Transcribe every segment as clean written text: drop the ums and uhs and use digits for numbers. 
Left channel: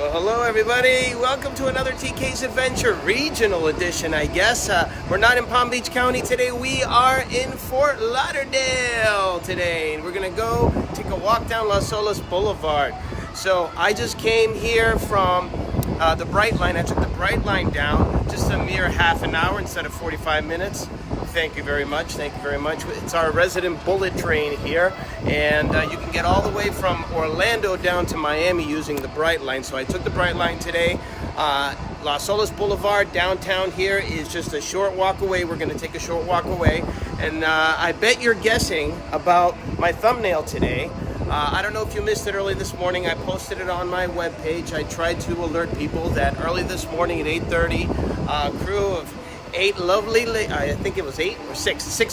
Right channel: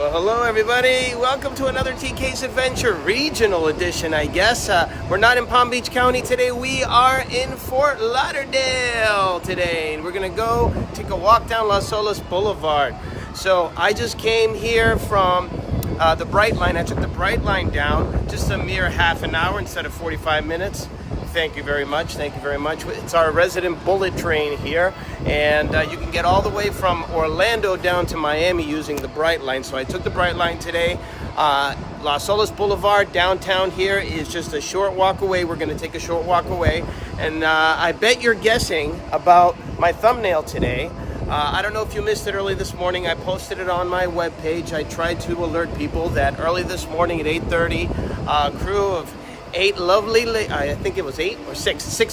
Well, hello everybody. Welcome to another TK's Adventure Regional Edition, I guess. We're not in Palm Beach County today. We are in Fort Lauderdale today. And we're going to go take a walk down Las Olas Blvd. So I just came here from the Brightline. I took the Brightline down just a mere half an hour instead of 45 minutes. Thank you very much. Thank you very much. It's our resident bullet train here, and you can get all the way from Orlando down to Miami using the Brightline. So I took the Brightline today. Las Olas Blvd downtown here is just a short walk away. We're going to take a short walk away, and I bet you're guessing about my thumbnail today. I don't know if you missed it early this morning. I posted it on my webpage. I tried to alert people that early this morning at 8:30, a crew of six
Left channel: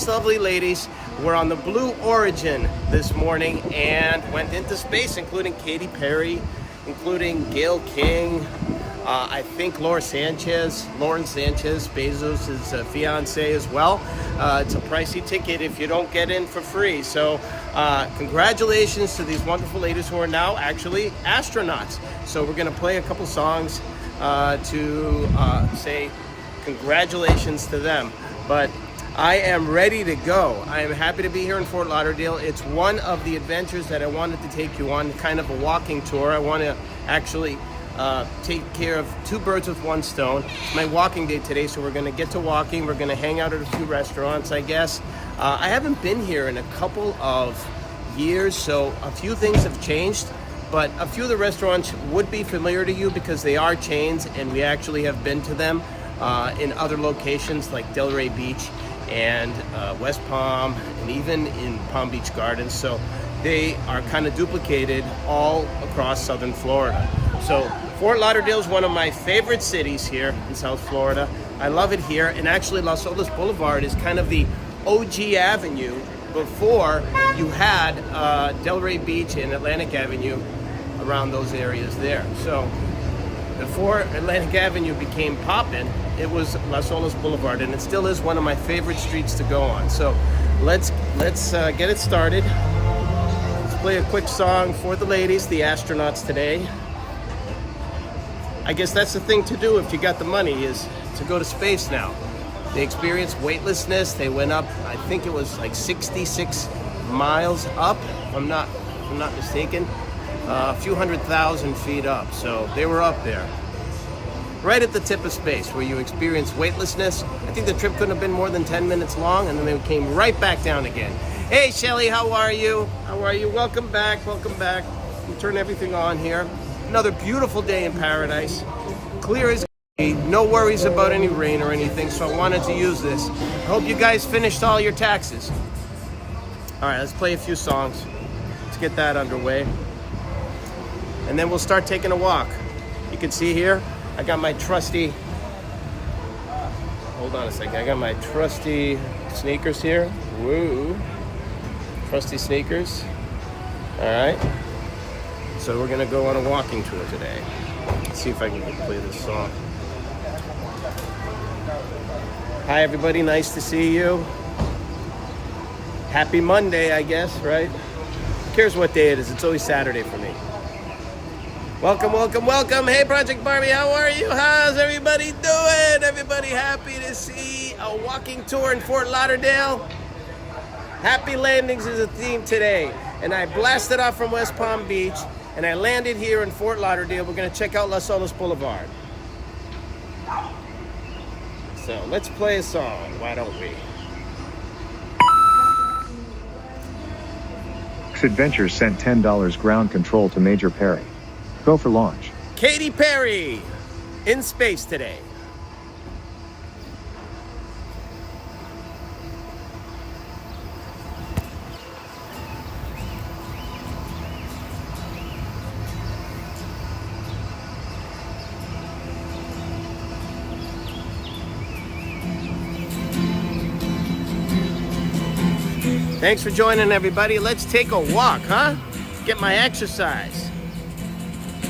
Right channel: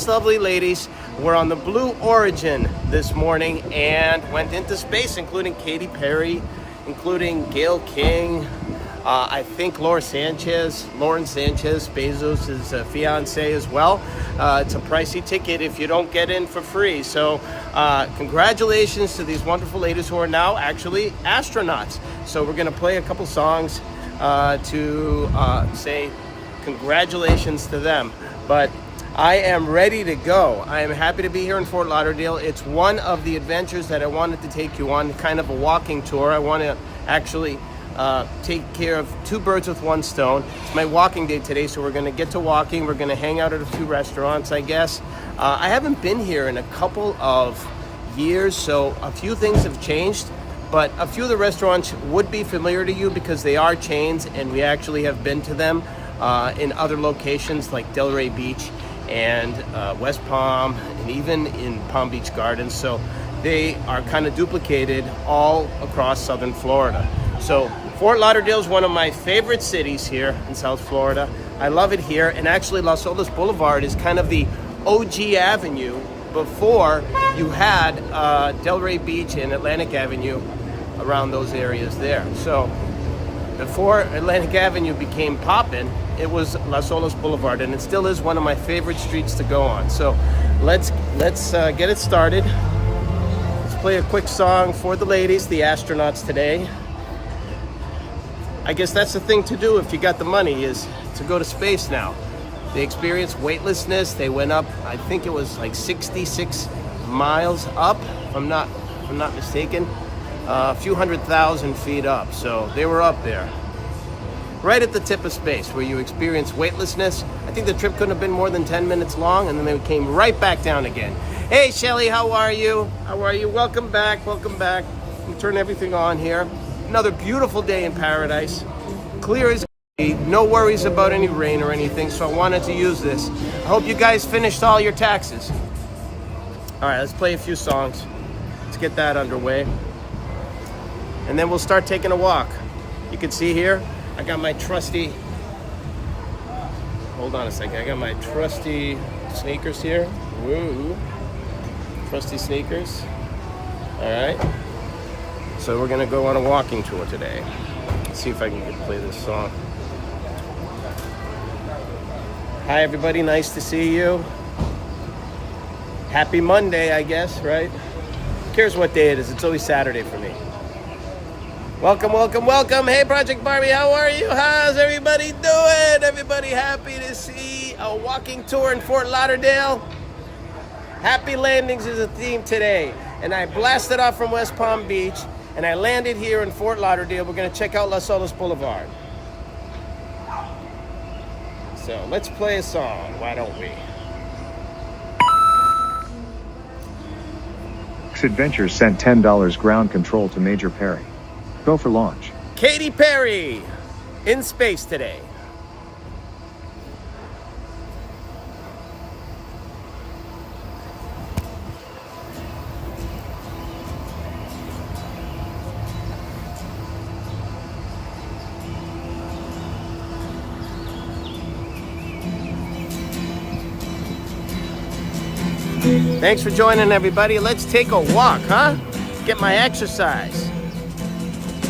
lovely ladies were on the Blue Origin this morning and went into space, including Katy Perry, including Gail King, I think Lauren Sanchez, Bezos' fiance as well. It's a pricey ticket if you don't get in for free. So congratulations to these wonderful ladies who are now actually astronauts. So we're going to play a couple songs to say congratulations to them. But I am ready to go. I am happy to be here in Fort Lauderdale. It's one of the adventures that I wanted to take you on, kind of a walking tour. I want to actually take care of two birds with one stone. It's my walking day today, so we're going to get to walking. We're going to hang out at a few restaurants, I guess. I haven't been here in a couple of years, so a few things have changed. But a few of the restaurants would be familiar to you because they are chains, and we actually have been to them in other locations like Delray Beach and West Palm, and even in Palm Beach Gardens. So they are kind of duplicated all across southern Florida. So Fort Lauderdale is one of my favorite cities here in South Florida. I love it here, and actually Las Olas Blvd is kind of the OG avenue before you had Delray Beach and Atlantic Avenue around those areas there. So before Atlantic Avenue became poppin', it was Las Olas Blvd, and it still is one of my favorite streets to go on. So let's get it started. Let's play a quick song for the ladies, the astronauts today. I guess that's the thing to do if you got the money, is to go to space now. They experienced weightlessness. They went up, I think it was like 66 miles up, if I'm not mistaken. A few 100,000 feet up. So they were up there, right at the tip of space, where you experience weightlessness. I think the trip couldn't have been more than 10 minutes long, and then they came right back down again. Hey, Shelly, how are you? How are you? Welcome back, welcome back. Let me turn everything on here. Another beautiful day in paradise. Clear as day. No worries about any rain or anything, so I wanted to use this. I hope you guys finished all your taxes. All right, let's play a few songs. Let's get that underway. And then we'll start taking a walk. You can see here, I got my trusty, hold on a second, I got my trusty sneakers here. Woo, trusty sneakers. All right, so we're gonna go on a walking tour today. Let's see if I can play this song. Hi everybody, nice to see you. Happy Monday, I guess, right? Who cares what day it is? It's always Saturday for me. Welcome, welcome, welcome. Hey, Project Barbie, how are you? How's everybody doing? Everybody happy to see a walking tour in Fort Lauderdale? Happy landings is a theme today. And I blasted off from West Palm Beach, and I landed here in Fort Lauderdale. We're going to check out Las Olas Blvd. So let's play a song, why don't we? Adventures sent $10 ground control to Major Perry. Go for launch. Katy Perry in space today. Thanks for joining, everybody. Let's take a walk, huh? Get my exercise.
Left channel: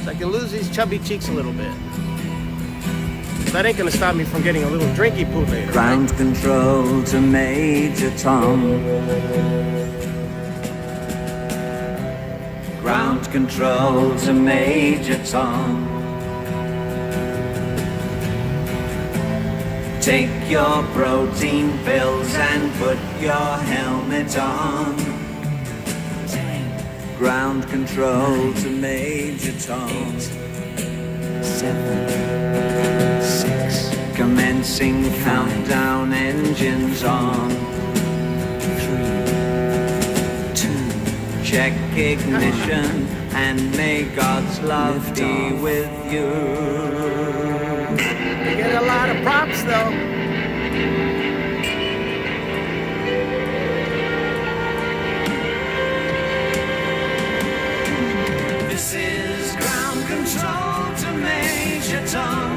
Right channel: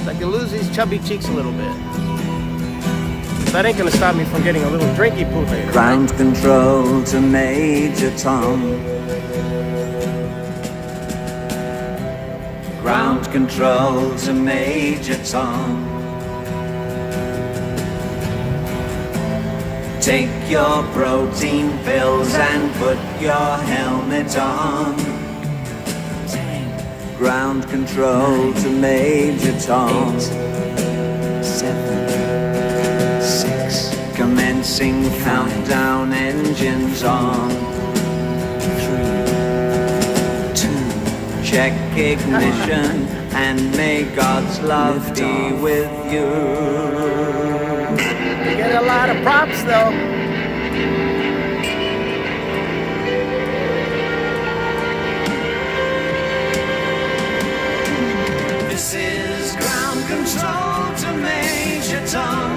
I can lose these chubby cheeks a little bit. That ain't gonna stop me from getting a little drinky poo later. Ground control to Major Tom. Ground control to Major Tom. Take your protein pills and put your helmet on. 10, ground control 9, to Major Tom. 7, 6, commencing countdown, engines on. 3, 2, check ignition, and may God's love be with you. Get a lot of props though. This is ground control to Major Tom.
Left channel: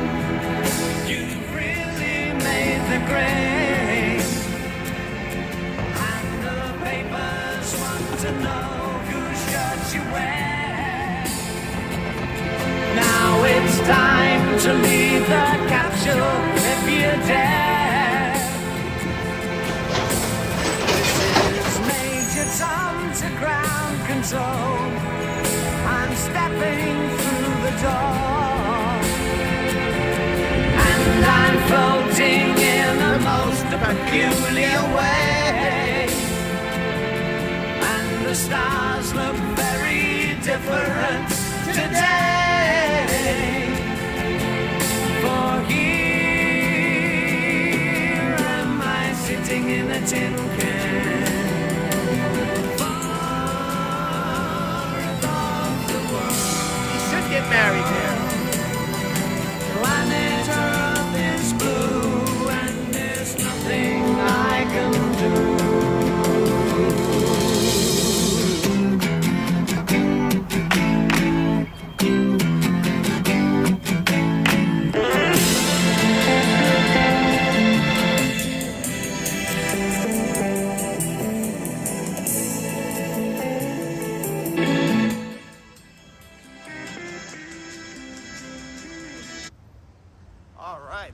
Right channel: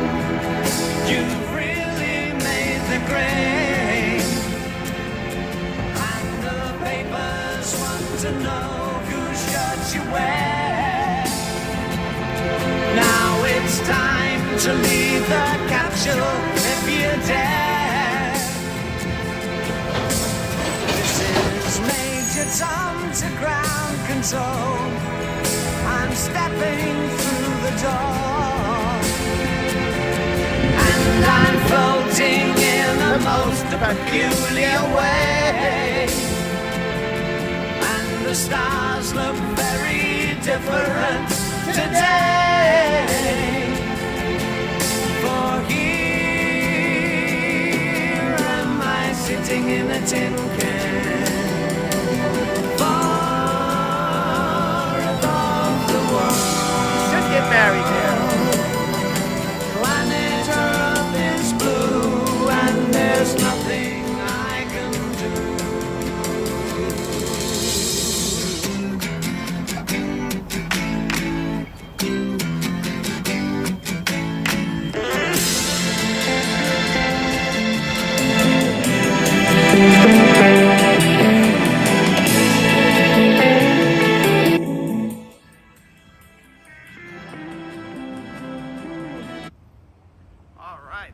You've really made the grade, and the papers want to know whose shirt you wear. Now it's time to leave the capsule if you dare. This is Major Tom to ground control. I'm stepping through the door, and I'm floating in the most peculiar way, and the stars look very different today. For here am I sitting in a tin can, far above the world. Just get married here. Planet Earth is blue, and there's nothing I can do.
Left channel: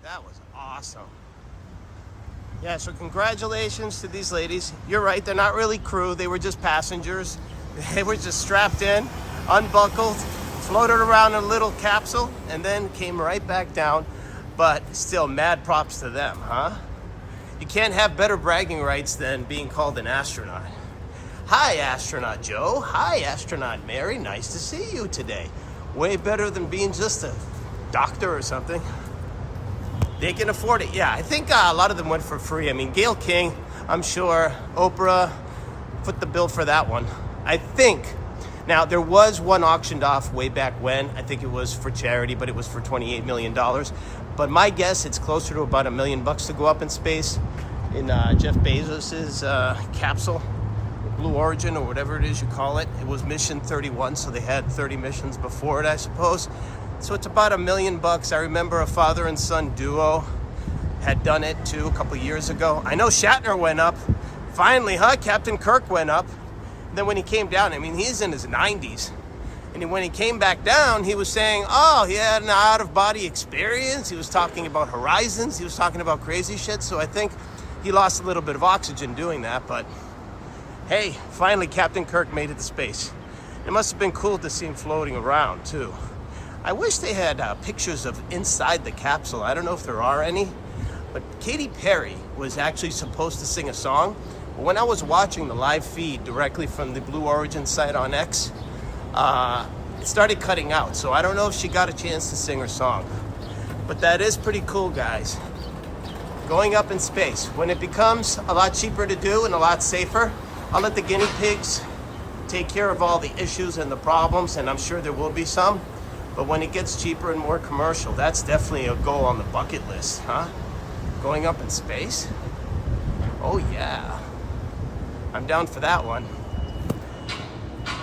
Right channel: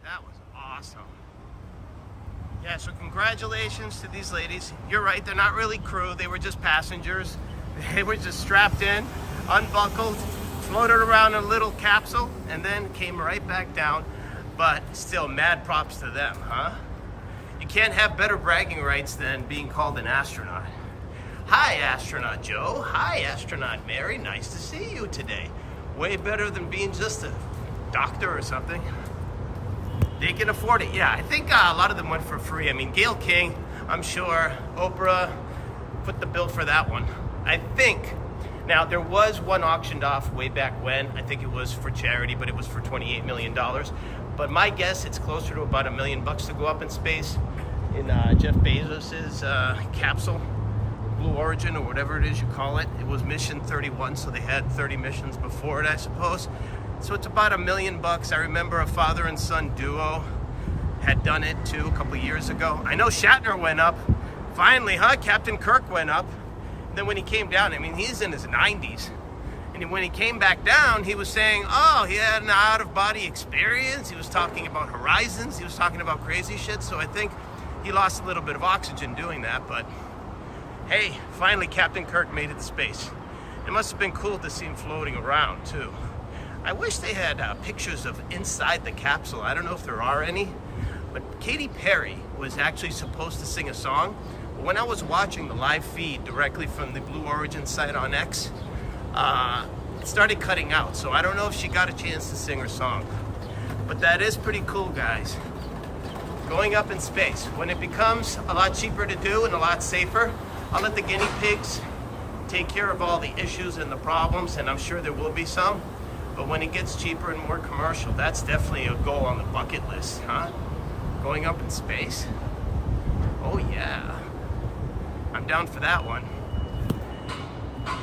That was awesome. Yeah, so congratulations to these ladies. You're right, they're not really crew, they were just passengers. They were just strapped in, unbuckled, floated around in a little capsule, and then came right back down. But still, mad props to them, huh? You can't have better bragging rights than being called an astronaut. Hi, Astronaut Joe. Hi, Astronaut Mary. Nice to see you today. Way better than being just a doctor or something. They can afford it. Yeah, I think a lot of them went for free. I mean, Gayle King, I'm sure, Oprah put the bill for that one. I think. Now, there was one auctioned off way back when. I think it was for charity, but it was for $28 million. But my guess, it's closer to about $1 million to go up in space in Jeff Bezos's capsule, Blue Origin, or whatever it is you call it. It was mission 31, so they had 30 missions before it, I suppose. So it's about $1 million. I remember a father and son duo had done it too a couple years ago. I know Shatner went up. Finally, huh? Captain Kirk went up. And then when he came down, I mean, he's in his 90s. And when he came back down, he was saying, oh, he had an out-of-body experience. He was talking about horizons. He was talking about crazy shit. So I think he lost a little bit of oxygen doing that. But hey, finally, Captain Kirk made it to space. It must have been cool to see him floating around too. I wish they had pictures of inside the capsule. I don't know if there are any, but Katy Perry was actually supposed to sing a song. When I was watching the live feed directly from the Blue Origin site on X, it started cutting out. So I don't know if she got a chance to sing her song, but that is pretty cool, guys. Going up in space. When it becomes a lot cheaper to do and a lot safer, I'll let the guinea pigs take care of all the issues and the problems, and I'm sure there will be some. But when it gets cheaper and more commercial, that's definitely a goal on the bucket list, huh? Going up in space? Oh yeah. I'm down for that one.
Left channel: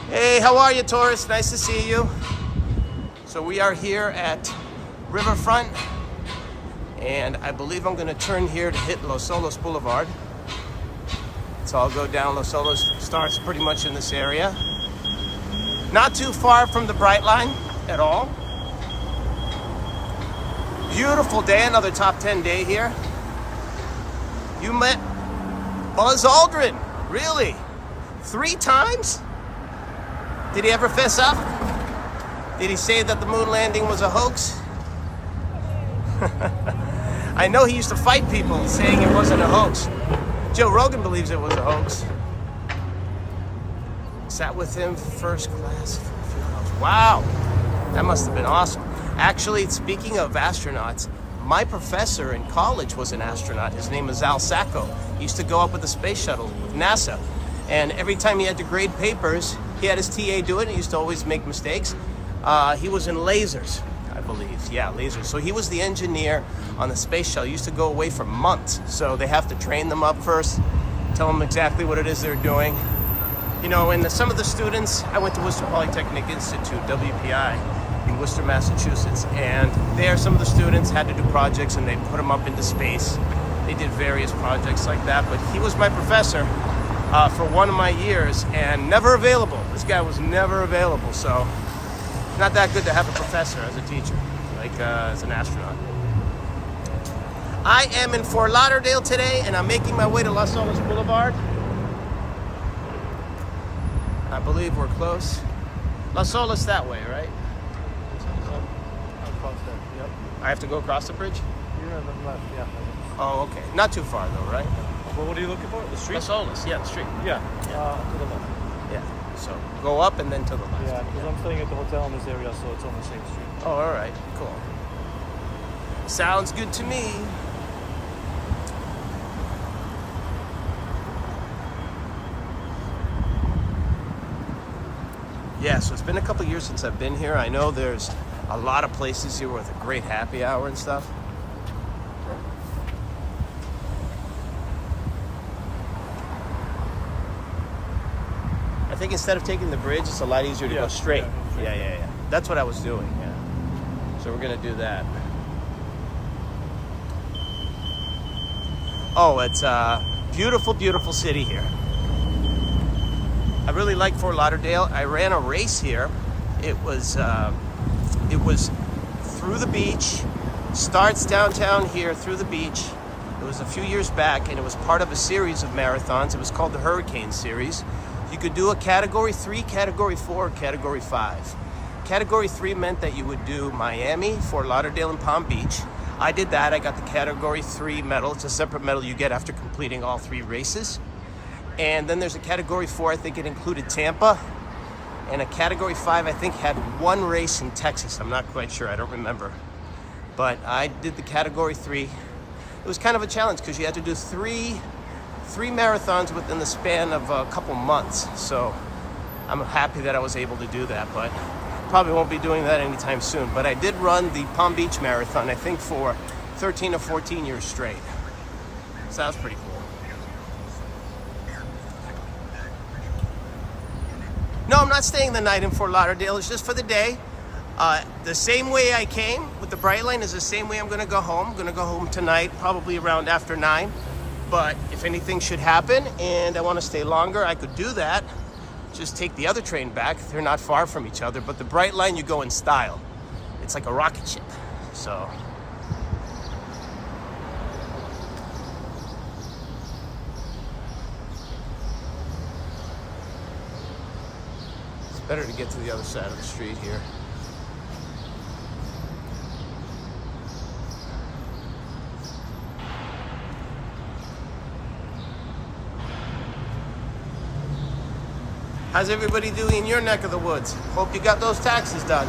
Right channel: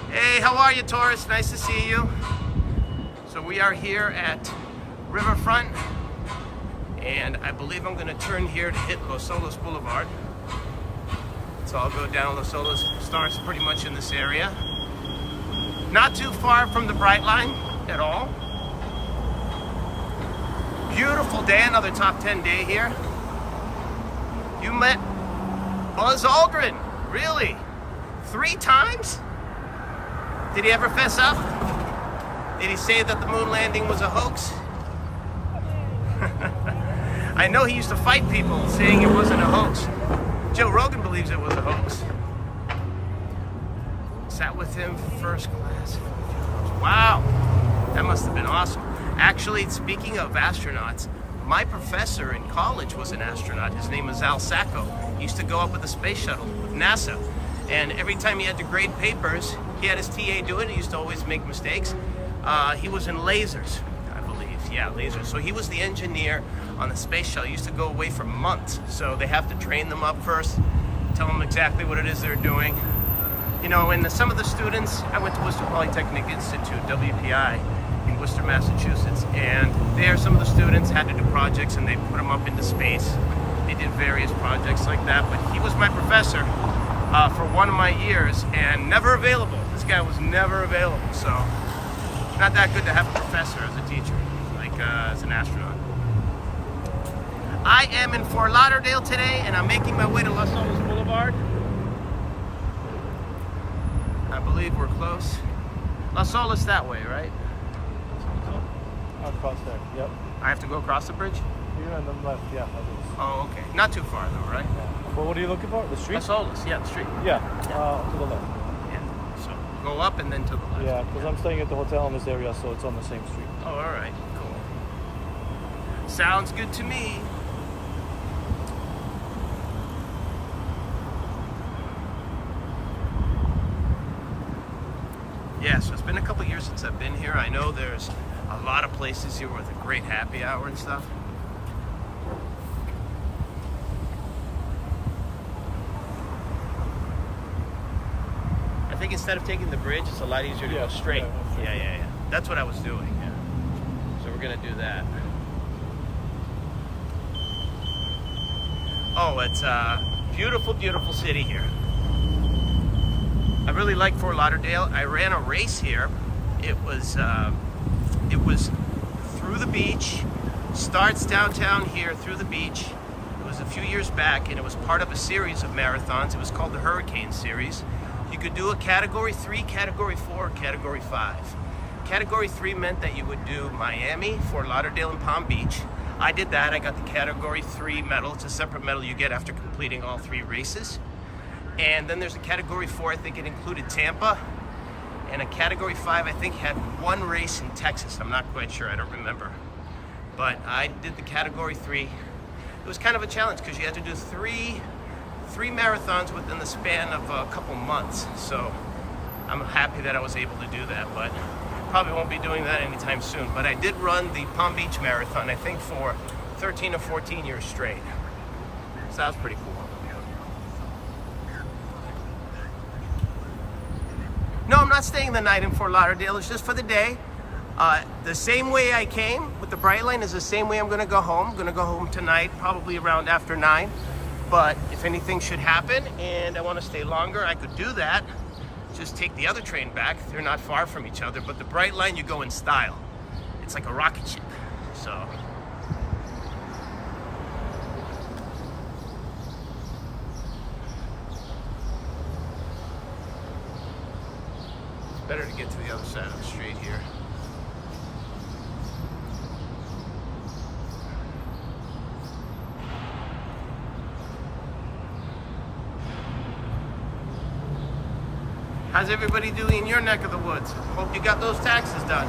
Hey, how are you, Taurus? Nice to see you. So we are here at Riverfront, and I believe I'm gonna turn here to hit Las Olas Blvd. So I'll go down Las Olas, starts pretty much in this area. Not too far from the Brightline at all. Beautiful day, another top 10 day here. You met Buzz Aldrin, really? 3 times? Did he ever fess up? Did he say that the moon landing was a hoax? I know he used to fight people saying it wasn't a hoax. Joe Rogan believes it was a hoax. Sat with him first class. Wow, that must have been awesome. Actually, speaking of astronauts, my professor in college was an astronaut. His name is Al Sacco. He used to go up with the space shuttle with NASA. And every time he had to grade papers, he had his TA do it. He used to always make mistakes. He was in lasers, I believe. Yeah, lasers. So he was the engineer on the space shuttle. He used to go away for months. So they have to train them up first, tell them exactly what it is they're doing. You know, and some of the students, I went to Worcester Polytechnic Institute, WPI, in Worcester, Massachusetts. And there, some of the students had to do projects and they put them up into space. They did various projects like that. But he was my professor for one of my years and never available. This guy was never available. So not that good to have a professor as a teacher, like as an astronaut. I am in Fort Lauderdale today and I'm making my way to Las Olas Blvd. I believe we're close. Las Olas that way, right? I have to go across the bridge? Oh, okay. Not too far though, right? Well, what are you looking for? The street? Las Olas, yeah, the street. Yeah. Yeah. So go up and then to the left. Yeah, because I'm staying at the hotel in this area, so it's on the same street. Oh, all right. Cool. Sounds good to me. Yeah, so it's been a couple years since I've been here. I know there's a lot of places here with a great happy hour and stuff. I think instead of taking the bridge, it's a lot easier to go straight. Yeah. That's what I was doing, yeah. So we're gonna do that. Oh, it's a beautiful, beautiful city here. I really like Fort Lauderdale. I ran a race here. It was through the beach, starts downtown here through the beach. It was a few years back and it was part of a series of marathons. It was called the Hurricane Series. You could do a Category 3, Category 4, Category 5. Category 3 meant that you would do Miami, Fort Lauderdale, and Palm Beach. I did that. I got the Category 3 medal. It's a separate medal you get after completing all 3 races. And then there's a Category 4, I think it included Tampa. And a Category 5, I think, had 1 race in Texas. I'm not quite sure, I don't remember. But I did the Category 3. It was kind of a challenge because you had to do three marathons within the span of a couple months. So I'm happy that I was able to do that, but probably won't be doing that anytime soon. But I did run the Palm Beach Marathon, I think for 13 or 14 years straight. So that was pretty cool. No, I'm not staying the night in Fort Lauderdale. It's just for the day. The same way I came with the Brightline is the same way I'm going to go home. I'm going to go home tonight, probably around after 9. But if anything should happen and I want to stay longer, I could do that. Just take the other train back. They're not far from each other. But the Brightline, you go in style. It's like a rocket ship. So better to get to the other side of the street here. How's everybody doing in your neck of the woods? Hope you got those taxes done.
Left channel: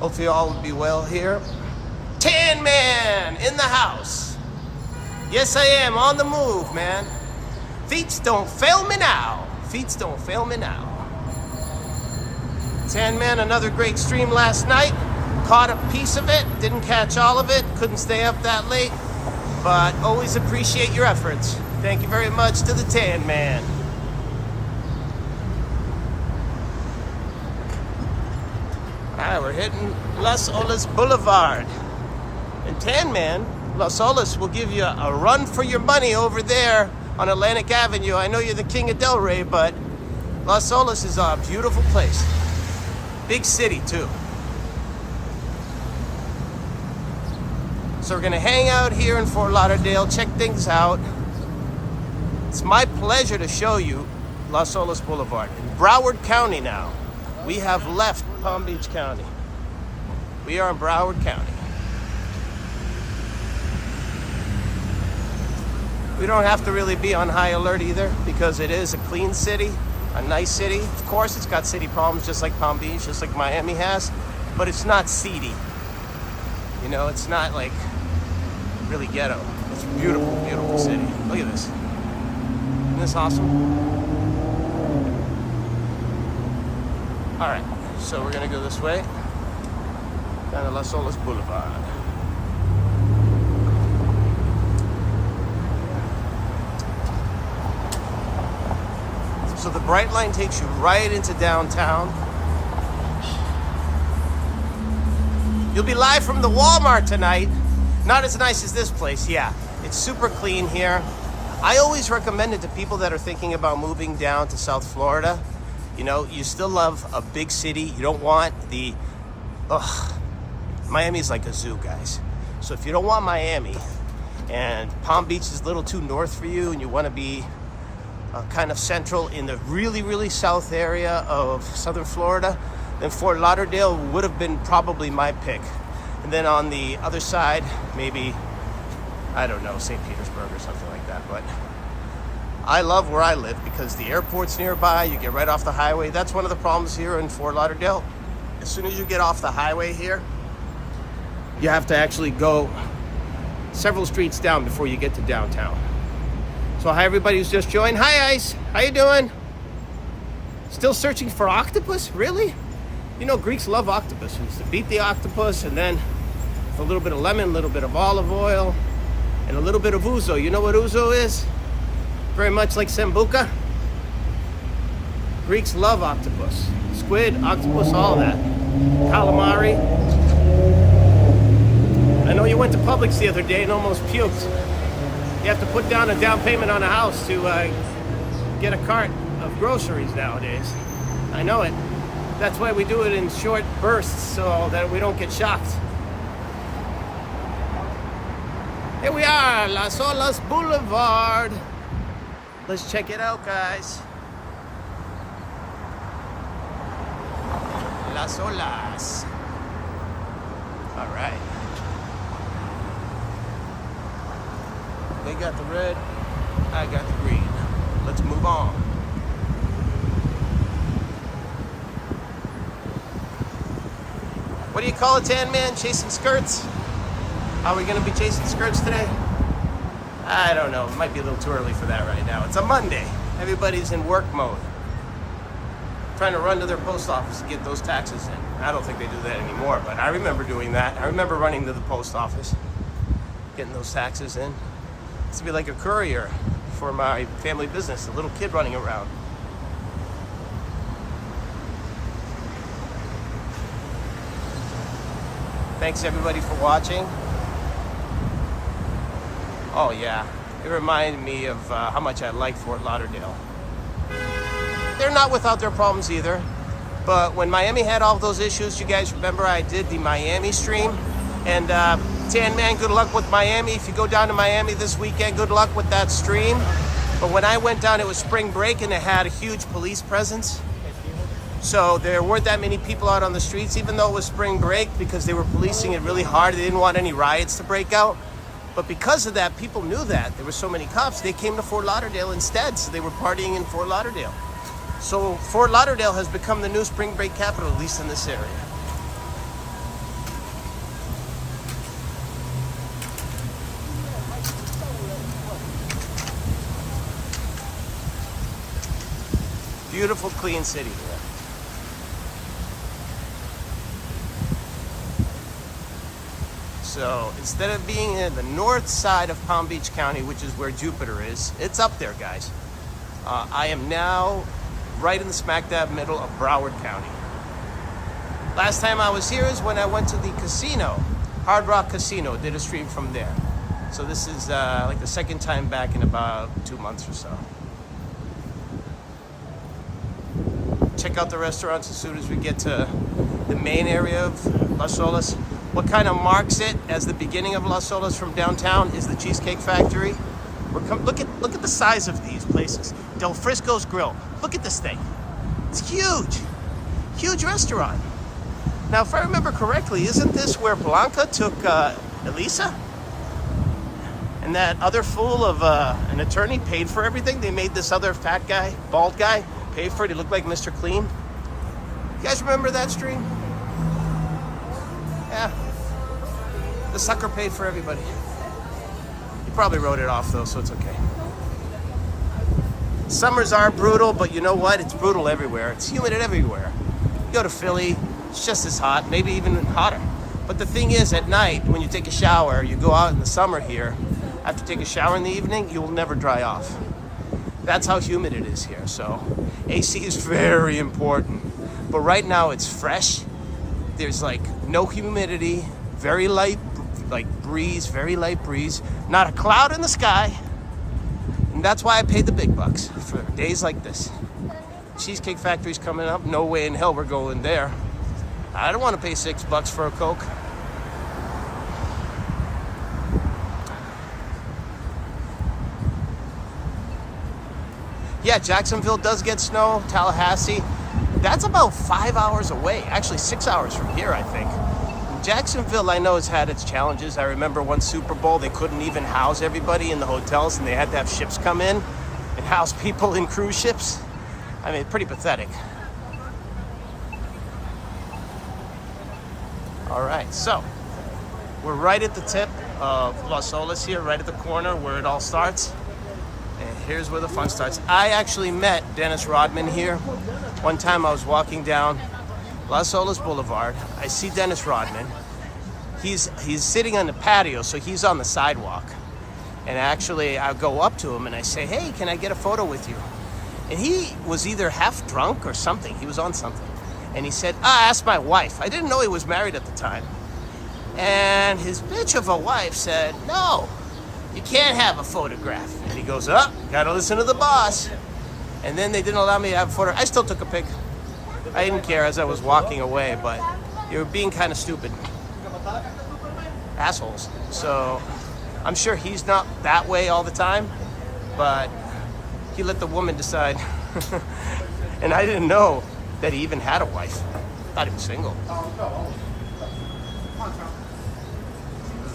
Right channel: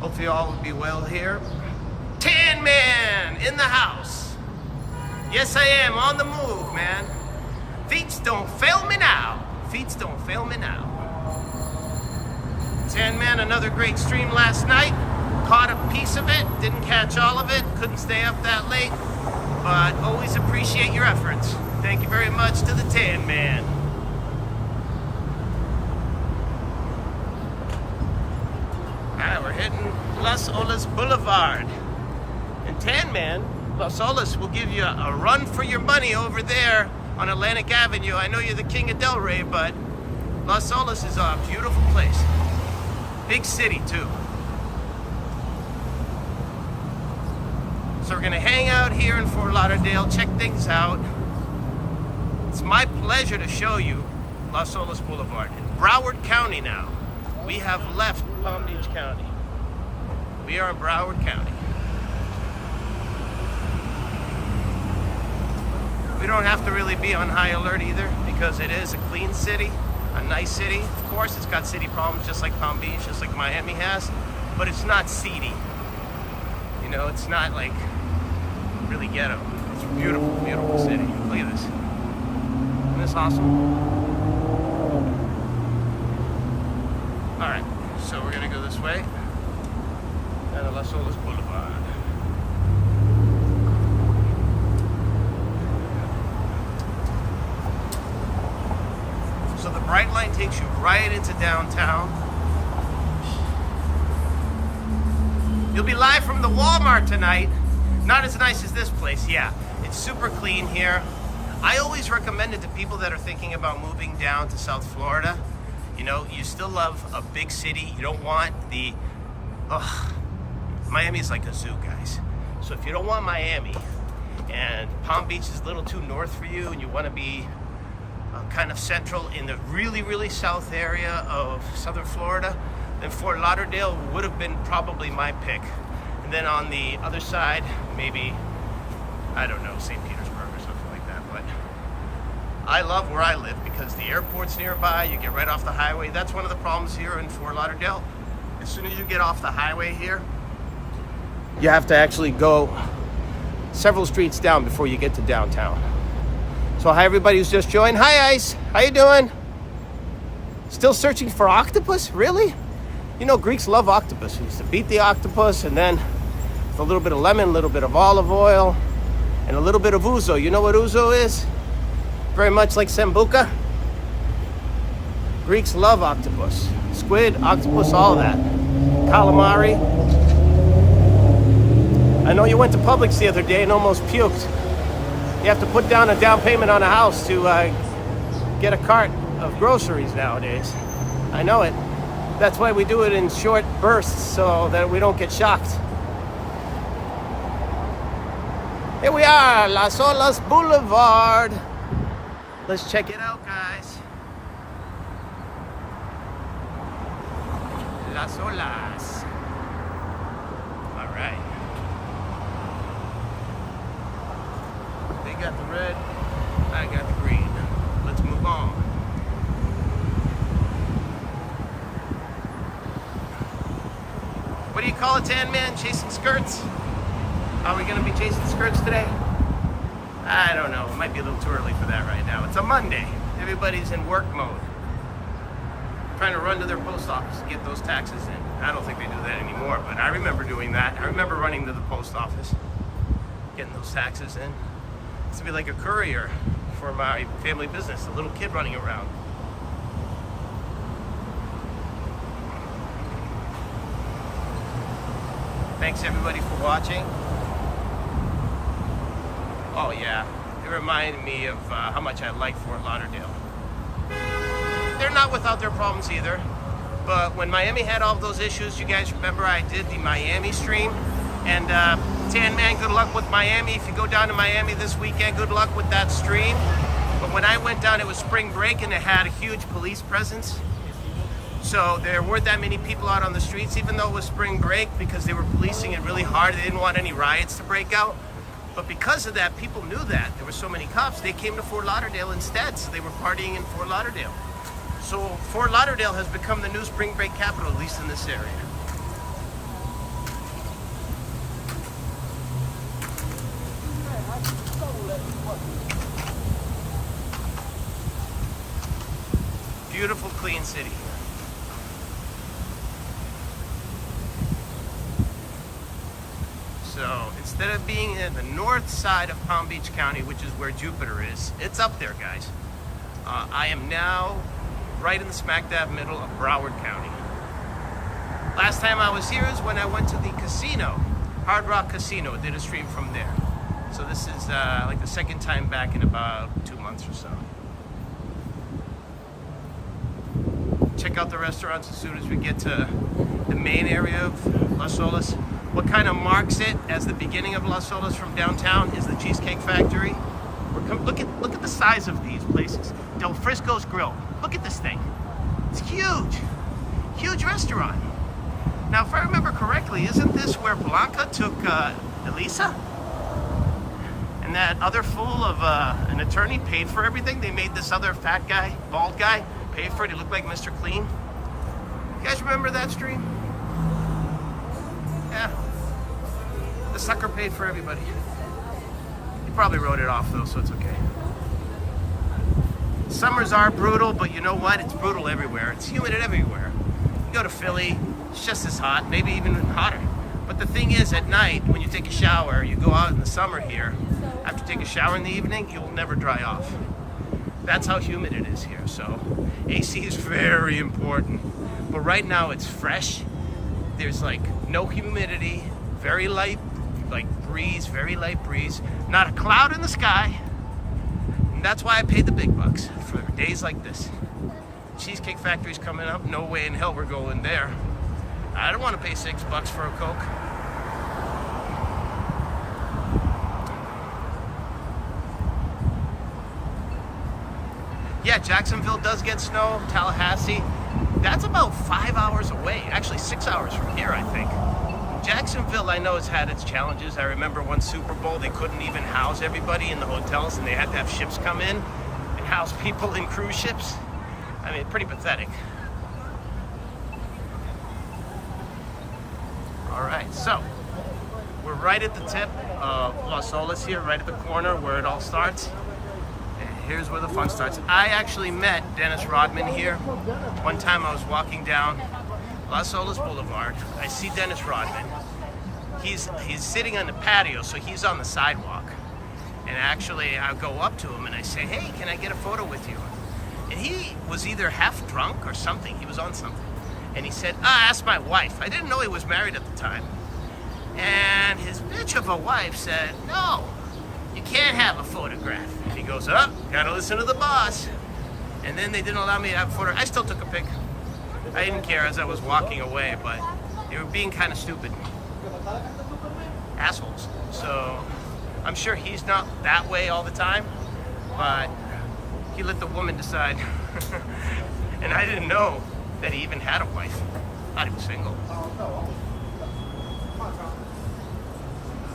Hopefully you all will be well here. Tan Man in the house. Yes, I am on the move, man. Feet don't fail me now. Feet don't fail me now. Tan Man, another great stream last night. Caught a piece of it, didn't catch all of it, couldn't stay up that late, but always appreciate your efforts. Thank you very much to the Tan Man. All right, we're hitting Las Olas Boulevard. And Tan Man, Las Olas will give you a run for your money over there on Atlantic Avenue. I know you're the king of Delray, but Las Olas is a beautiful place. Big city, too. So we're gonna hang out here in Fort Lauderdale, check things out. It's my pleasure to show you Las Olas Boulevard. Broward County now. We have left Palm Beach County. We are in Broward County. We don't have to really be on high alert either because it is a clean city, a nice city. Of course, it's got city problems just like Palm Beach, just like Miami has, but it's not seedy. You know, it's not like really ghetto. It's a beautiful, beautiful city. Look at this. Isn't this awesome? All right, so we're gonna go this way down to Las Olas Boulevard. So the Brightline takes you right into downtown. You'll be live from the Walmart tonight. Not as nice as this place, yeah. It's super clean here. I always recommend it to people that are thinking about moving down to South Florida. You know, you still love a big city. You don't want the, Miami is like a zoo, guys. So if you don't want Miami and Palm Beach is a little too north for you and you want to be kind of central in the really, really south area of Southern Florida, then Fort Lauderdale would have been probably my pick. And then on the other side, maybe, I don't know, St. Petersburg or something like that. But I love where I live because the airport's nearby. You get right off the highway. That's one of the problems here in Fort Lauderdale. As soon as you get off the highway here, you have to actually go several streets down before you get to downtown. So hi, everybody who's just joined. Hi, Ice. How you doing? Still searching for octopus? Really? You know, Greeks love octopus. We used to beat the octopus and then with a little bit of lemon, a little bit of olive oil, and a little bit of ouzo. You know what ouzo is? Very much like sambuca. Greeks love octopus. Squid, octopus, all that. Calamari. I know you went to Publix the other day and almost puked. You have to put down a down payment on a house to get a cart of groceries nowadays. I know it. That's why we do it in short bursts so that we don't get shocked. Here we are, Las Olas Blvd. Let's check it out, guys. Las Olas. All right. They got the red, I got the green. Let's move on. What do you call it, Tan Man? Chasing skirts? Are we gonna be chasing skirts today? I don't know. It might be a little too early for that right now. It's a Monday. Everybody's in work mode. Trying to run to their post office to get those taxes in. I don't think they do that anymore, but I remember doing that. I remember running to the post office, getting those taxes in. It's to be like a courier for my family business, a little kid running around. Thanks everybody for watching. Oh yeah, it reminded me of how much I like Fort Lauderdale. They're not without their problems either, but when Miami had all those issues, you guys remember I did the Miami stream, and Tan Man, good luck with Miami. If you go down to Miami this weekend, good luck with that stream. But when I went down, it was spring break and it had a huge police presence. So there weren't that many people out on the streets, even though it was spring break, because they were policing it really hard. They didn't want any riots to break out. But because of that, people knew that. There were so many cops, they came to Fort Lauderdale instead, so they were partying in Fort Lauderdale. So Fort Lauderdale has become the new spring break capital, at least in this area. Beautiful, clean city here. So instead of being in the north side of Palm Beach County, which is where Jupiter is, it's up there, guys. I am now right in the smack dab middle of Broward County. Last time I was here is when I went to the casino, Hard Rock Casino, did a stream from there. So this is like the second time back in about 2 months or so. Check out the restaurants as soon as we get to the main area of Las Olas. What kind of marks it as the beginning of Las Olas from downtown is the Cheesecake Factory. Look at the size of these places. Del Frisco's Grill. Look at this thing. It's huge. Huge restaurant. Now, if I remember correctly, isn't this where Blanca took Elisa? And that other fool of an attorney paid for everything? They made this other fat guy, bald guy, pay for it. He looked like Mr. Clean. You guys remember that stream? Yeah. The sucker paid for everybody. He probably wrote it off though, so it's okay. Summers are brutal, but you know what? It's brutal everywhere. It's humid everywhere. You go to Philly, it's just as hot, maybe even hotter. But the thing is, at night, when you take a shower, you go out in the summer here, after you take a shower in the evening, you'll never dry off. That's how humid it is here, so AC is very important. But right now it's fresh. There's like no humidity, very light, like breeze, very light breeze. Not a cloud in the sky. And that's why I paid the big bucks for days like this. Cheesecake Factory's coming up. No way in hell we're going there. I don't want to pay $6 for a Coke. Yeah, Jacksonville does get snow. Tallahassee, that's about 5 hours away. Actually, 6 hours from here, I think. Jacksonville, I know, has had its challenges. I remember one Super Bowl, they couldn't even house everybody in the hotels, and they had to have ships come in and house people in cruise ships. I mean, pretty pathetic. All right, so we're right at the tip of Las Olas here, right at the corner where it all starts. And here's where the fun starts. I actually met Dennis Rodman here. One time I was walking down Las Olas Boulevard. I see Dennis Rodman. He's sitting on the patio, so he's on the sidewalk. And actually, I go up to him and I say, hey, can I get a photo with you? And he was either half drunk or something. He was on something. And he said, ask my wife. I didn't know he was married at the time. And his bitch of a wife said, no, you can't have a photograph. And he goes, gotta listen to the boss. And then they didn't allow me to have a photo. I still took a pic. I didn't care as I was walking away, but you were being kind of stupid. Assholes. So I'm sure he's not that way all the time, but he let the woman decide. And I didn't know that he even had a wife. I thought he was single.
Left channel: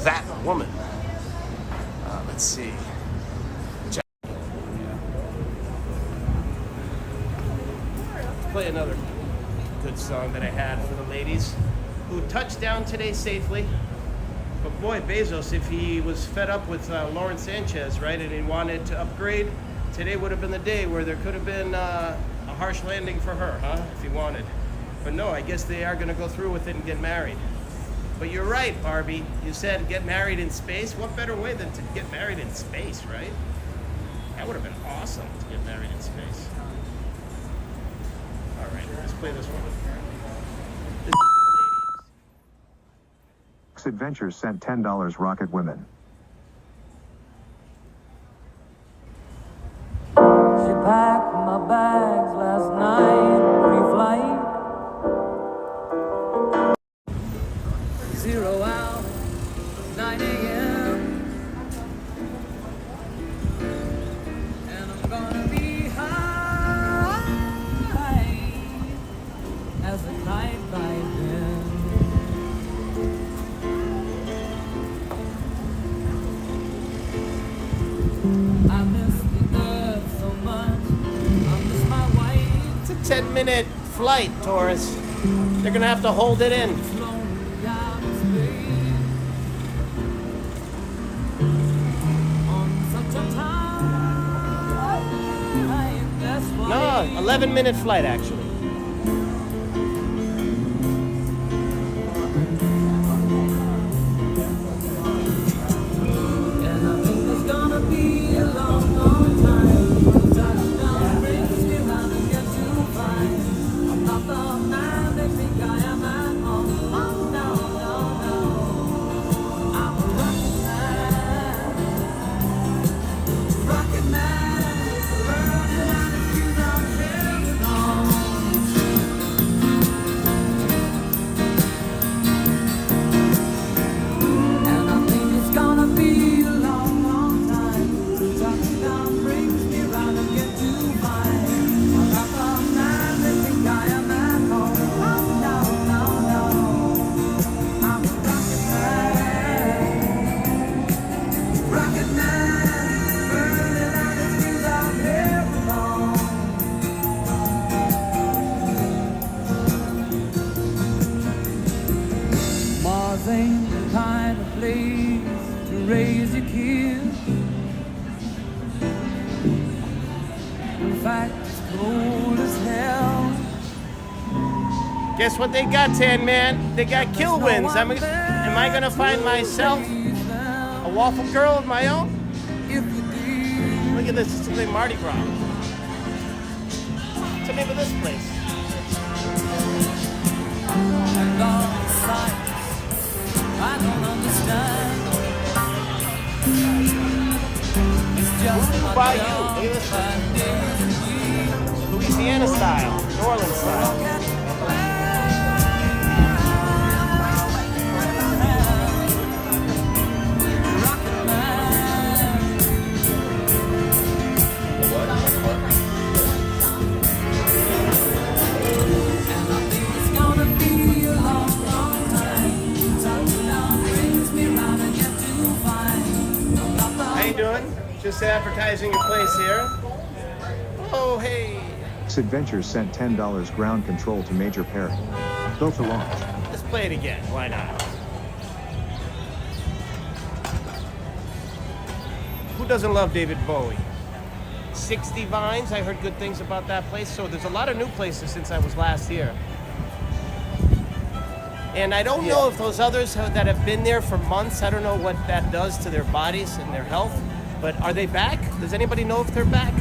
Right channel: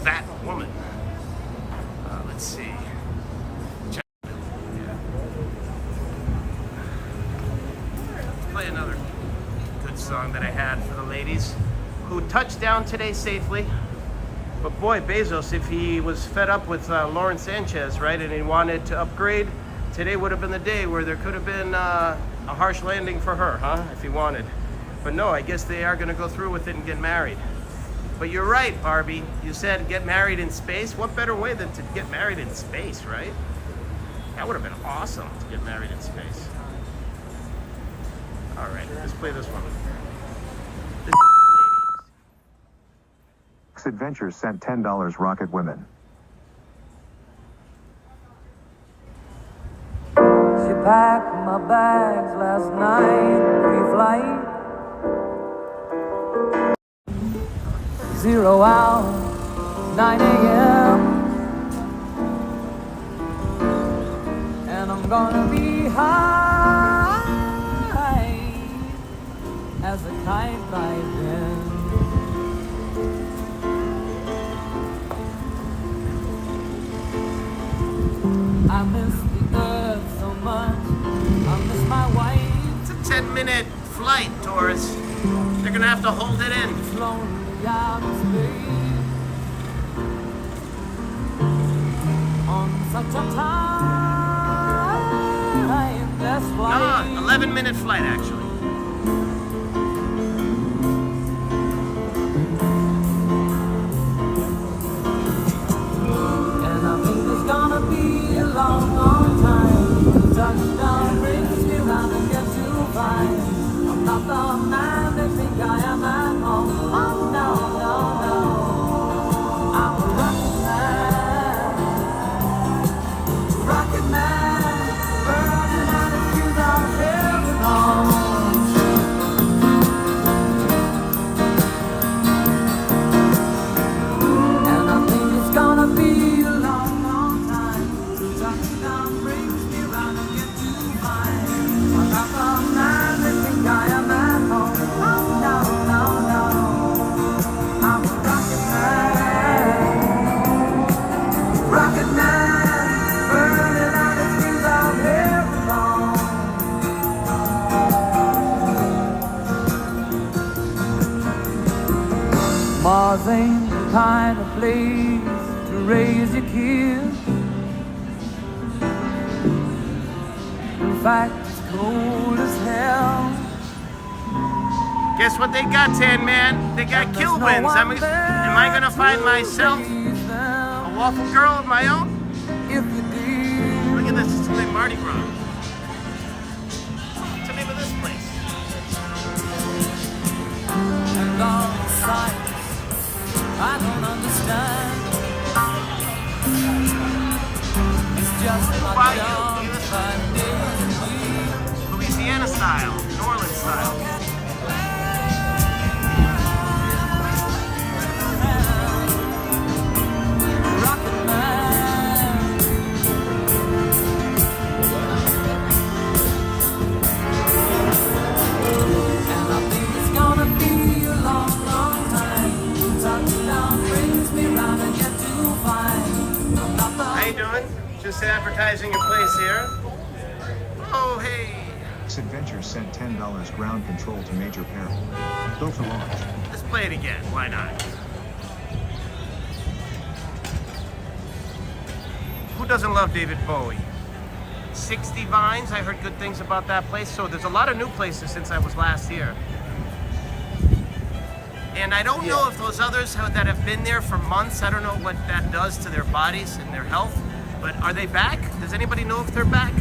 That woman. Let's see. Play another good song that I had for the ladies who touched down today safely. But boy, Bezos, if he was fed up with Lauren Sanchez, right, and he wanted to upgrade, today would have been the day where there could have been a harsh landing for her, huh, if he wanted. But no, I guess they are going to go through with it and get married. But you're right, Barbie. You said get married in space. What better way than to get married in space, right? That would have been awesome to get married in space. All right, let's play this one. This is for the ladies. Adventures sent $10 Rocket Women. She packed my bags last night, pre-flight. 0 hour, 9 a.m. And I'm gonna be high as a kite by then. I miss the earth so much. I miss my wife. It's a 10-minute flight, Taurus. They're gonna have to hold it in. Lonely out of space on such a timeless flight. No, 11-minute flight actually. And I think it's gonna be a long, long time. Touchdown brings me round and get to find I'm not the man they think I am at home. Oh no, no, no. I'm a rocket man, burning out of fuse, I'm living on. place to raise your kids. In fact, it's cold as hell. Guess what they got, Tan Man? They got kill wins. Am I gonna find myself a waffle girl of my own? If you did, Look at this, it's like Mardi Gras. What's the name of this place? and all the sights I don't understand. It's just Voodoo my Bayou, job by day. Louisiana style, New Orleans style. Rocket Man. And I think it's gonna be a long, long time. Touchdown brings me round and yet to find I'm not the How you doing? Just advertising your place here. Oh, hey. Adventures sent $10 ground control to Major Perry. Go for launch. Let's play it again. Why not? Who doesn't love David Bowie? 60 Vines. I heard good things about that place. So there's a lot of new places since I was last here. And I don't know if those others that have been there for months, I don't know what that does to their bodies and their health. But are they back? Does anybody know if they're back?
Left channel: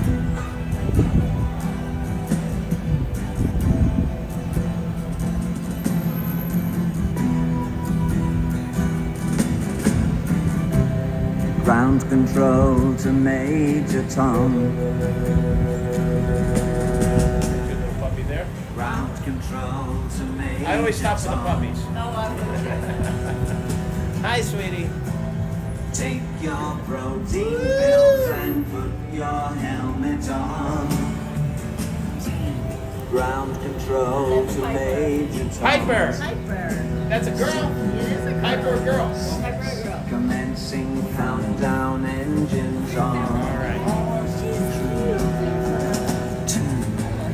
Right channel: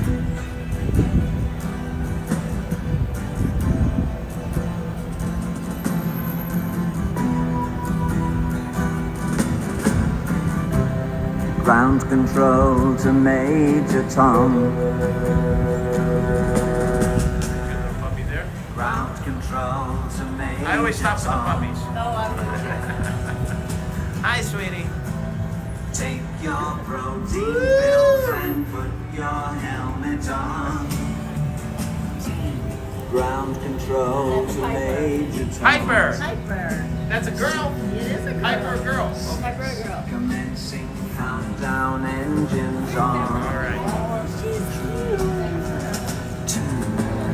ground control to Major Tom. Good little puppy there. Ground control to Major I always stop for the Tom. puppies. Hi, sweetie. Take your protein pills and put your helmet on. Ground control to Major Tom. Piper. Hyper. That's a girl. It is a girl. Piper, a girl. Hyper girl. Commencing countdown, engines All on. right.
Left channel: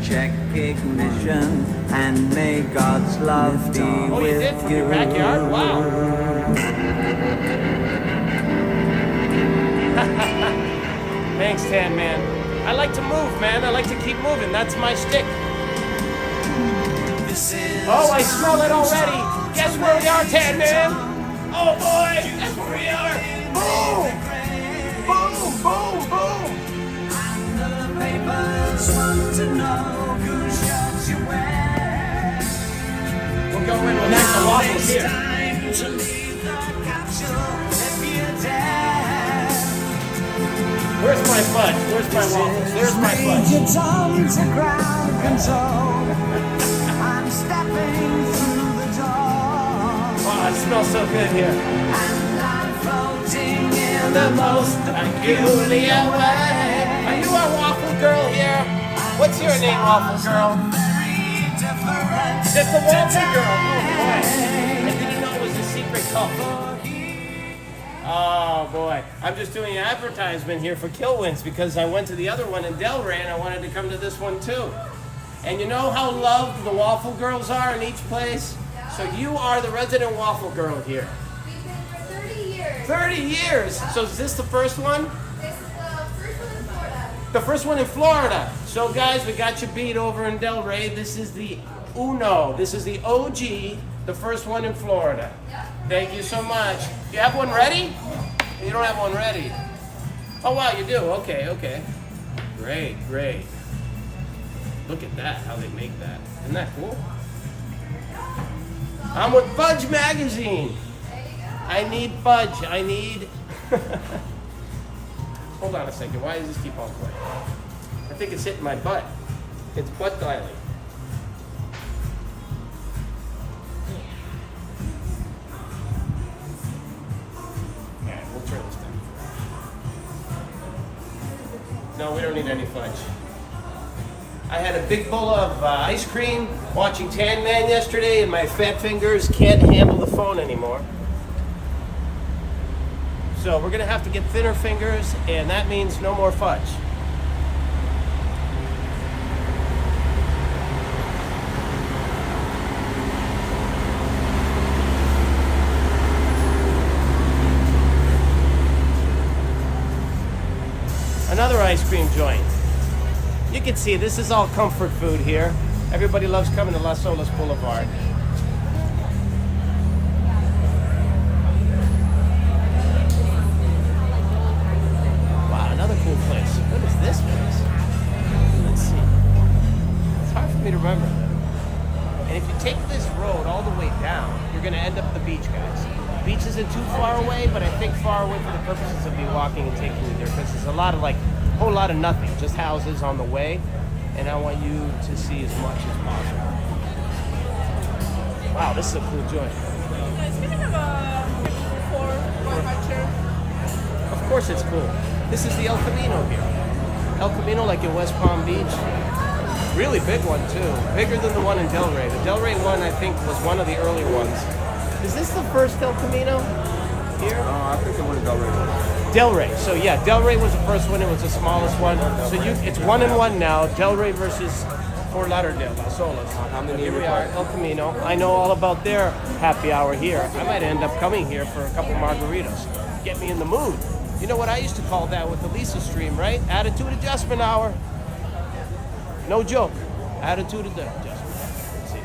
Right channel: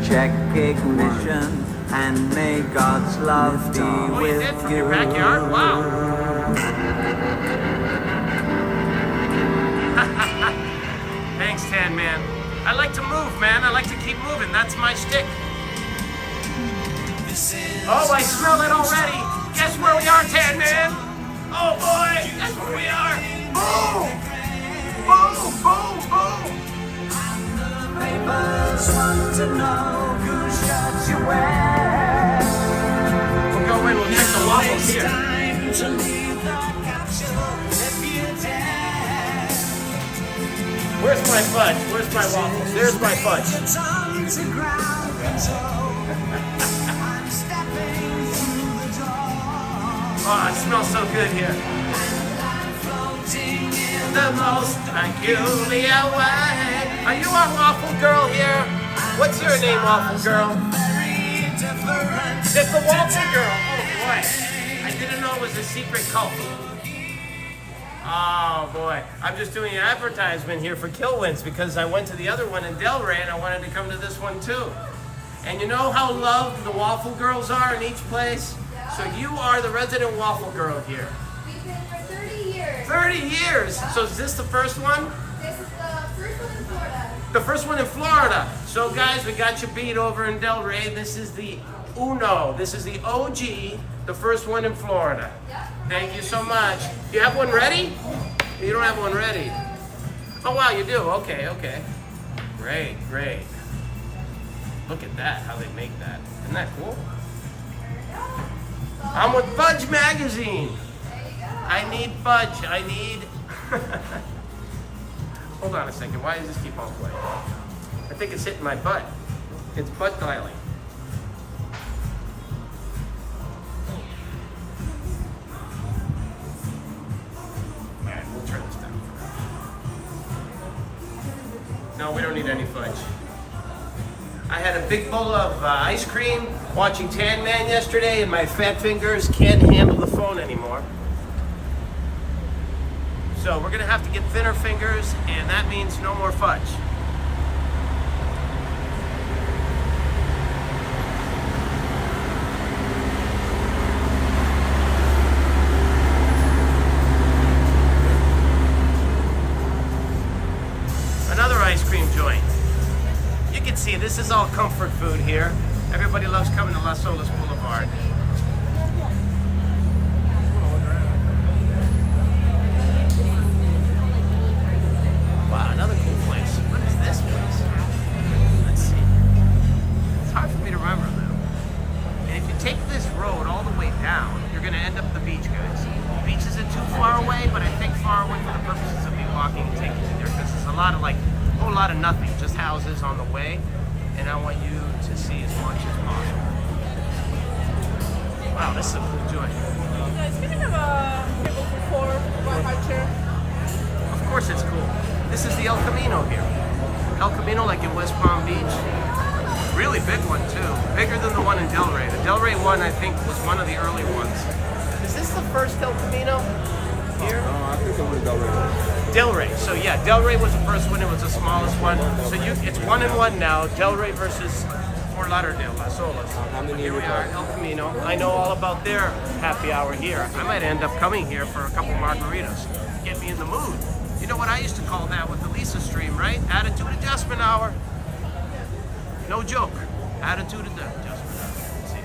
Check ignition and may God's love be Oh, you with did from your backyard? Wow. Thanks, Tan Man. I like to move, man. I like to keep moving. That's my shtick. Oh, I smell it already. Guess where we are, Tan Man? Oh boy, guess where we are. Boom! Boom, boom, boom! Papers want to know whose shirt you wear. We'll go in with next to waffles It's here. time to leave the capsule if you dare. Where's my fudge? Where's my waffles? There's my fudge. Your tongue to ground control. I'm stepping through the door. Oh, it smells so good here. And I'm floating in The most peculiar way. Are you our waffle girl here? What's your name, waffle girl? It's the waffle girl. Oh boy, I didn't know it was a secret cult. Oh boy, I'm just doing an advertisement here for Killwins because I went to the other one in Delray and I wanted to come to this one too. And you know how loved the waffle girls are in each place? So you are the resident waffle girl here. We've been for 30 years. 30 years. So is this the first one? This is the first one in Florida. The first one in Florida. So guys, we got you beat over in Delray. This is the Uno. This is the OG, the first one in Florida. Yep. Thank you so much. You have one ready? You don't have one ready. Oh wow, you do. Okay, okay. Great, great. Look at that, how they make that. Isn't that cool? I'm with Fudge Magazine. There you go. I need fudge. I need. Hold on a second. Why does this keep on playing? I think it's hitting my butt. It's butt dialing. All right, we'll turn this down. No, we don't need any fudge. I had a big bowl of ice cream watching Tan Man yesterday, and my fat fingers can't handle the phone anymore. So we're gonna have to get thinner fingers, and that means no more fudge. ice cream joint. You can see this is all comfort food here. Everybody loves coming to Las Olas Boulevard. Wow, another cool place. What is this place? Let's see. It's hard for me to remember, man. And if you take this road all the way down, you're gonna end up at the beach, guys. The beach isn't too far away, but I think far away for the purposes of me walking and taking you there, because there's a lot of whole lot of nothing, just houses on the way, and I want you to see as much as possible. Wow, this is a cool joint. Guys, can you have a table for 4 by high chair? Of course it's cool. This is the El Camino here. El Camino, like in West Palm Beach. Really big one too. Bigger than the one in Delray. The Delray one, I think, was one of the early ones. Is this the first El Camino here? No, I think the one in Delray. Delray. So yeah, Delray was the first one. It was the smallest one. So it's 1-1 now. Delray versus Fort Lauderdale, Las Olas. How many Here we are, El Camino. I know all about their happy hour here. I might end up coming here for a couple margaritas. Get me in the mood. You know what I used to call that with the Lisa stream, right? Attitude adjustment hour. No joke. Attitude adjustment. Let's see.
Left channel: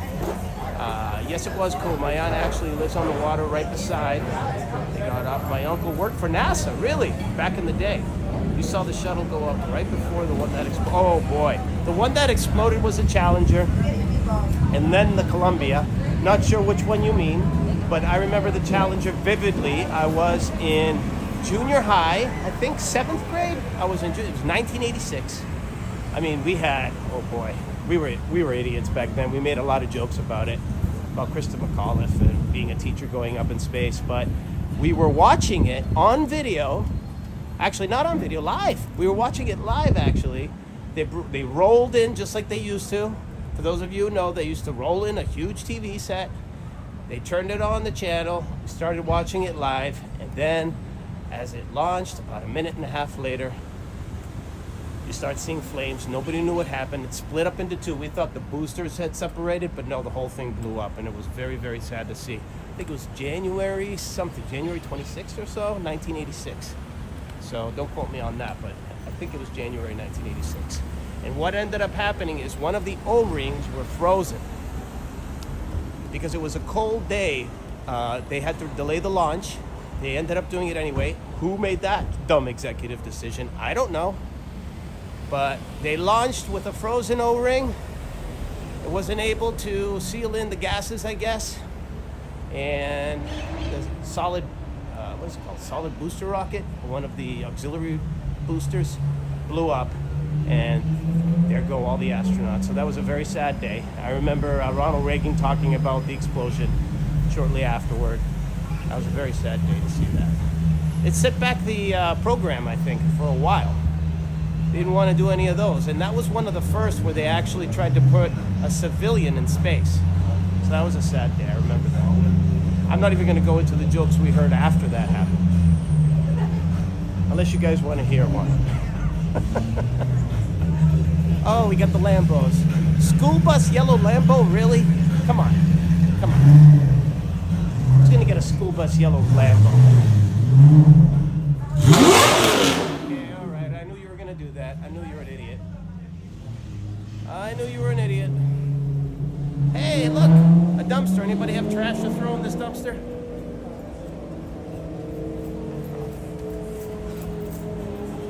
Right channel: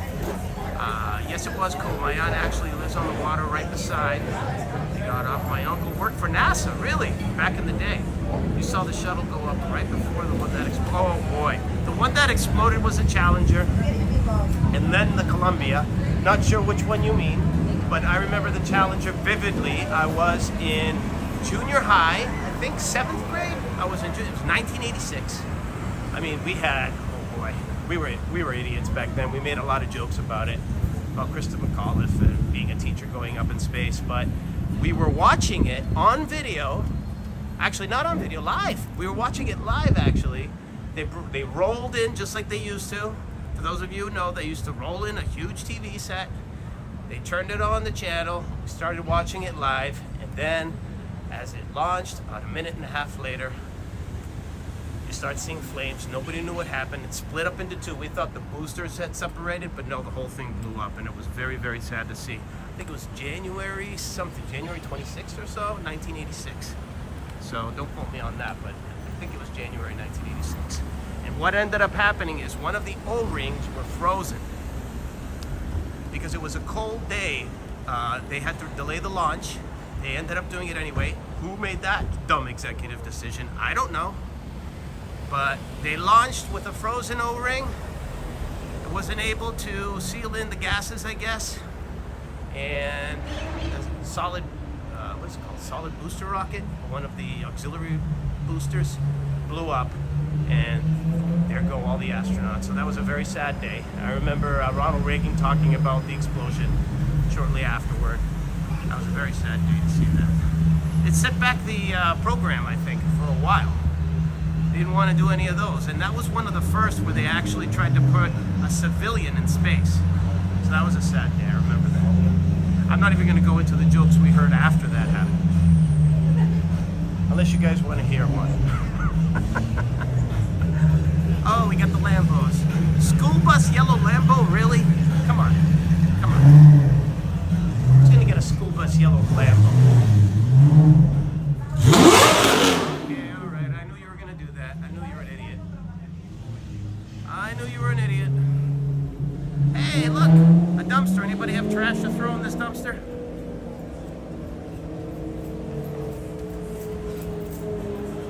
Yes, it was cool. My aunt actually lives on the water right beside. They got up. My uncle worked for NASA, really, back in the day. You saw the shuttle go up right before the one that exploded. Oh boy. The one that exploded was a Challenger, and then the Columbia. Not sure which one you mean, but I remember the Challenger vividly. I was in junior high, I think 7th grade. It was 1986. I mean, we had, oh boy, we were idiots back then. We made a lot of jokes about it, about Krista McAuliffe and being a teacher going up in space, but we were watching it on video. Actually, not on video, live. We were watching it live, actually. They rolled in just like they used to. For those of you who know, they used to roll in a huge TV set. They turned it on the channel. We started watching it live, and then as it launched, about a minute and a half later, you start seeing flames. Nobody knew what happened. It split up into two. We thought the boosters had separated, but no, the whole thing blew up, and it was very, very sad to see. I think it was January 26th or so, 1986. So don't quote me on that, but I think it was January 1986. And what ended up happening is one of the O-rings were frozen. Because it was a cold day, they had to delay the launch. They ended up doing it anyway. Who made that dumb executive decision? I don't know. But they launched with a frozen O-ring. It wasn't able to seal in the gases, I guess. And the solid, what is it called? Solid booster rocket, one of the auxiliary boosters, blew up. And there go all the astronauts. So that was a very sad day. I remember Ronald Reagan talking about the explosion shortly afterward. That was a very sad day to see that. It set back the program, I think, for a while. They didn't want to do any of those. And that was one of the first where they actually tried to put a civilian in space. So that was a sad day, I remember that. I'm not even going to go into the jokes we heard after that happened. Unless you guys want to hear one. Oh, we got the Lambos. School bus yellow Lambo, really? Come on. Come on. Who's going to get a school bus yellow Lambo? Okay, all right. I knew you were going to do that. I knew you were an idiot. I knew you were an idiot. Hey, look, a dumpster. Anybody have trash to throw in this dumpster?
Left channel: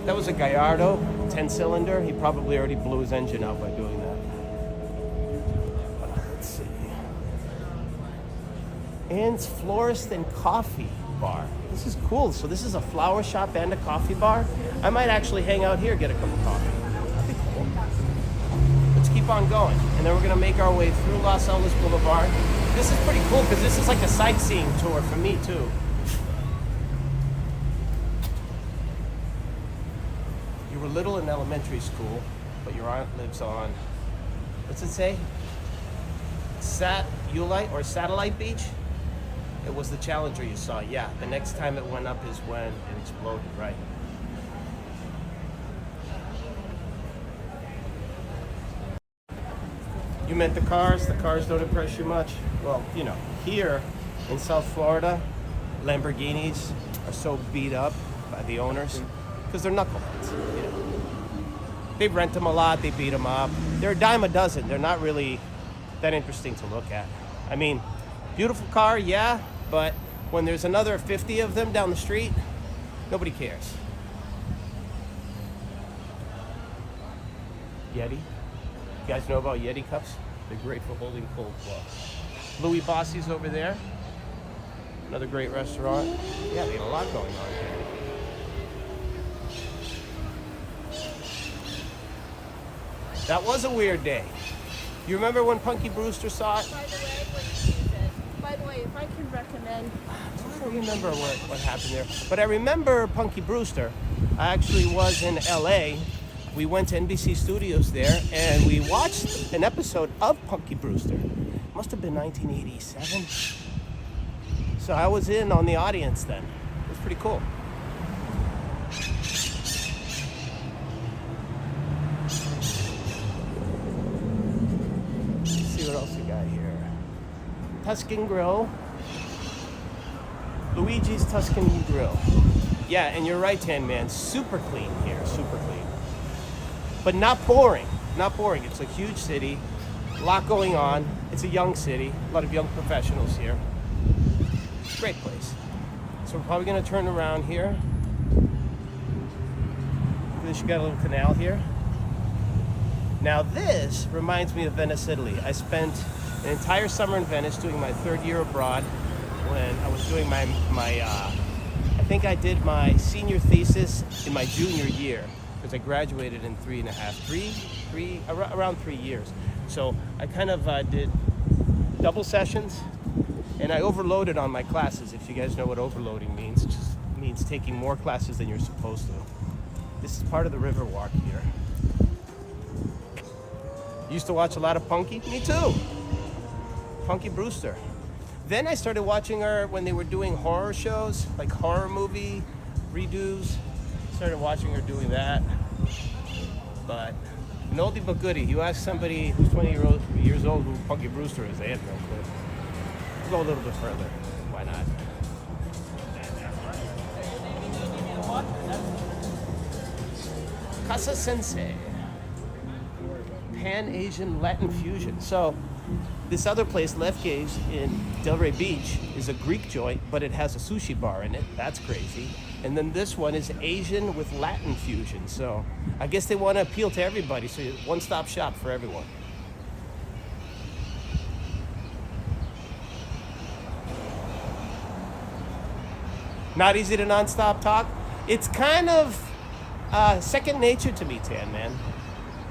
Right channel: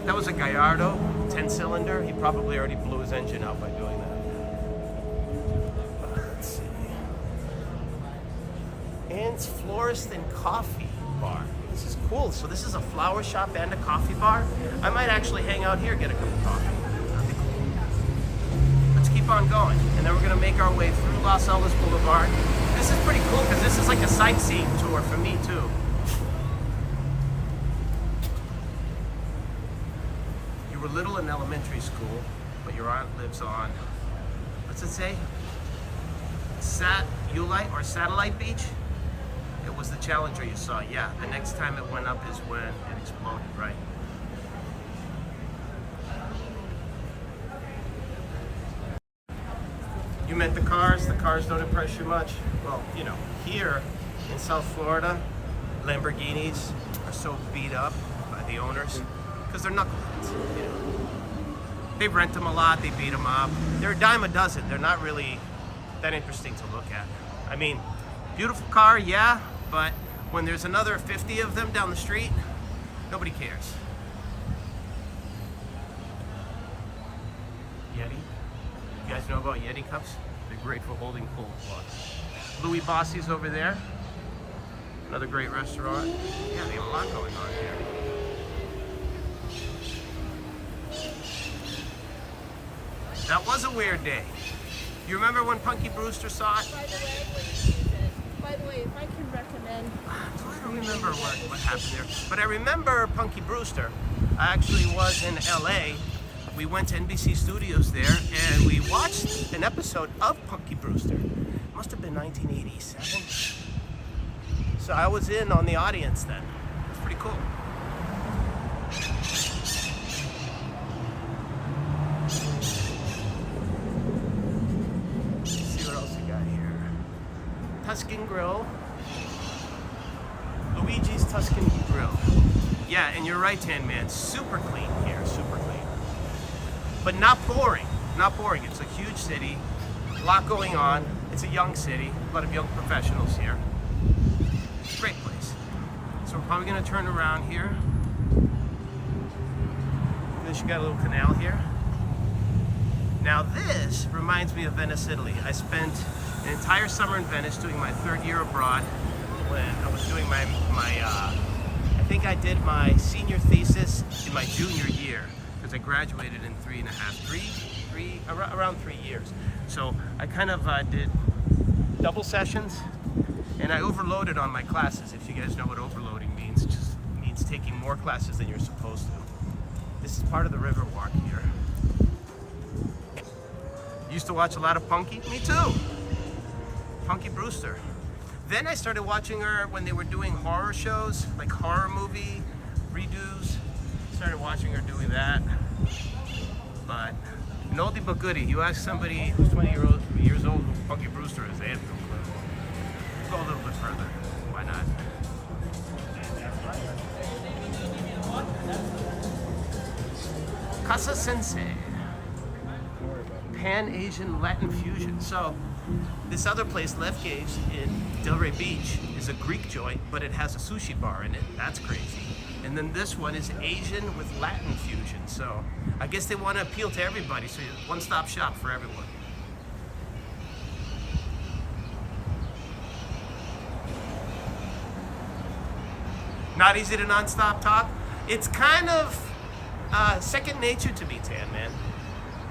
That was a Gallardo 10-cylinder. He probably already blew his engine out by doing that. Let's see. Ann's Florist and Coffee Bar. This is cool. So this is a flower shop and a coffee bar. I might actually hang out here, get a cup of coffee. That'd be cool. Let's keep on going. And then we're going to make our way through Las Olas Boulevard. This is pretty cool because this is like a sightseeing tour for me too. You were little in elementary school, but your aunt lives on, what's it say? Satellite or Satellite Beach? It was the Challenger you saw. Yeah, the next time it went up is when it exploded, right? You meant the cars? The cars don't impress you much? Well, you know, here in South Florida, Lamborghinis are so beat up by the owners because they're knuckleheads, you know. They rent them a lot, they beat them up. They're a dime a dozen. They're not really that interesting to look at. I mean, beautiful car, yeah, but when there's another 50 of them down the street, nobody cares. Yeti. You guys know about Yeti cups? They're great for holding cold water. Louis Bossi's over there. Another great restaurant. Yeah, they have a lot going on here. That was a weird day. You remember when Punky Brewster saw it? By the way, when you use it. By the way, if I can recommend. I don't remember what happened there. But I remember Punky Brewster. I actually was in LA. We went to NBC Studios there and we watched an episode of Punky Brewster. It must have been 1987. So I was in on the audience then. It was pretty cool. Tuscan Grill. Luigi's Tuscan Grill. Yeah, and you're right, Tan Man. Super clean here, super clean. But not boring. Not boring. It's a huge city. A lot going on. It's a young city. A lot of young professionals here. Great place. So we're probably going to turn around here. You got a little canal here. Now this reminds me of Venice, Italy. I spent an entire summer in Venice doing my 3rd year abroad when I was doing I think I did my senior thesis in my junior year because I graduated in around 3 years. So I kind of did double sessions and I overloaded on my classes. If you guys know what overloading means, it just means taking more classes than you're supposed to. This is part of the Riverwalk here. Used to watch a lot of Punky. Me too. Punky Brewster. Then I started watching her when they were doing horror shows, like horror movie redos. Started watching her doing that. But an oldie but goodie. You ask somebody who's 20 years old who Punky Brewster is, they have no clue. Let's go a little bit further. Why not? Casa Sensei. Pan-Asian Latin fusion. So this other place, Left Gauge in Delray Beach, is a Greek joint, but it has a sushi bar in it. That's crazy. And then this one is Asian with Latin fusion. So I guess they want to appeal to everybody. So one-stop shop for everyone. Not easy to non-stop talk. It's kind of second nature to me, Tan Man.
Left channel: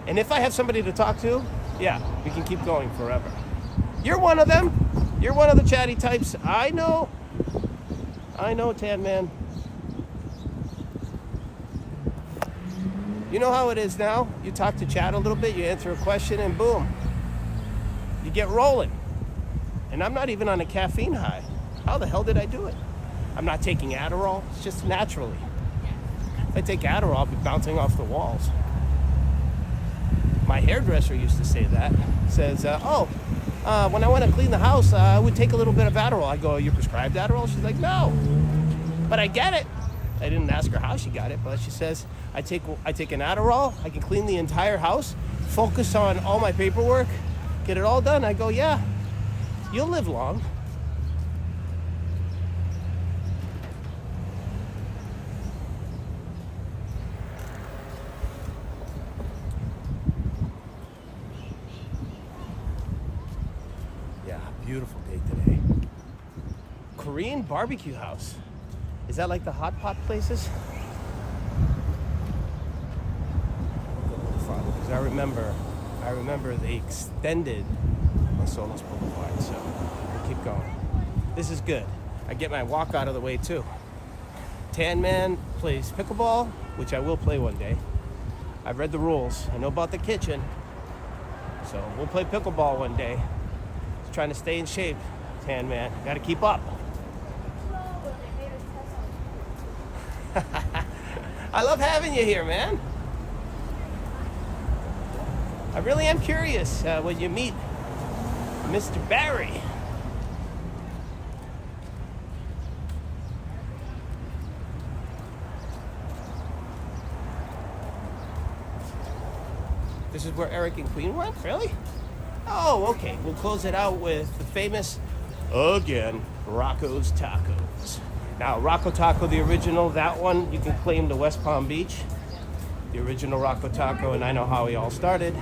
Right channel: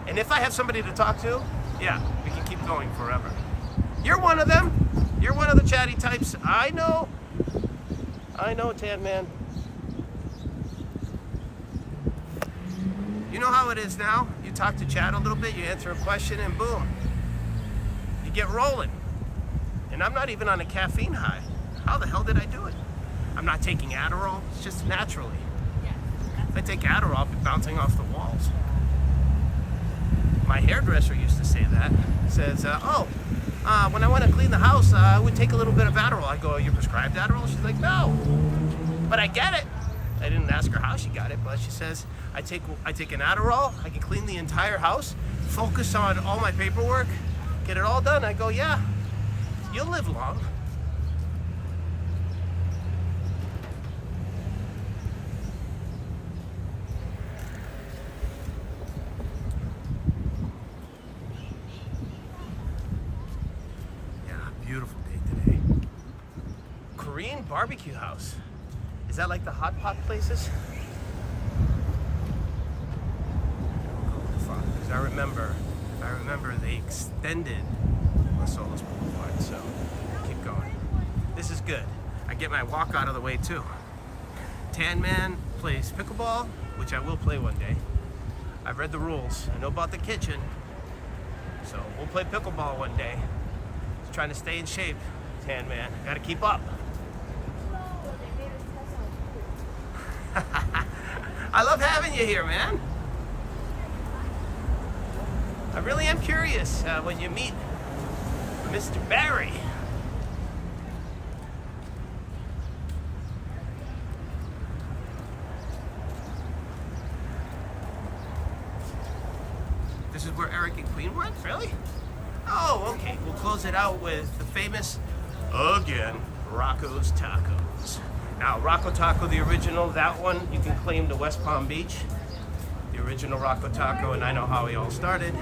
And if I have somebody to talk to, yeah, we can keep going forever. You're one of them. You're one of the chatty types. I know, Tan Man. You know how it is now? You talk to chat a little bit, you answer a question, and boom, you get rolling. And I'm not even on a caffeine high. How the hell did I do it? I'm not taking Adderall. It's just naturally. If I take Adderall, I'll be bouncing off the walls. My hairdresser used to say that. Says, when I want to clean the house, I would take a little bit of Adderall. I go, you prescribed Adderall? She's like, no, but I get it. I didn't ask her how she got it, but she says, I take an Adderall, I can clean the entire house, focus on all my paperwork, get it all done. I go, yeah, you'll live long. Beautiful day today. Korean barbecue house. Is that like the hot pot places? Because I remember they extended Las Olas Blvd, so keep going. This is good. I get my walk out of the way too. Tan Man plays pickleball, which I will play one day. I've read the rules. I know about the kitchen, so we'll play pickleball one day. Trying to stay in shape, Tan Man. Got to keep up. I love having you here, man. I really am curious when you meet Mr. Barry. This is where Eric and Queen went? Really? Oh, okay. We'll close it out with the famous, again, Rocco's Tacos. Now, Rocco Taco, the original, that one, you can claim to West Palm Beach. The original Rocco Taco, and I know how he all started.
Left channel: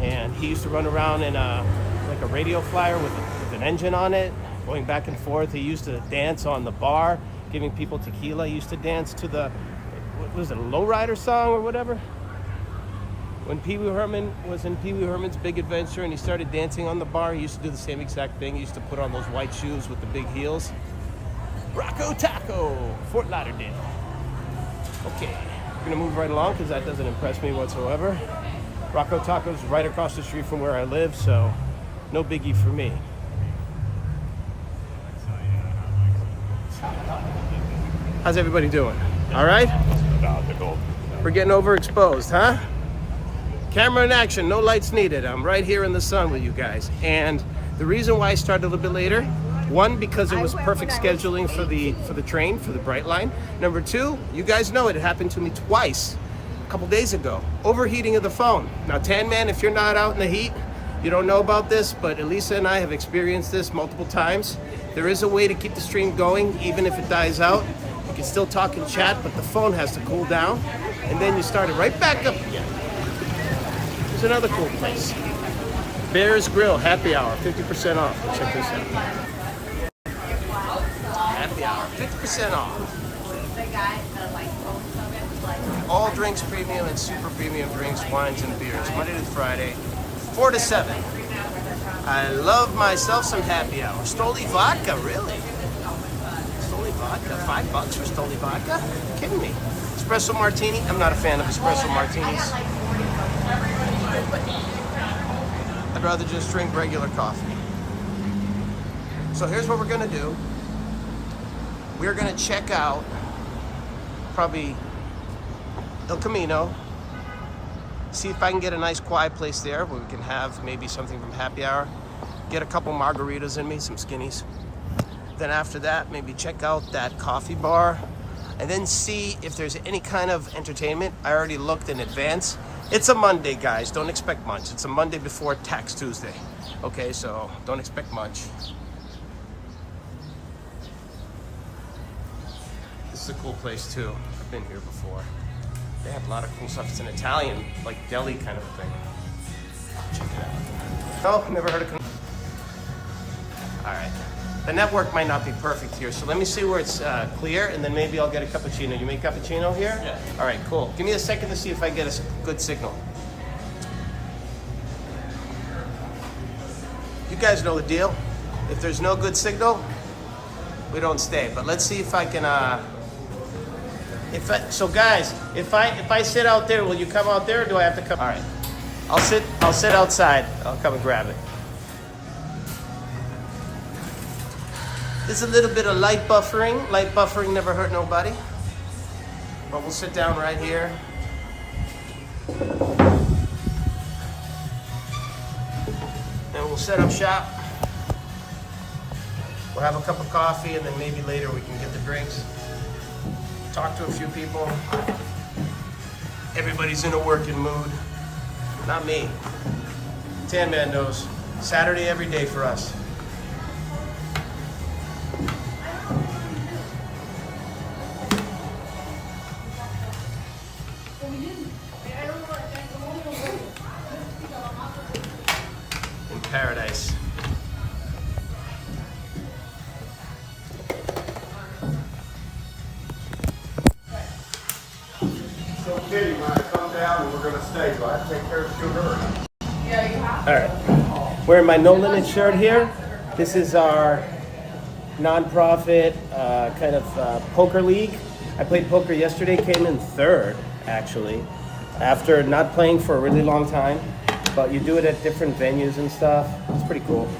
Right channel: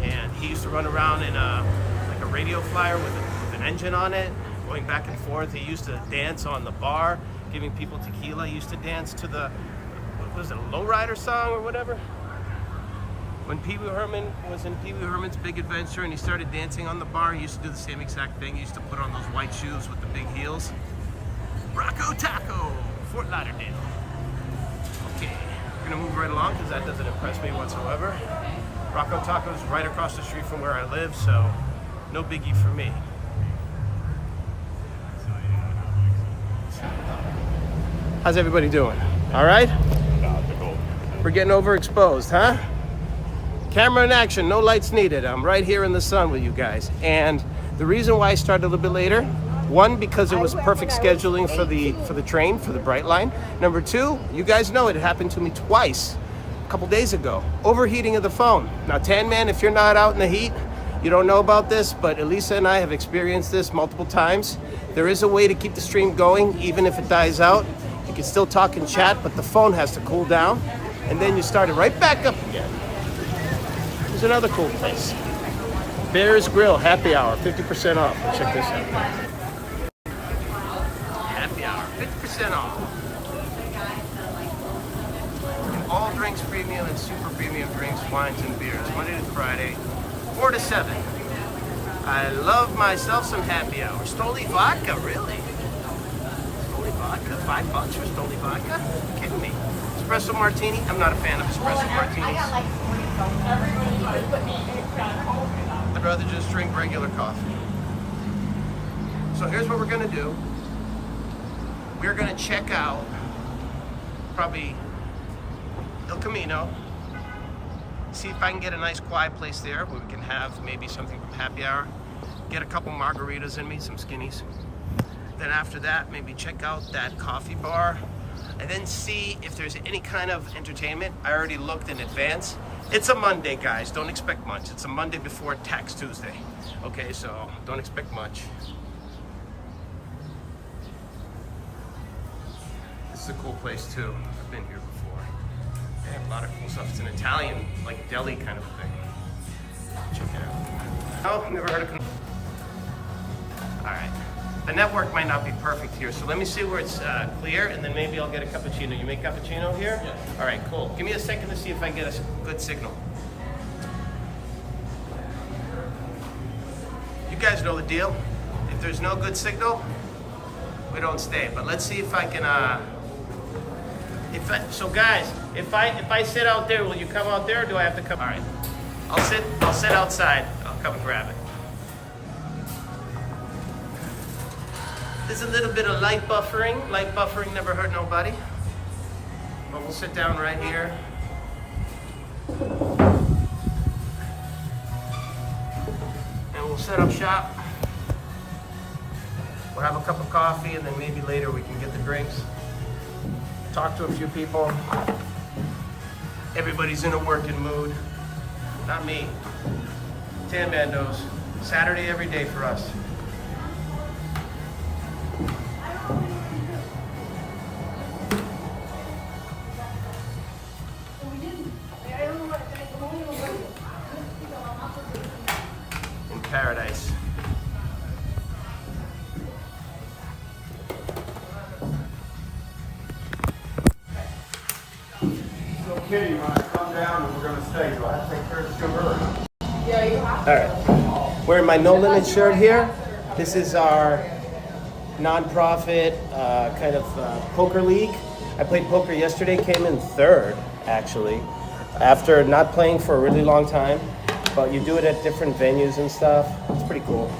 And he used to run around in like a radio flyer with an engine on it, going back and forth. He used to dance on the bar, giving people tequila. He used to dance to the, what was it, a lowrider song or whatever? When Pee Wee Herman was in Pee Wee Herman's Big Adventure and he started dancing on the bar, he used to do the same exact thing. He used to put on those white shoes with the big heels. Rocco Taco, Fort Lauderdale. Okay, we're gonna move right along because that doesn't impress me whatsoever. Rocco Taco's right across the street from where I live, so no biggie for me. How's everybody doing? All right? We're getting overexposed, huh? Camera in action, no lights needed. I'm right here in the sun with you guys. And the reason why I started a little bit later, one, because it was perfect scheduling for the train, for the Brightline. Number two, you guys know it happened to me twice a couple days ago. Overheating of the phone. Now, Tan Man, if you're not out in the heat, you don't know about this, but Elisa and I have experienced this multiple times. There is a way to keep the stream going, even if it dies out. You can still talk and chat, but the phone has to cool down, and then you start it right back up again. Here's another cool place. Bear's Grill, happy hour, 50% off. Let's check this out. Happy hour, 50% off. All drinks premium and super premium drinks, wines and beers, Monday to Friday, 4 to 7. I love myself some happy hour. Stoli vodka, really? Stoli vodka, $5 for Stoli vodka? Are you kidding me? Espresso martini, I'm not a fan of espresso martinis. I'd rather just drink regular coffee. So here's what we're gonna do. We're gonna check out probably El Camino. See if I can get a nice quiet place there where we can have maybe something from happy hour. Get a couple margaritas in me, some skinnies. Then after that, maybe check out that coffee bar and then see if there's any kind of entertainment. I already looked in advance. It's a Monday, guys. Don't expect much. It's a Monday before Tax Tuesday. Okay, so don't expect much. This is a cool place too. I've been here before. They have a lot of cool stuff. It's an Italian, like deli kind of thing. Check it out. Oh, never heard of. All right. The network might not be perfect here, so let me see where it's clear, and then maybe I'll get a cappuccino. You make cappuccino here? Yeah. All right, cool. Give me a second to see if I can get a good signal. You guys know the deal. If there's no good signal, we don't stay. But let's see if I can. So guys, if I sit out there, will you come out there, or do I have to come? All right. I'll sit outside. I'll come and grab it. There's a little bit of light buffering. Light buffering never hurt nobody. But we'll sit down right here. And we'll set up shop. We'll have a cup of coffee, and then maybe later we can get the drinks. Talk to a few people. Everybody's in a working mood. Not me. Tan Man knows. Saturday every day for us. In paradise. So Katie, when I come down, we're gonna stay, so I have to take care of Sugar. All right, wearing my No Limit shirt here. This is our non-profit kind of poker league. I played poker yesterday, came in third actually, after not playing for a really long time. But you do it at different venues and stuff. It's pretty cool.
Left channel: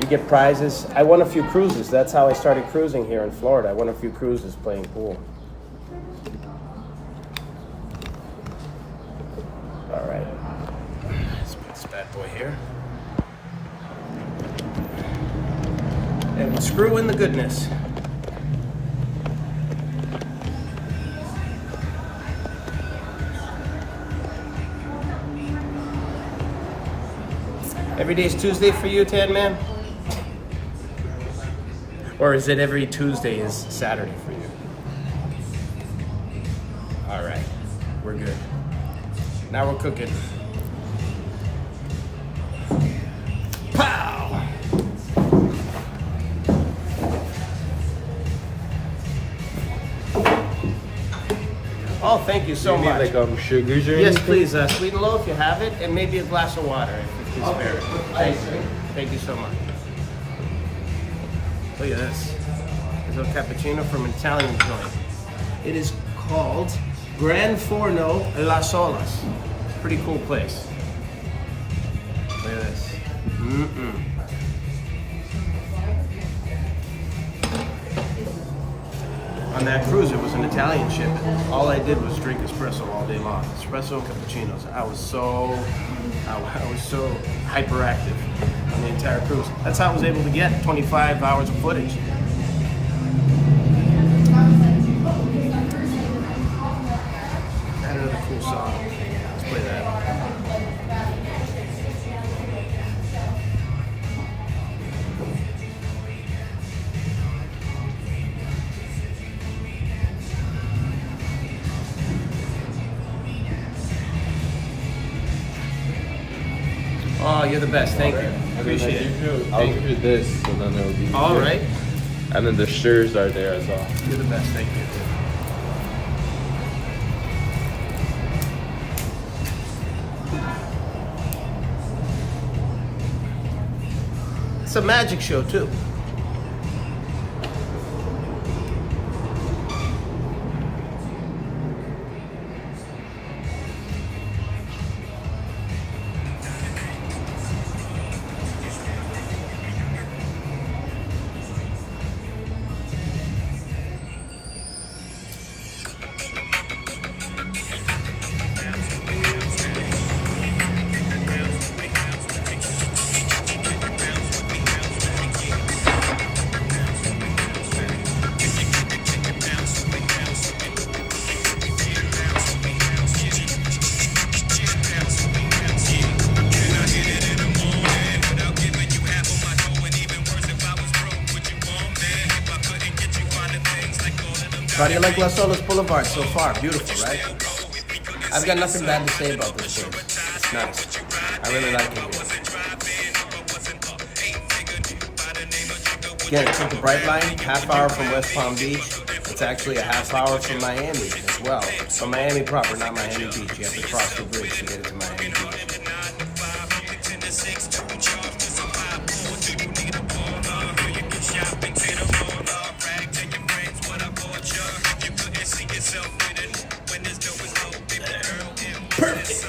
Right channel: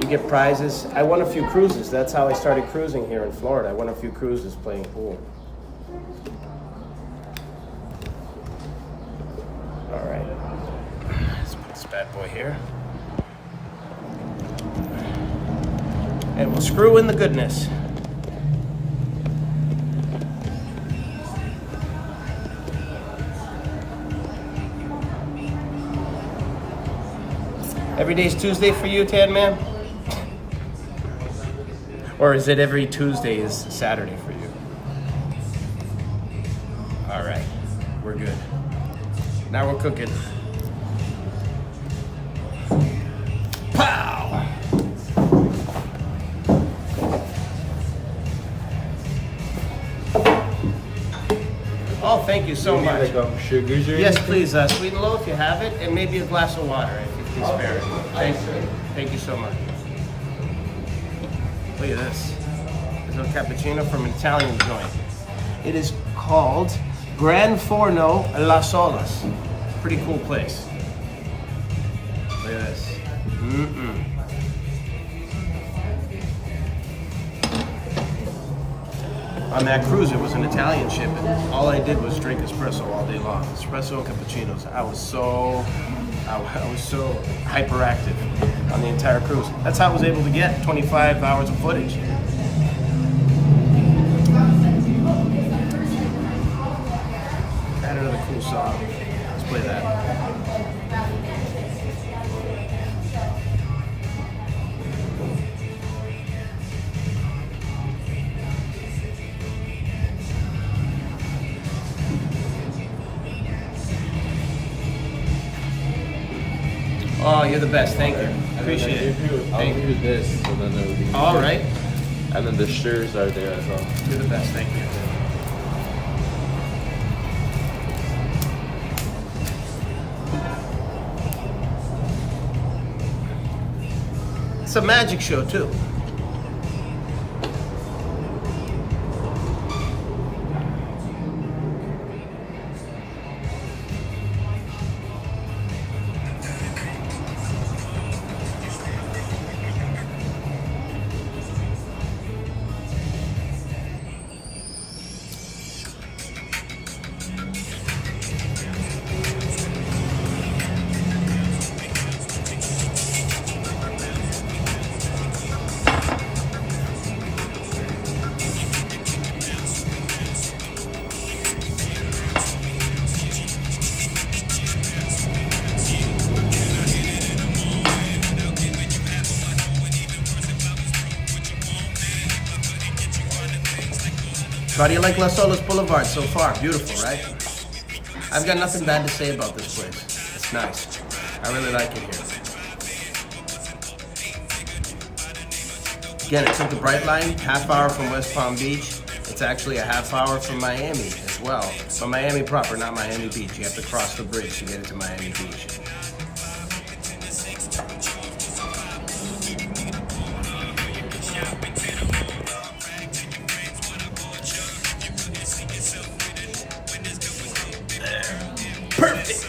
You get prizes. I won a few cruises. That's how I started cruising here in Florida. I won a few cruises playing pool. All right, let's put this bad boy here. And we'll screw in the goodness. Every day's Tuesday for you, Tan Man? Or is it every Tuesday is Saturday for you? All right, we're good. Now we're cooking. Pow! Oh, thank you so much. Sugars or Yes, anything? please, sweet and low if you have it, and maybe a glass of water if you can spare it. Thank you. Thank you so much. Look at this. This is a cappuccino from an Italian joint. It is called Gran Forno Las Olas. Pretty cool place. Look at this. On that cruise, it was an Italian ship, and all I did was drink espresso all day long. Espresso and cappuccinos. I was so hyperactive on the entire cruise. That's how I was able to get 25 hours of footage. Add another cool song. Let's play that. Oh, you're the best. Thank you. Appreciate it. I'll do this, and then it'll be. All right. And then the shirts are there as well. You're the best. Thank you. It's a magic show too. How do you like Las Olas Boulevard so far? Beautiful, right? I've got nothing bad to say about this place. It's nice. I really like it here. Again, it took the Brightline, half hour from West Palm Beach. It's actually a half hour from Miami as well. But Miami proper, not Miami Beach. You have to cross the bridge to get into Miami Beach. Perfect.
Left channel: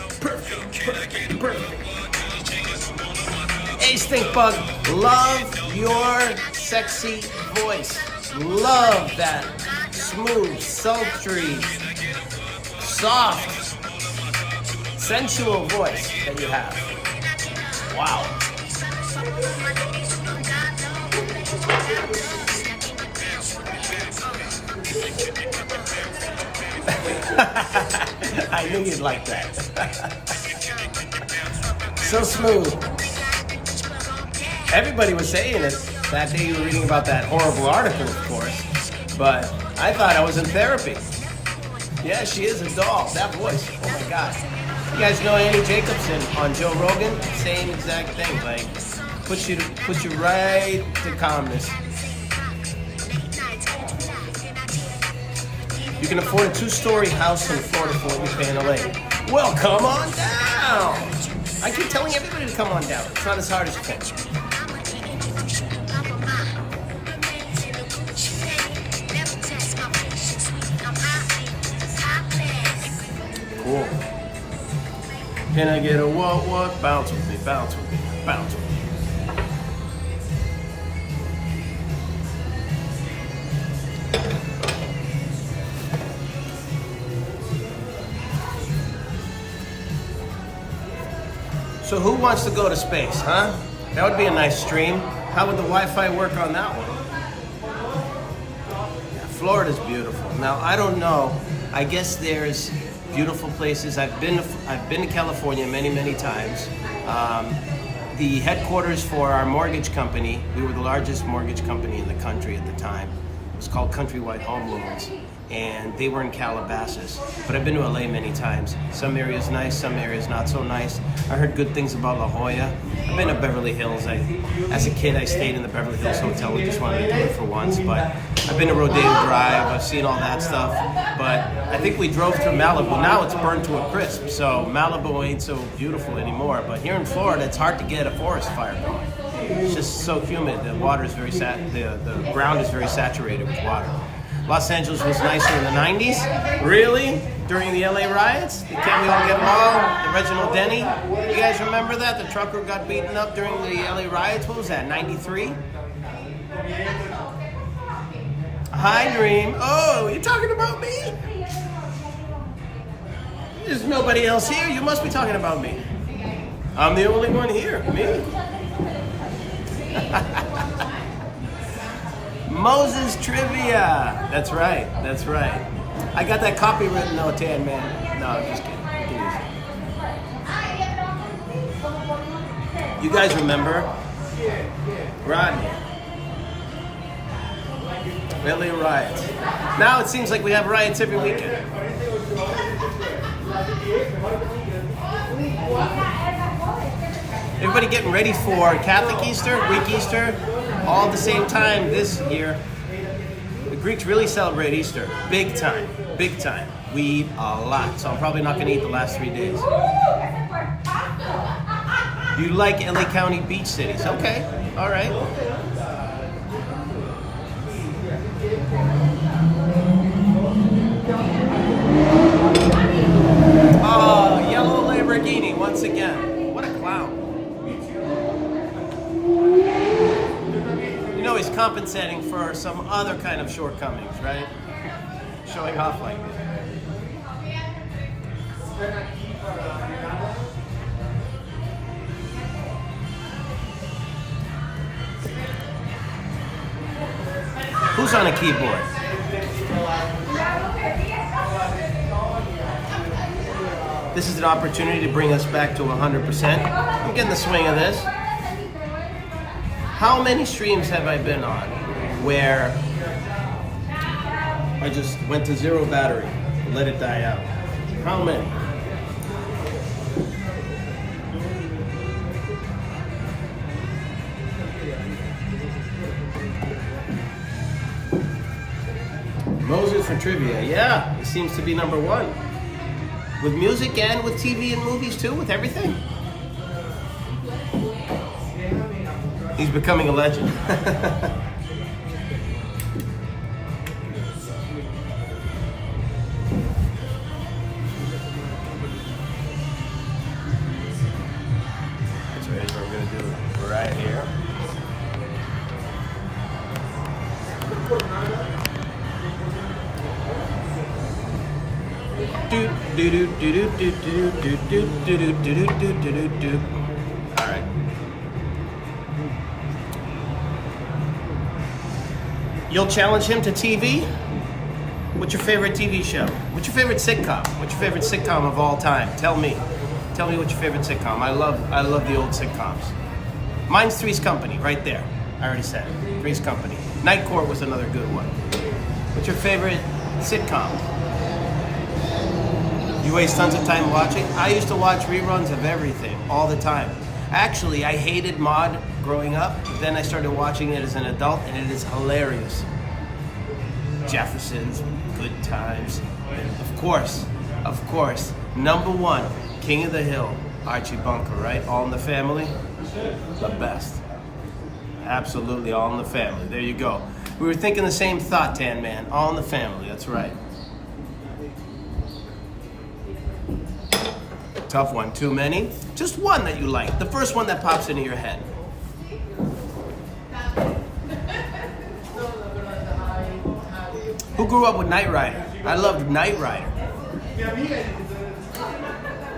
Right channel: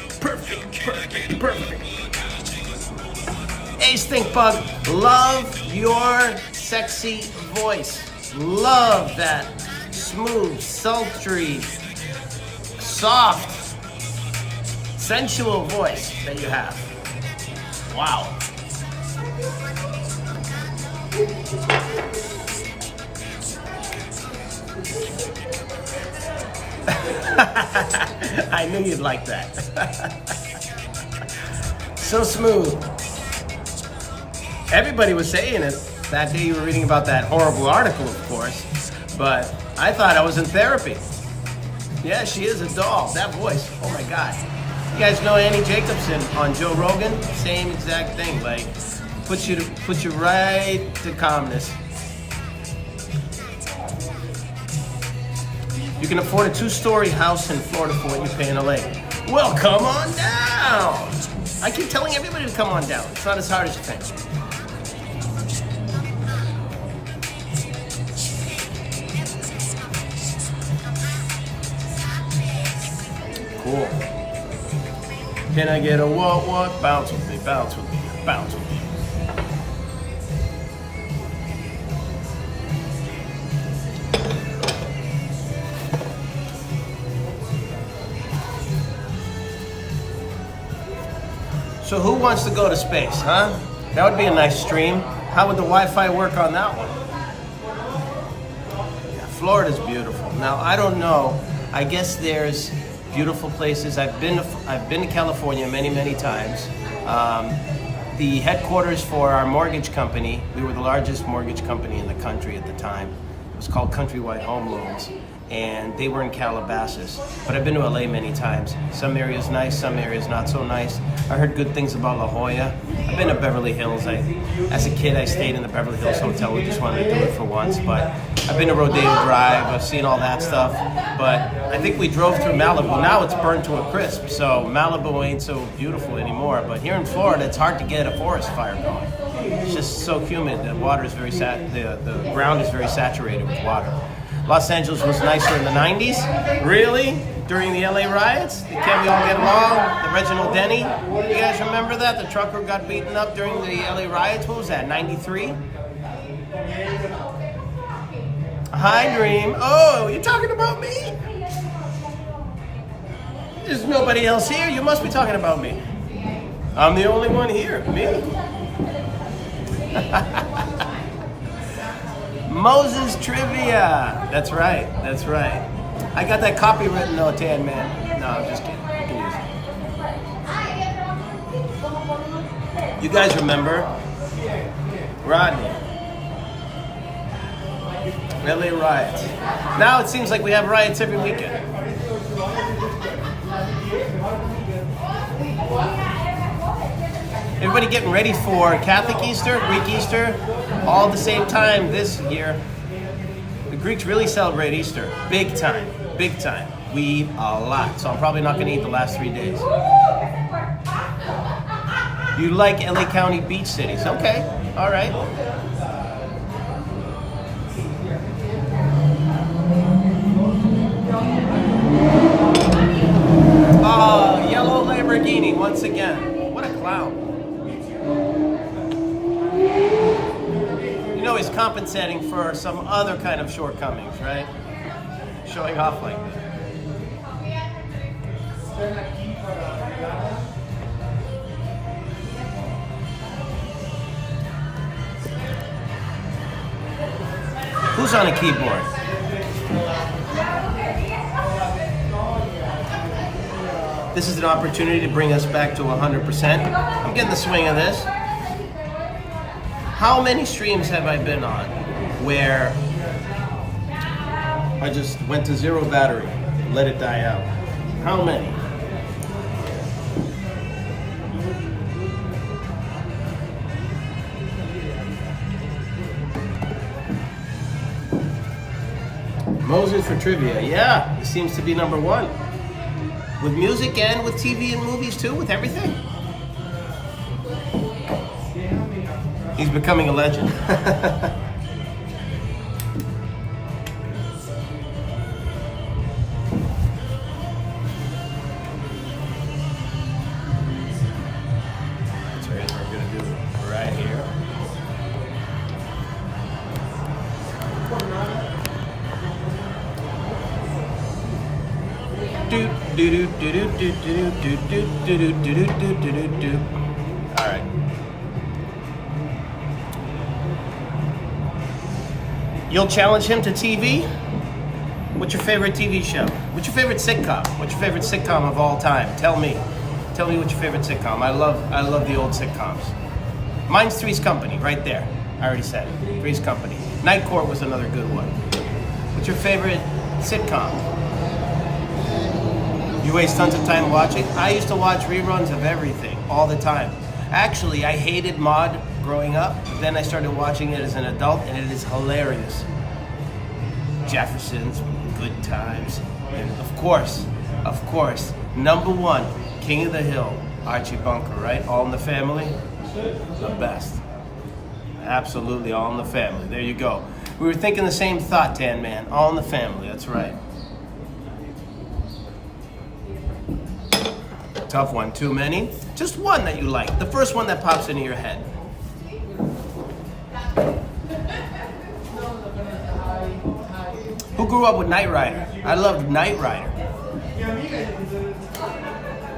Hey, Stink Bug, love your sexy voice. Love that smooth, sultry, soft, sensual voice that you have. Wow. I knew you'd like that. So smooth. Everybody was saying it that day you were reading about that horrible article, of course. But I thought I was in therapy. Yeah, she is a doll. That voice, oh my God. You guys know Annie Jacobson on Joe Rogan? Same exact thing. Like, put you right to calmness. You can afford a 2-story house in Florida for what you pay in LA. Well, come on down. I keep telling everybody to come on down. It's not as hard as you think. Cool. Can I get a what? Bounce with me, bounce with me, bounce with me. So who wants to go to space, huh? That would be a nice stream. How would the Wi-Fi work on that one? Yeah, Florida's beautiful. Now, I don't know. I guess there's beautiful places. I've been to California many times. the headquarters for our mortgage company. We were the largest mortgage company in the country at the time. It was called Countrywide Home Loans, and they were in Calabasas. But I've been to LA many times. Some areas nice, some areas not so nice. I heard good things about La Jolla. I've been to Beverly Hills. As a kid, I stayed in the Beverly Hills Hotel. We just wanted to do it for once. But I've been to Rodeo Drive. I've seen all that stuff. But I think we drove through Malibu. Now it's burned to a crisp. So Malibu ain't so beautiful anymore. But here in Florida, it's hard to get a forest fire going. It's just so humid. The water is the ground is very saturated with water. Los Angeles was nicer in the 90s. Really? During the LA riots? Can't we all get along? The Reginald Denny? You guys remember that? The trucker got beaten up during the LA riots. What was that, 93? Hi, Dream. Oh, you're talking about me? There's nobody else here. You must be talking about me. I'm the only one here. Me? Moses Trivia. That's right. That's right. I got that copywritten though, Tan Man. No, I'm just kidding. You can use it. You guys remember Rodney? LA riots. Now it seems like we have riots every weekend. Everybody getting ready for Catholic Easter, Greek Easter, all at the same time this year. The Greeks really celebrate Easter, big time, big time. We eat a lot, so I'm probably not gonna eat the last 3 days. You like LA County beach cities? Okay, all right. Oh, yellow Lamborghini once again. What a clown. You know he's compensating for some other kind of shortcomings, right? Showing off like that. Who's on a keyboard? This is an opportunity to bring us back to 100%. I'm getting the swing of this. How many streams have I been on where I just went to zero battery and let it die out? How many? Moses for trivia. Yeah, he seems to be number one. With music and with TV and movies too, with everything. He's becoming a legend. So here's what we're gonna do right here. Do do do do do do do do do do do do do do. All right. You'll challenge him to TV? What's your favorite TV show? What's your favorite sitcom? What's your favorite sitcom of all time? Tell me. Tell me what's your favorite sitcom. I love the old sitcoms. Mine's Three's Company, right there. I already said it. Three's Company. Night Court was another good one. What's your favorite sitcom? You waste tons of time watching? I used to watch reruns of everything all the time. Actually, I hated Maude growing up, but then I started watching it as an adult, and it is hilarious. Jefferson's, Good Times, and of course, number one, King of the Hill, Archie Bunker, right? All in the Family, the best. Absolutely, All in the Family. There you go. We were thinking the same thought, Tan Man. All in the Family, that's right. Tough one. Too many? Just one that you like. The first one that pops into your head. Who grew up with Knight Rider? I loved Knight Rider.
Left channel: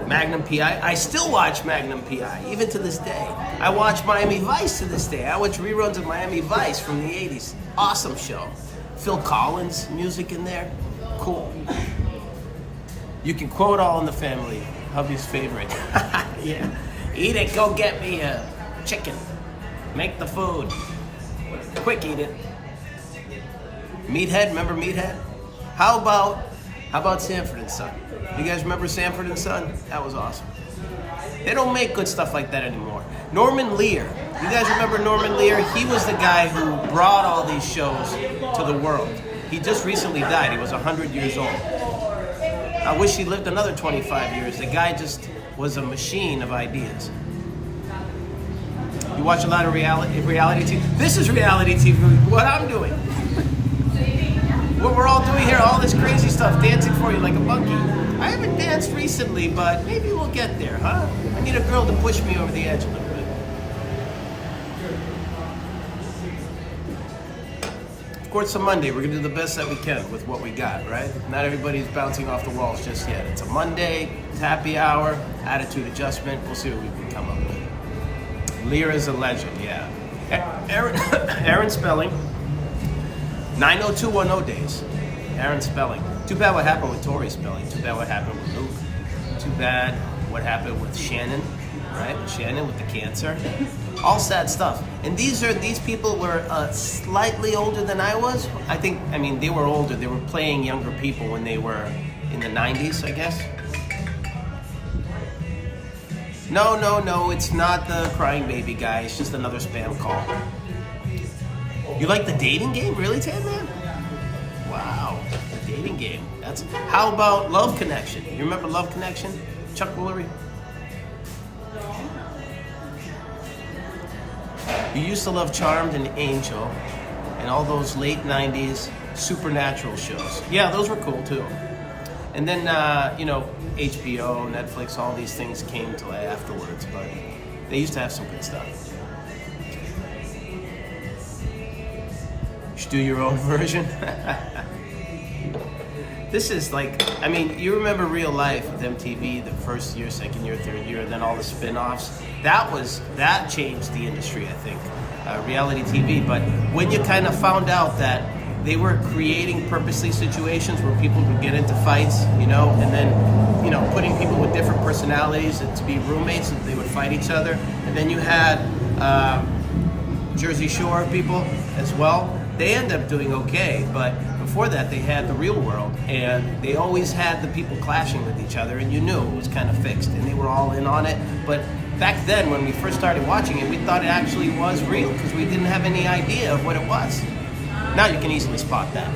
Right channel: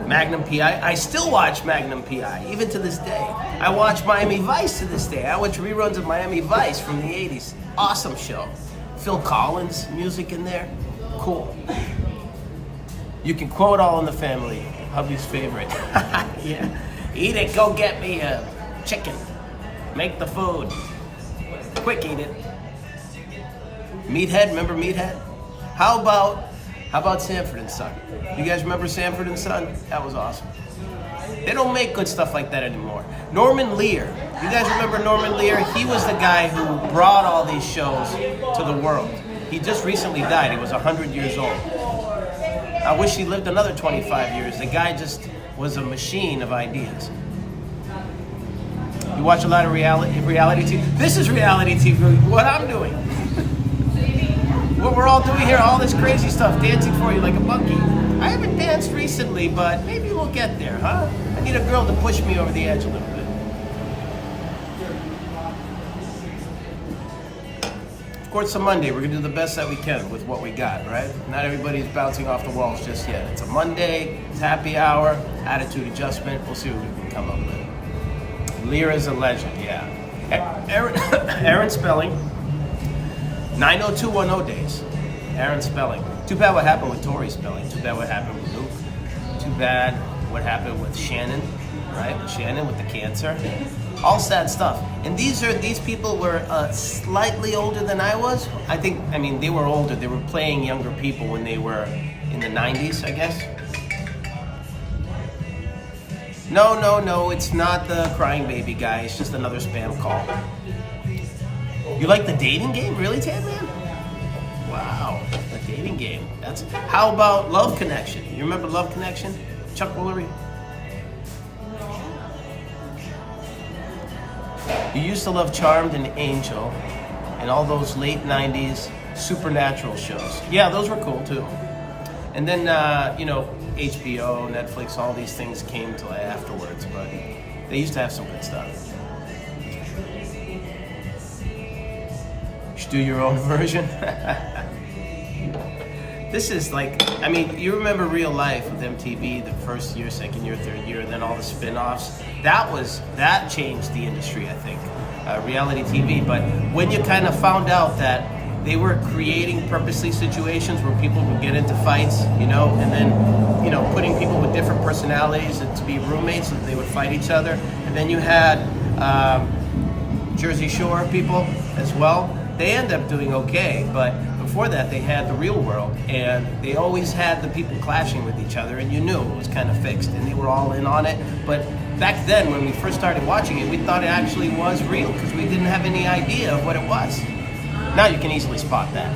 Magnum P.I. I still watch Magnum P.I. even to this day. I watch Miami Vice to this day. I watch reruns of Miami Vice from the 80s. Awesome show. Phil Collins music in there. Cool. You can quote All in the Family. Hubby's favorite. Yeah. Eat it, go get me a chicken. Make the food. Quick, eat it. Meathead, remember Meathead? How about Sanford and Son? You guys remember Sanford and Son? That was awesome. They don't make good stuff like that anymore. Norman Lear. You guys remember Norman Lear? He was the guy who brought all these shows to the world. He just recently died. He was 100 years old. I wish he lived another 25 years. The guy just was a machine of ideas. You watch a lot of reality TV. This is reality TV, what I'm doing. What we're all doing here, all this crazy stuff, dancing for you like a monkey. I haven't danced recently, but maybe we'll get there, huh? I need a girl to push me over the edge a little bit. Of course, it's a Monday. We're gonna do the best that we can with what we got, right? Not everybody's bouncing off the walls just yet. It's a Monday, it's happy hour, attitude adjustment. We'll see what we can come up with. Lear is a legend, yeah. Aaron Spelling, 90210 days. Aaron Spelling. Too bad what happened with Tori Spelling. Too bad what happened with Luke. Too bad what happened with Shannon, right? With Shannon with the cancer. All sad stuff. And these people were slightly older than I was. I mean, they were older. They were playing younger people when they were in the 90s, I guess. No, it's not the crying baby guy. It's just another spam call. You like the dating game? Really, Tan Man? Wow, the dating game. How about Love Connection? You remember Love Connection? Chuck Woolery? You used to love Charmed and Angel and all those late 90s supernatural shows. Yeah, those were cool too. And then, HBO, Netflix, all these things came to afterwards, but they used to have some good stuff. You should do your own version. This is like, you remember Real Life with MTV, the first year, second year, third year, and then all the spin-offs. That changed the industry, I think, reality TV. But when you kind of found out that they were creating purposely situations where people would get into fights, and then, putting people with different personalities to be roommates so that they would fight each other. And then you had Jersey Shore people as well. They end up doing okay, but before that they had The Real World, and they always had the people clashing with each other, and you knew it was kind of fixed, and they were all in on it. But back then, when we first started watching it, we thought it actually was real because we didn't have any idea of what it was. Now you can easily spot that.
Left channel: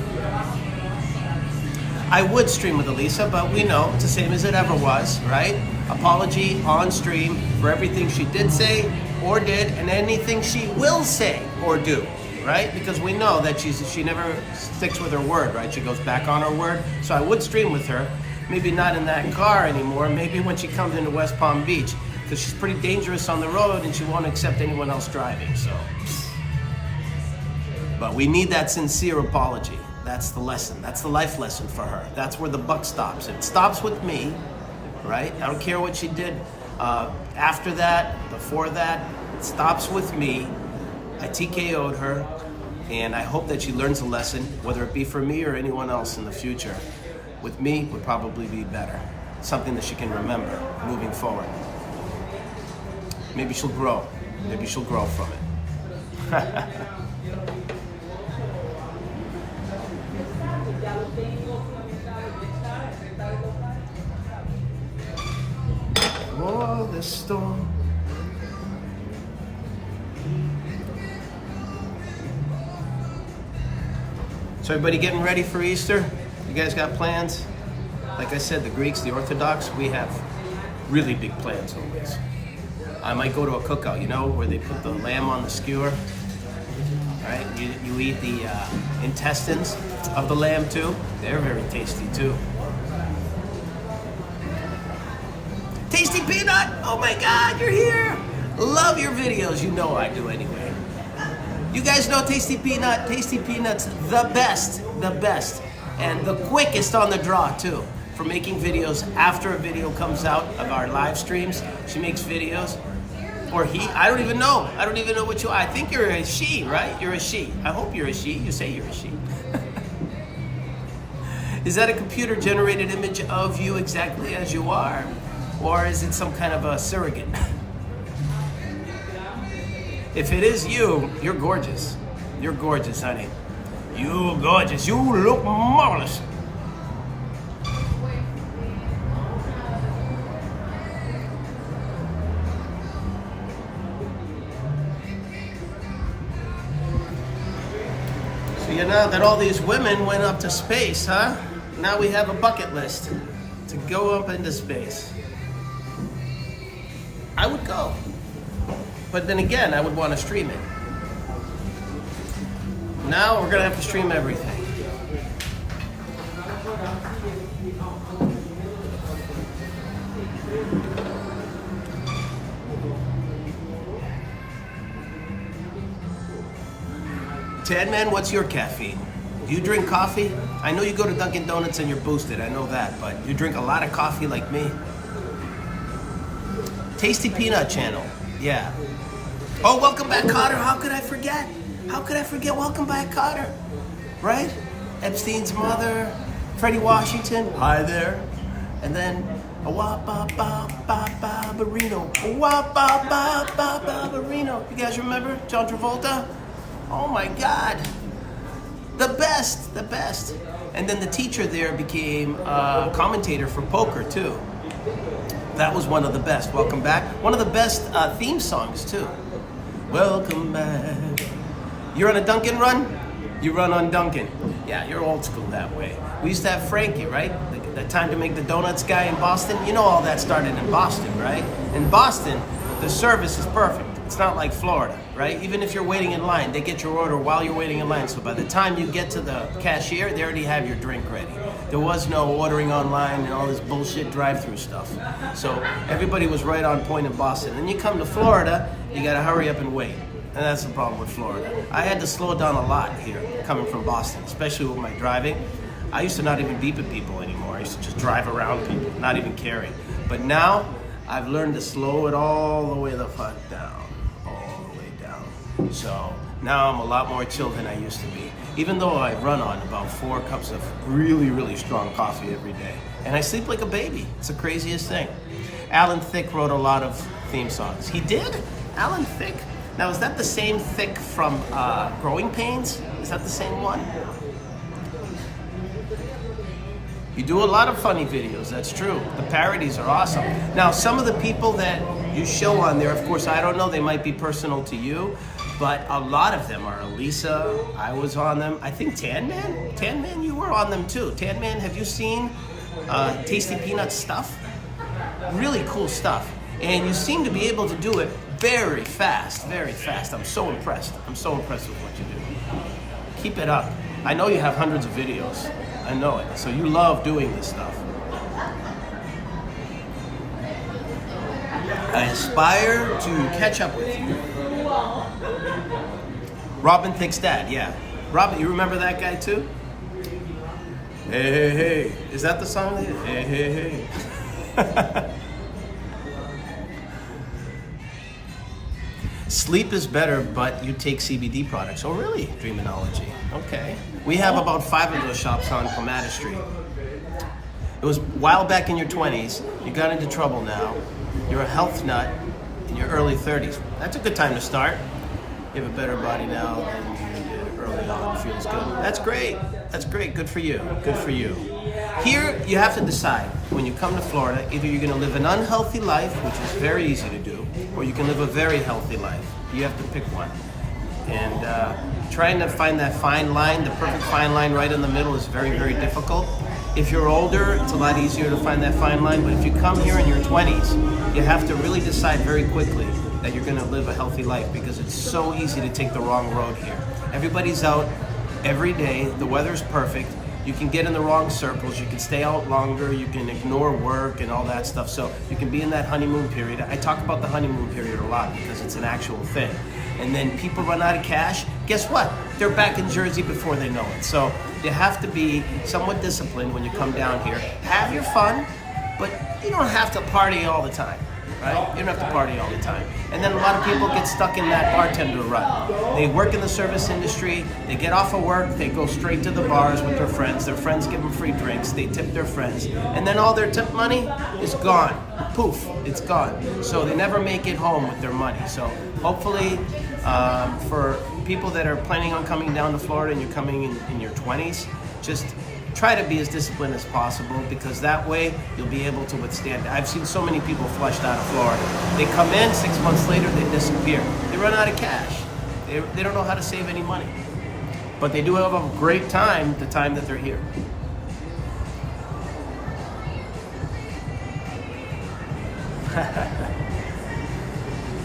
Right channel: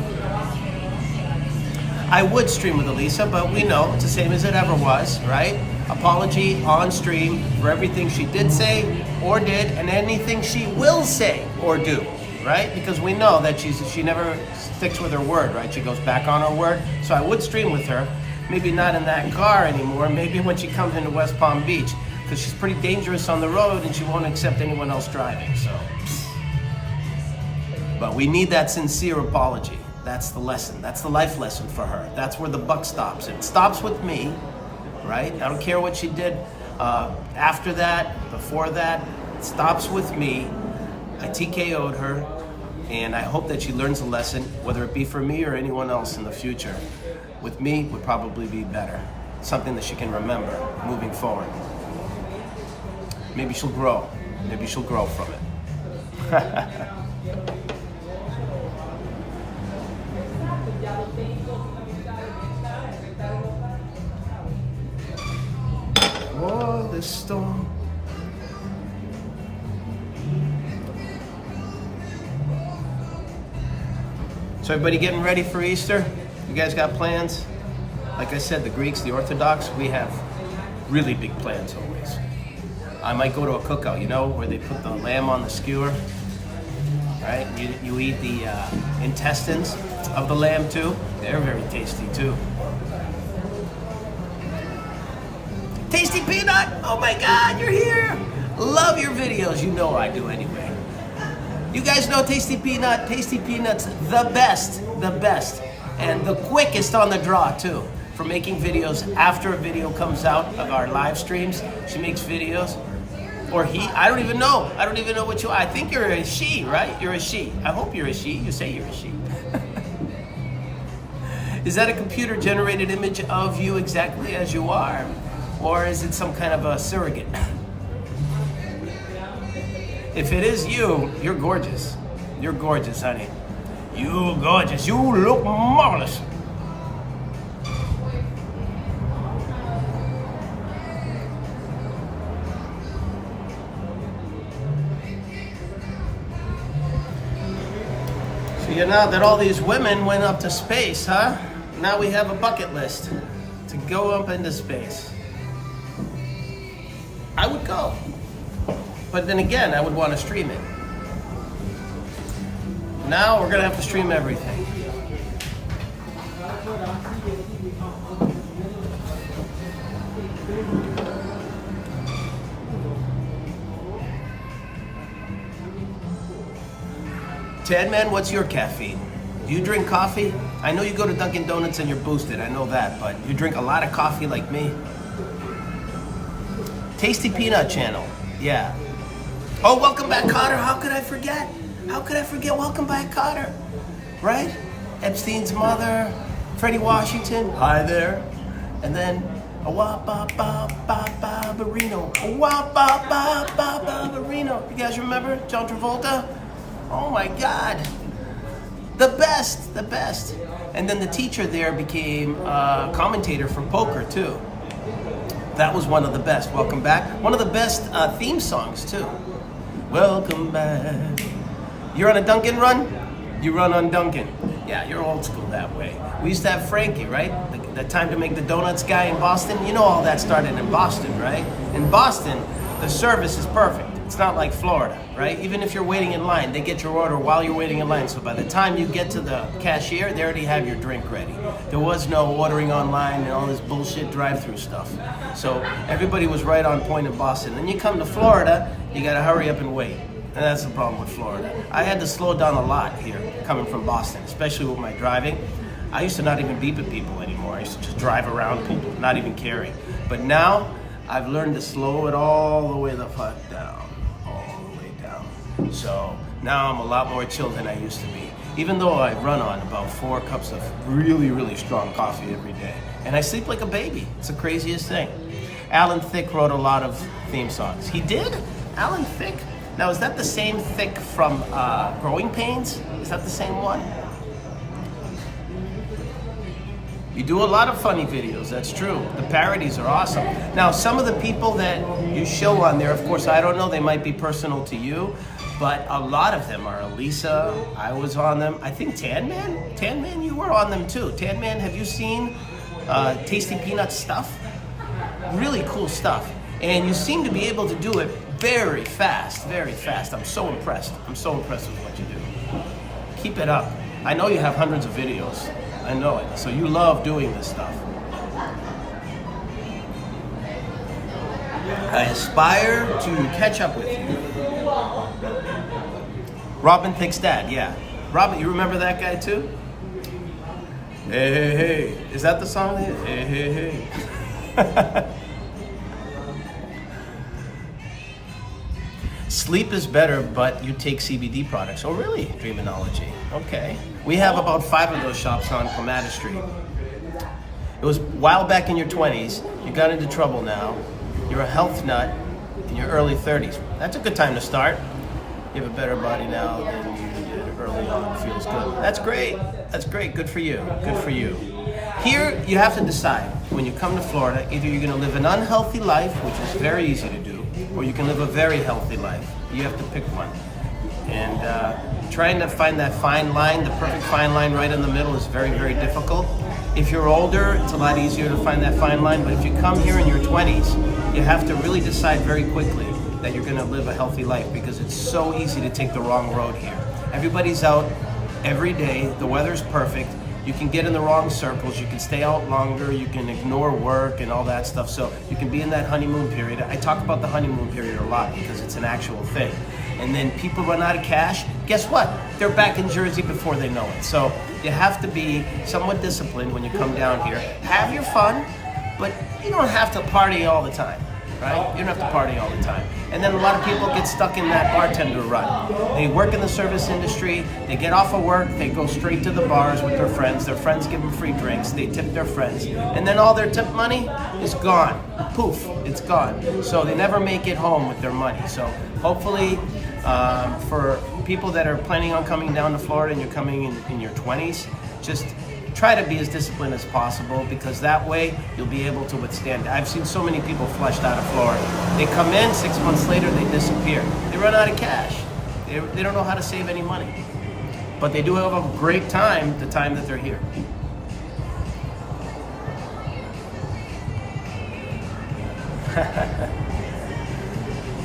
I would stream with Elisa, but we know it's the same as it ever was, right? Apology on stream for everything she did say or did, and anything she will say or do, right? Because we know that she never sticks with her word, right? She goes back on her word. So I would stream with her, maybe not in that car anymore, maybe when she comes into West Palm Beach, because she's pretty dangerous on the road and she won't accept anyone else driving, so. But we need that sincere apology. That's the lesson. That's the life lesson for her. That's where the buck stops. It stops with me, right? I don't care what she did after that, before that. It stops with me. I TKO'd her, and I hope that she learns a lesson, whether it be for me or anyone else in the future. With me, would probably be better. Something that she can remember moving forward. Maybe she'll grow. Maybe she'll grow from it. Oh, this storm. So everybody getting ready for Easter? You guys got plans? Like I said, the Greeks, the Orthodox, we have really big plans always. I might go to a cookout, where they put the lamb on the skewer, right? You eat the intestines of the lamb too. They're very tasty too. Tasty Peanut, oh my God, you're here. Love your videos, you know I do anyway. You guys know Tasty Peanut. Tasty Peanut's the best, and the quickest on the draw too, for making videos after a video comes out of our live streams. She makes videos, or he, I don't even know what I think you're a she, right? You're a she. I hope you're a she. You say you're a she. Is that a computer generated image of you exactly as you are? Or is it some kind of a surrogate? If it is you, you're gorgeous. You're gorgeous, honey. You're gorgeous. You look marvelous. So you know that all these women went up to space, huh? Now we have a bucket list to go up into space. I would go. But then again, I would want to stream it. Now we're gonna have to stream everything. Tan Man, what's your caffeine? Do you drink coffee? I know you go to Dunkin' Donuts and you're boosted, I know that, but you drink a lot of coffee like me? Tasty Peanut Channel, yeah. Oh, welcome back, Cotter. How could I forget? How could I forget? Welcome back, Cotter. Right? Epstein's mother, Freddie Washington. Hi there. And then a wop ba ba ba ba barino. A wop ba ba ba ba barino. You guys remember John Travolta? Oh my God. The best, the best. And then the teacher there became a commentator for poker too. That was one of the best. Welcome back. One of the best theme songs too. Welcome back. You're on a Dunkin' run? You run on Dunkin'. Yeah, you're old school that way. We used to have Frankie, right? The time to make the donuts guy in Boston. You know all that started in Boston, right? In Boston, the service is perfect. It's not like Florida, right? Even if you're waiting in line, they get your order while you're waiting in line. So by the time you get to the cashier, they already have your drink ready. There was no ordering online and all this bullshit drive-through stuff. So everybody was right on point in Boston. Then you come to Florida, you gotta hurry up and wait. And that's the problem with Florida. I had to slow down a lot here, coming from Boston, especially with my driving. I used to not even beep at people anymore. I used to just drive around people, not even caring. But now, I've learned to slow it all the way the fuck down. All the way down. So now I'm a lot more chill than I used to be. Even though I run on about 4 cups of really, really strong coffee every day. And I sleep like a baby. It's the craziest thing. Alan Thicke wrote a lot of theme songs. He did? Alan Thicke? Now, is that the same Thicke from Growing Pains? Is that the same one? You do a lot of funny videos, that's true. The parodies are awesome. Now, some of the people that you show on there, of course, I don't know, they might be personal to you, but a lot of them are Elisa, I was on them. I think Tan Man? Tan Man, you were on them too. Tan Man, have you seen Tasty Peanuts stuff? Really cool stuff. And you seem to be able to do it very fast, very fast. I'm so impressed. I'm so impressed with what you do. Keep it up. I know you have hundreds of videos. I know it. So you love doing this stuff. I aspire to catch up with you. Robin Thicke's dad, yeah. Robin, you remember that guy too? Hey, hey, hey. Is that the song? Hey, hey, hey. Sleep is better, but you take CBD products. Oh, really? Dreaminology. Okay. We have about 5 of those shops on Clematis Street. It was a while back in your 20s. You got into trouble now. You're a health nut in your early 30s. That's a good time to start. You have a better body now than you did early on. Feels good. That's great. That's great. Good for you. Good for you. Here, you have to decide when you come to Florida, either you're going to live an unhealthy life, which is very easy to do, or you can live a very healthy life. You have to pick one. And trying to find that fine line, the perfect fine line right in the middle is very, very difficult. If you're older, it's a lot easier to find that fine line, but if you come here in your 20s, you have to really decide very quickly that you're going to live a healthy life because it's so easy to take the wrong road here. Everybody's out every day, the weather's perfect. You can get in the wrong circles, you can stay out longer, you can ignore work and all that stuff. So you can be in that honeymoon period. I talk about the honeymoon period a lot because it's an actual thing. And then people run out of cash, guess what? They're back in Jersey before they know it. So you have to be somewhat disciplined when you come down here. Have your fun, but you don't have to party all the time, right? You don't have to party all the time. And then a lot of people get stuck in that bartender rut. They work in the service industry, they get off of work, they go straight to the bars with their friends give them free drinks, they tip their friends, and then all their tip money is gone. Poof, it's gone. So they never make it home with their money. So hopefully For people that are planning on coming down to Florida and you're coming in your 20s, just try to be as disciplined as possible, because that way you'll be able to withstand. I've seen so many people flushed out of Florida. They come in, 6 months later they disappear. They run out of cash. They don't know how to save any money. But they do have a great time the time that they're here.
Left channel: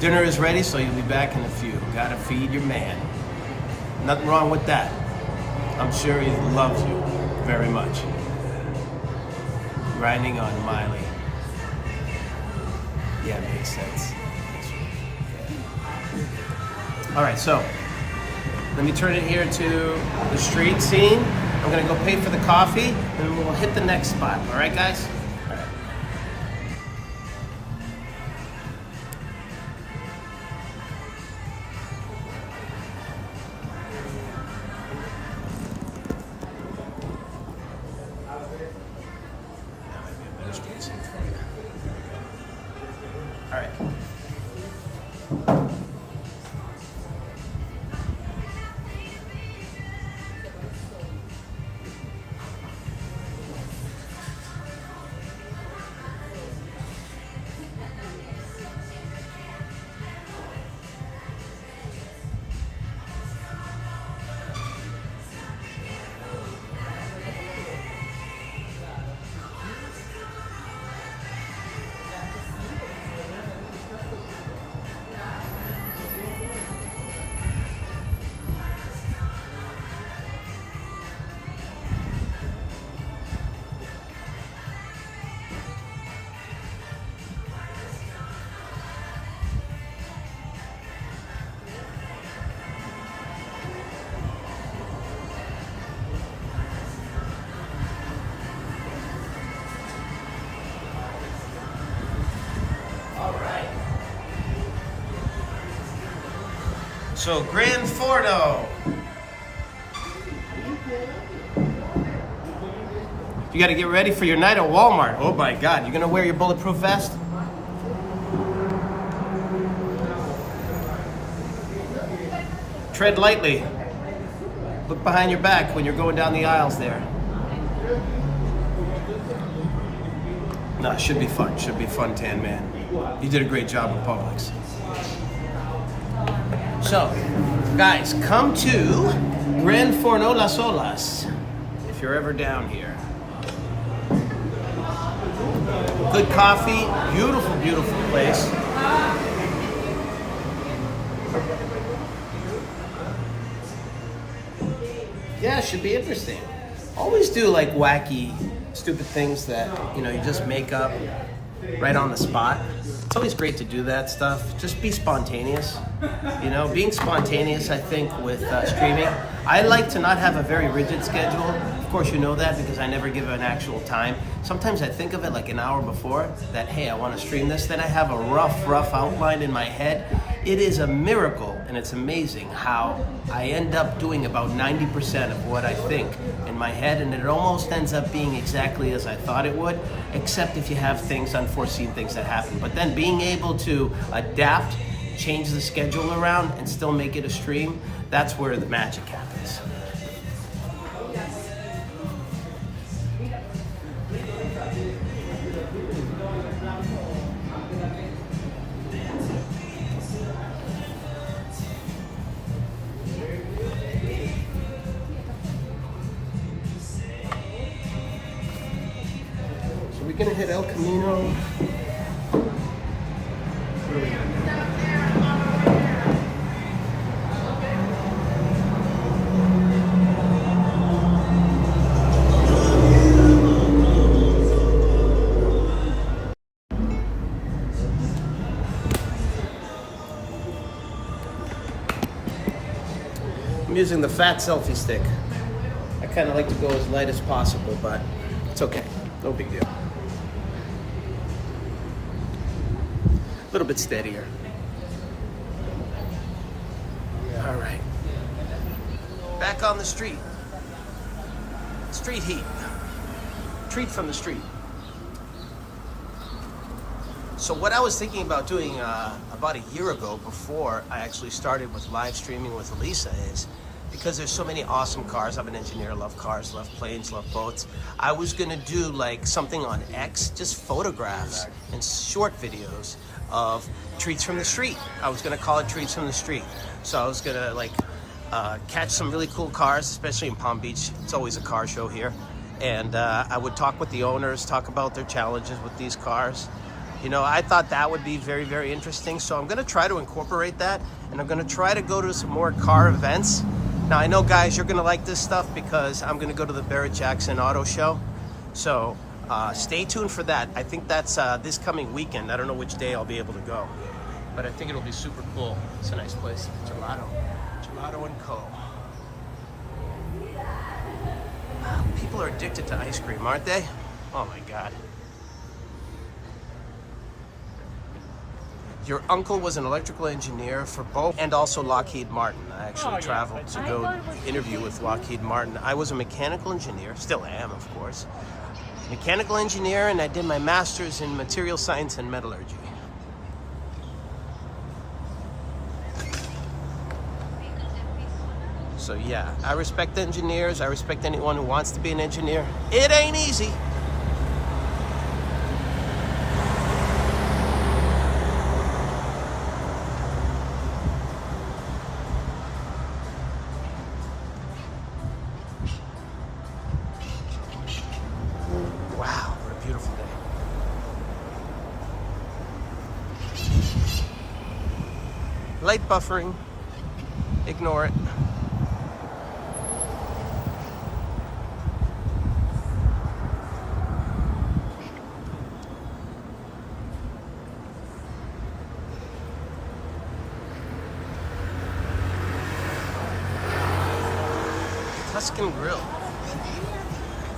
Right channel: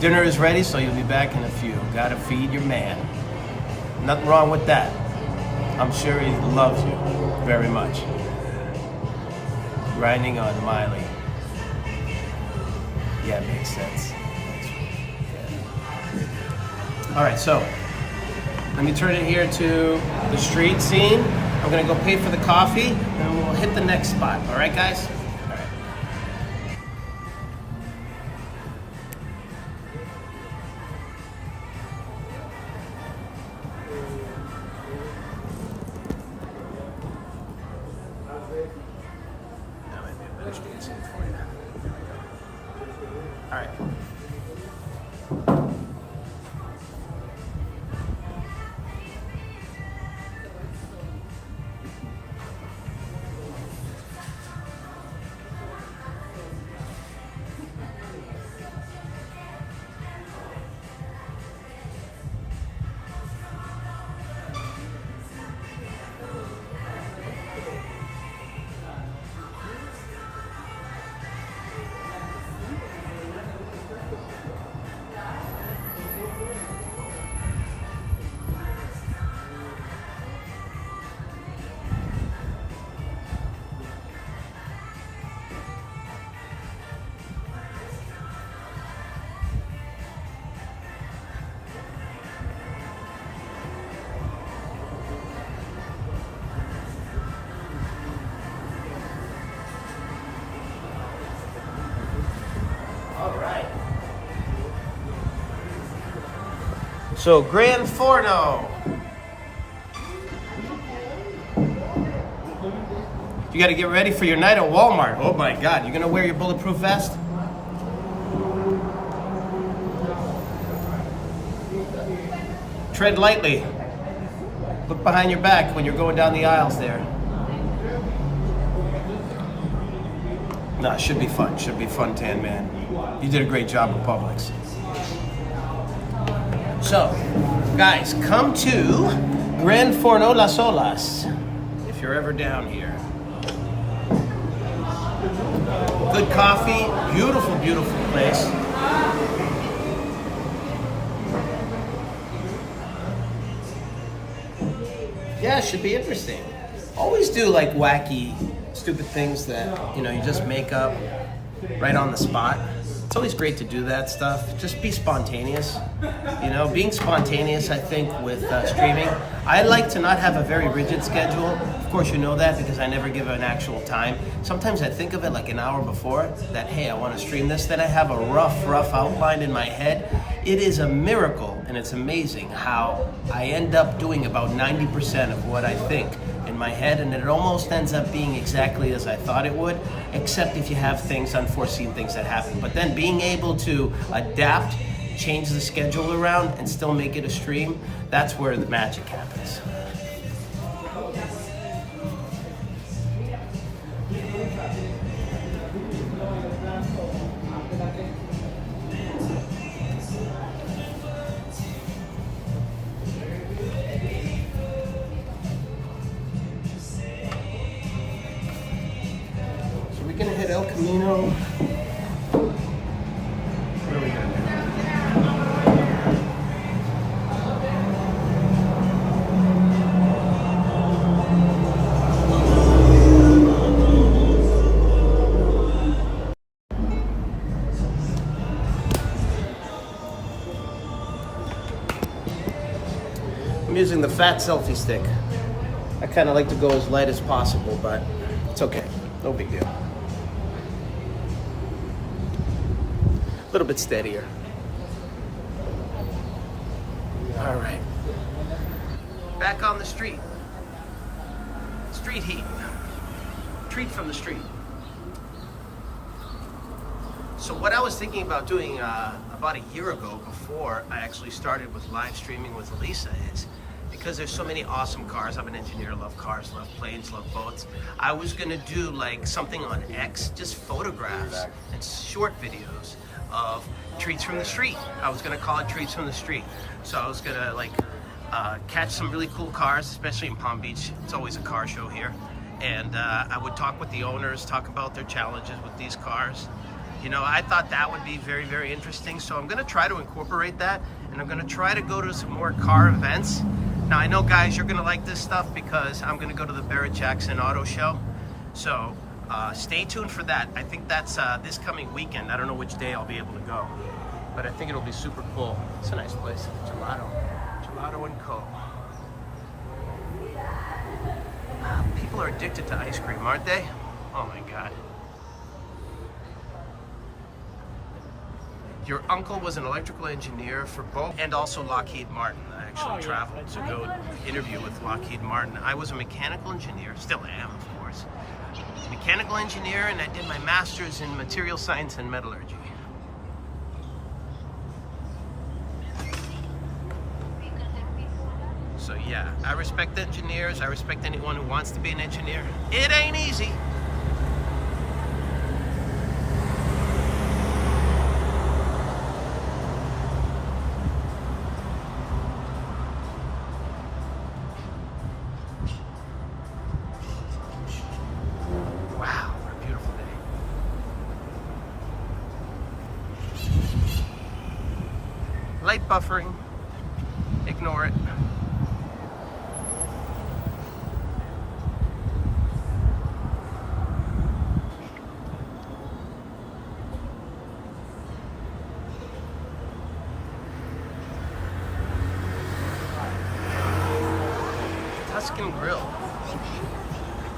Dinner is ready, so you'll be back in a few. Gotta feed your man. Nothing wrong with that. I'm sure he loves you very much. Grinding on Miley. Yeah, it makes sense. All right, so let me turn it here to the street scene. I'm gonna go pay for the coffee, and we'll hit the next spot. All right, guys? All right. That might be a better street scene for you. Here we go. All right. So, Gran Forno. You got to get ready for your night at Walmart. Oh my God, you're going to wear your bulletproof vest? Tread lightly. Look behind your back when you're going down the aisles there. No, it should be fun. Should be fun, Tan Man. You did a great job at Publix. So, guys, come to Gran Forno Las Olas if you're ever down here. Good coffee, beautiful, beautiful place. Yeah, it should be interesting. Always do like wacky, stupid things that, you know, you just make up right on the spot. It's always great to do that stuff. Just be spontaneous. You know, being spontaneous, I think, with streaming. I like to not have a very rigid schedule. Of course, you know that because I never give an actual time. Sometimes I think of it like an hour before that, hey, I want to stream this. Then I have a rough outline in my head. It is a miracle, and it's amazing how I end up doing about 90% of what I think in my head, and it almost ends up being exactly as I thought it would, except if you have things, unforeseen things that happen. But then being able to adapt, change the schedule around, and still make it a stream, that's where the magic happens. So we're gonna hit El Camino. What are we gonna do? I'm using the fat selfie stick. I kind of like to go as light as possible, but it's okay. No big deal. A little bit steadier. All right. Back on the street. Street heat. Treat from the street. So what I was thinking about doing about a year ago, before I actually started with live streaming with Elisa, is because there's so many awesome cars. I'm an engineer, love cars, love planes, love boats. I was gonna do like something on X, just photographs and short videos of treats from the street. I was gonna call it treats from the street. So I was gonna like catch some really cool cars, especially in Palm Beach. It's always a car show here. And I would talk with the owners, talk about their challenges with these cars. You know, I thought that would be very, very interesting. So I'm gonna try to incorporate that, and I'm gonna try to go to some more car events. Now, I know, guys, you're gonna like this stuff because I'm gonna go to the Barrett-Jackson Auto Show. So stay tuned for that. I think that's this coming weekend. I don't know which day I'll be able to go, but I think it'll be super cool. It's a nice place. Gelato and Co. People are addicted to ice cream, aren't they? Oh my God. Your uncle was an electrical engineer for both and also Lockheed Martin. I actually traveled to go interview with Lockheed Martin. I was a mechanical engineer, still am, of course. Mechanical engineer, and I did my master's in material science and metallurgy. So yeah, I respect engineers. I respect anyone who wants to be an engineer. It ain't easy. Wow, what a beautiful day. Light buffering. Ignore it. Tuscan Grill. Pretty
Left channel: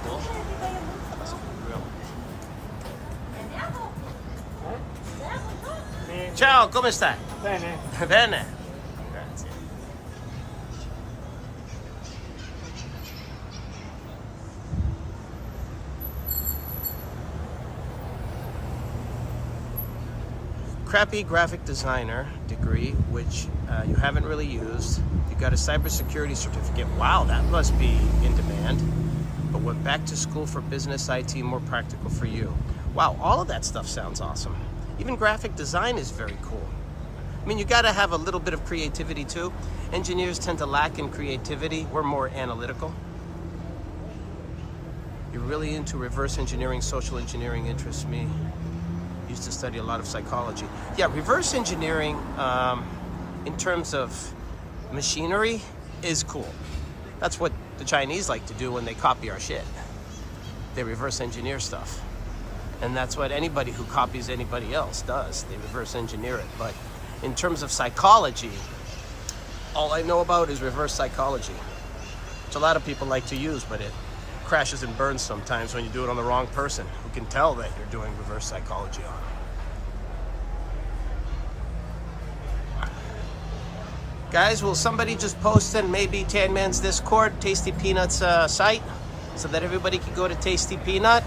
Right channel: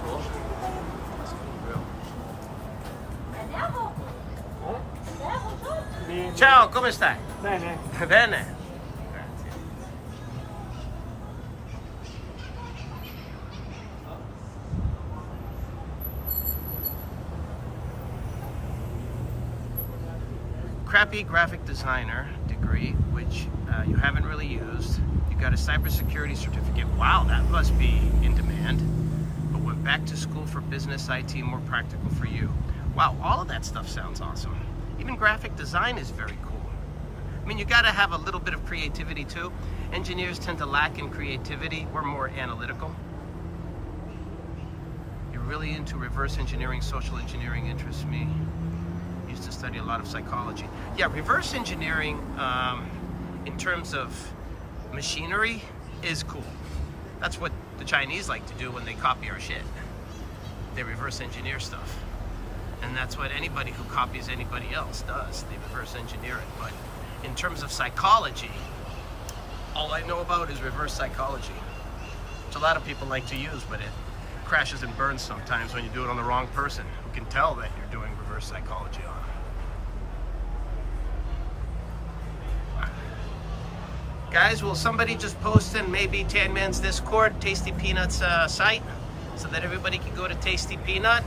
cool. Tuscan Grill. Ciao, come stai? Bene. Bene. Grazie. Crappy graphic designer degree, which you haven't really used. You got a cybersecurity certificate. Wow, that must be in demand. But went back to school for business IT, more practical for you. Wow, all of that stuff sounds awesome. Even graphic design is very cool. I mean, you got to have a little bit of creativity too. Engineers tend to lack in creativity. We're more analytical. You're really into reverse engineering, social engineering interests me. Used to study a lot of psychology. Yeah, reverse engineering in terms of machinery is cool. That's what the Chinese like to do when they copy our shit. They reverse engineer stuff. And that's what anybody who copies anybody else does. They reverse engineer it. But in terms of psychology, all I know about is reverse psychology, which a lot of people like to use, but it crashes and burns sometimes when you do it on the wrong person who can tell that you're doing reverse psychology on them. Guys, will somebody just post in maybe Tan Man's Discord, Tasty Peanut's site, so that everybody can go to Tasty Peanut?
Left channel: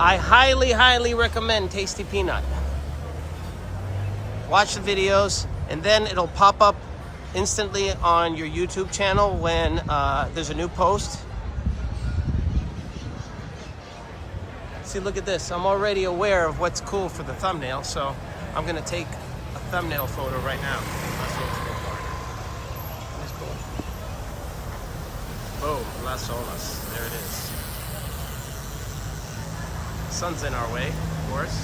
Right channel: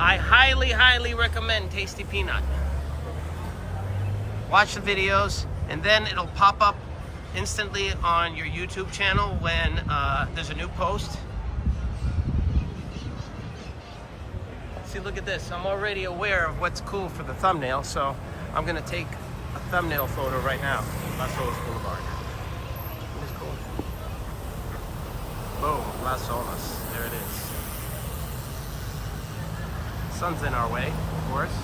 I highly, highly recommend Tasty Peanut. Watch the videos, and then it'll pop up instantly on your YouTube channel when there's a new post. See, look at this. I'm already aware of what's cool for the thumbnail, so I'm gonna take a thumbnail photo right now. Las Olas Boulevard. Isn't this cool? Boom, Las Olas. There it is. Sun's in our way, of course.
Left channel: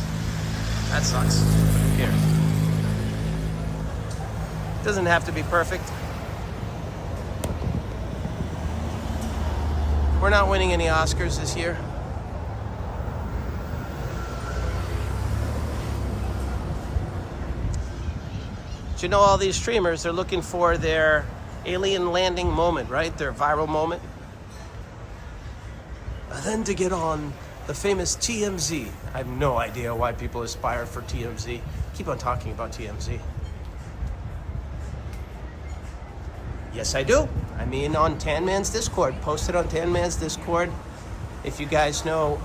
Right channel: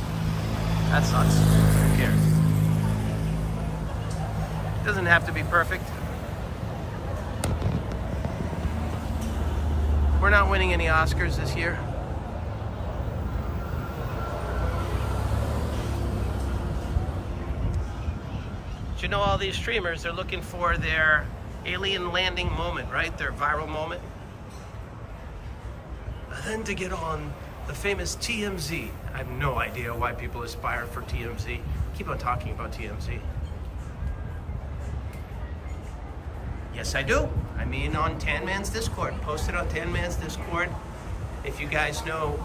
That sucks, but who cares? Doesn't have to be perfect. We're not winning any Oscars this year. But you know, all these streamers, they're looking for their alien landing moment, right? Their viral moment. And then to get on the famous TMZ. I have no idea why people aspire for TMZ. Keep on talking about TMZ. Yes, I do. I mean, on Tan Man's Discord. Posted on Tan Man's Discord. If you guys know,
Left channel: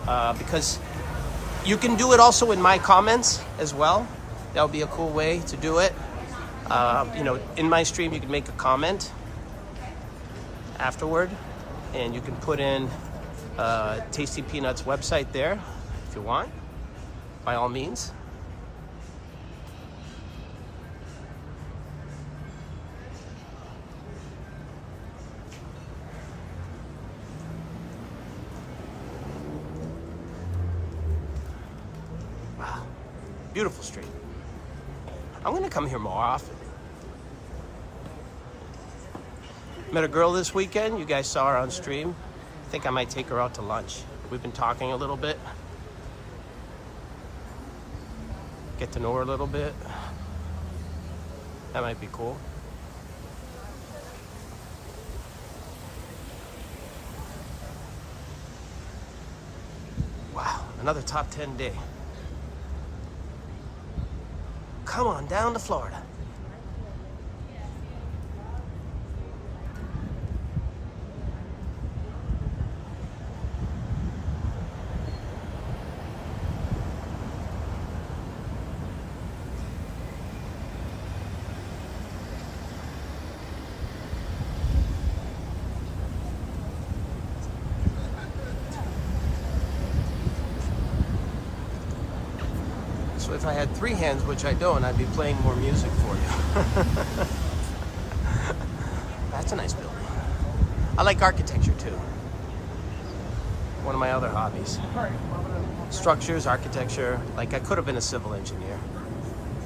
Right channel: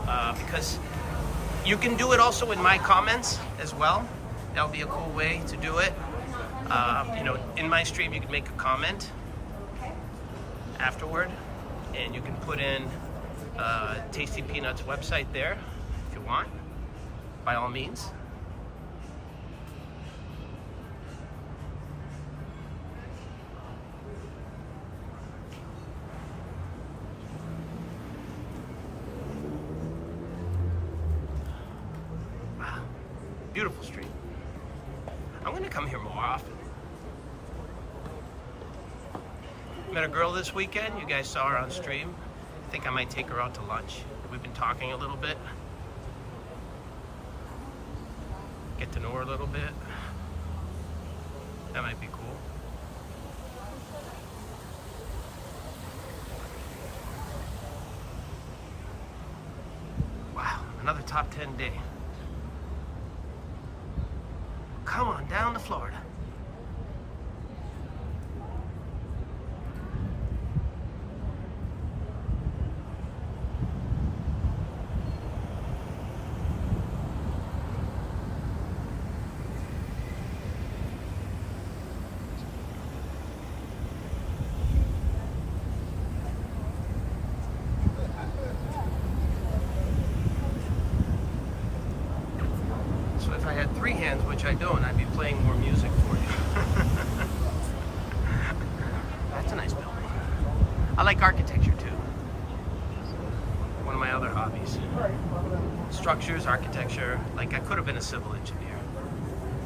because You can do it also in my comments as well. That would be a cool way to do it. You know, in my stream, you can make a comment afterward, and you can put in Tasty Peanuts website there if you want, by all means. Wow, beautiful street. I'm gonna come here more often. Met a girl this weekend. You guys saw her on stream. I think I might take her out to lunch. We've been talking a little bit. Get to know her a little bit. That might be cool. Wow, another top 10 day. Come on down to Florida. So if I had 3 hands, which I don't, I'd be playing more music for you. That's a nice building. I like architecture too. One of my other hobbies. Structures, architecture. Like, I could have been a civil engineer.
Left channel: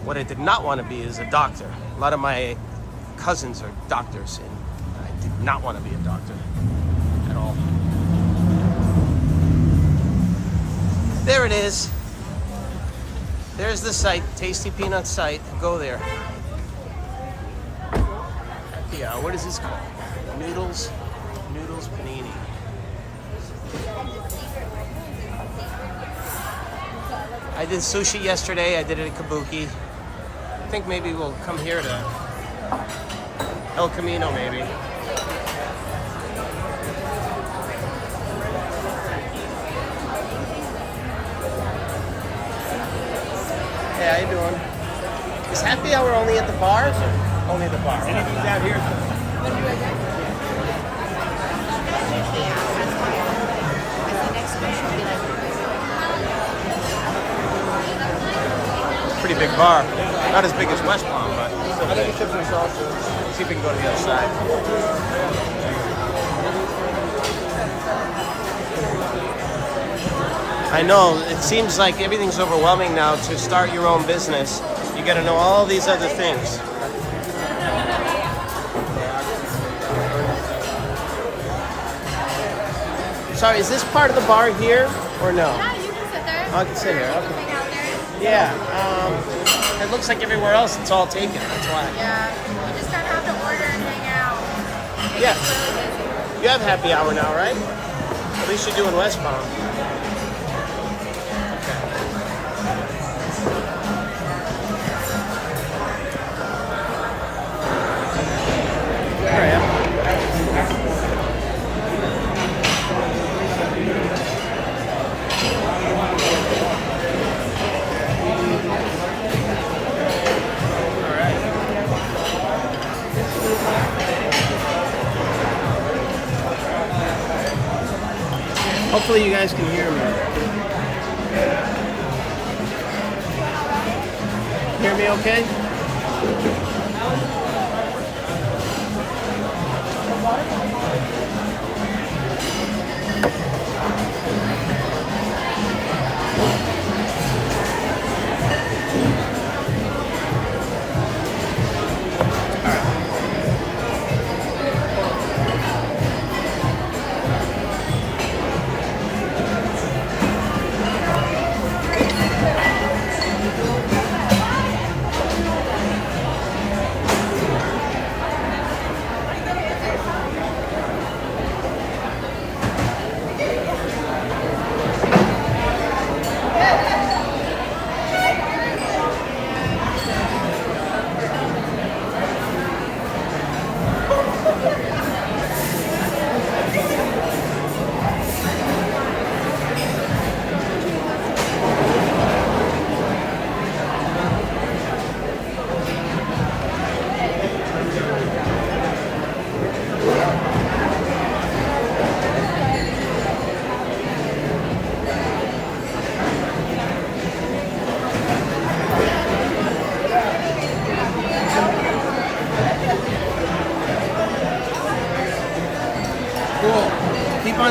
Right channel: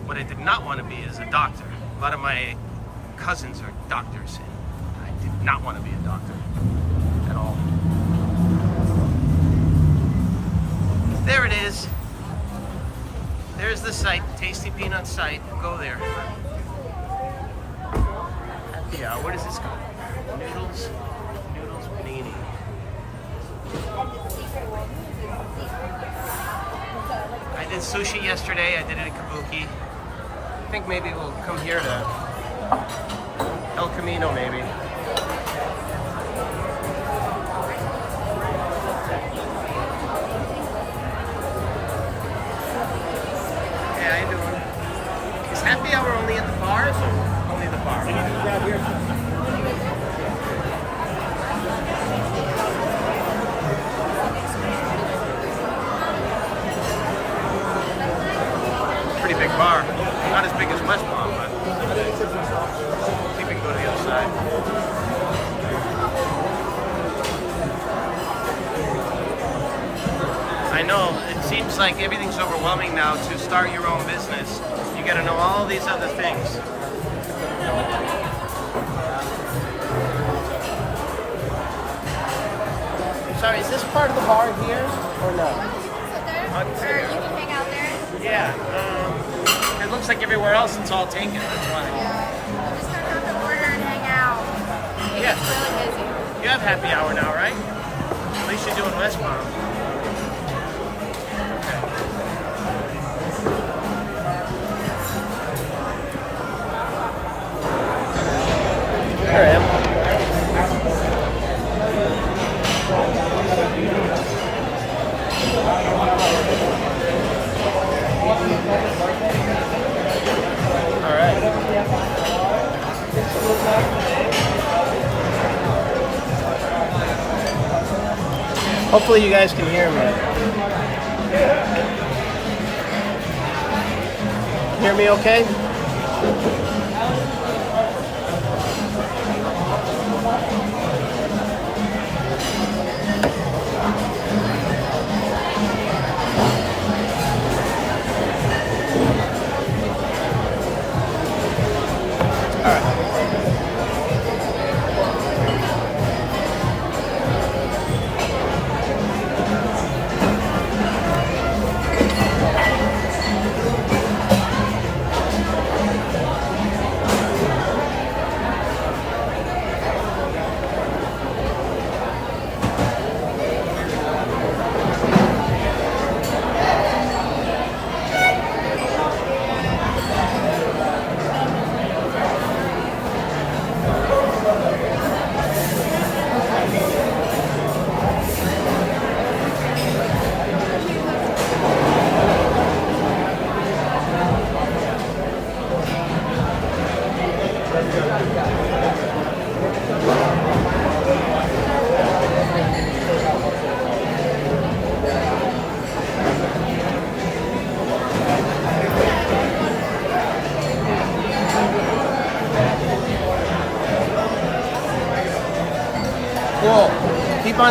What I did not want to be is a doctor. A lot of my cousins are doctors, and I did not want to be a doctor at all. There it is. There's the site, Tasty Peanuts site. Go there. Happy hour. What is this called? Noodles panini. I did sushi yesterday. I did it at Kabuki. I think maybe we'll come here to El Camino, maybe. Hey, how you doing? Is happy hour only at the bar? Yes, sir. Only at the bar. Pretty big bar. Not as big as West Palm, but I think it's a big shop. See if we can go to the other side. I know, it seems like everything's overwhelming now. To start your own business, you gotta know all these other things. Sorry, is this part of the bar here, or no? Yeah, you can sit there. I can sit Or there. you can hang out there. Yeah, it looks like everywhere else it's all taken, that's why. Yeah. You just don't have to order and hang out. It Yeah. gets really busy. You have happy hour now, right? At least you do in West Palm. There I am. All right. Hopefully you guys can hear me. Hear me okay?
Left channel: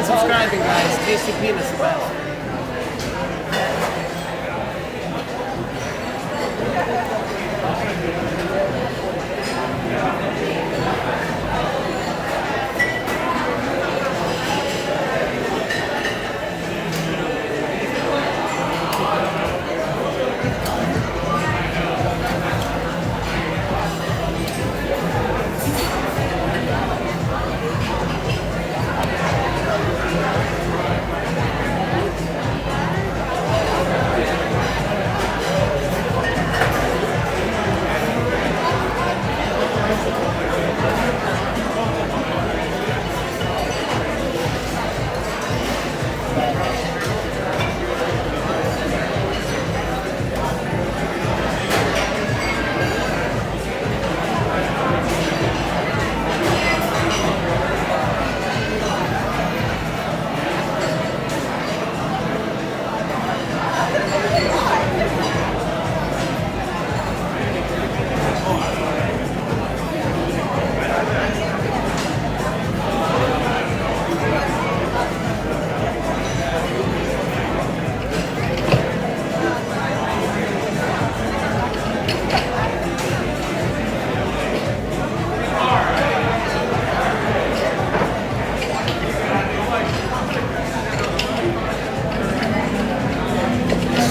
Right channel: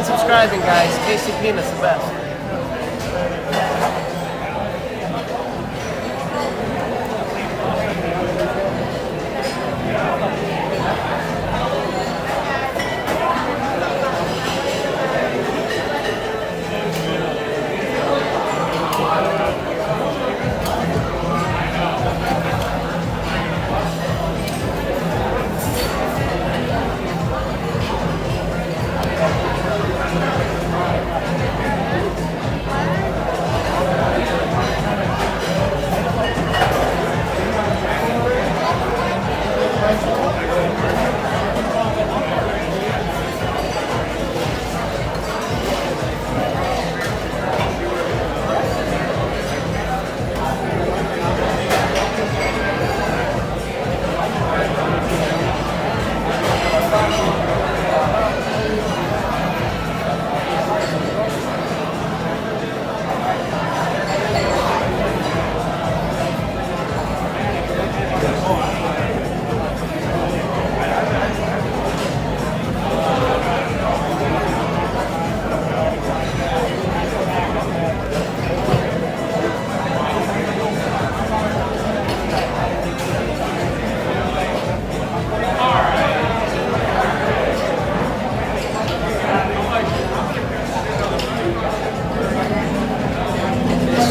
on subscribing, guys. Tasty Peanuts, the best.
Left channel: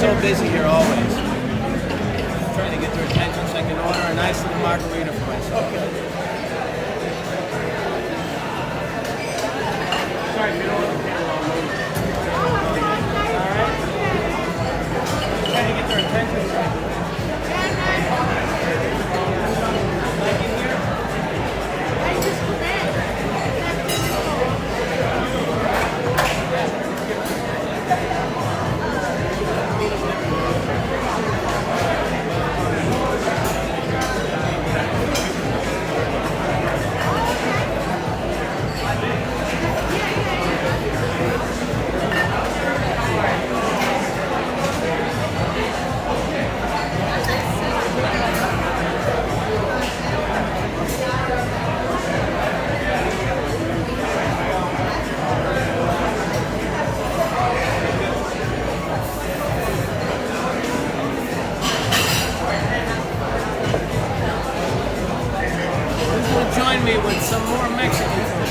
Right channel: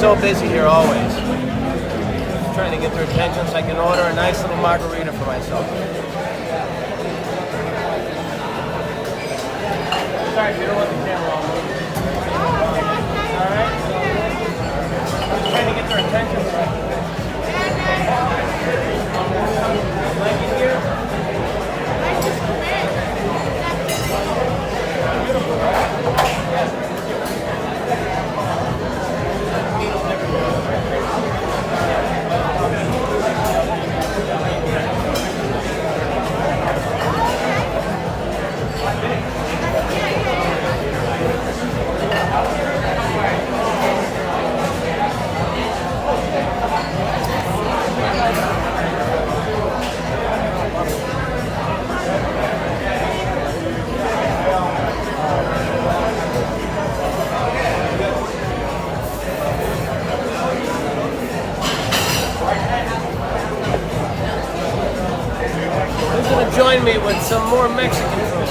So busy here always. Just trying to get their attention so I can order a nice little margarita for myself. Sorry, you don't want the camera all moving. Alright? Trying to get their attention so I can... Join me with some more Mexican food.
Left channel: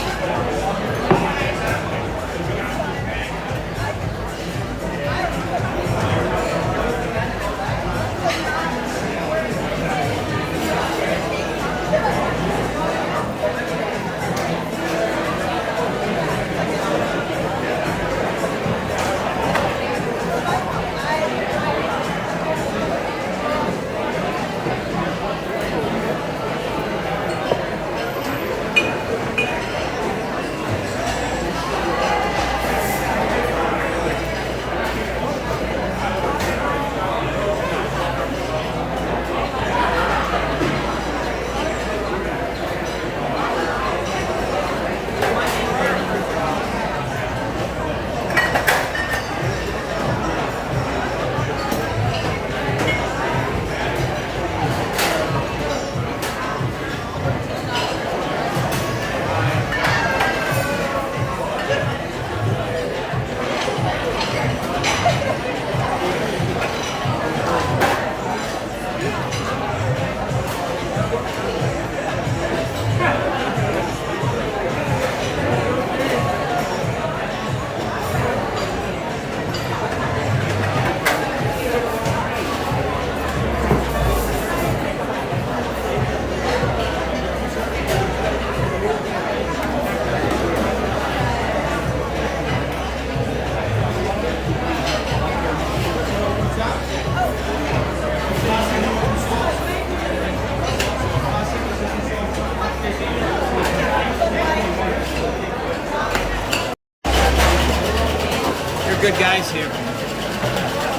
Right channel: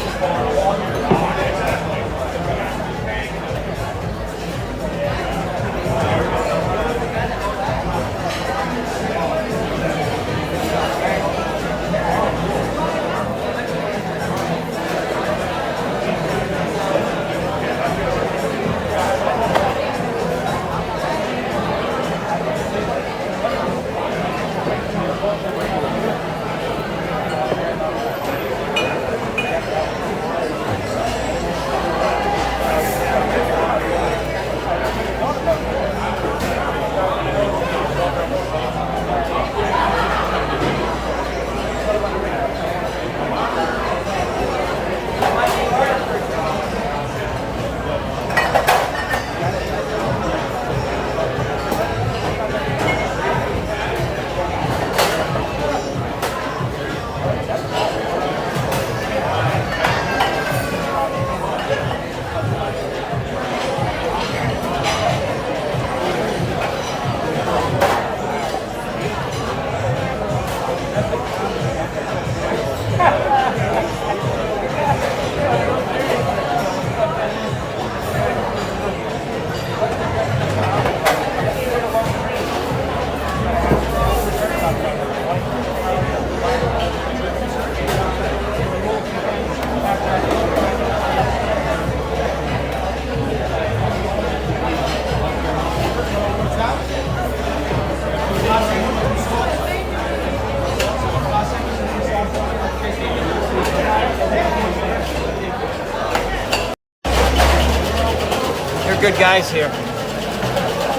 Good guys here.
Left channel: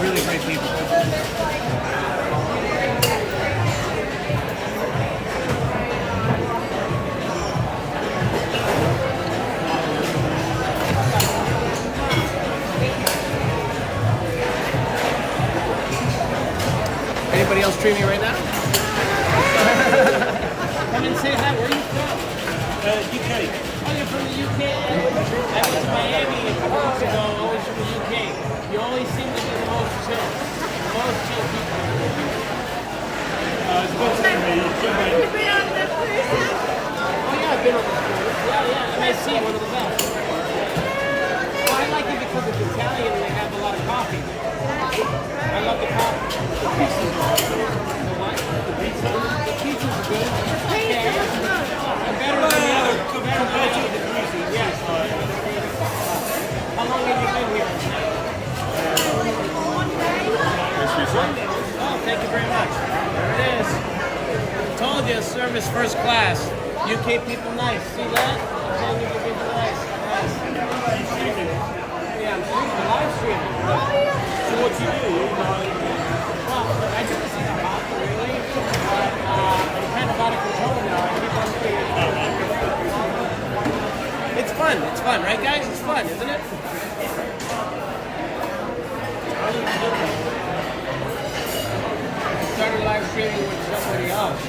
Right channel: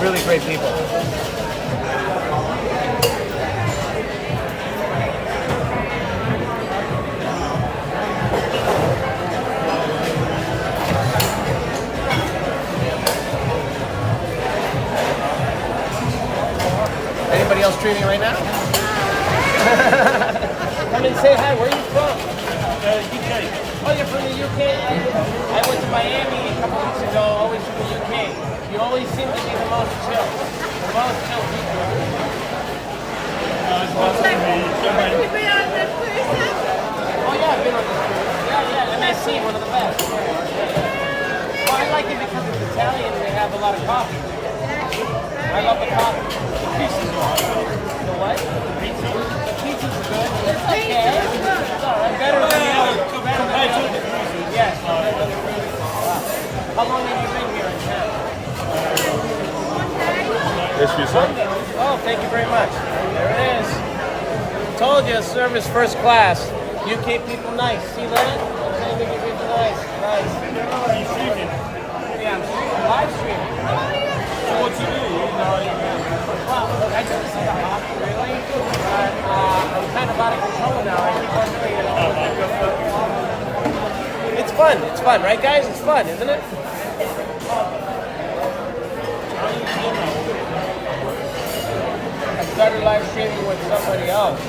Really great people. Anybody else streaming right now? Come and say hi. Where are you from? UK. Oh, you're from the UK? I I went to Miami a couple weeks ago, always from the UK. You always seem to be the most chill. The most chill people. You've been on the cruise? Oh yeah, I've been on the cruise. Yeah, and I see one of the best. Well, I like it because it's Italian and they have a lot of coffee. I love the coffee. The pizzas are good. The what? The pizza? The pizzas are good. It's okay. It's alright. Better compared to the cruises. Yes. Wow. How long have you been here in town? 1 day. Oh, thank you very much. There it is. Told you, service first class. UK people nice. See that? UK people nice. Nice. Yeah, I'm streaming, live streaming. Oh, yeah. So what you do? Well, I do this in the hop, really, but I'm kind of out of control now. I keep on figuring out. It's fun, right guys? It's fun, isn't it? I started live streaming with somebody else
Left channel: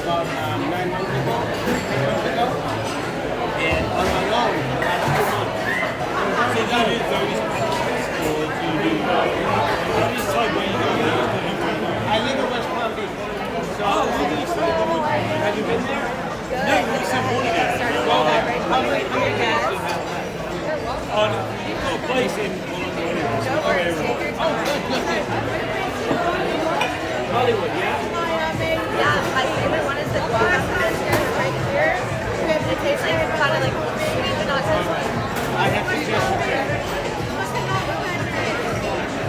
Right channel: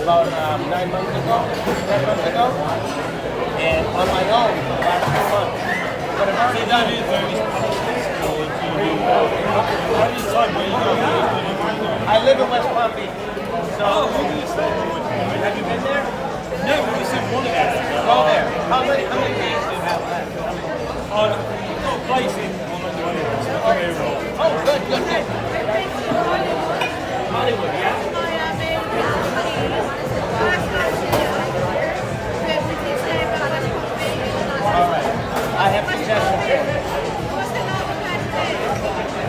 about 9 months ago, 10 months ago, and on my own for the last 2 months. But it's already done it. I live in West Palm Beach. So, have you been there? No, we just didn't want to go there. Well, there. How many years do you have left? I've got a place in Riverwalk. Oh, good, good, good. Hollywood, yeah? All right. I have suggestions here.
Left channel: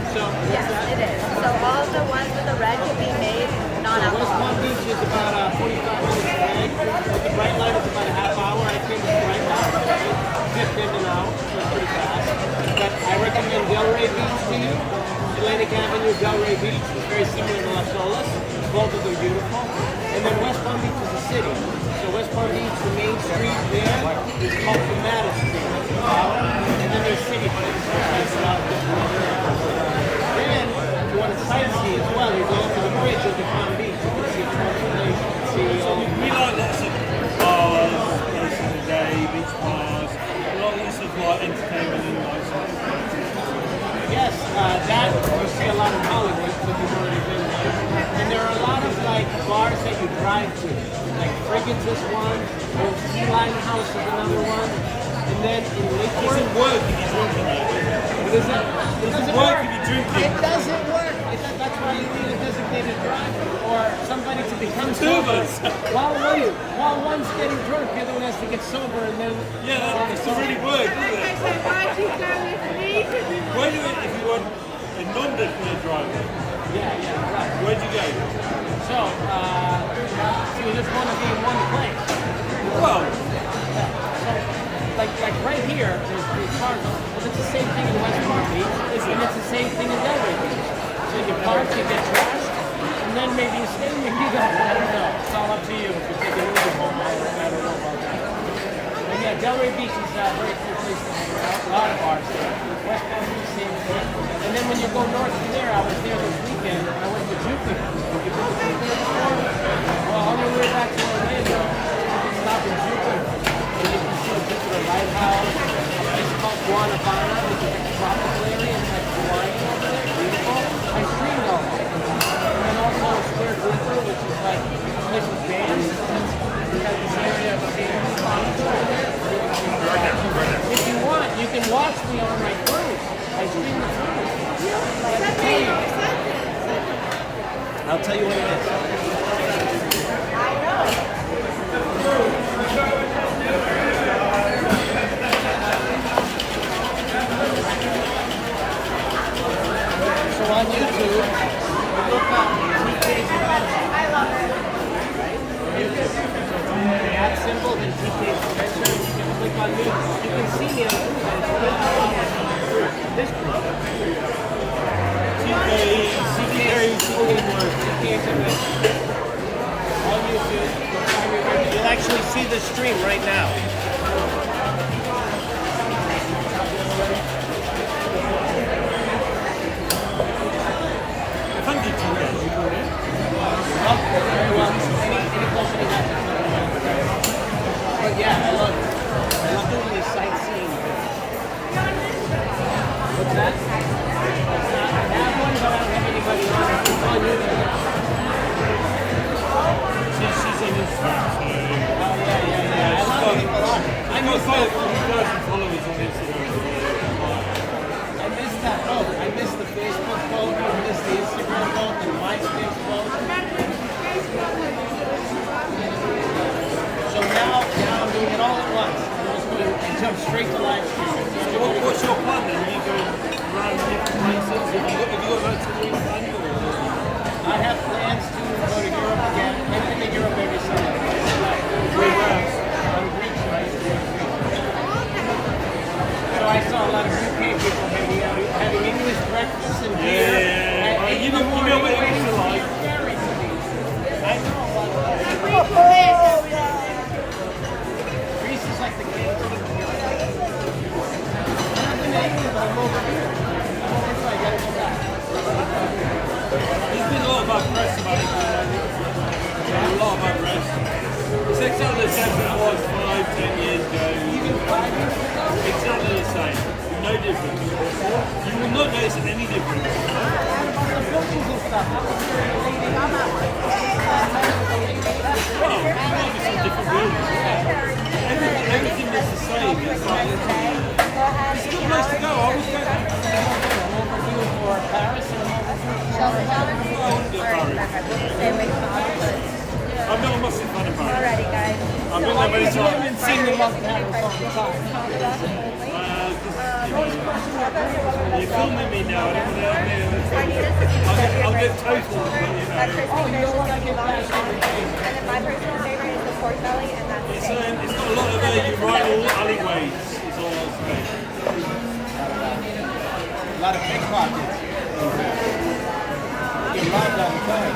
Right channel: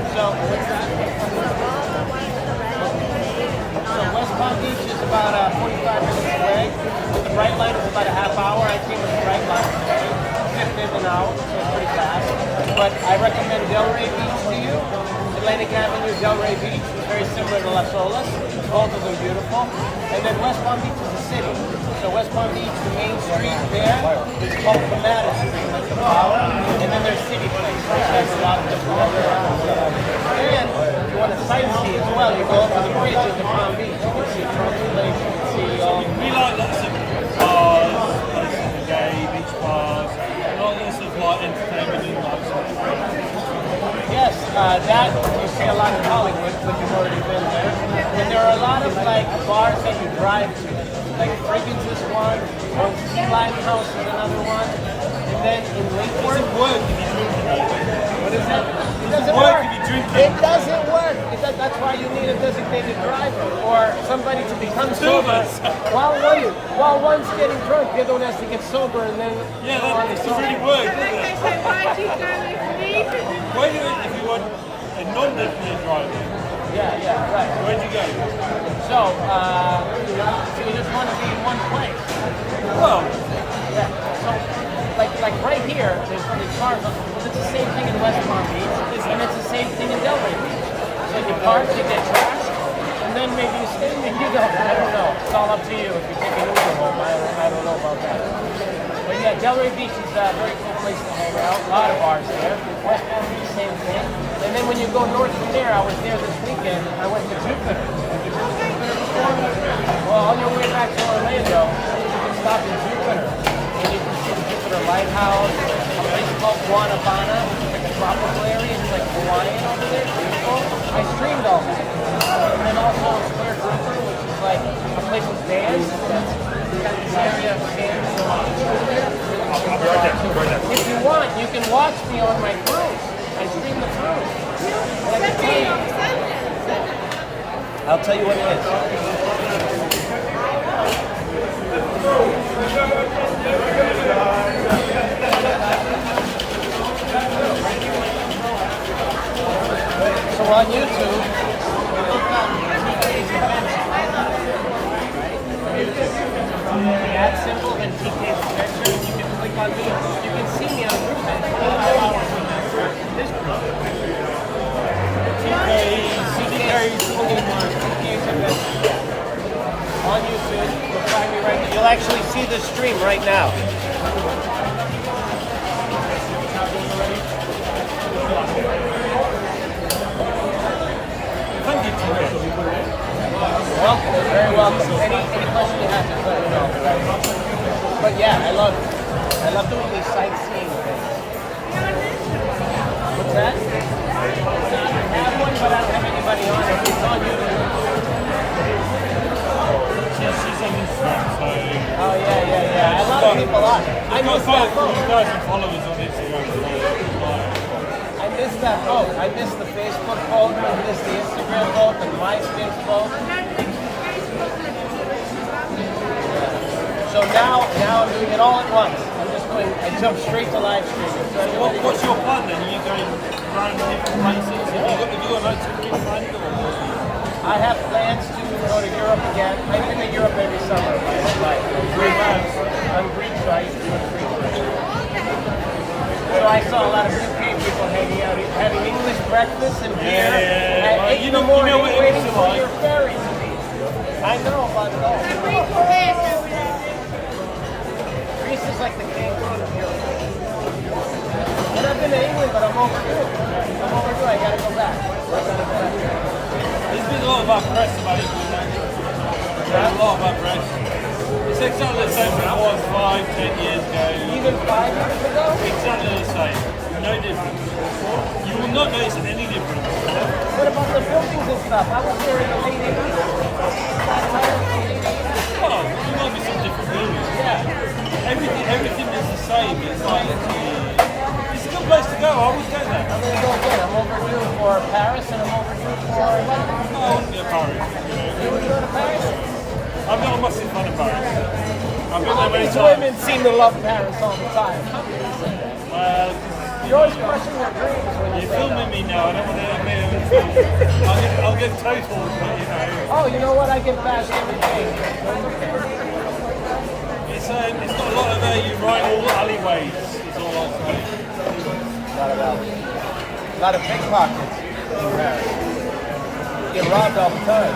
So, what's that? So, West Palm Beach is about 45 minutes away. With the Brightline, it's about a half hour. I came with the Brightline. 15 an hour, so it's pretty fast. But I recommend Delray Beach to you. Atlantic Avenue, Delray Beach is very similar to Las Olas. Both of them beautiful. And then West Palm Beach is a city. So West Palm Beach, the main street there is called Camino Street. And then there's City Place, which has a lot of different restaurants. And if you want to sightsee as well, you go over the bridge of the Palm Beach. You can see transportation, you can see all. We like lots of bars, places of the day, beach bars, lots of like entertainment and like sort of Yes, that you see a lot in Hollywood, but you've already been there. And there are a lot of like bars that you drive to. Like Friggins is one, Old Key House is another one, and then in Lake it doesn't work if you're drinking though. what is it? It doesn't work if you're drinking. It doesn't work. That's why you need a designated driver or somebody to become sober. While one's getting drunk, the other one has to get sober, and then Yeah, that doesn't really work, does it? So why do you go with me? Why do it if you want a non-designated driver? Yeah, right. Where'd you go? So you just want to be in one place. Well, Yeah. So, like right here, there's cars. It's the same thing in West Palm Beach, and it's the same thing in Delray Beach. So you park, you get gas, and then maybe you stay, maybe you don't. I don't know. It's all up to you if you're taking Uber home. I don't know about that. But yeah, Delray Beach is a very cool place to hang out. A lot of bars there. West Palm Beach, same thing. And then when you go north from there, I was there this weekend. I went to Jupiter. Have you been to Jupiter before? Well, on your way back to Orlando, you can stop in Jupiter. You can see the Jupiter Lighthouse, a place called Guanabana, which is like a tropical area. It's like Hawaiian over there. Beautiful. I streamed all that. And then also Square River, which is like a place with bands. You got this area of bands. If you want, you can watch me on my cruise. I stream the cruise. I'll tell you what it is. So on YouTube, you look up TK's Adventure, right? On YouTube. The ad symbol, then TK's Adventure, and you can click on me. You can see me on the cruise in 25 hours on this cruise. TK's Adventure. On YouTube, you'll find me right here. You'll actually see the stream right now. thank you, TK. Welcome, you're very welcome. Any question you have, just let me know. But yeah, I love doing these sightseeing What's that? I have one, but I don't have anybody on it. It's on YouTube. She's on Instagram, so... Oh, yeah. A lot of people on. I missed that vote. 2,000 followers on Instagram. I missed that vote. I missed the Facebook vote. I missed the Instagram vote, the MySpace vote. So now I'm doing it all at once. I jump straight to live streaming. So what's your plan then? Are you going around different places? Have you got like something planned or? I have plans to go to Europe again. I've been to Europe every summer. I'm Greek, so I used to go to Greece. So I saw a lot of UK people having English breakfast and beer at 8 in the morning waiting for your ferry. I know about it all. Greece is like the king of Europe. And I've been to England, but I'm overdue. I gotta go back. There's been a lot about press about it lately. A lot about press. It's exactly the same thing it was 5-10 years ago. Even 5 years ago? Exactly the same. No difference. You will not notice any difference. What about the buildings and stuff? I was here in the late 80s. Well, there might be some different buildings. Yeah. Everything is the same. It's like it's a good place to go. I would go there. I'm going to go again. I'm overdue for Paris and I'm overdue for... I wouldn't go to Paris. You want to go to Paris? I'm not a massive fan of Paris. I've been there many These times. women seem to love Paris all the time. You're always crushing their dreams when You're filming me now. I don't want to admit it. I'll get total, but you know. Oh, you know what? I get bashed every day. It's got a lot of urinal alleyways, is all I'll say. A lot of pickpockets in Paris. You get robbed all the time.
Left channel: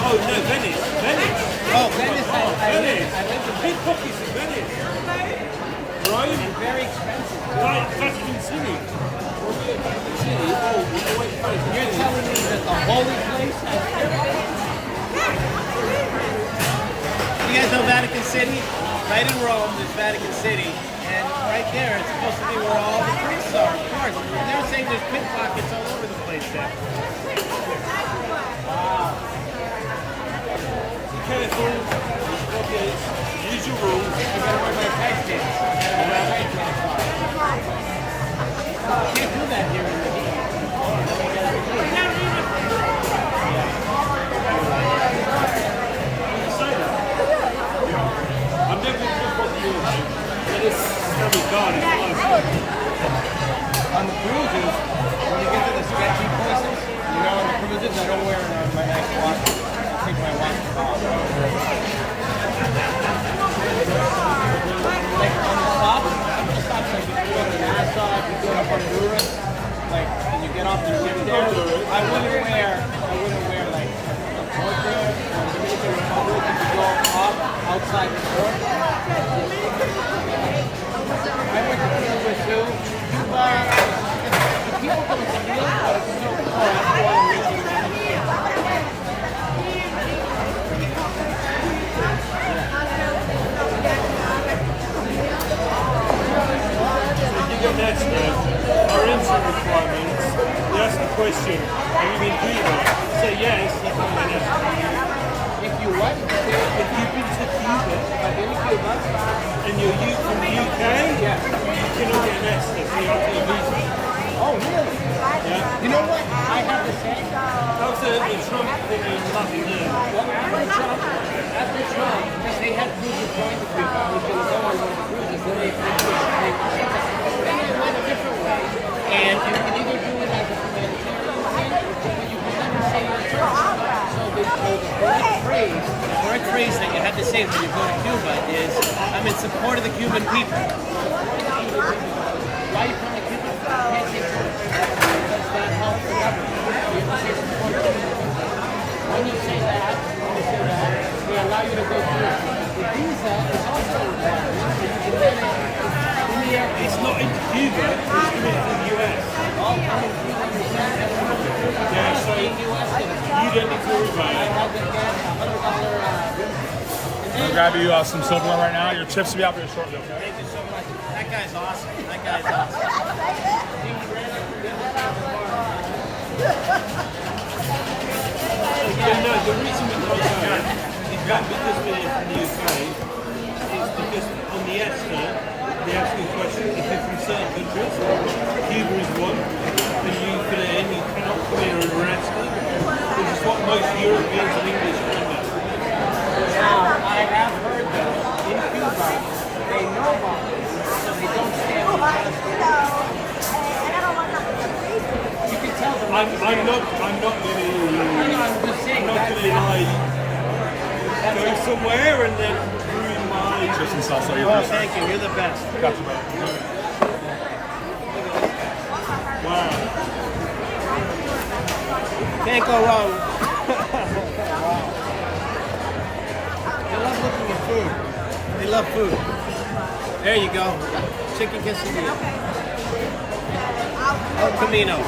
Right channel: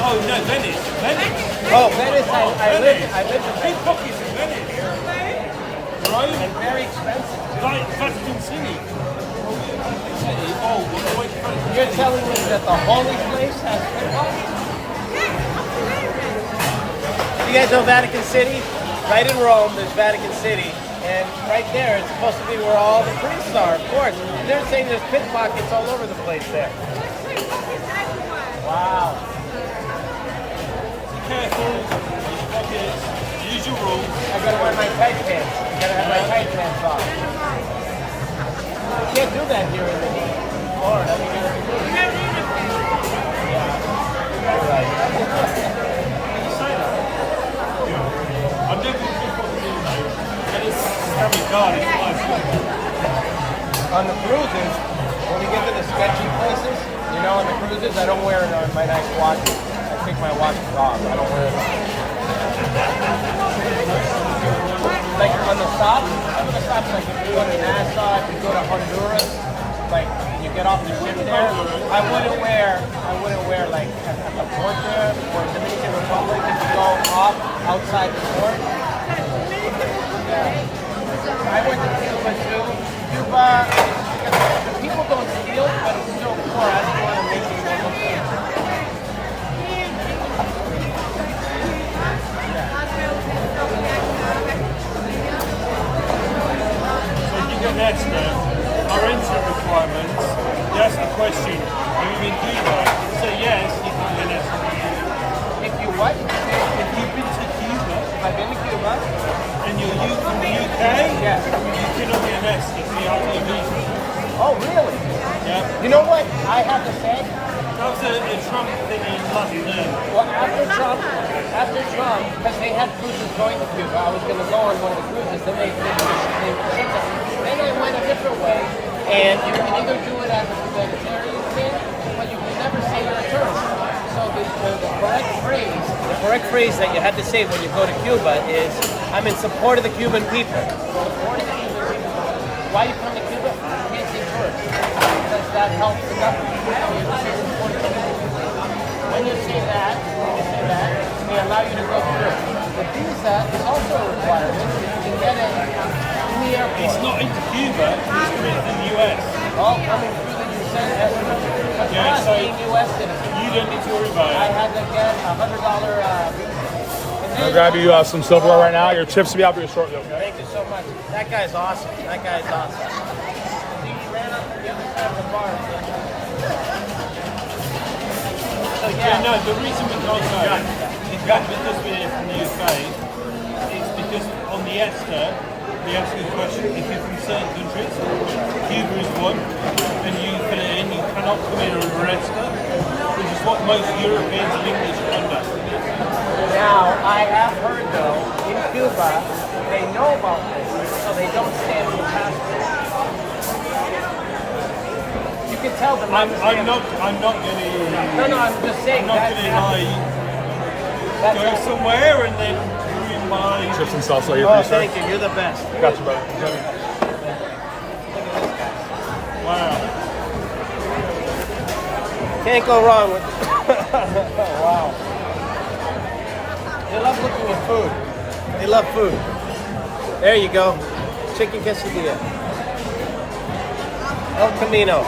Oh no, Venice. Oh, Venice. I live in Pickpockets in Venice. Right? and very expensive. Like Vatican City. When we go to Vatican City, we're away from Vatican You're City. telling me that the holy place has pickpockets? You guys know Vatican City? Right in Rome, there's Vatican City. And right there, it's supposed to be where all the priests are, of course. And they're saying there's pickpockets all over the place there. Wow. Be careful, pickpockets, use your rules. I gotta wear my tight pants. I gotta have my tight pants off. You can't do that here in Florida. You gotta do You say that? I've never been pickpocketed here though. But it's every car, it's nice. On the cruises, when we get to the sketchy places, you know, on the cruises, I don't wear my nice watches. I take my watches off. I don't wear them. Like on the stops, like if you go to Nassau, if you go to Honduras, like when you get off the ship there, I wouldn't wear like at the port there or Dominican Republic if you go off outside the port. I went to Cuba too. Cuba, the people don't steal, but it's so poor. I just want to make it. So if you get next our entry requirements, you ask the question, have you been to Cuba? If you say yes, you can get next. If you what? If you've been to Cuba, I've been to Cuba. and you're from the UK, Yes. you cannot get an extra, so you have to get a visa. Oh, really? Yeah. You know what I have to say? That was the Trump thing in Latin there. Well, after Trump, because they had cruises going to Cuba, I was going to go on one of the cruises, then they went a different way. And you can either do it as a humanitarian thing, but you can never say you're a tourist. So the correct phrase that you have to say when you go to Cuba is, I'm in support of the Cuban people. Support of the Cuban people. Why are you coming to Cuba? You can't say tourist. Because that helps the government. So you have to say support of the Cuban people. When you say that, they allow you to go through. The visa is also a requirement. You can get it in the airport. It's not in Cuba, it's coming from the US. All coming through the US. Yeah, so being US citizens. you don't need to worry about I it. had to get $100 visa. I'll grab you some silverware right now. Your chips will be out for you shortly, okay? Thank you so so much. That guy's awesome. That guy's awesome. He ran up to the other side of the bar. No, the reason we can't go is not because we're from the UK, it's because on the ESTA, we ask the question if you're from certain countries, Cuba is one, and you fill it in, you cannot come in or ESTA, which is what most Europeans and English end up. Now, I have heard though, in Cuba, they know about this, so they don't stamp the passport. You can tell them. I'm not going to. No, I'm just saying. I'm not going to go somewhere and then ruin my. Chips and salsa. Oh, thank you. You're the best. Gotcha, bro. Wow. Can't go wrong with. Wow. They love looking at food. They love food. There you go. Chicken quesadilla. El Camino.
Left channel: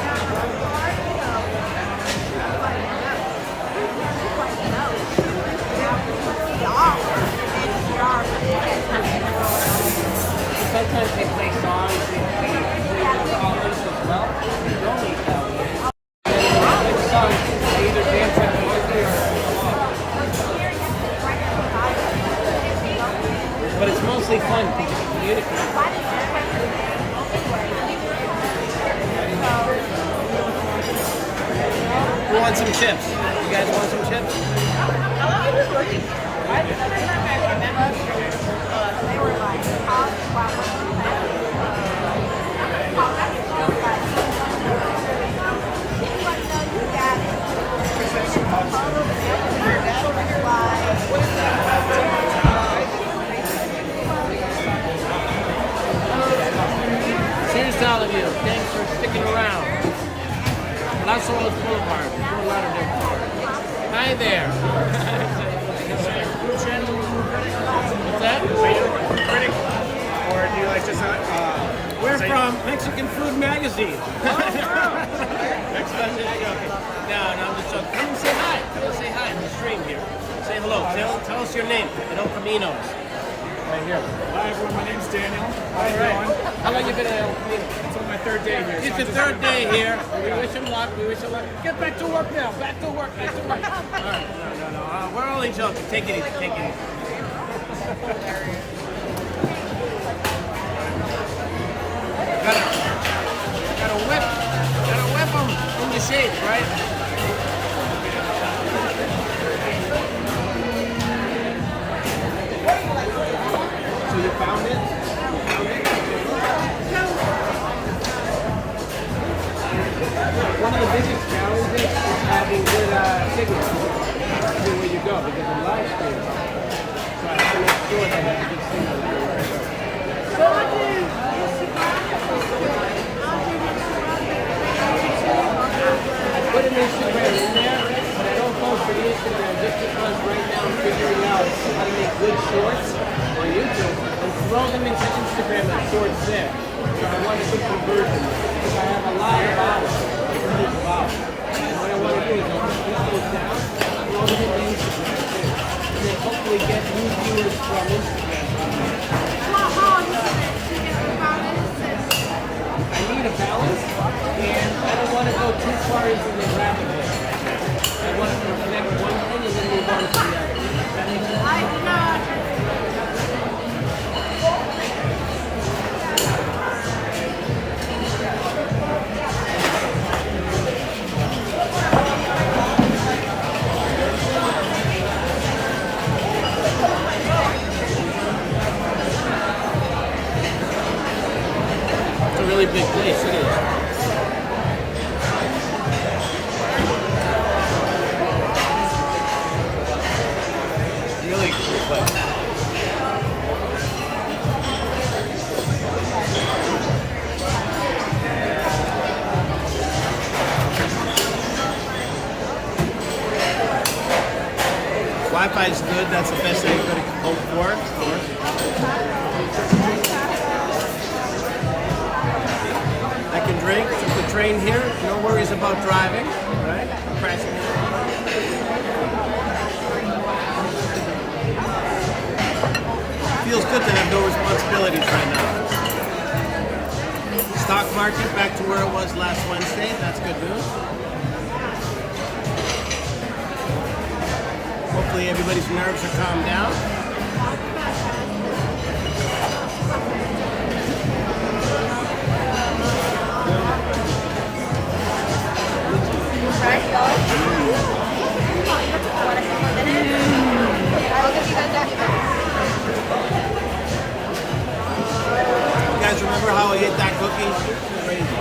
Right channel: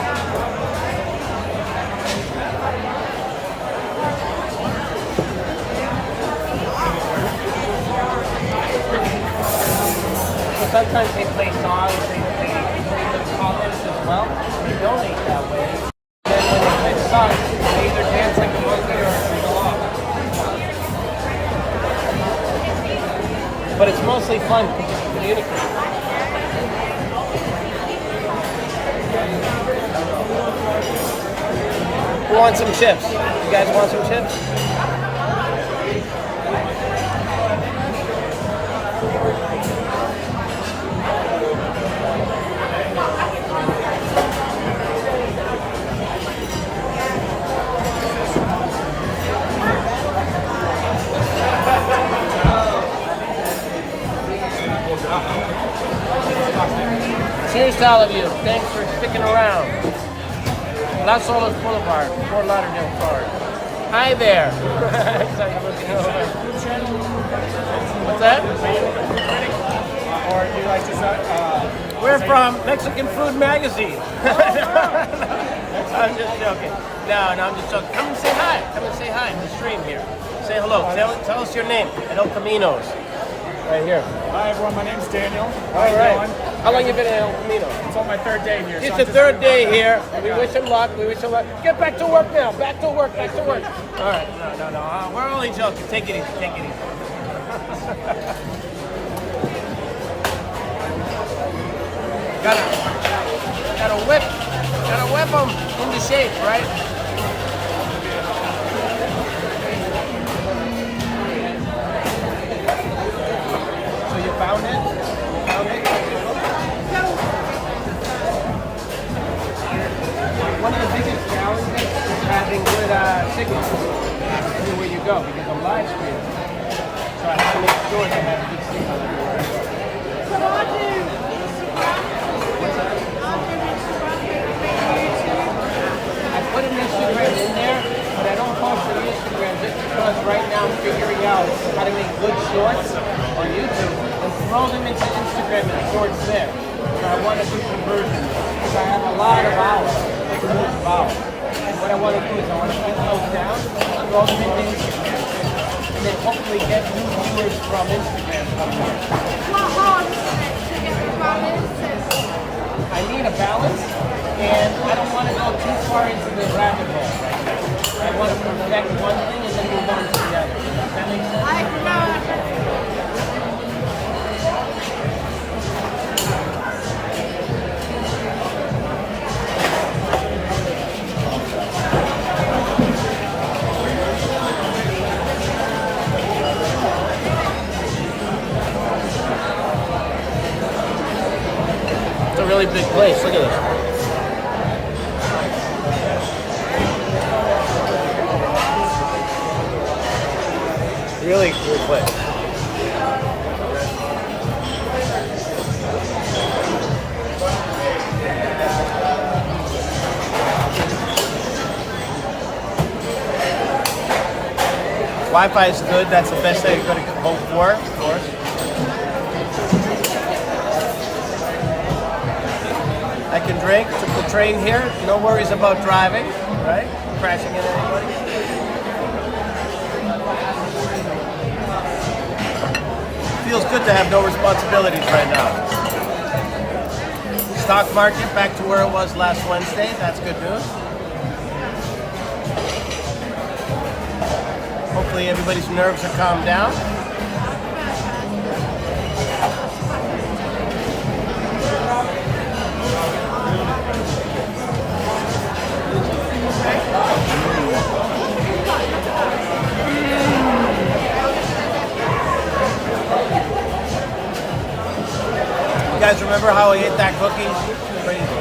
Sometimes they play songs and put it in comments as well. You donate that way. And when they play the songs, they either dance like a monkey or go off. But it's mostly fun because you communicate. Who wants some chips? You guys want some chips? How long is this working? Cheers to all of you. Thanks for sticking around. Las Olas Blvd, Fort Lauderdale, Florida. Hi there. What's that? We're from Mexican Food Magazine. No, I'm just joking. Come and say hi. Come and say hi in the stream here. Say hello. Tell us your name. El Caminos. Right here. Hi everyone, my name's Daniel. How you doing? How long you been in El Camino? It's on my third day here. It's the third day here. We wish him luck. We wish him luck. Get back to work now. Back to work. Back to work. All right. No. We're only joking. Take it easy. Take it easy. Gotta whip them into shape, right? So you found it? You found it? One of the biggest challenges is having good signal everywhere you go because I'm live streaming. So I have to make sure that I have a good signal everywhere I go. So I'll do Instagram. I'll do Instagram, YouTube. I put an Instagram in there, but I don't post an Instagram just because right now I'm figuring out how to make good shorts on YouTube and throw them into Instagram and shorts there. So I want to do conversion because I have a lot of hours. And what I want to do is I want to put those down, throw them into Instagram too, and then hopefully get new viewers from Instagram from there. What hard is it to get the balance? I need a balance, and I don't want to go too far into the rabbit hole right now. I want to perfect one thing and then move on to the other. Does that make sense? I know. Really big place. Look at this. Really cool place. Wi-Fi is good. That's the best thing you could hope for, of course. I can drink, took the train here, no worries about driving, right? I'm crashing into anybody. Feels good good to have no responsibilities right now. Stock market back to where it was last Wednesday. That's good news. Hopefully everybody's nerves are calmed down. You guys remember how I hit that cookie? Crazy.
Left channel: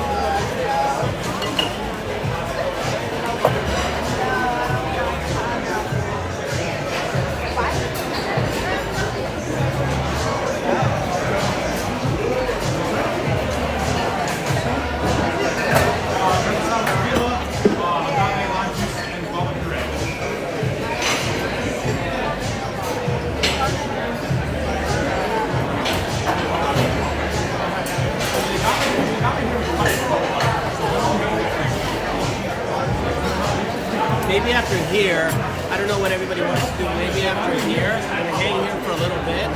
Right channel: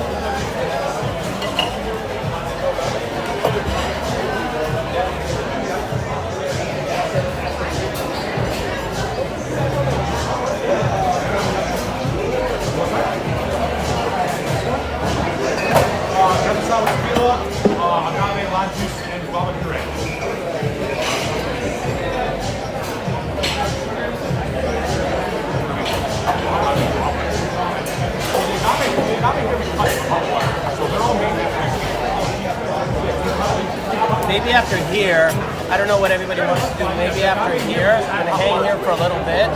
Maybe after here, I don't know what everybody wants to do. Maybe after here, I'm gonna hang here for a little bit.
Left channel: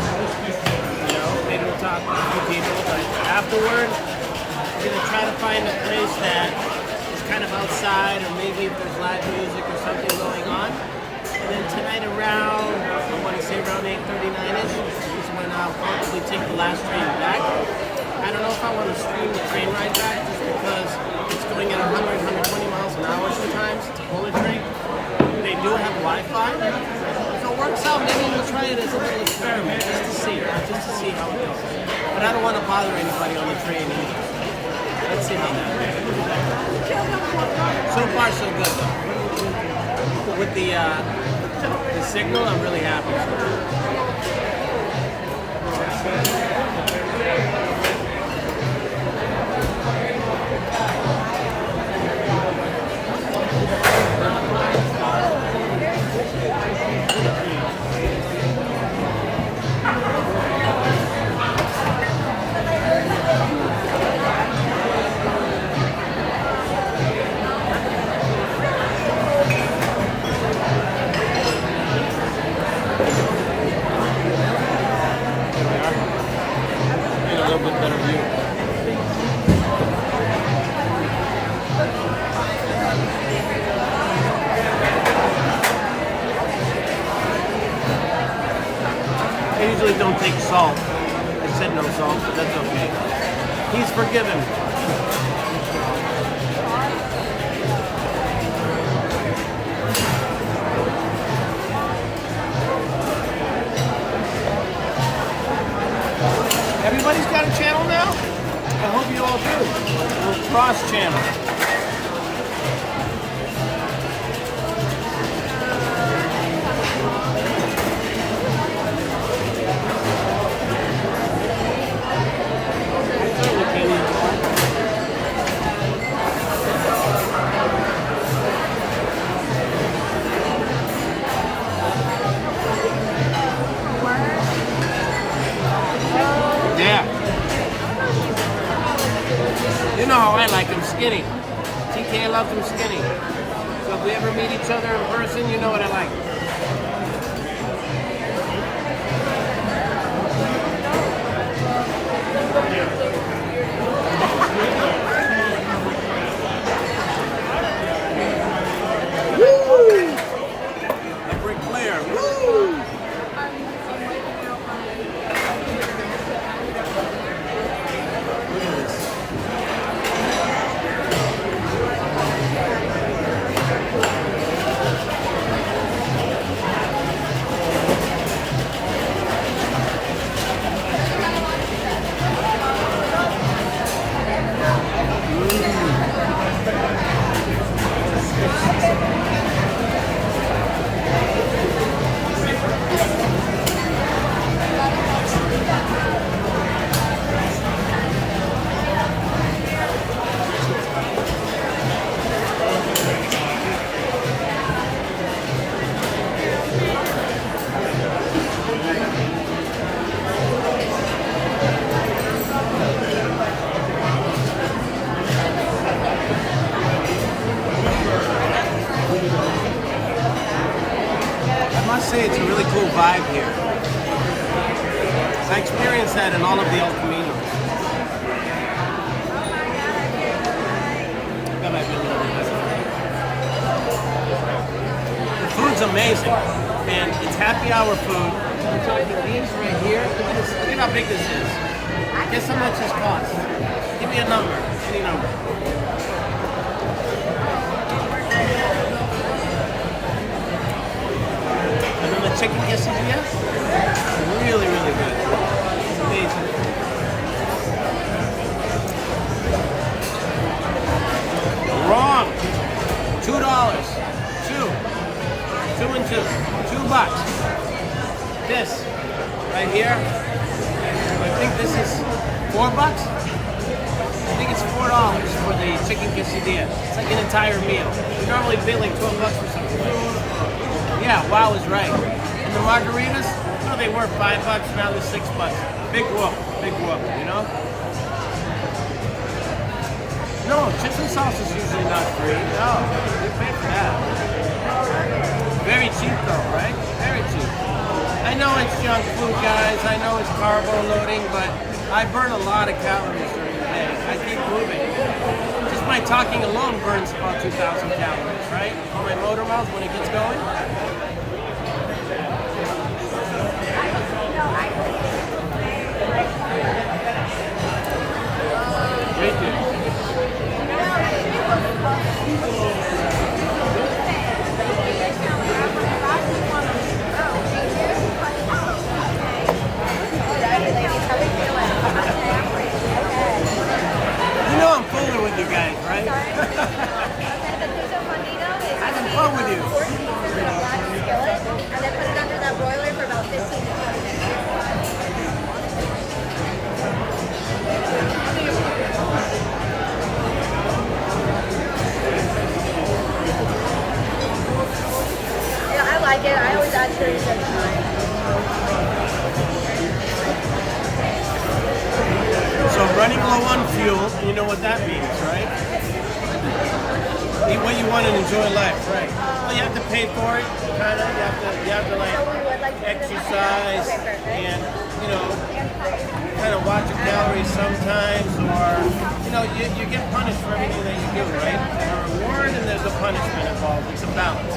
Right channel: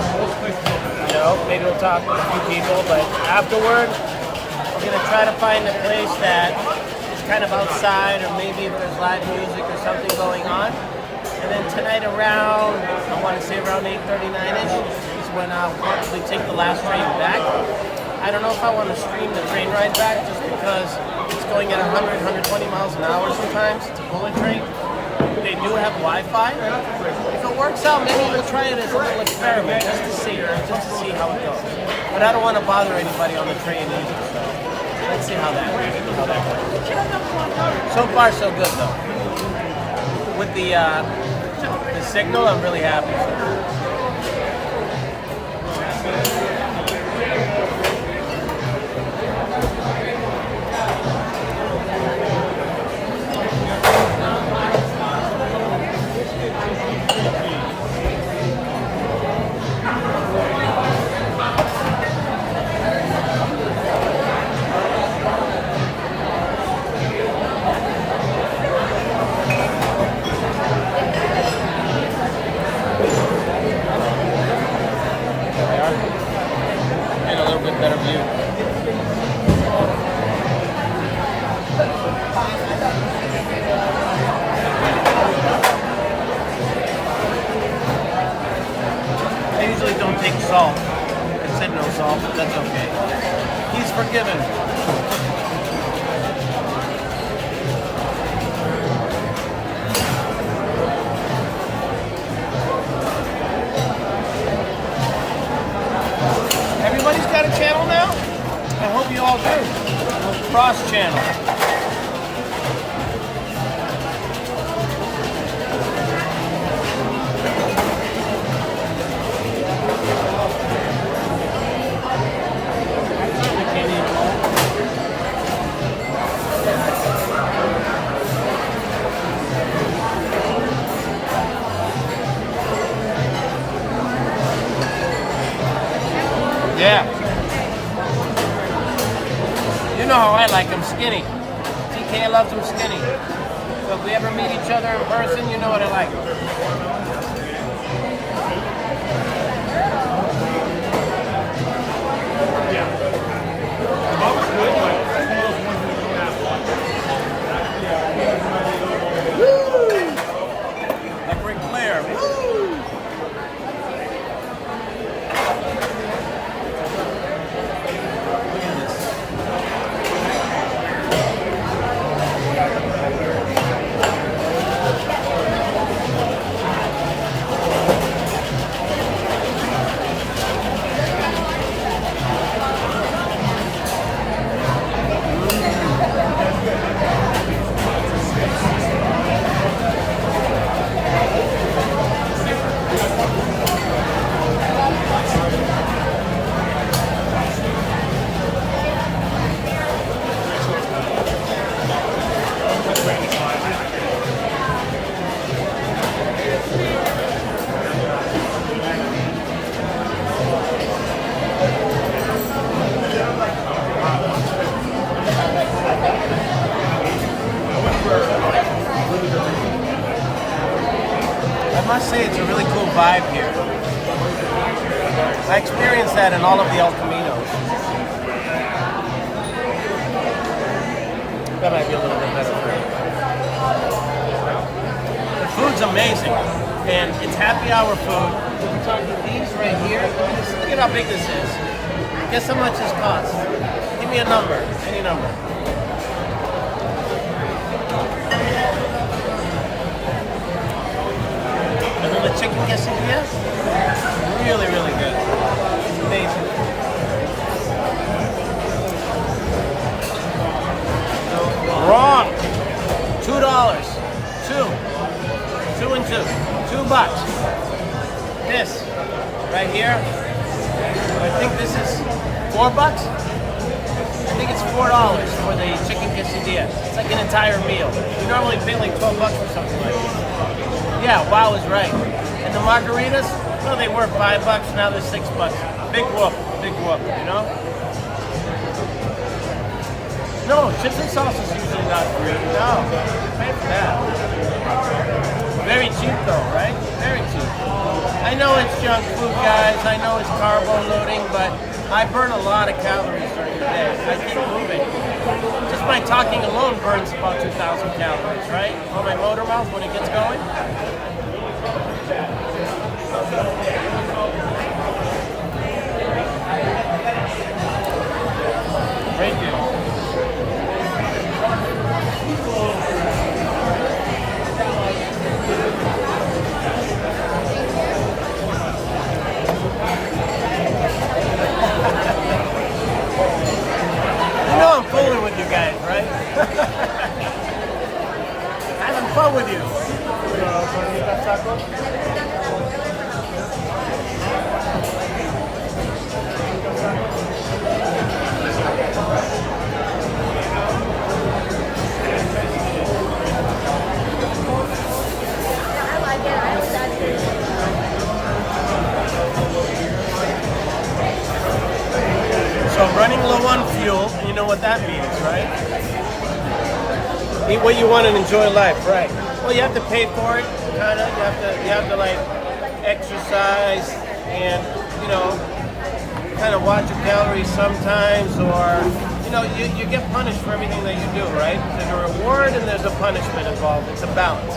You know, maybe we'll talk to people, but afterward, we're gonna try to find a place that is kind of outside, or maybe if there's live music or something going on. And then tonight around, I want to say around 8:39ish, is when I'll probably take the last train back. I don't know if I want to stream the train ride back just because it's going at 100, 120 miles an hour sometimes. It's a bullet train. They do have Wi-Fi. If it works out, maybe we'll try it as a little experiment just to see how it goes. But I don't want to bother anybody on the train either. So let's see how that goes. So far, so good though. With the signal, I'm really happy. Better view. I usually don't take salt. I said no salt, but that's okay. He's forgiven. Everybody's got a channel now? I hope you all do. We'll cross channel. I certainly can't eat them all. Yeah. You know how I like them skinny. TK loves them skinny. So if we ever meet each other in person, you know what I like. Woo! Like Ric Flair. Woo! I must say it's a really cool vibe here. I experienced that in all of the El Caminos. That might be a little bit better. The food's amazing, and it's happy hour food. We're talking these right here. Look at this. Look at how big this is. Guess how much this costs? Give me a number. Any number. And then the chicken quesadillas, really, really good. It's amazing. Wrong. $2. Two and two. $2. This right here. I think this is $4. I think it's $4 for the chicken quesadilla. It's like an entire meal. You normally pay like $12 for something like this. Yeah, wow is right. And the margaritas, well, they were $5, now they're $6. Big whoop, you know? No, chips and salsa is usually not free. No, you pay for that. Very cheap though, right? Very cheap. I know it's junk food, guys. I know it's carbo loading, but I burn a lot of calories during the day. I keep moving. Just my talking alone burns about 2,000 calories, right? On my motor mouth when it gets going. Great dude. You know I'm fooling with you guys, right? Having fun with you. So running low on fuel, you know what that means, right? Eat what you want and enjoy life, right? Well, you have to pay for it, kind of. You have to like exercise and, you know, kind of watch your calories sometimes, or, you know, you get punished for everything that you do, right? There's a reward and there's a punishment involved. It's a balance.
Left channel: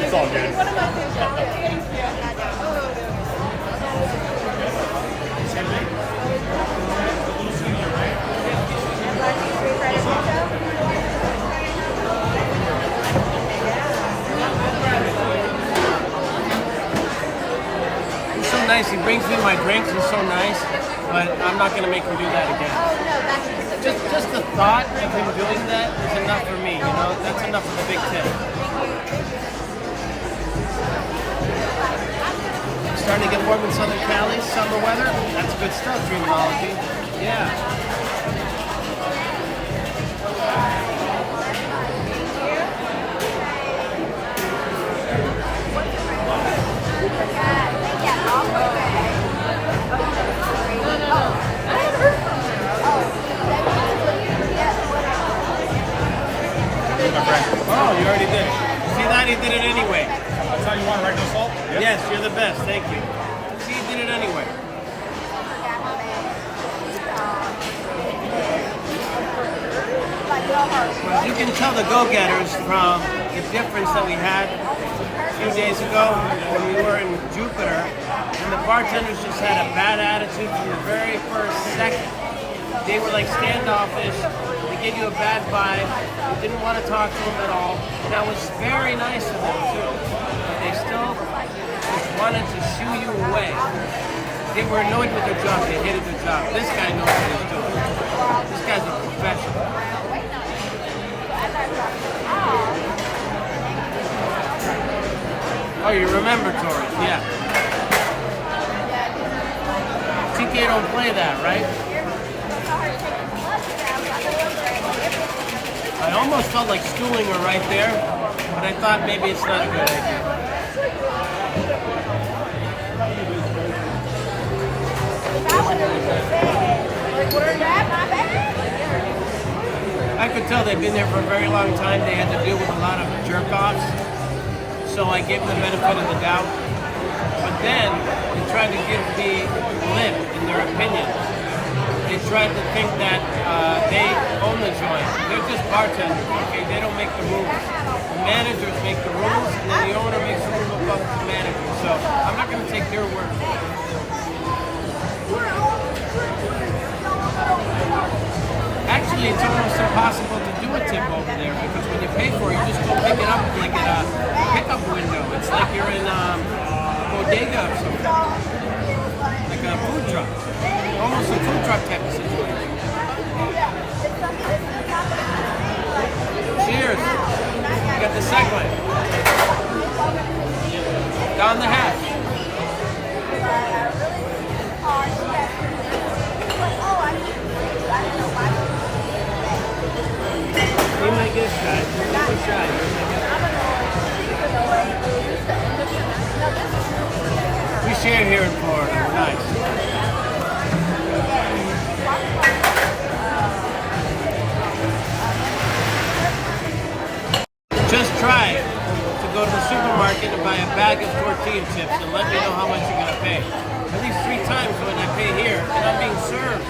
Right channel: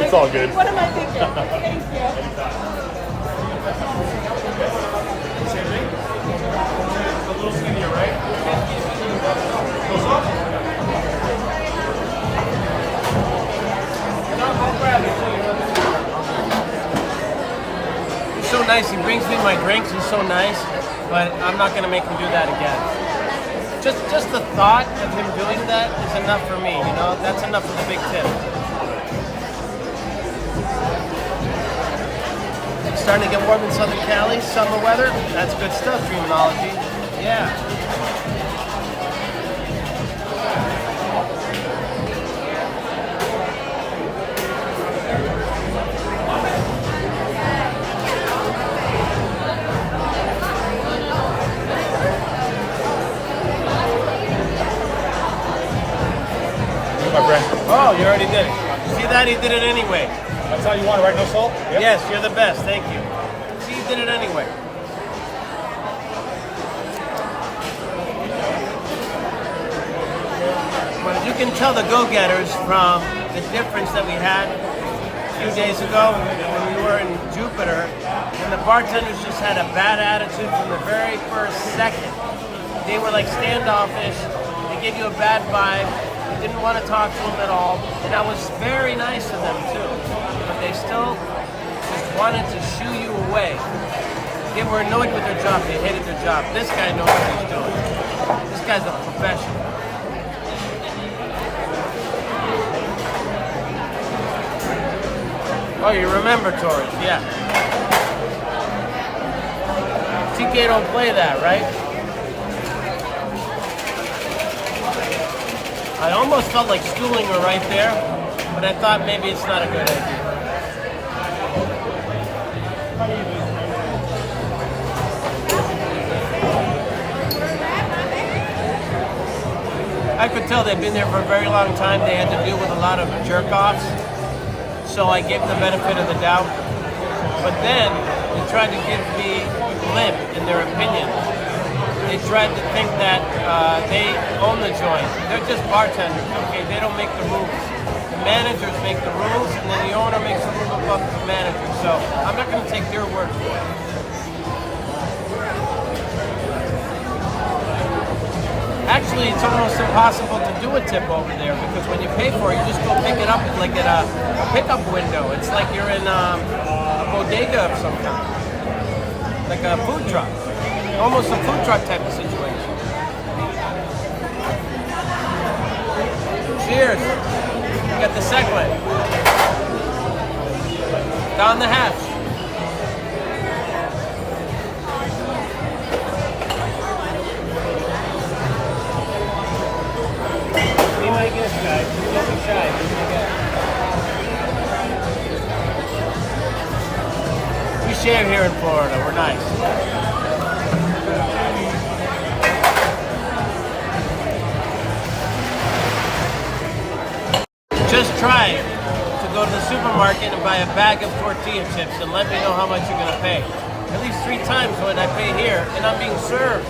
It's all good. One of my favorite. He's so nice. He brings me my drinks. He's so nice, but I'm not going to make him do that again. Just the thought of him doing that is enough for me, you know? That's enough for the big tip. Starting to get warm in Southern Cali, summer weather. That's good stuff, Dreamology. Yeah. Oh, you already did it. See that? He did it anyway. That's how you want regular salt? Yes, you're the best. Thank you. See, you did it anyway. Well, as you can tell the go-getters from the difference that we had a few days ago when we were in Jupiter, and the bartenders just had a bad attitude from the very first second. They were like standoffish. They gave you a bad vibe. We didn't want to talk to them at all. And I was very nice to them too. But they still just wanted to shoo you away. You were annoyed with your job, you hated your job. This guy knows what he's doing. This guy's a professional. Oh, you remember Torrance, yeah. TK don't play that, right? I almost felt like stooling her right there, but I thought maybe it's not a good idea. I could tell they'd been there for a very long time. They had to deal with a lot of jerk-offs, so I gave them the benefit of the doubt. But then they tried to give me lip in their opinions. They tried to think that they own the joint. They're just bartenders, okay? They don't make the rules. The managers make the rules, and then the owner makes the rules above the manager. So I'm not going to take their word for it. Actually, it's almost impossible to do a tip over there because when you pay for it, you just go pick it up like at a pickup window. It's like you're in a bodega of some kind, like a food truck. Almost a food truck type of situation. Cheers. You got the second one. Down the hatch. Be my guest, guys. Just don't be shy. Be my guest. We share here in Florida. We're nice. Just try to go to the supermarket and buy a bag of tortilla chips and let me know how much you're going to pay. At least 3 times what I pay here, and I'm being served.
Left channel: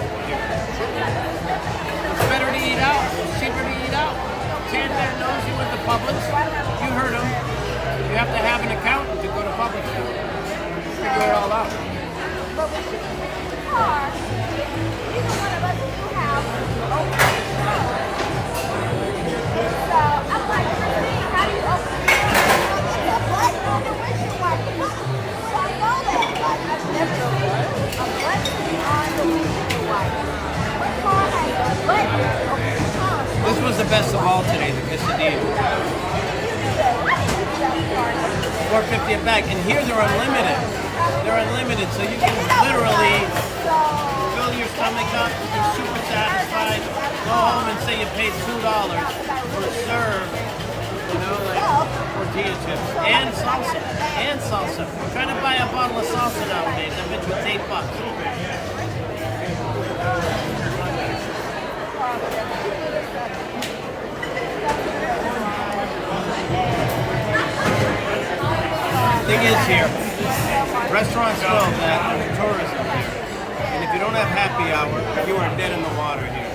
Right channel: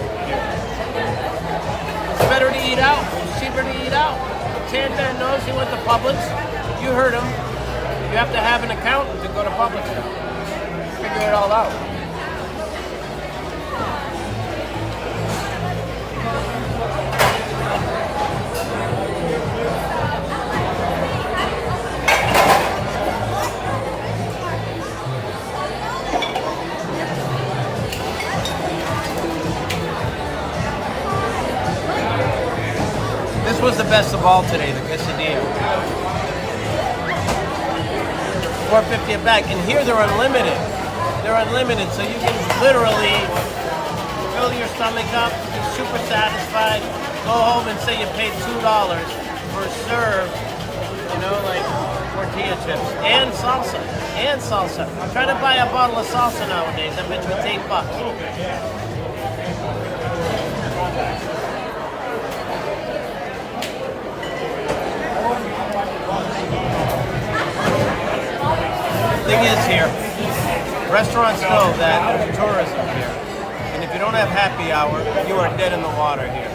It's better to eat out. It's cheaper to eat out. Tantan knows you went to Publix. You heard him. You have to have an accountant to go to Publix now. Figure it all out. This was the best of all today, the quesadilla. $4.50 a bag, and here they're unlimited. They're unlimited, so you can literally fill your stomach up, you can super satisfied, go home and say you paid $2 for a serve, you know, like tortilla chips, and salsa, I'm trying to buy a bottle of salsa nowadays, that bitch was $8. Thing is here, restaurants know that there's tourism here, and if you don't have happy hour, you are dead in the water here.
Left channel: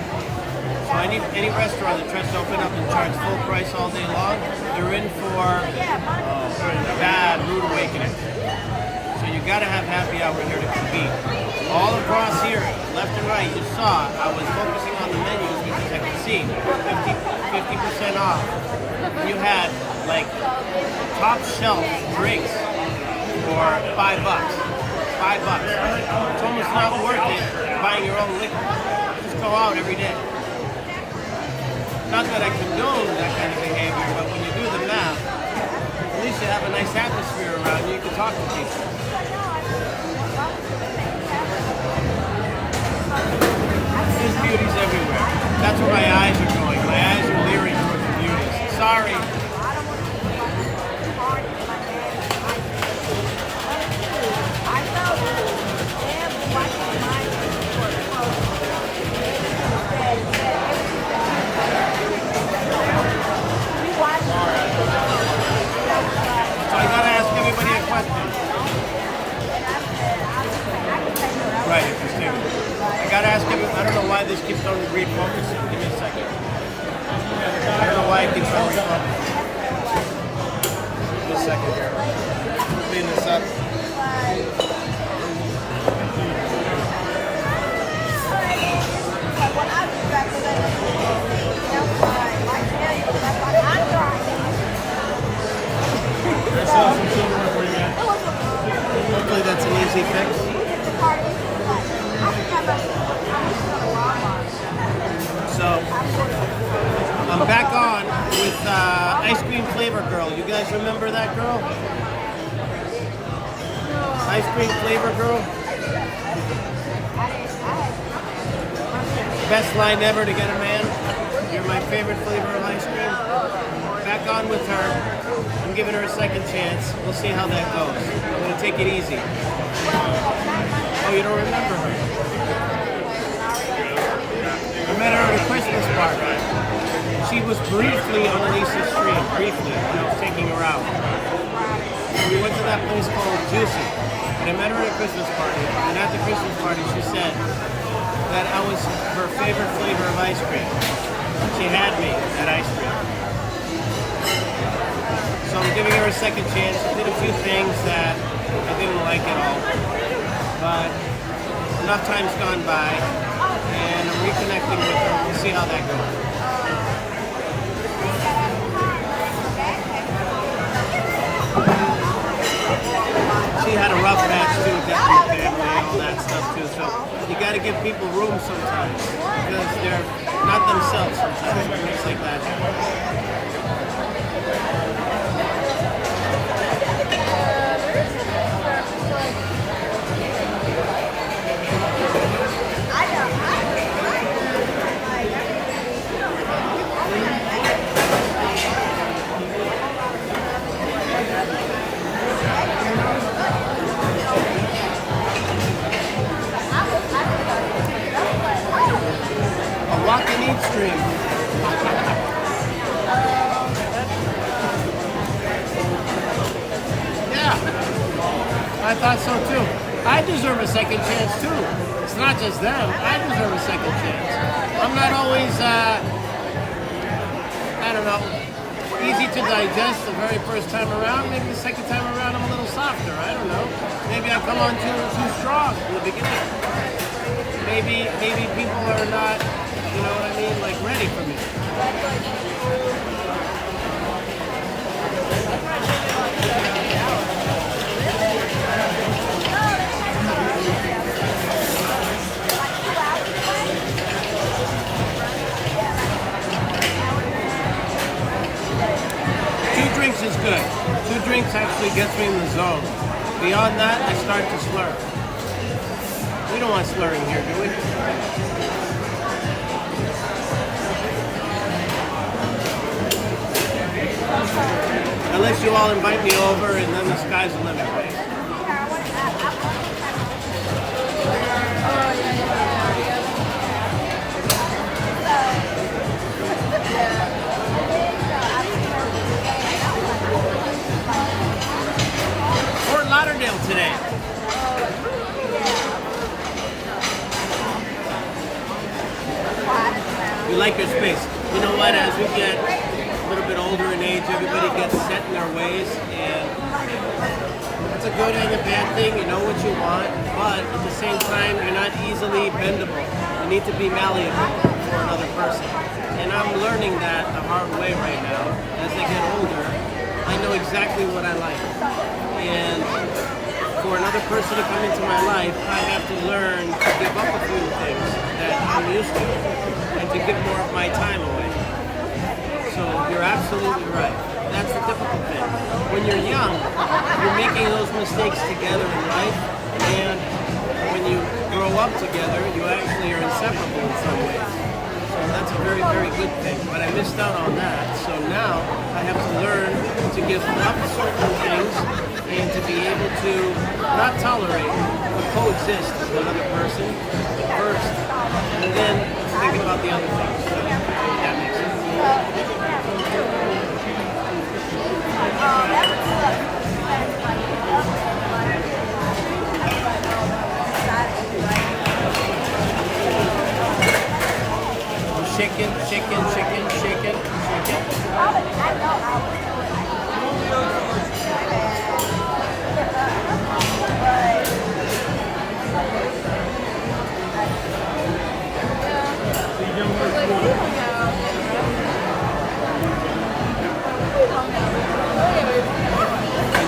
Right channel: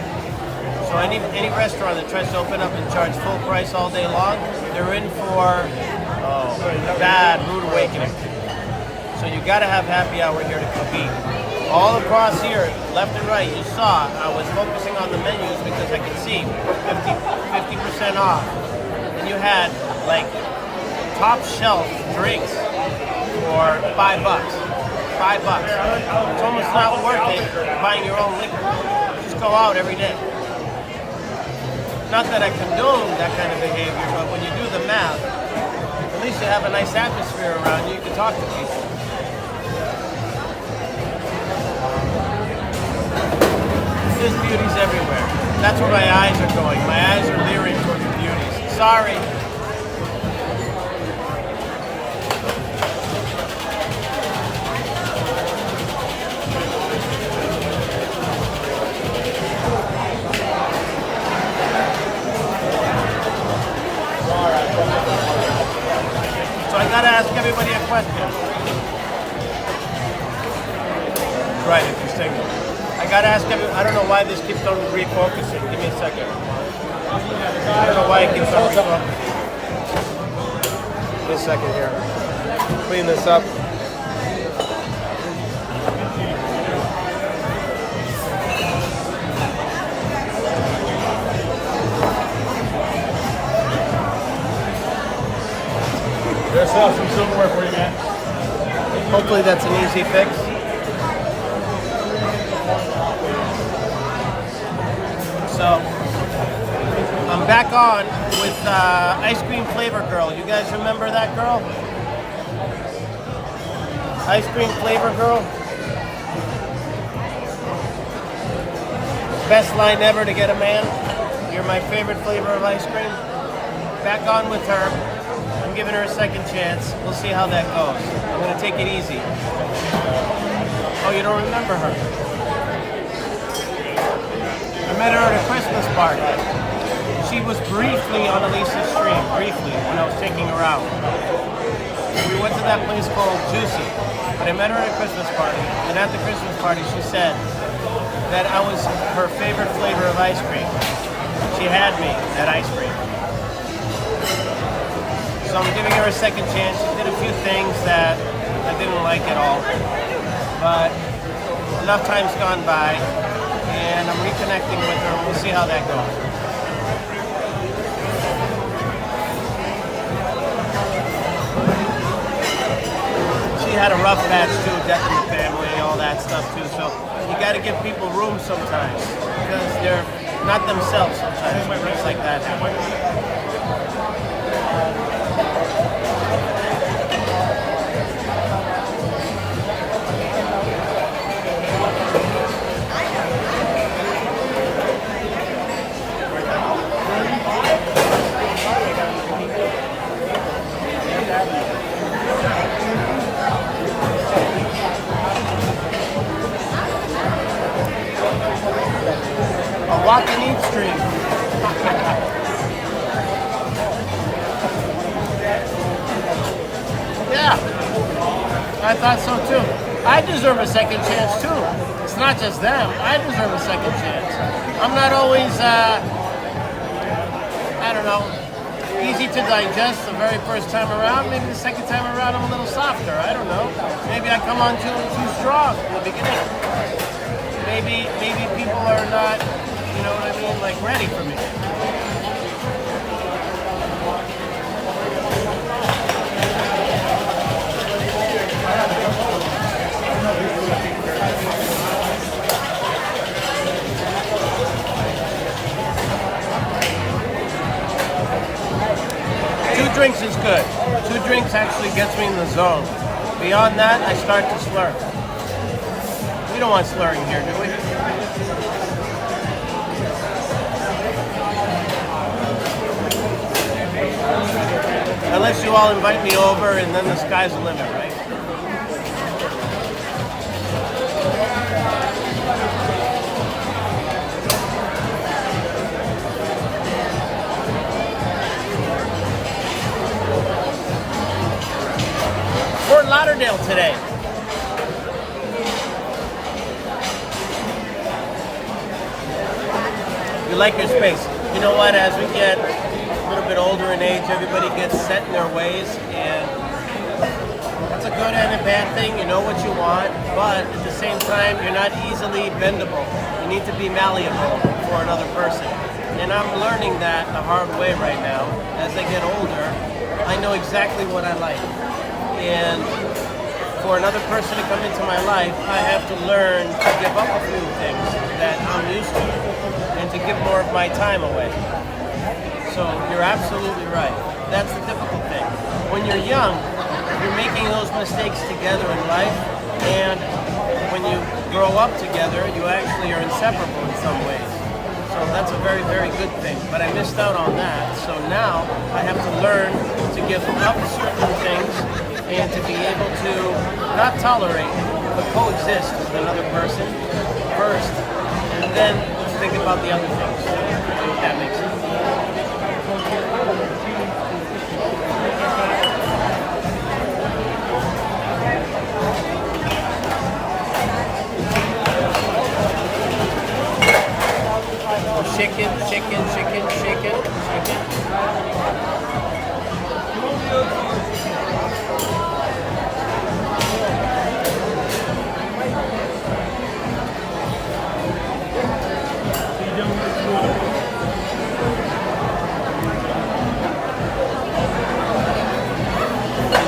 So any restaurant that tries to open up and charge full price all day long, they're in for a bad rude awakening. So you got to have happy hour here to compete. All across here, left and right, you saw I was focusing on the menus because I could see 50% off. You had like top shelf drinks for $5. $5. It's almost not worth it buying your own liquor. Just go out every day. Not that I condone that kind of behavior, but when you do the math, at least you have a nice atmosphere around you. You can talk to people. There's beauties everywhere. That's where my eyes are going. My eyes are leering towards the beauties. Sorry. So I gotta ask everybody a question. Right, interesting. I gotta ask everybody, I don't know why this keeps on refocusing. Give me a second. I don't know why it keeps on refocusing. Just a second here. Clean this up. Some silverware for you, man. Hopefully that's an easy fix. So I'm back on with Ice Cream Flavor Girl. You guys remember that girl? Ice Cream Flavor Girl? Best line ever to get a man. You're my favorite flavor of ice cream. Back on with her. I'm giving her a second chance. We'll see how that goes. I'm going to take it easy. Oh, you don't remember her? I met her at a Christmas party. She was briefly on Elisa's stream, briefly, when I was taking her out. We went to that place called Juicy. But I met her at a Christmas party, and at the Christmas party she said that I was her favorite flavor of ice cream. She had me at ice cream. So I'm giving her a second chance. She did a few things that I didn't like at all. But enough time's gone by, and I'm reconnecting with her. We'll see how that goes. She had a rough patch too, death in the family and all that stuff too. So you got to give people room sometimes because they're not themselves sometimes when things like that happen. Walk and eat stream. Yeah, I thought so too. I deserve a second chance too. It's not just them. I deserve a second chance. I'm not always, I don't know, easy to digest the very first time around. Maybe the second time around I'm a little softer. I don't know. Maybe I come on too strong in the beginning. Maybe people are not, you know what I mean, like ready for me. Two drinks is good. 2 drinks actually gets me in the zone. Beyond that, I start to slur. We don't want slurring here, do we? Unless you all invite me over and then the sky's the limit, right? Fort Lauderdale today. You like this space. You know what, as we get a little bit older in age, everybody gets set in their ways, and that's a good and a bad thing. You know what you want, but at the same time, you're not easily bendable. You need to be malleable for another person. And I'm learning that the hard way right now. As I get older, I know exactly what I like. And for another person to come into my life, I have to learn to give up a few things that I'm used to and to give more of my time away. So you're absolutely right. That's the difficult thing. When you're young, you're making those mistakes together in life, and when you grow up together, you actually are inseparable in some ways. So that's a very, very good thing. But I missed out on that. So now I have to learn to give up certain things and to be able to not tolerate but coexist with another person first, and then think about the other things. That makes sense. Chicken.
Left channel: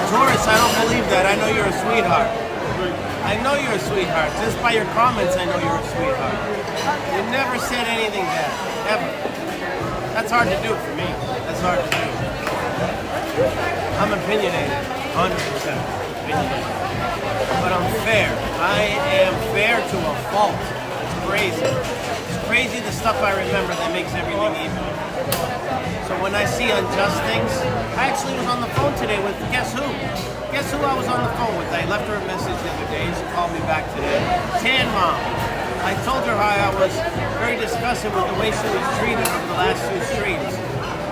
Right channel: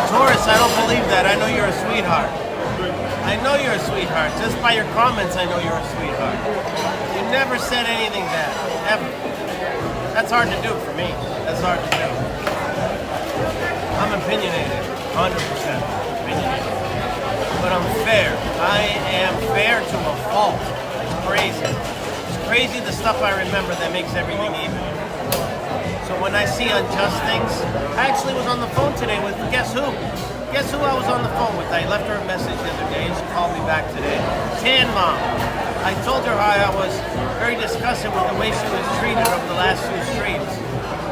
Taurus, I don't believe that. I know you're a sweetheart. I know you're a sweetheart. Just by your comments, I know you're a sweetheart. You never said anything bad, ever. That's hard to do for me. That's hard to do. I'm opinionated, 100% opinionated. But I'm fair. I am fair to a fault. It's crazy. It's crazy the stuff I remember that makes everything even. So when I see unjust things, I actually was on the phone today with, guess who? Guess who I was on the phone with? I left her a message the other day. She called me back today. Tan Mom. I told her how I was very disgusted with the way she was treated over the last few streams.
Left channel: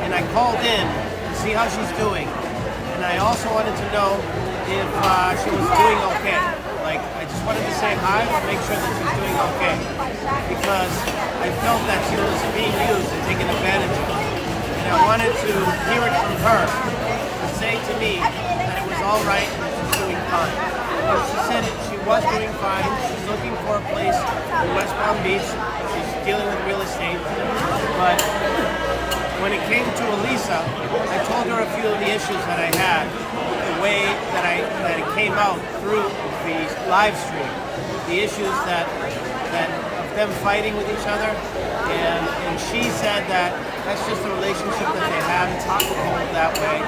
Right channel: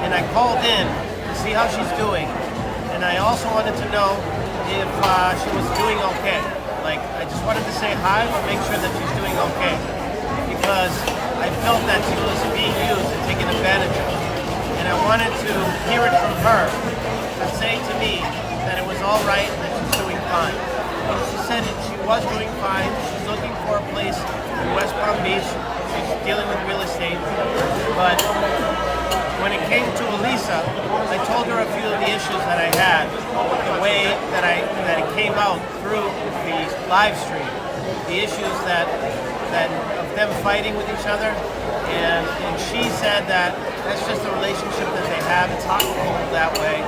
And I called in to see how she's doing. And I also wanted to know if she was doing okay. Like, I just wanted to say hi or make sure that she's doing okay. Because I felt that she was being used and taken advantage of. And I wanted to hear it from her to say to me that it was all right and that she's doing fine. And she said she was doing fine. She's looking for a place in West Palm Beach. She's dealing with real estate. But when it came to Elisa, I told her a few of the issues that I had with the way that it came out through the live stream. The issues that of them fighting with each other. And she said that that's just the relationship that they have. It's hot and cold that way.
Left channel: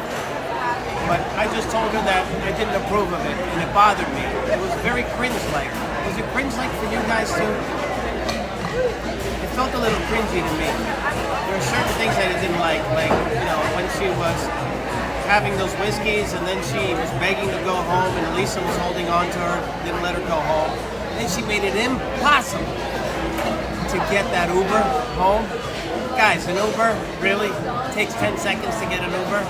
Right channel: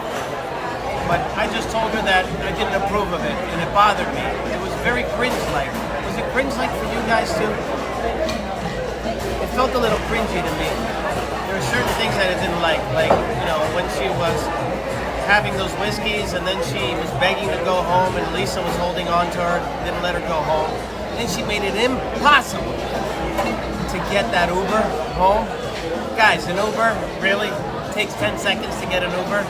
But I just told her that I didn't approve of it, and it bothered me. It was very cringe-like. Was it cringe-like for you guys too? It felt a little cringy to me. There are certain things that I didn't like, when she was having those whiskeys, and then she was begging to go home, and Elisa was holding on to her, didn't let her go home. And then she made it impossible to get that Uber home. Guys, an Uber really takes 10 seconds to get an Uber.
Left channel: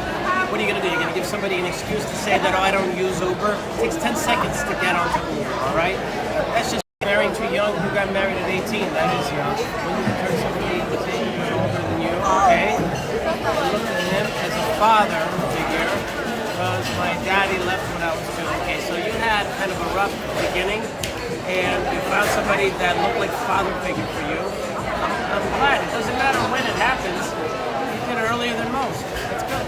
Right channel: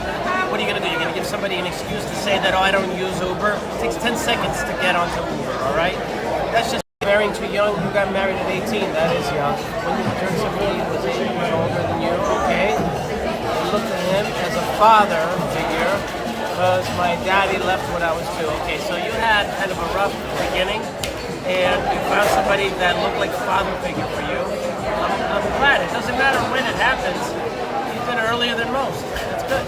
What are you gonna do? You're gonna give somebody an excuse to say that, oh, I don't use Uber? It takes 10 seconds to get onto Uber, all right? That's just marrying too young. You got married at 18, that is young. When you turn 17, was 8 years older than you, okay? I looked at him as a father figure, because my daddy left when I was 2. Okay, so you had kind of a rough beginning, and you found somebody that looked like a father figure for you. I'm glad. It doesn't matter when it happens. You did it earlier than most. That's good.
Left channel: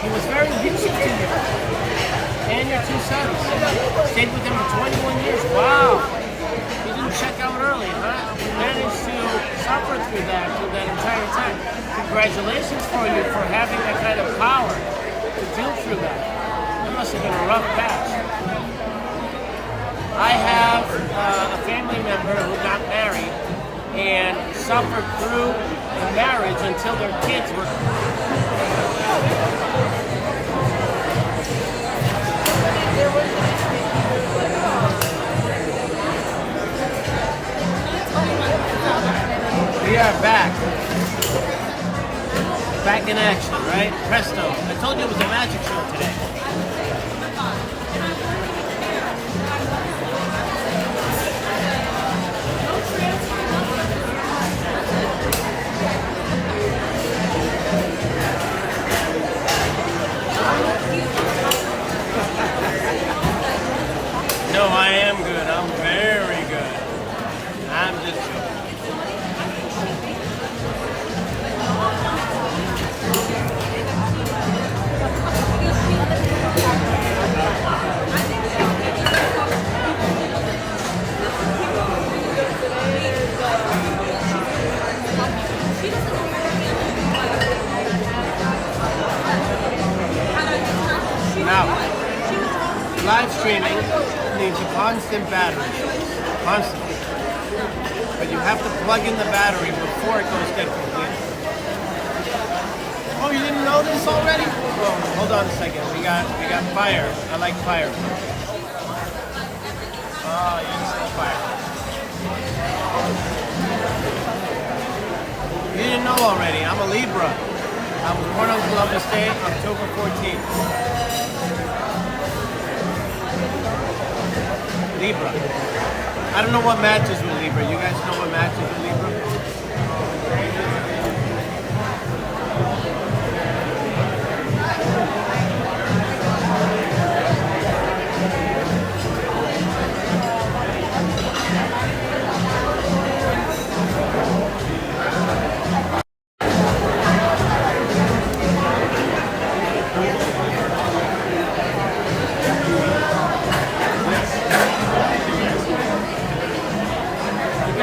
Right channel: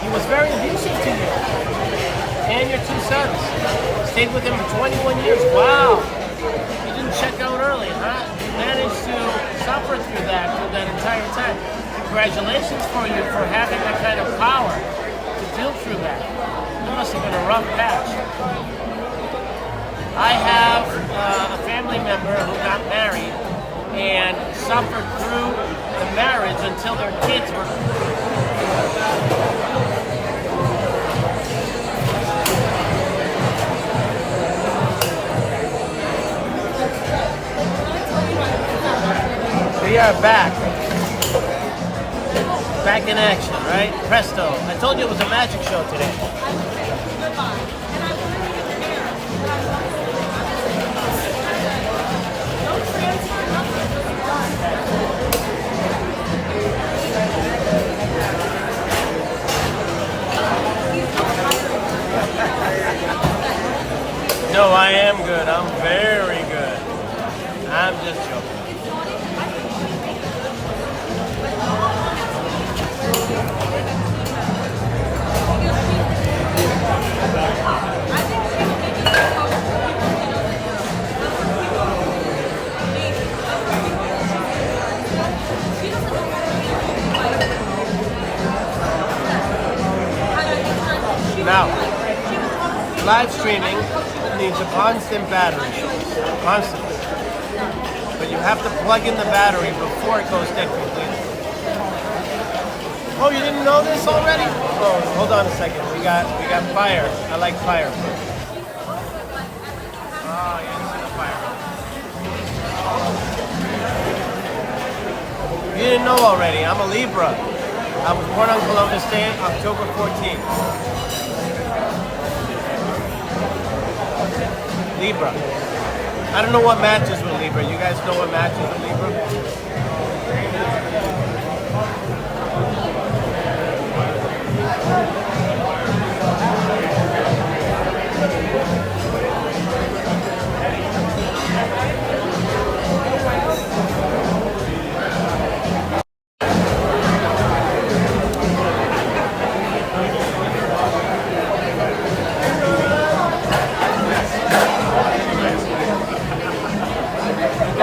He was very abusive to you and your 2 sons. Stayed with him for 21 years. Wow. You didn't check out early, huh? You managed to suffer through that entire time. Congratulations for you for having that kind of power to deal through that. That must have been a rough patch. I have a family member who got married and suffered through the marriage until their kids were... We are back. Back in action, right? Presto. I told you it was a magic show today. No, I am good. I'm very good. I'm just joking. Now, live streaming means a constant battery, constantly. But you have to plug in the battery before it goes dead completely. Oh, you didn't know this already? Oh, hold on a second. We got fire. I like fire first. Oh, you didn't see the fire. You didn't know already. I'm a Libra. I was born on Columbus Day, October 14th. Libra. I don't know what matches with Libra. You guys know what matches with Libra?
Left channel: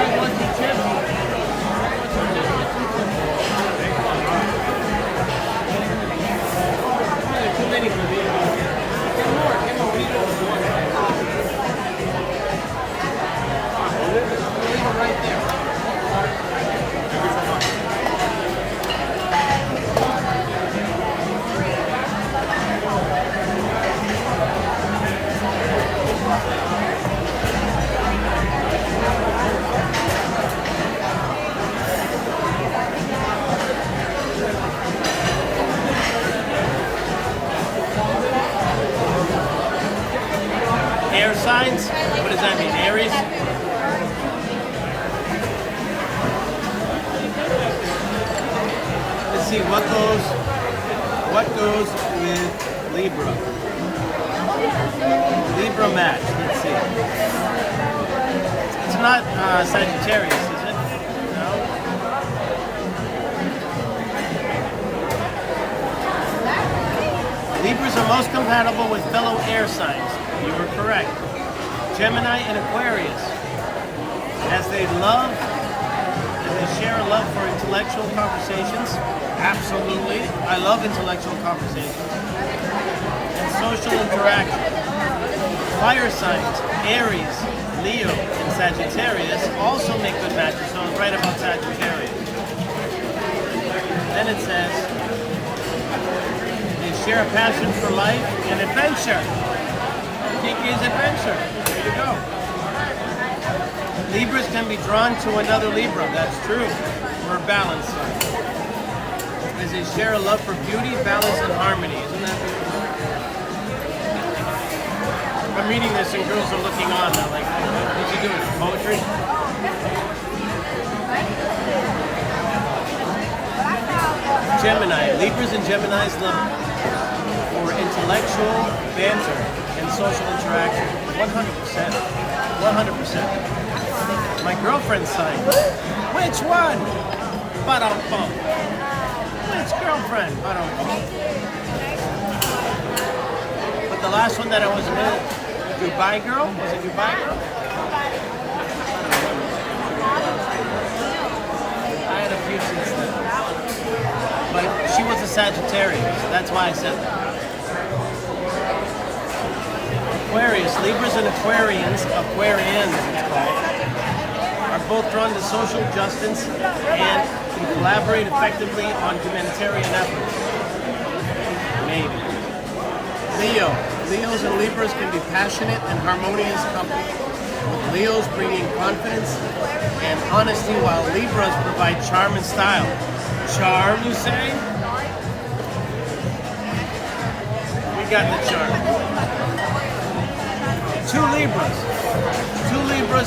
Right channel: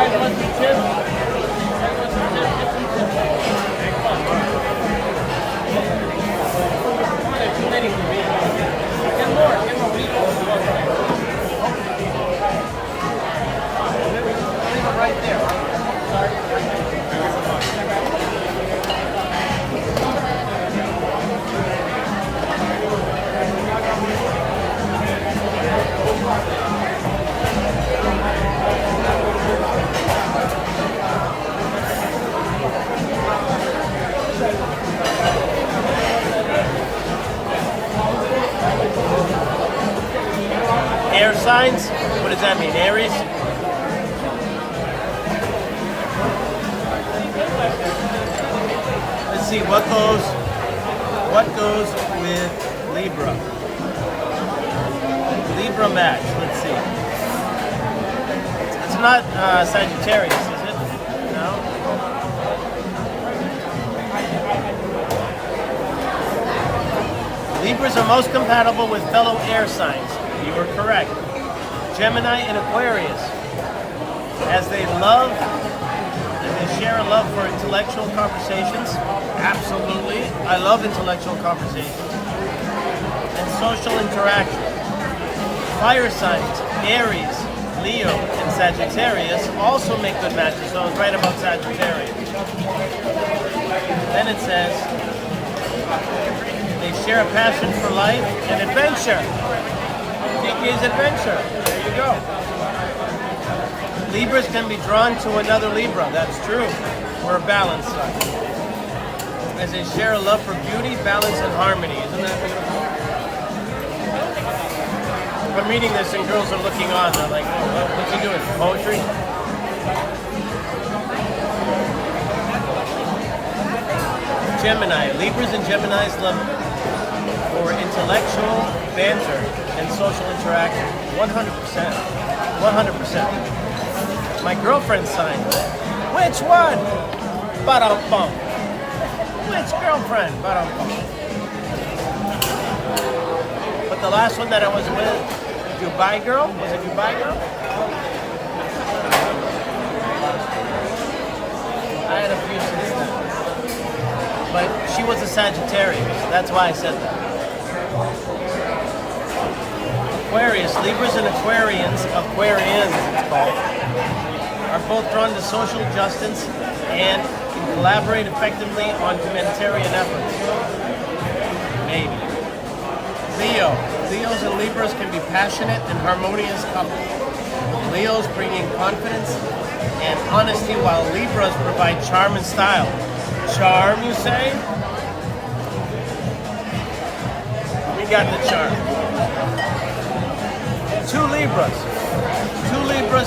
guys want some chips? You guys want some chips? Get some chips. Oh, there's too many for me. Get more. Get more. We don't want leave them right there. Sorry. Thank you so much. Air signs? What does that mean? Aries? Let's see what goes with Libra. Libra match. Let's see. It's not Sagittarius, is it? No. Libras are most compatible with fellow air signs. You were correct. Gemini and Aquarius, as they share a love for intellectual conversations. Absolutely, I love intellectual conversations and social interaction. Fire signs, Aries, Leo, and Sagittarius also make good matches. So I was right about Sagittarius. Then it says they share a passion for life and adventure. Is adventure. There you go. Libras can be drawn to another Libra. That's true. We're a balanced sign. As they share a love for beauty, balance, and harmony. Isn't that beautiful? I'm reading this and girls are looking on. They're like, oh, what you doing? Poetry? Gemini. Libras and Geminis love for intellectual banter and social interaction. 100%. 100%. My girlfriend's sign. Which one? Ba-dum-bum. Which girlfriend? Ba-dum-bum. But the last one that I was with, Dubai girl? Was it Dubai girl? I don't remember. I had a few since then. But she was a Sagittarius. That's why I said that. Aquarius, Libras and Aquarians it's called, are both drawn to social justice and can collaborate effectively on humanitarian efforts. Maybe. Leos and Libras can be passionate and harmonious couples, with Leos bringing confidence and honesty while Libras provide charm and style. Charm, you say? We got the charm. Two Libras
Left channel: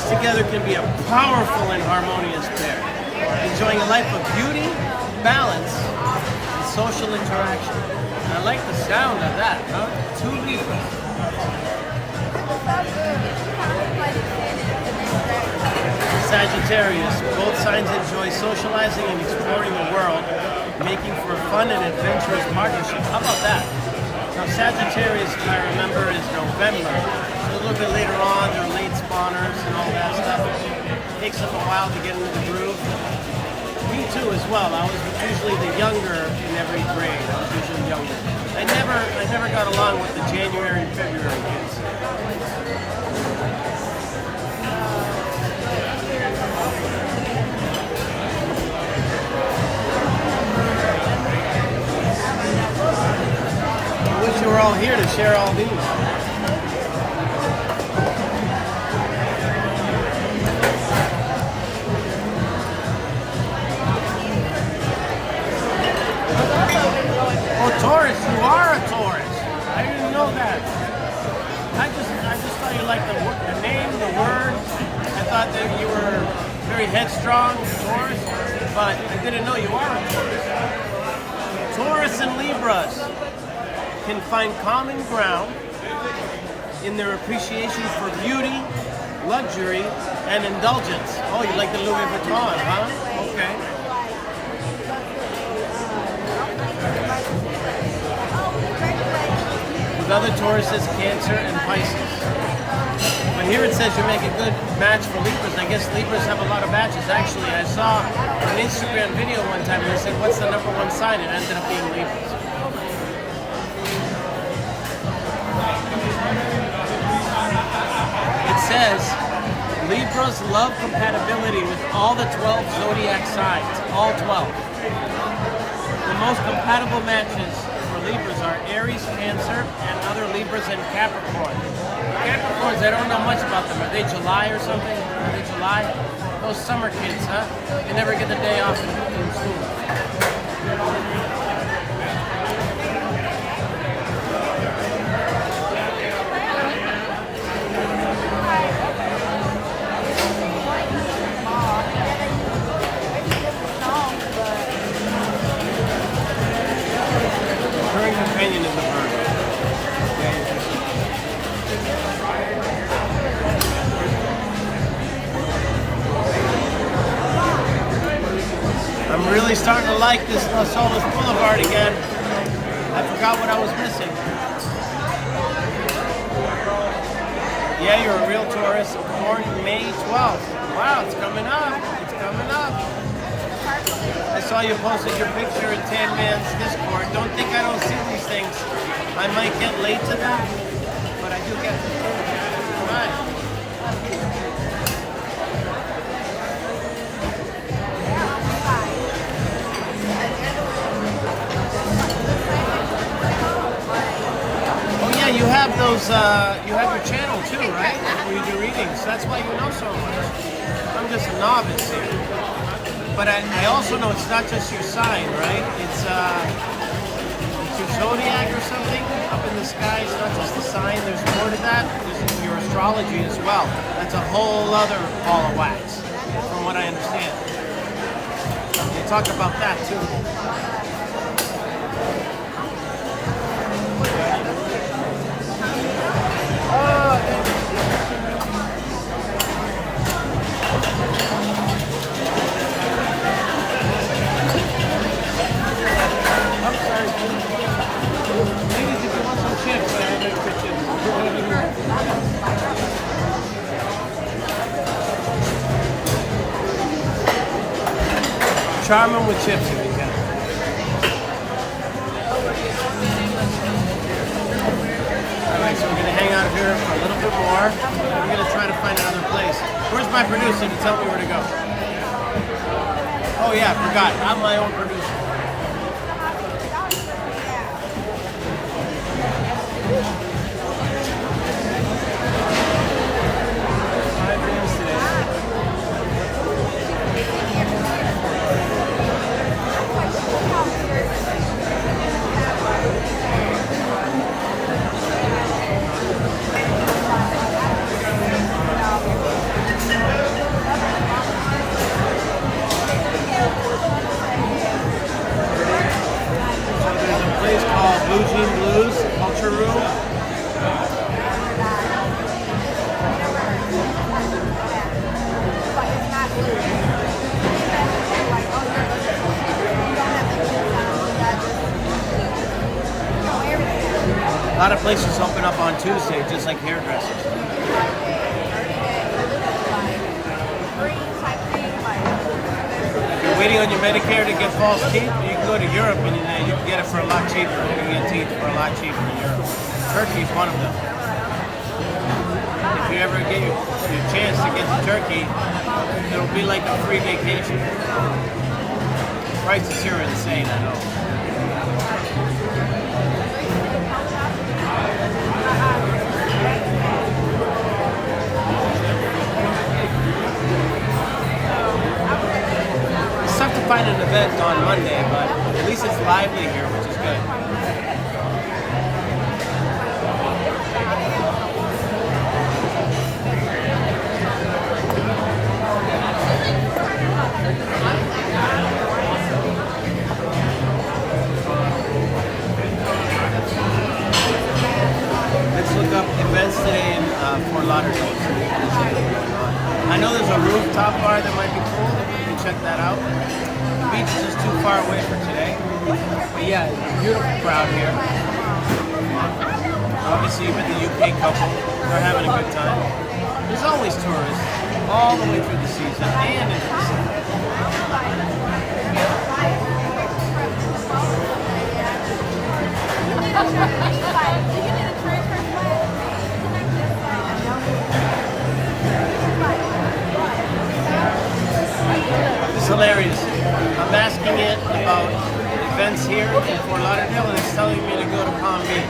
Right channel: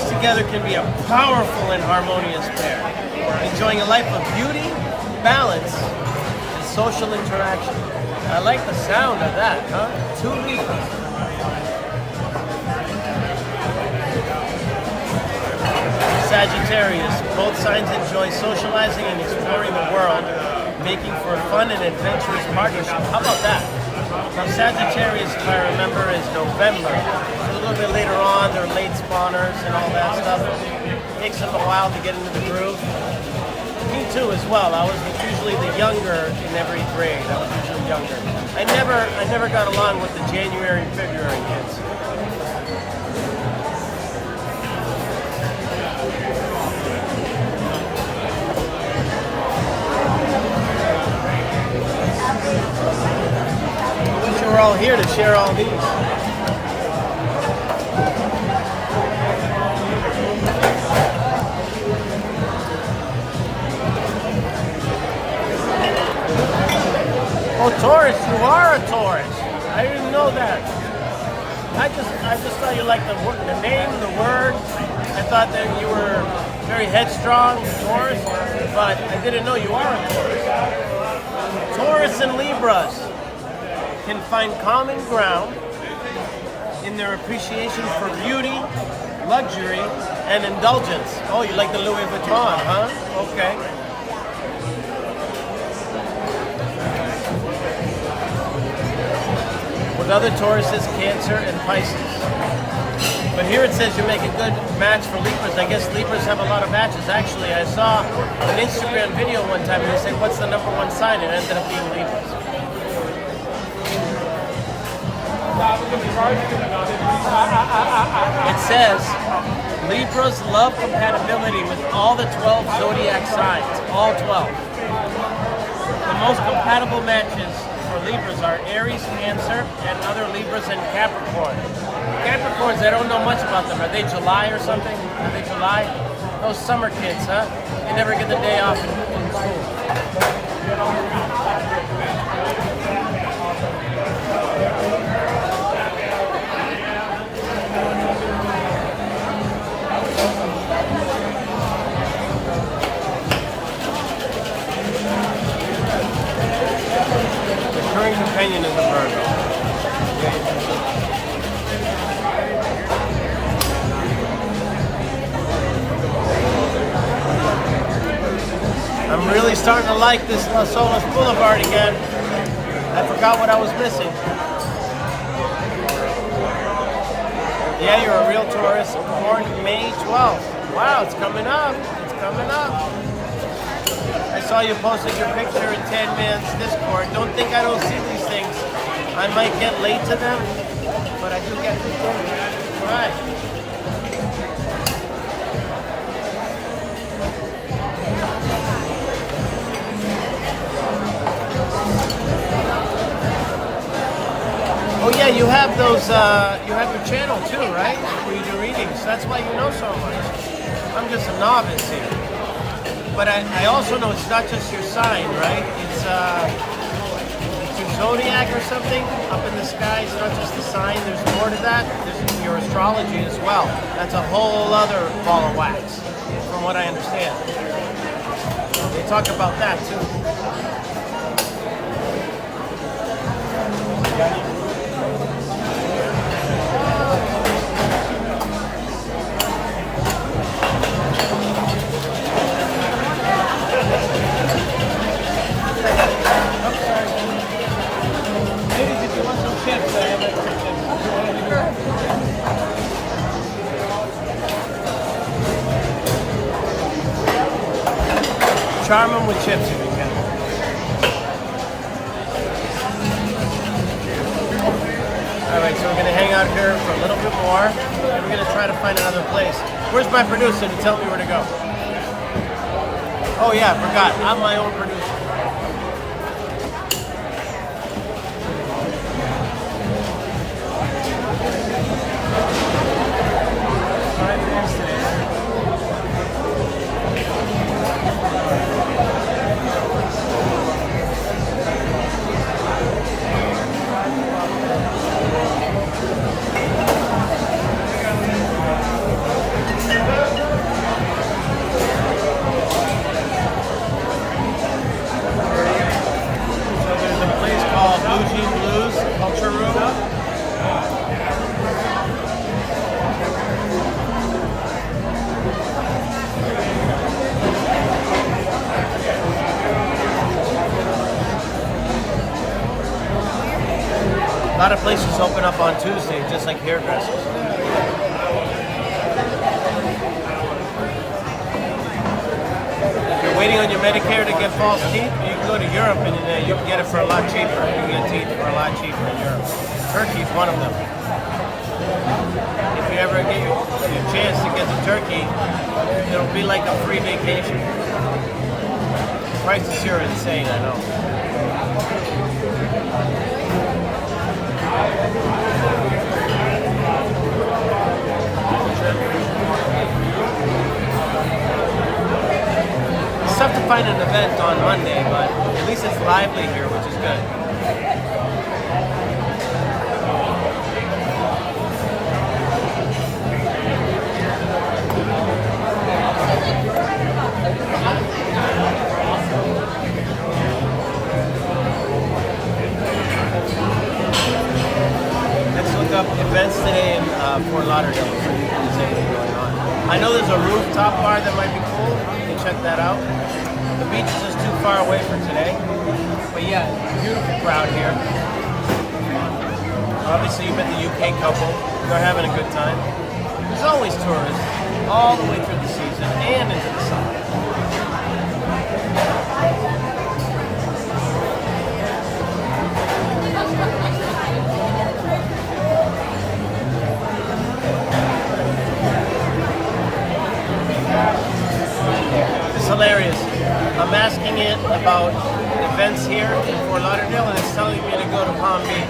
together can be a powerful and harmonious pair, enjoying a life of beauty, balance, and social interaction. I like the sound of that, huh? Two Libras. Sagittarius. Both signs enjoy socializing and exploring the world, making for a fun and adventurous partnership. How about that? Now, Sagittarius, if I remember, is November. A little bit later on, they're late spawners and all that stuff. It takes them a while to get into the groove. Me too, as well. I was usually the younger in every grade. I was usually younger. I never got along with the January and February kids. I wish you were all here to share all these. Oh, Taurus, you are a Taurus. I didn't know that. I just thought you liked the name, the word. I thought that you were very headstrong, Taurus, but I didn't know you are a Taurus. Taurus and Libras can find common ground in their appreciation for beauty, luxury, and indulgence. Oh, you like the Louis Vuitton, huh? Okay. With other Tauruses, Cancer, and Pisces. But here it says you make a good match for Libras. I guess Libras have a lot of matches. Actually, I saw an Instagram video one time and they said, what's the number one sign? It ended up being Libras. It says, Libras love compatibility with all the 12 zodiac signs. All 12. The most compatible matches for Libras are Aries, Cancer, and other Libras and Capricorn. Capricorns, I don't know much about them. Are they July or something? Are they July? Those summer kids, huh? They never get the day off in school. Recurring companion is the Virgo. I'm really starting to like this Las Olas Blvd again. I forgot what I was missing. Yeah, you're a real tourist. Born May 12th. Wow, it's coming up. It's coming up. I saw you posted your picture in 10 Man's Discord. Don't think I don't see these things. I might get late to them, but I do get to them. All right. Oh yeah, you have those, you have your channel too, right? Where you do readings. That's why you know so much. I'm just a novice here. But I also know it's not just your sign, right? It's your zodiac or something up in the sky. It's not just the sign. There's more to that. There's your astrology as well. That's a whole other ball of wax, from what I understand. They talk about that too. Ladies, if you want some chips, I have extra chips. Charm them with chips if you can. Alright, so we're going to hang out here for a little bit more. And we're going to try to find another place. Where's my producer to tell me where to go? Oh yeah, I forgot. I'm my own producer. 5 bands today. So there's a place called Bougie Blues Culture Room. A lot of places open up on Tuesday, just like hairdressers. If you're waiting on your Medicare to get false teeth, you can go to Europe and you can get it for a lot cheaper. You can get teeth for a lot cheaper in Europe. Turkey's one of them. If you ever get your chance to get to Turkey, it'll be like a free vacation. Prices here are insane, I know. It's tough to find an event on Monday, but at least it's lively here, which is good. Let's look up events today in Fort Lauderdale. Going on. I know there's a rooftop bar that might be cool. You can check that out. The beach is just too far away for today. But yeah, it's a beautiful crowd here. Obviously, you met the UK couple. They're having a good time. There's always tourists all the way through the season and into the summer. It's hilarious. I'm asking it about events here in Fort Lauderdale, and it's telling me to go to Palm Beach.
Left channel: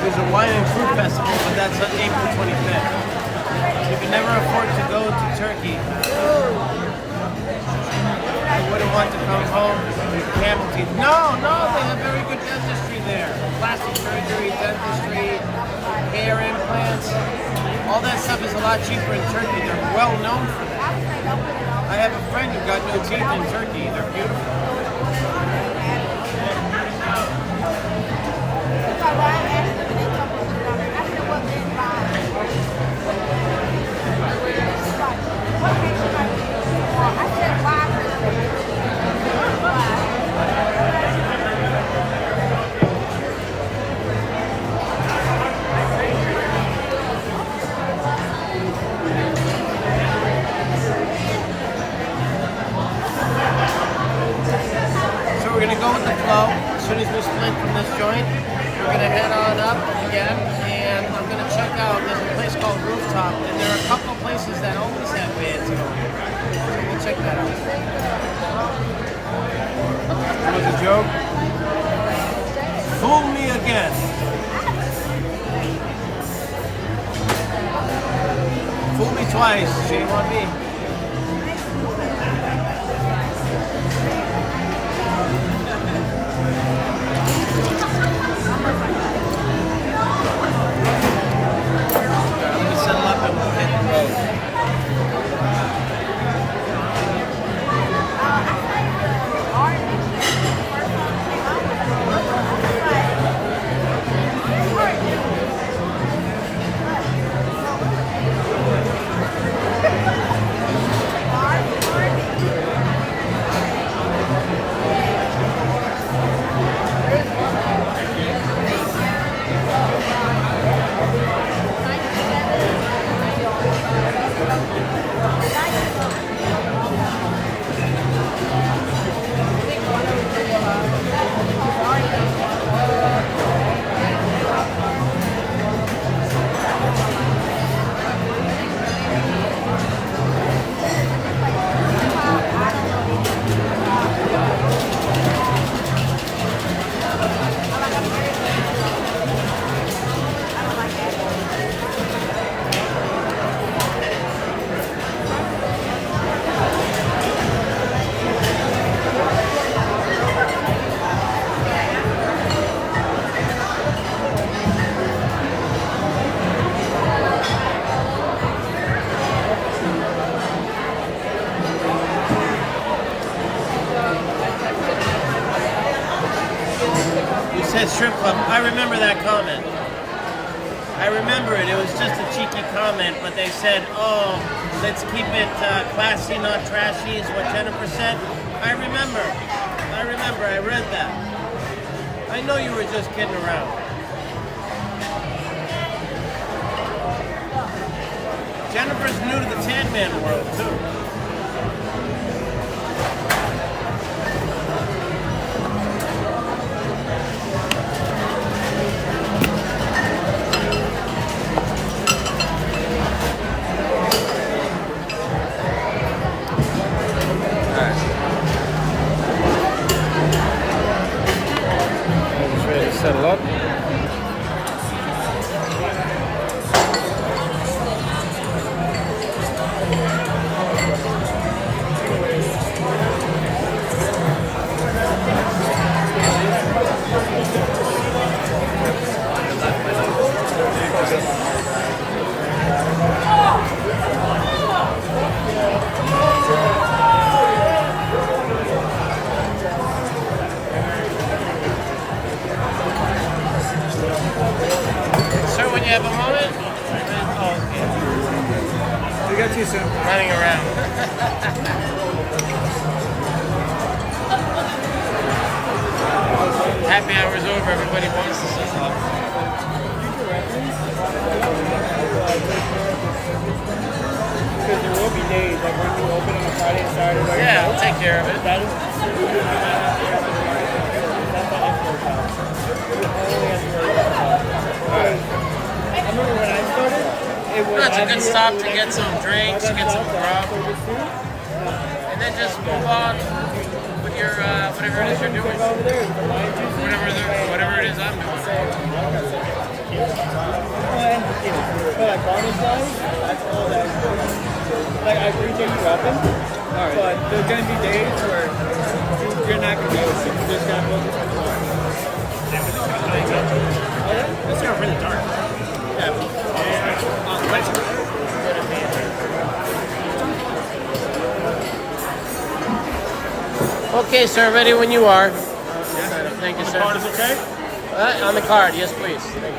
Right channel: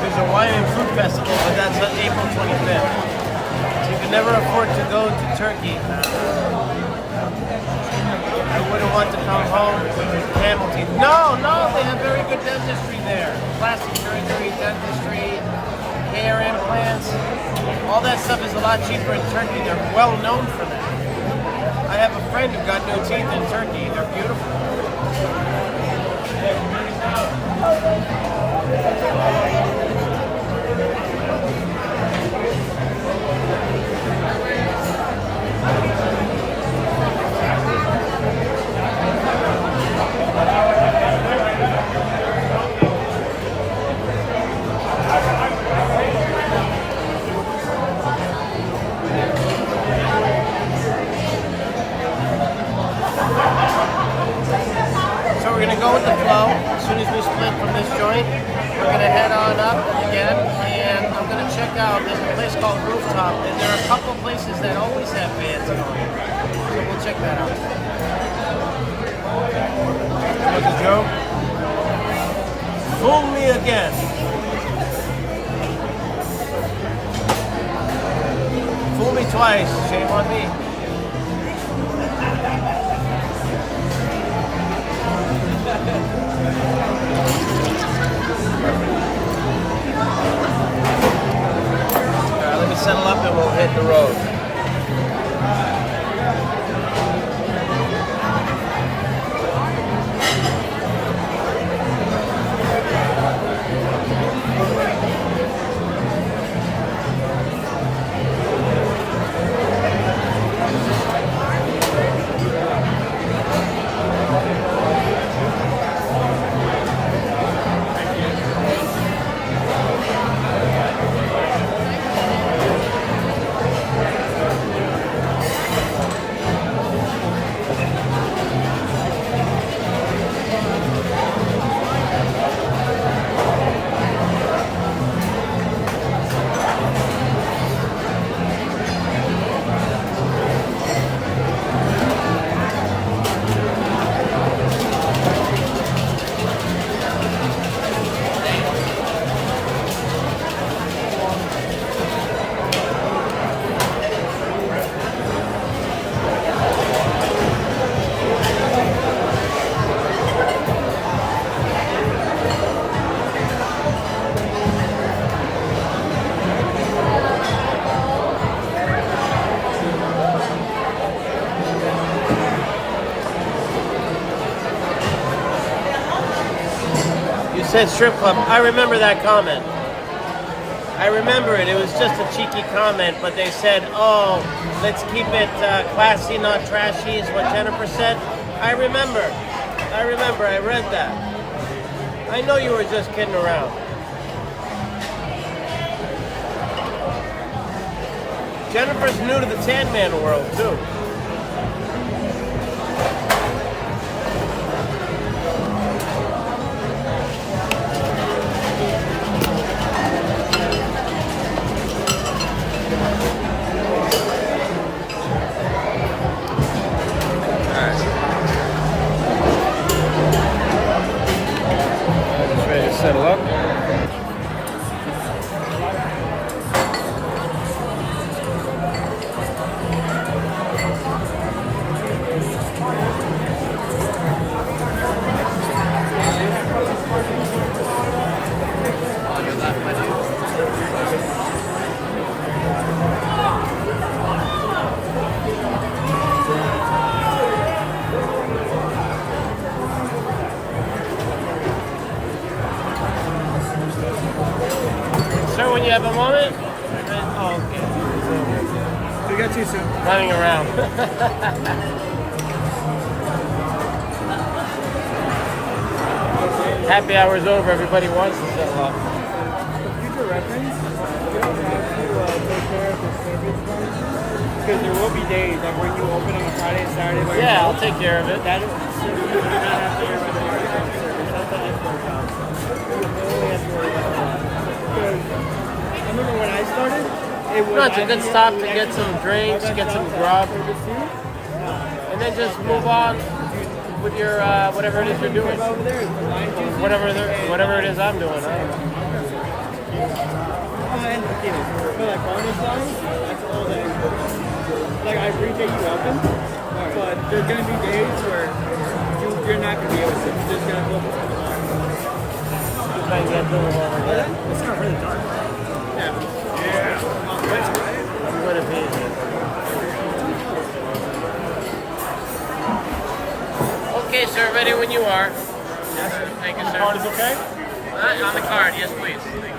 There's a wine and food festival, but that's on April 25th. You can never afford to go to Turkey. I wouldn't want to come home with camel teeth. No, they have very good dentistry there. Plastic surgery, dentistry, hair implants. All that stuff is a lot cheaper in Turkey. They're well known for that. I have a friend who got new teeth in Turkey. They're beautiful. We're going to go with the flow. As soon as we split from this joint, we're going to head on up again, and I'm going to check out, there's a place called Rooftop, and there are a couple places that always have bands going. So we'll check that out. That was a joke. Fool me again. Fool me twice, shame on me. Settle up and we'll hit the road. Said strip club. I remember that comment. I remember it. It was just a cheeky comment, but they said, "Oh, let's keep it classy, not trashy." Is what Jennifer said. I remember. I read that. I know you were just kidding around. Jennifer's new to the Tan Man world too. Ready to settle up. when you have a moment. Oh, okay. We got you soon. Running around. Happy hour's over. Everybody wants to set up. Future reference, we don't have to take care of the service bonuses because there will be days like when you open on a Friday and Saturday. By Yeah, I'll yourself, take care of it. That is, you do not have to worry about the market service. That's the export job. You only have to worry about the bar. Because I remember when I started, it was. No, it's a good stop to get some drinks, get some grub, and then just move on with your whatever it is you're doing. Over there is the lime juice. Whatever it is I'm doing. Oh, and tequila. But like garnish wise, that's all that. Like I appreciate you helping, but there's gonna be days where you're not gonna be able to. You're just gonna focus on the bar. It's got really dark. Yeah. That's right. Okay, sir, ready when you are. Yes. Thank you, On the sir. card is okay? On the card, yes, please. Thank you.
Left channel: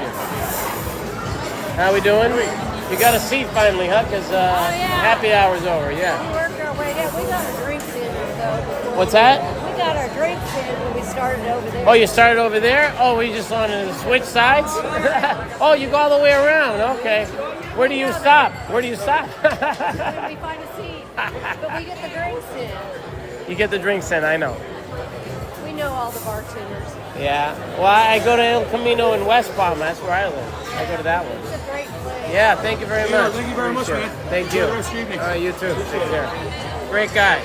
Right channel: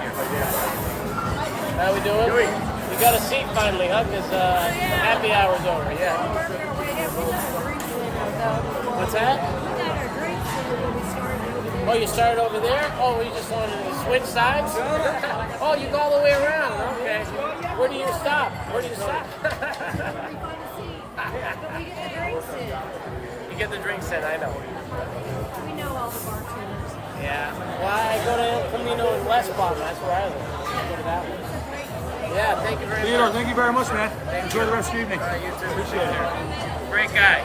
How we doing? You got a seat finally, huh? Because happy hour's over, yeah. We got our drinks in though. Before What's that? We got our drinks in when we started over there. Oh, you started over there? Oh, we just wanted to switch sides? Oh, you go all the way around. Okay. Where do you stop? Where do you stop? We find a seat, but we get the drinks in. You get the drinks in, I know. We know all the bartenders. Yeah. Well, I go to El Camino in West Palm. That's where I live. I go to that one. It's a great place. Yeah, thank you very much. Thank you very much, man. Thank Enjoy you. the rest of your evening. All right, you too. Appreciate it. Great guy.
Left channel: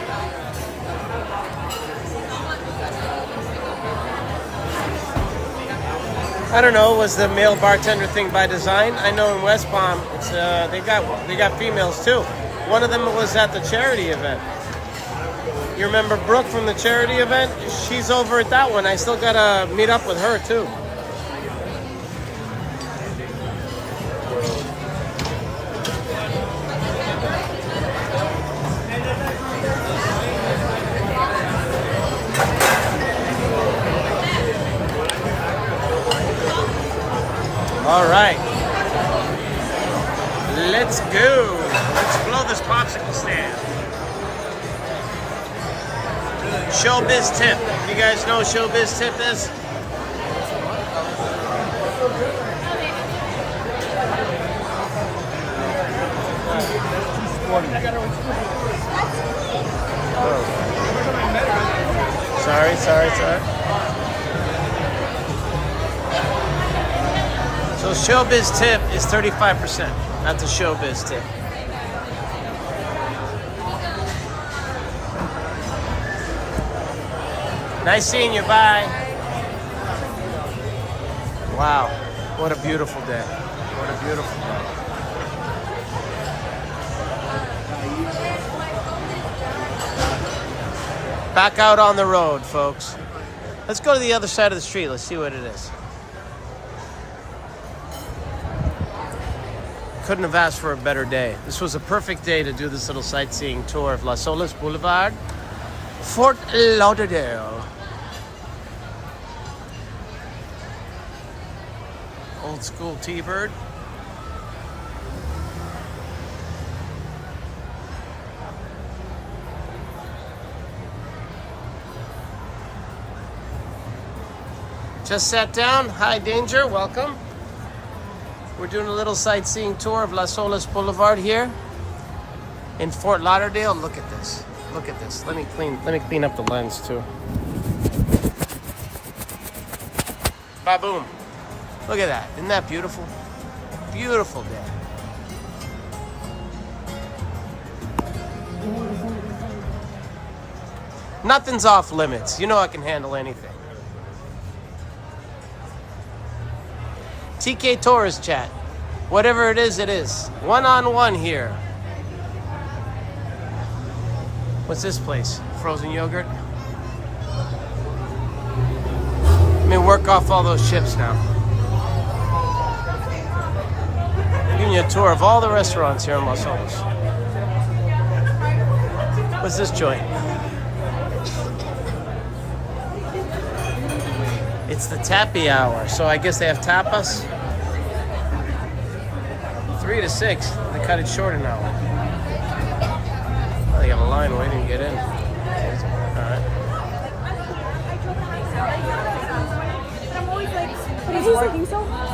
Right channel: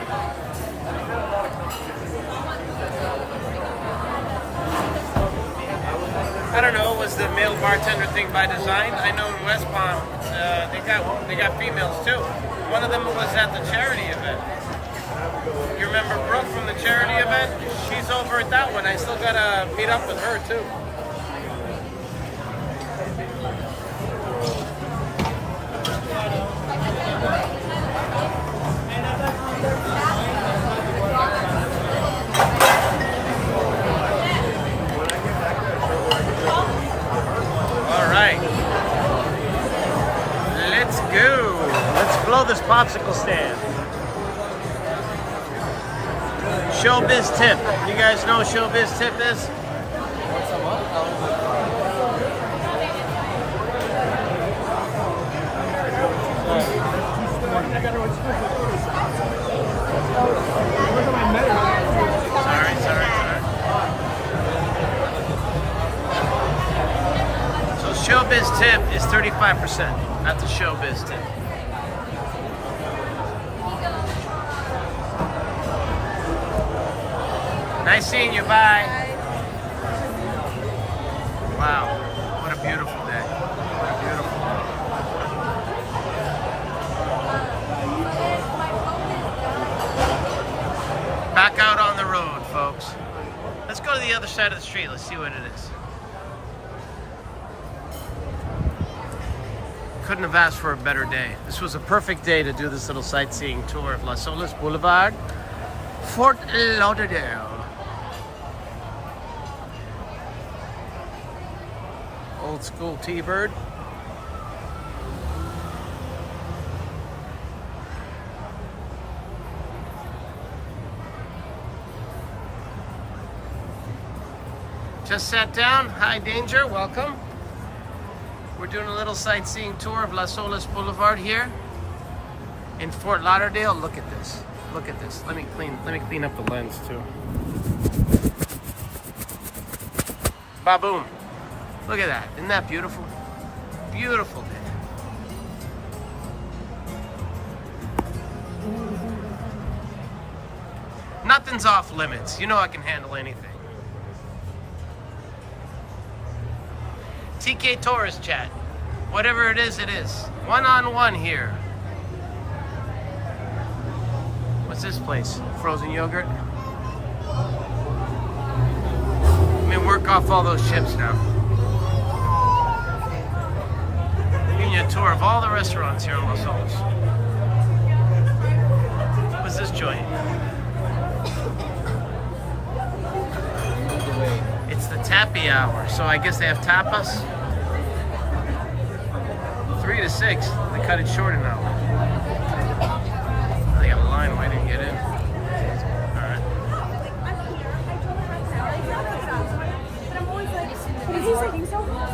I don't know. Was the male bartender thing by design? I know in West Palm, it's, they got females too. One of them was at the charity event. You remember Brooke from the charity event? She's over at that one. I still gotta meet up with her too. All right. Let's go. Let's blow this popsicle stand. Showbiz tip. You guys know what showbiz tip is? Sorry. So showbiz tip is 35%. That's a showbiz tip. Nice seeing you. Bye. Wow. What a beautiful day. What a beautiful day. Back out on the road, folks. Let's go to the other side of the street. Let's see what it is. Couldn't have asked for a better day. This was a perfect day to do this little sightseeing tour of Las Olas Blvd, Fort Lauderdale. Old school T-Bird. Just sat down. Hi, Danger. Welcome. We're doing a little sightseeing tour of Las Olas Blvd here in Fort Lauderdale. Look at this. Look at this. Let me clean up the lens too. Ba-boom. Look at that. Isn't that beautiful? Beautiful day. Nothing's off limits. You know I can handle anything. TK Tourist Chat. Whatever it is, it is. One-on-one here. What's this place? Frozen yogurt? Let me work off all those chips now. Giving you a tour of all the restaurants here in Las Olas. What's this joint? It's the tappy hour, so I guess they have tapas. 3 to 6. They cut it short an hour. Oh, they got a line waiting to get in. All right.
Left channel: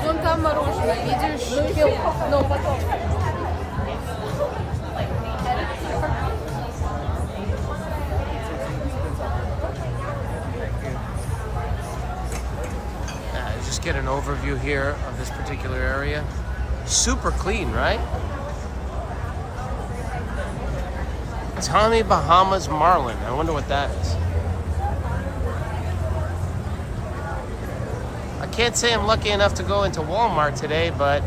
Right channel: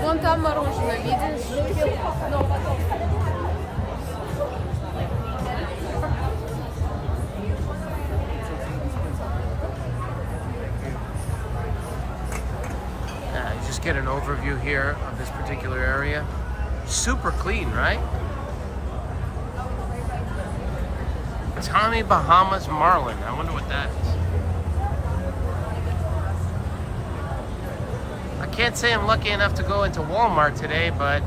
Вон там мороженое, видишь? You just get an overview here of this particular area. Super clean, right? Tommy Bahama's Marlin. I wonder what that is. I can't say I'm lucky enough to go into Walmart today, but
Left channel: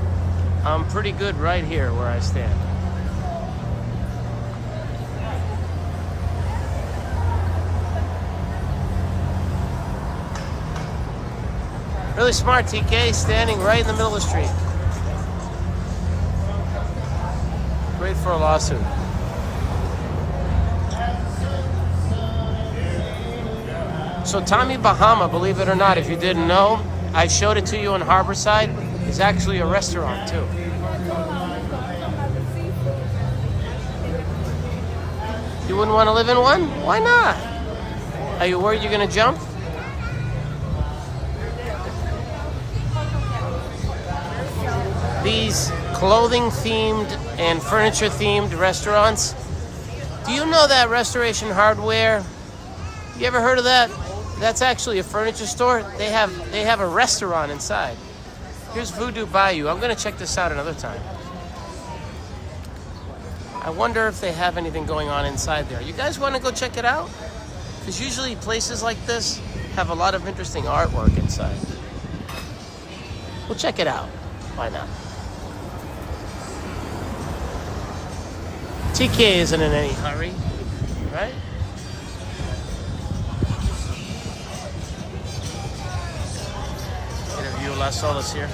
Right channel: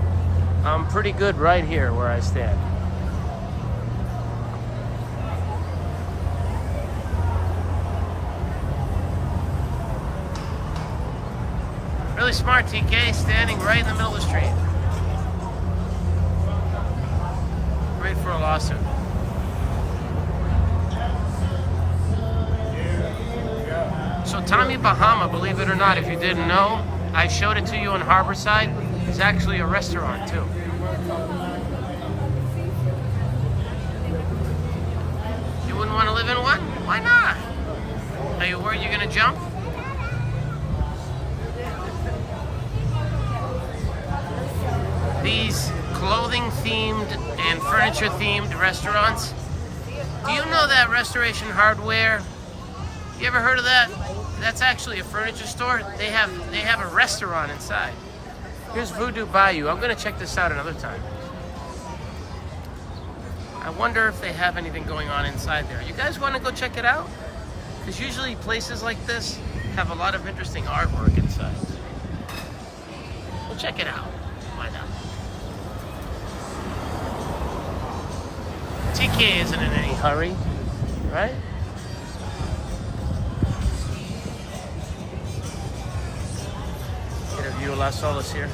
I'm pretty good right here where I stand. Really smart, TK, standing right in the middle of the street. Great for a lawsuit. So Tommy Bahama, believe it or not, if you didn't know, I showed it to you on Harborside. It's actually a restaurant too. You wouldn't want to live in one? Why not? Are you worried you're gonna jump? These clothing themed and furniture themed restaurants. Do you know that Restoration Hardware? You ever heard of that? That's actually a furniture store. They have a restaurant inside. Here's Voodoo Bayou. I'm gonna check this out another time. I wonder if they have anything going on inside there. You guys wanna go check it out? Because usually places like this have a lot of interesting artwork inside. We'll check it out. Why not? TK isn't in any hurry, right? Get a view of Las Olas here.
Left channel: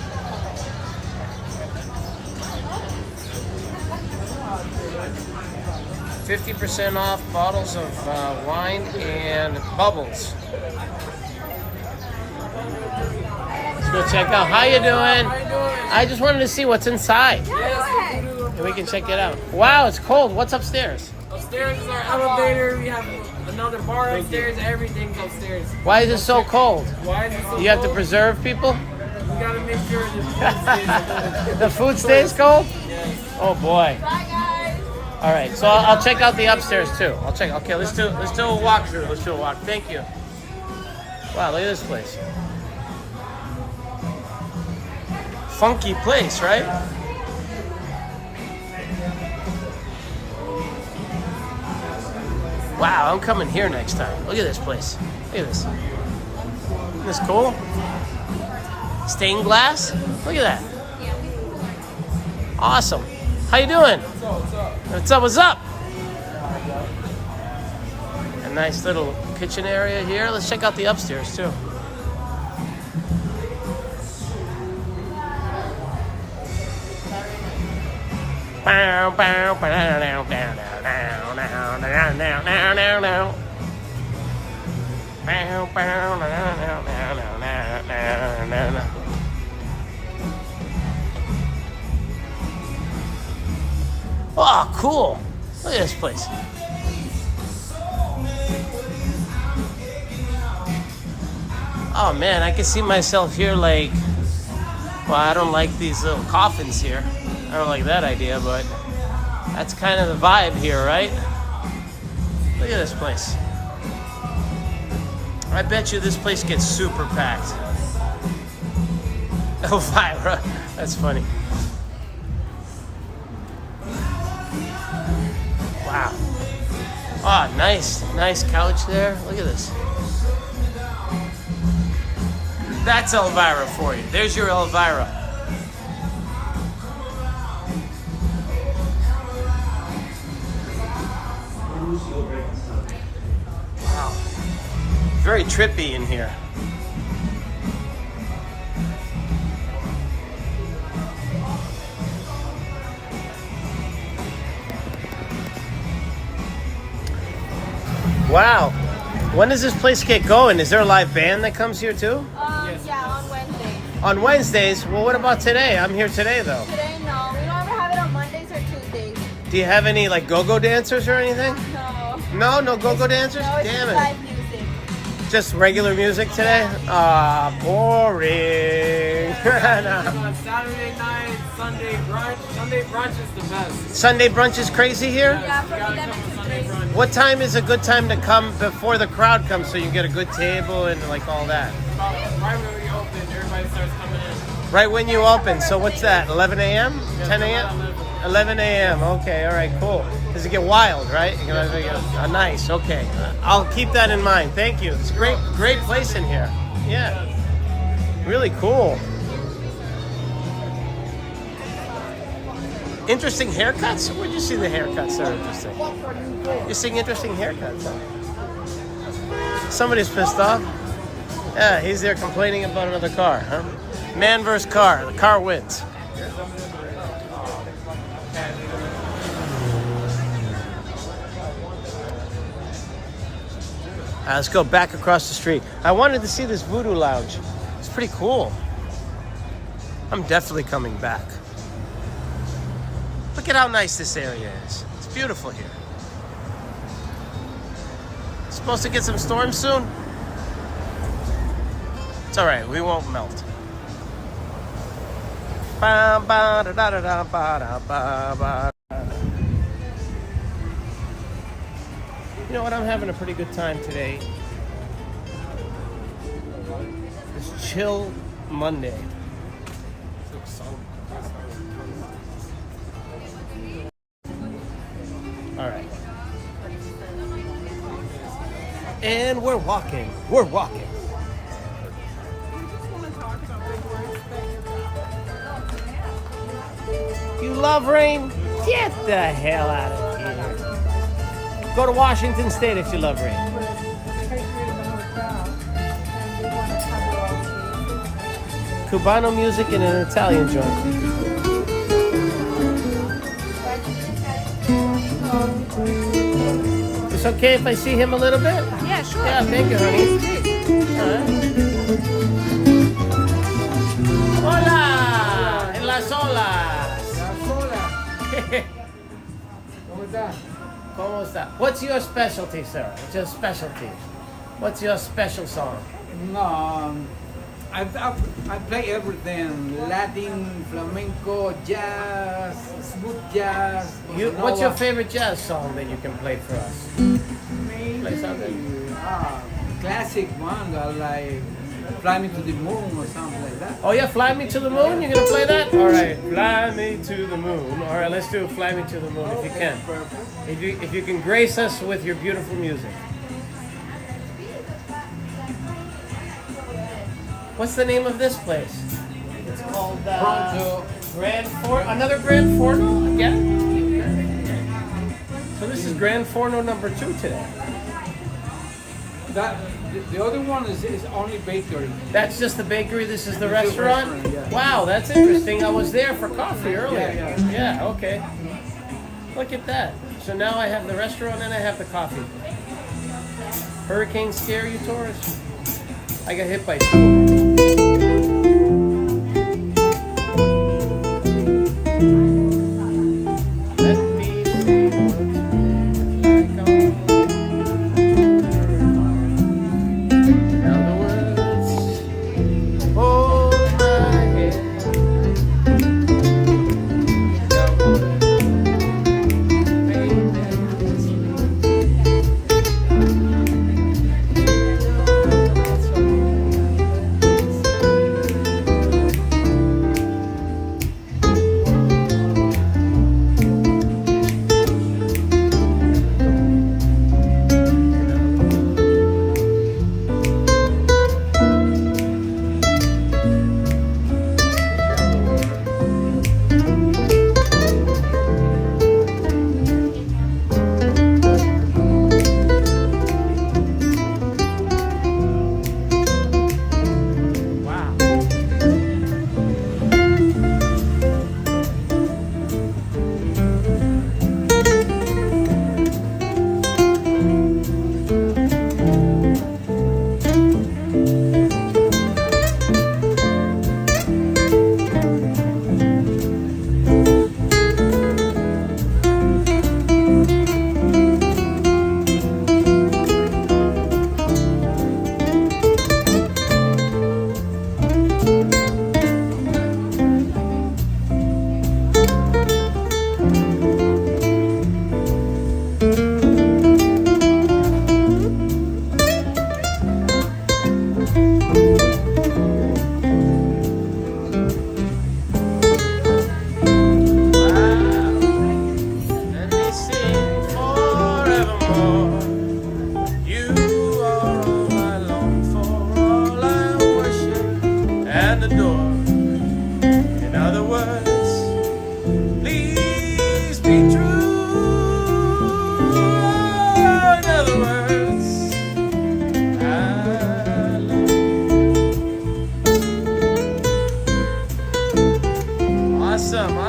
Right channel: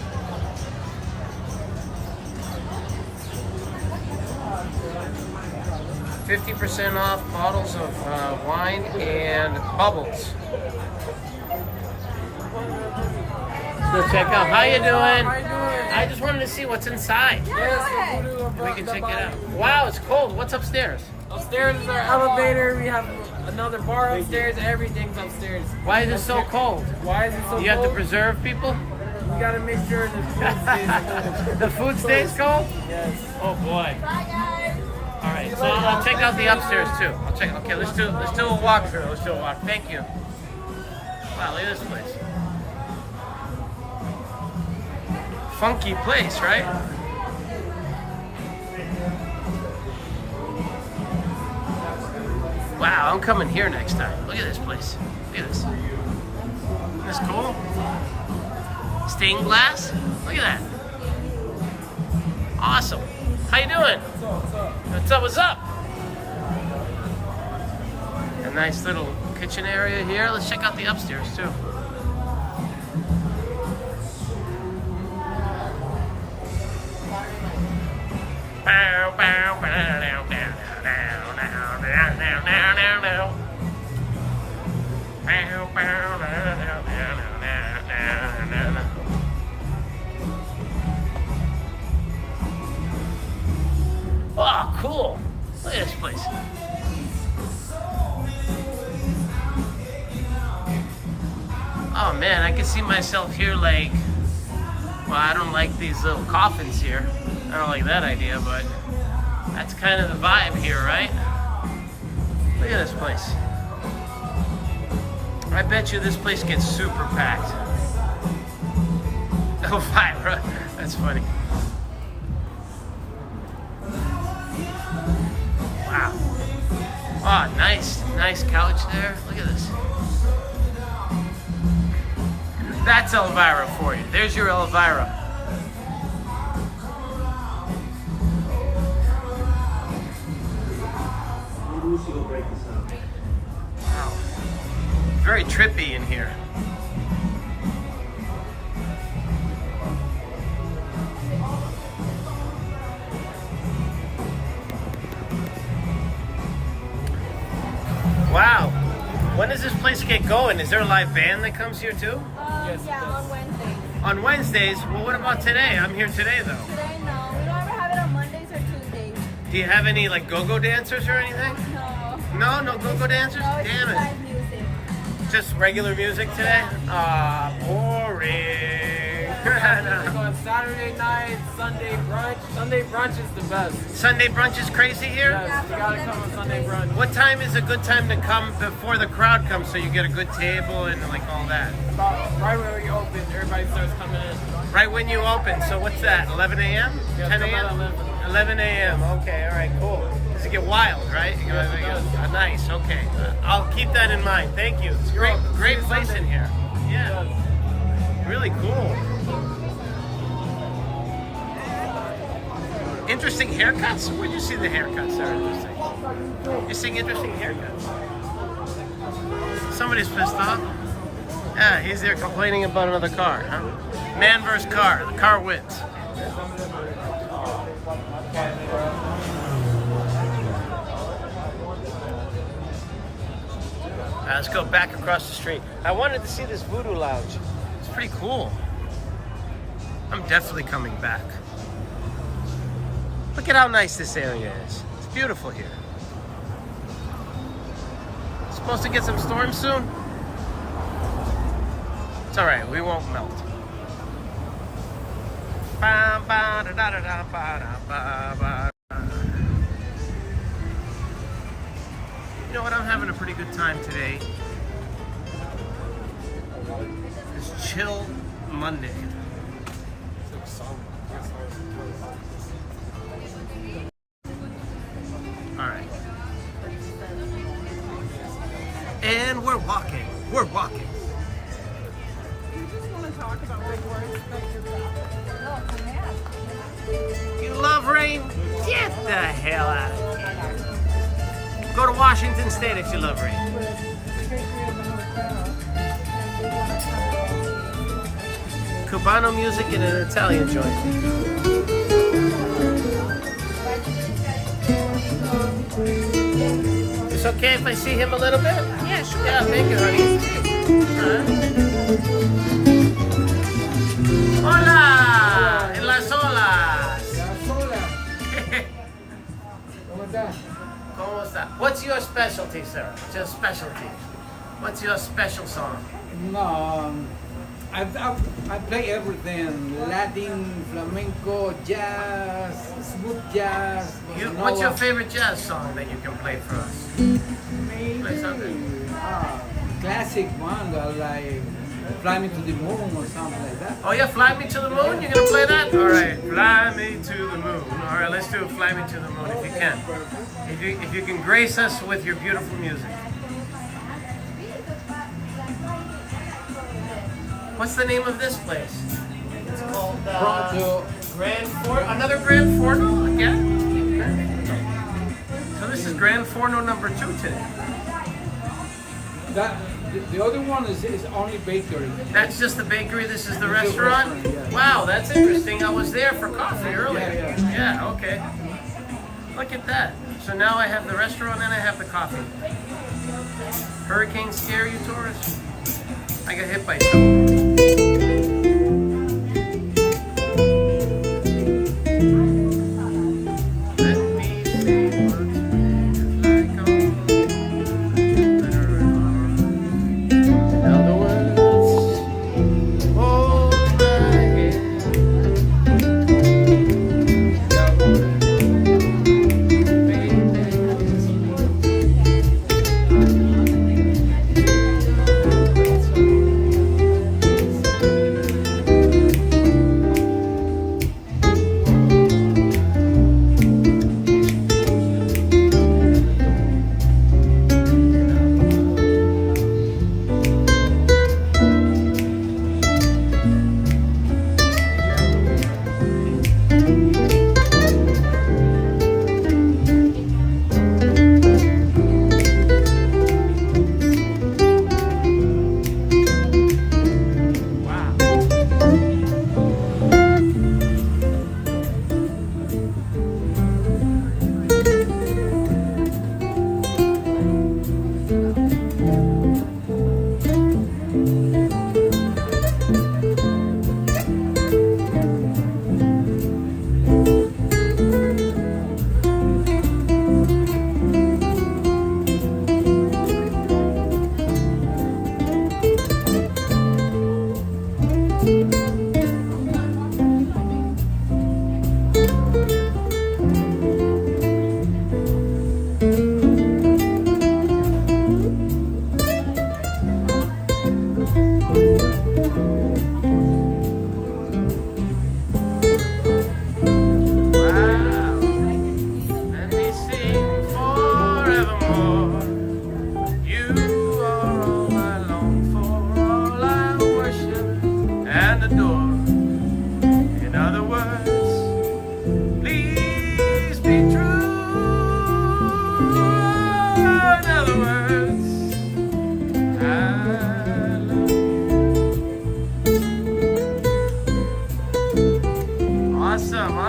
$50% off bottles of wine and bubbles. Let's go check out. How you doing? I just wanted to see what's inside. We can check it out. Wow, it's cold. What's upstairs? Upstairs is our elevator. We have another bar upstairs. Everything's upstairs. Why is it so cold? Why is it so cold? You have to preserve people? We gotta make sure the food stays cold. The food stays cold? Yes. Oh boy. Bye, guys. All right, so I'll check out the upstairs too. I'll check. Okay, let's do a walkthrough. Let's do a walk. Thank you. Wow, look at this place. Funky place, right? Wow, I'm coming here next time. Look at this place. Look at this. Isn't this cool? Stained glass? Look at that. Awesome. How you doing? What's up? What's up? A nice little kitchen area here. Let's check out the upstairs too. Oh, cool. Look at this place. Oh man, I can see myself here like, well, I don't like these little coffins here. I don't like that idea, but that's kind of the vibe here, right? Look at this place. I bet you this place gets super packed. Elvira, that's funny. Wow. Oh, nice couch there. Look at this. That's Elvira for you. There's your Elvira. Wow. Very trippy in here. Wow. When does this place get going? Is there a live band that comes here too? Yeah, on Wednesdays. On Wednesdays? Well, what about today? I'm here today though. Today, no. We don't ever have it Do you have any like go-go dancers or anything? No go-go dancers? No, it's Damn just it. live music. Just regular music today? Boring. On Saturday night, Sunday brunch. Sunday brunch is the best. Sunday brunch is crazy here? Yes, you gotta come on Sunday brunch. What time is a good time to come before the crowd comes so you get a good table and like all that? About right when we open, everybody starts coming in. Right when you open. So what's that? 11 a.m.? Yeah, 10 come a.m.? at 11. 11 a.m. Okay, all right, cool. Does it get wild, right? Yes, it does. Nice. Okay. I'll keep that in mind. Thank you. It's great place in here. Yeah. Really cool. Interesting haircuts? Where'd you see the haircuts that are interesting? You're seeing interesting haircuts. Somebody's pissed off. Yeah, he's there complaining about another car, huh? Man versus car. The car wins. Let's go back across the street. I wanted to see this Voodoo Lounge. It's pretty cool. I'm definitely coming back. Look at how nice this area is. It's beautiful here. Supposed to get some storms soon? It's all right, we won't melt. You know what? I'm having a pretty good time today. It's Chill Monday. All right. And we're walking. We're walking. We just want to talk about big words. You love rain? Get the hell out of here. Go to Washington State if you love rain. Cubano music and an Italian joint. It's okay if I see him a little bit? Yeah, sure. Yeah, thank you, honey. Hola! En Las Olas! ¿Cómo está? What's your specialty, sir? Just specialty. What's your special song? No, I play everything: Latin, flamenco, jazz, smooth jazz. What's your favorite jazz song that you can play for us? Maybe Play something. Classic one, like "Fly Me to the Moon" or something like that. Oh yeah, Fly Me to the Moon? You're gonna play that? Alright, Fly Me to the Moon. Alright, let's do Fly Me to the Moon if you can. If you can grace us with your beautiful music. What's the name of this place? It's called Gran Forno. Another Gran Forno again? So this is Gran Forno number 2 today. The other one is only bakery. That's just the bakery. This is the This is the restaurant. restaurant, yeah. Wow, that's interesting. I was there for coffee earlier. Yeah. Okay. Look at that. So now I have the restaurant and I have the coffee. Hurricane scare you, tourists? I got hit by something.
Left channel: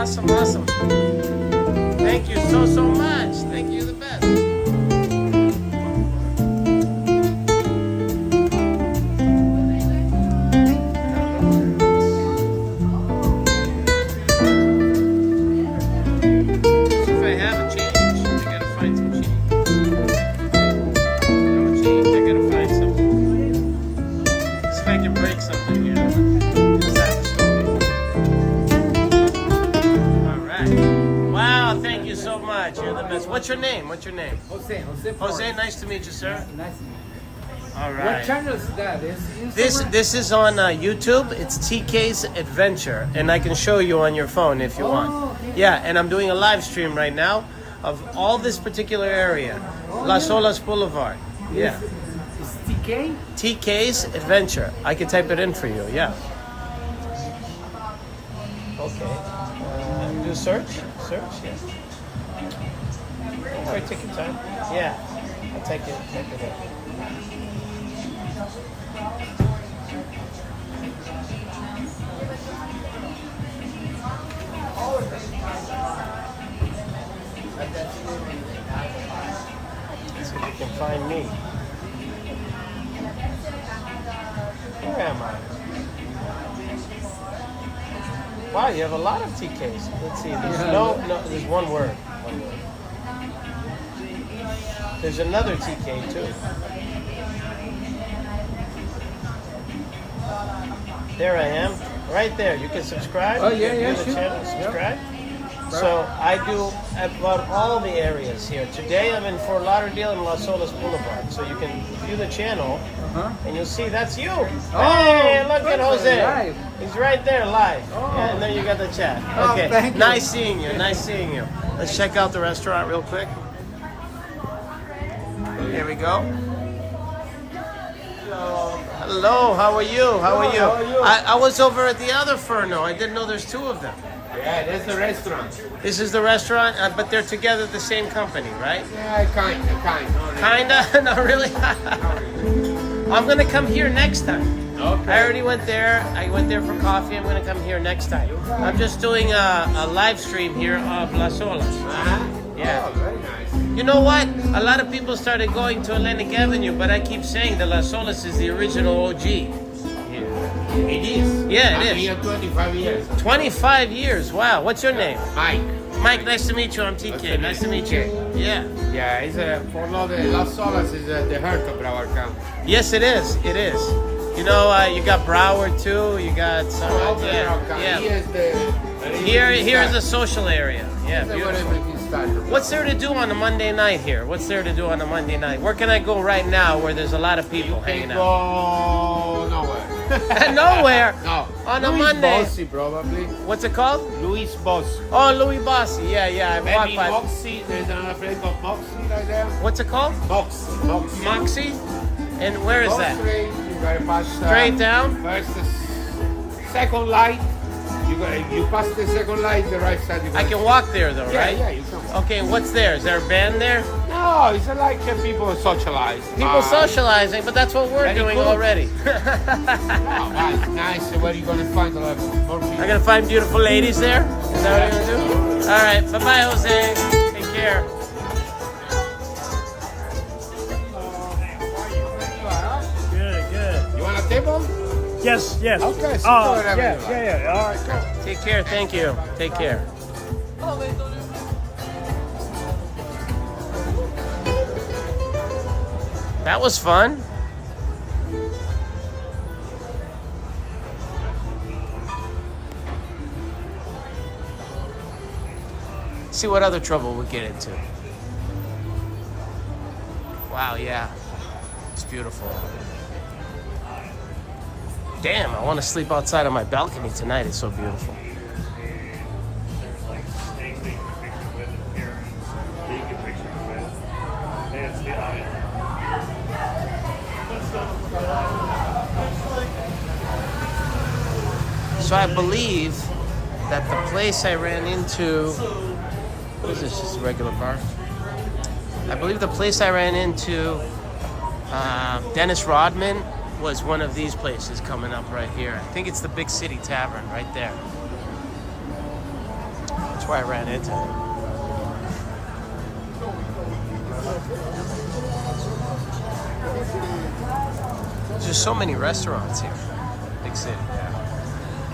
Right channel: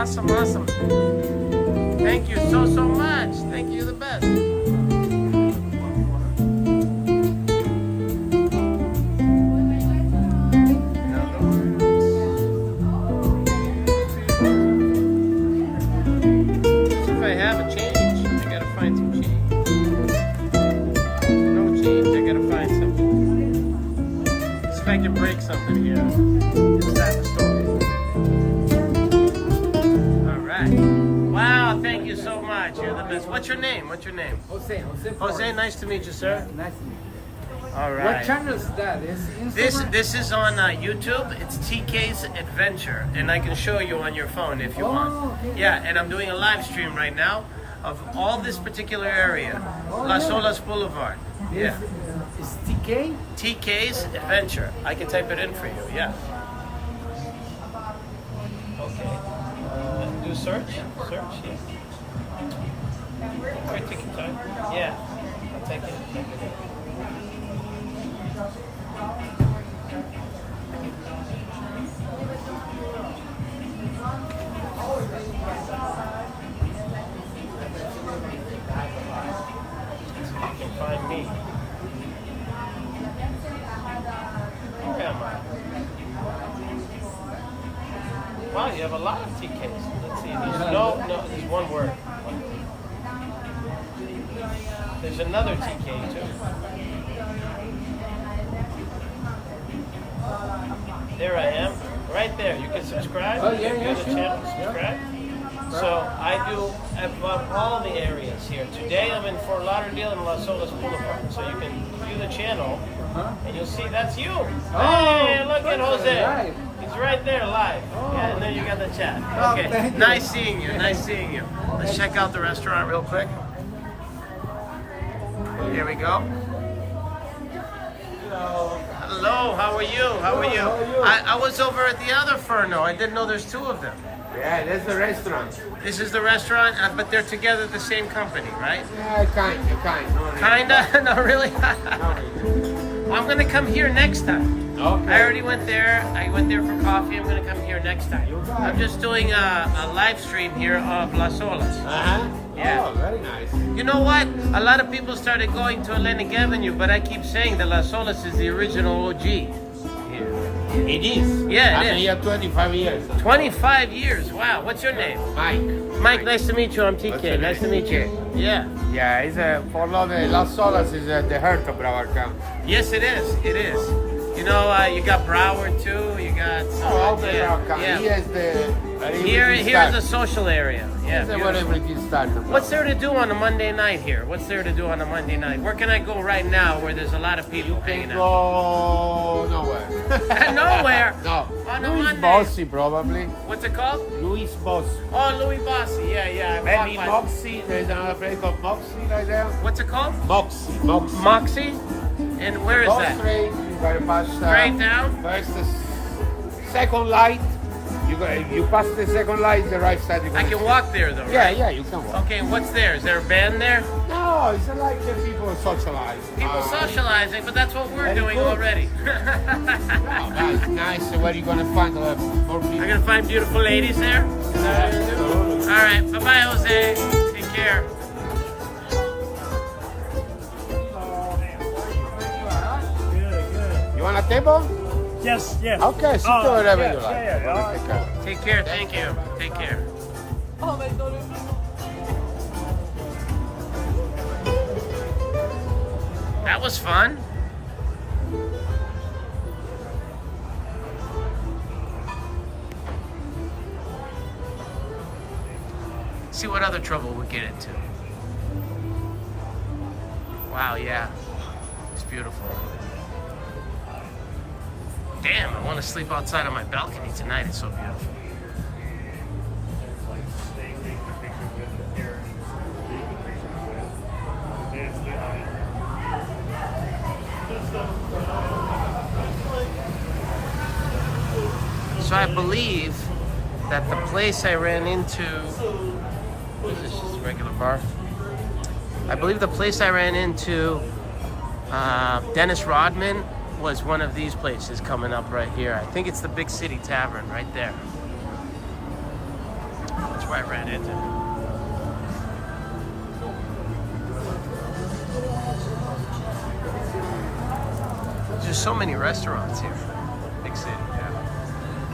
Awesome, awesome. Thank you so much. Thank you, the best. See if I have a change. I gotta find some change. No change. I gotta find something. See if I can break something here. Is that the story? All right. Wow, thank you so much. You're the best. What's your name? What's your name? Jose. Jose, nice to meet you, sir. Nice to meet you. All What right. channel is that? Is Instagram? This is on YouTube. It's TK's Adventure, and I can show you on your phone if you want. Okay. Yeah, and I'm doing a live stream right now of all this particular area, Las Olas Blvd. Yeah. Is TK? TK's Adventure. I can type it in for you. Yeah. Okay. I can do search. Search. Right, take your time. Yeah. I'll take it. So you can find me. Where am I? Wow, you have a lot of TKs. Let's see. There's one word. There's another TK too. There I am. Right there. You can subscribe. Oh, yeah, You yeah, have the sure. channel to subscribe. So I do about all the areas here. Today I'm in Fort Lauderdale and Las Olas Boulevard. So you can view the channel and you'll see that's you. Hey, look at Jose. Live. He's right there live. And then you got the chat. Okay. thank you. Nice seeing you. Nice seeing you. Let's check out the restaurant real quick. Here we go. Hello, how are you? How are you? How are you? I was over at the other Forno. I didn't know there's two of them. Yeah, that's the restaurant. This is the restaurant, but they're together at the same company, right? Yeah, kind. No, really. Kinda? No, really? I'm gonna come here next time. Okay. I already went there. I went there for coffee. I'm gonna come here next time. I'm just doing a live stream here of Las Olas. Yeah. Oh, very nice. You know what? A lot of people started going to Atlantic Avenue, but I keep saying that Las Olas is the original OG. It is. Yeah, I'm it is. here 25 years. 25 years. Wow. What's your name? Mike. Mike, nice to meet you. I'm TK. Nice to meet you. Yeah. Yeah, it's Forno de Las Olas is the heart of our camp. Yes, it is. It is. You know, you got Broward too. You got Here's the social area. Yeah, beautiful. What's there to do on a Monday night here? What's there to do on a Monday night? Where can I go right now where there's a lot of people hanging out? Go nowhere. Nowhere. No. On a Louis Monday. Bossi, probably. What's it called? Louis Bossi. Oh, Louis Bossi. Yeah. I Maybe walked by- Moxie. There's another place called Moxie right there. What's it called? Moxie. Moxie. And where is that? Straight, you gotta pass Straight down? First, second light. You pass the second light, the right side. I can walk there though, Yeah, right? yeah, you can. Okay, what's there? Is there a band there? No, it's like people socialize. People socializing, but that's what we're Very doing good. already. No, but it's nice. Where are you gonna find a lot more people? I'm gonna find beautiful ladies there. Is that what you do? All right, bye-bye, Jose. Take care. Good. You want a table? Yes. Okay, super. Whatever you like. Yeah. All right. Take care. Thank you. Take care. That was fun. See what other trouble we'll get into. Wow, yeah. It's beautiful. Damn, I want to sleep outside on my balcony tonight. It's so beautiful. So I believe that the place I ran into, this is just a regular bar. I believe the place I ran into, Dennis Rodman, was one of these places coming up right here. I think it's the Big City Tavern right there. That's why I ran into him. There's so many restaurants here. Big city, yeah.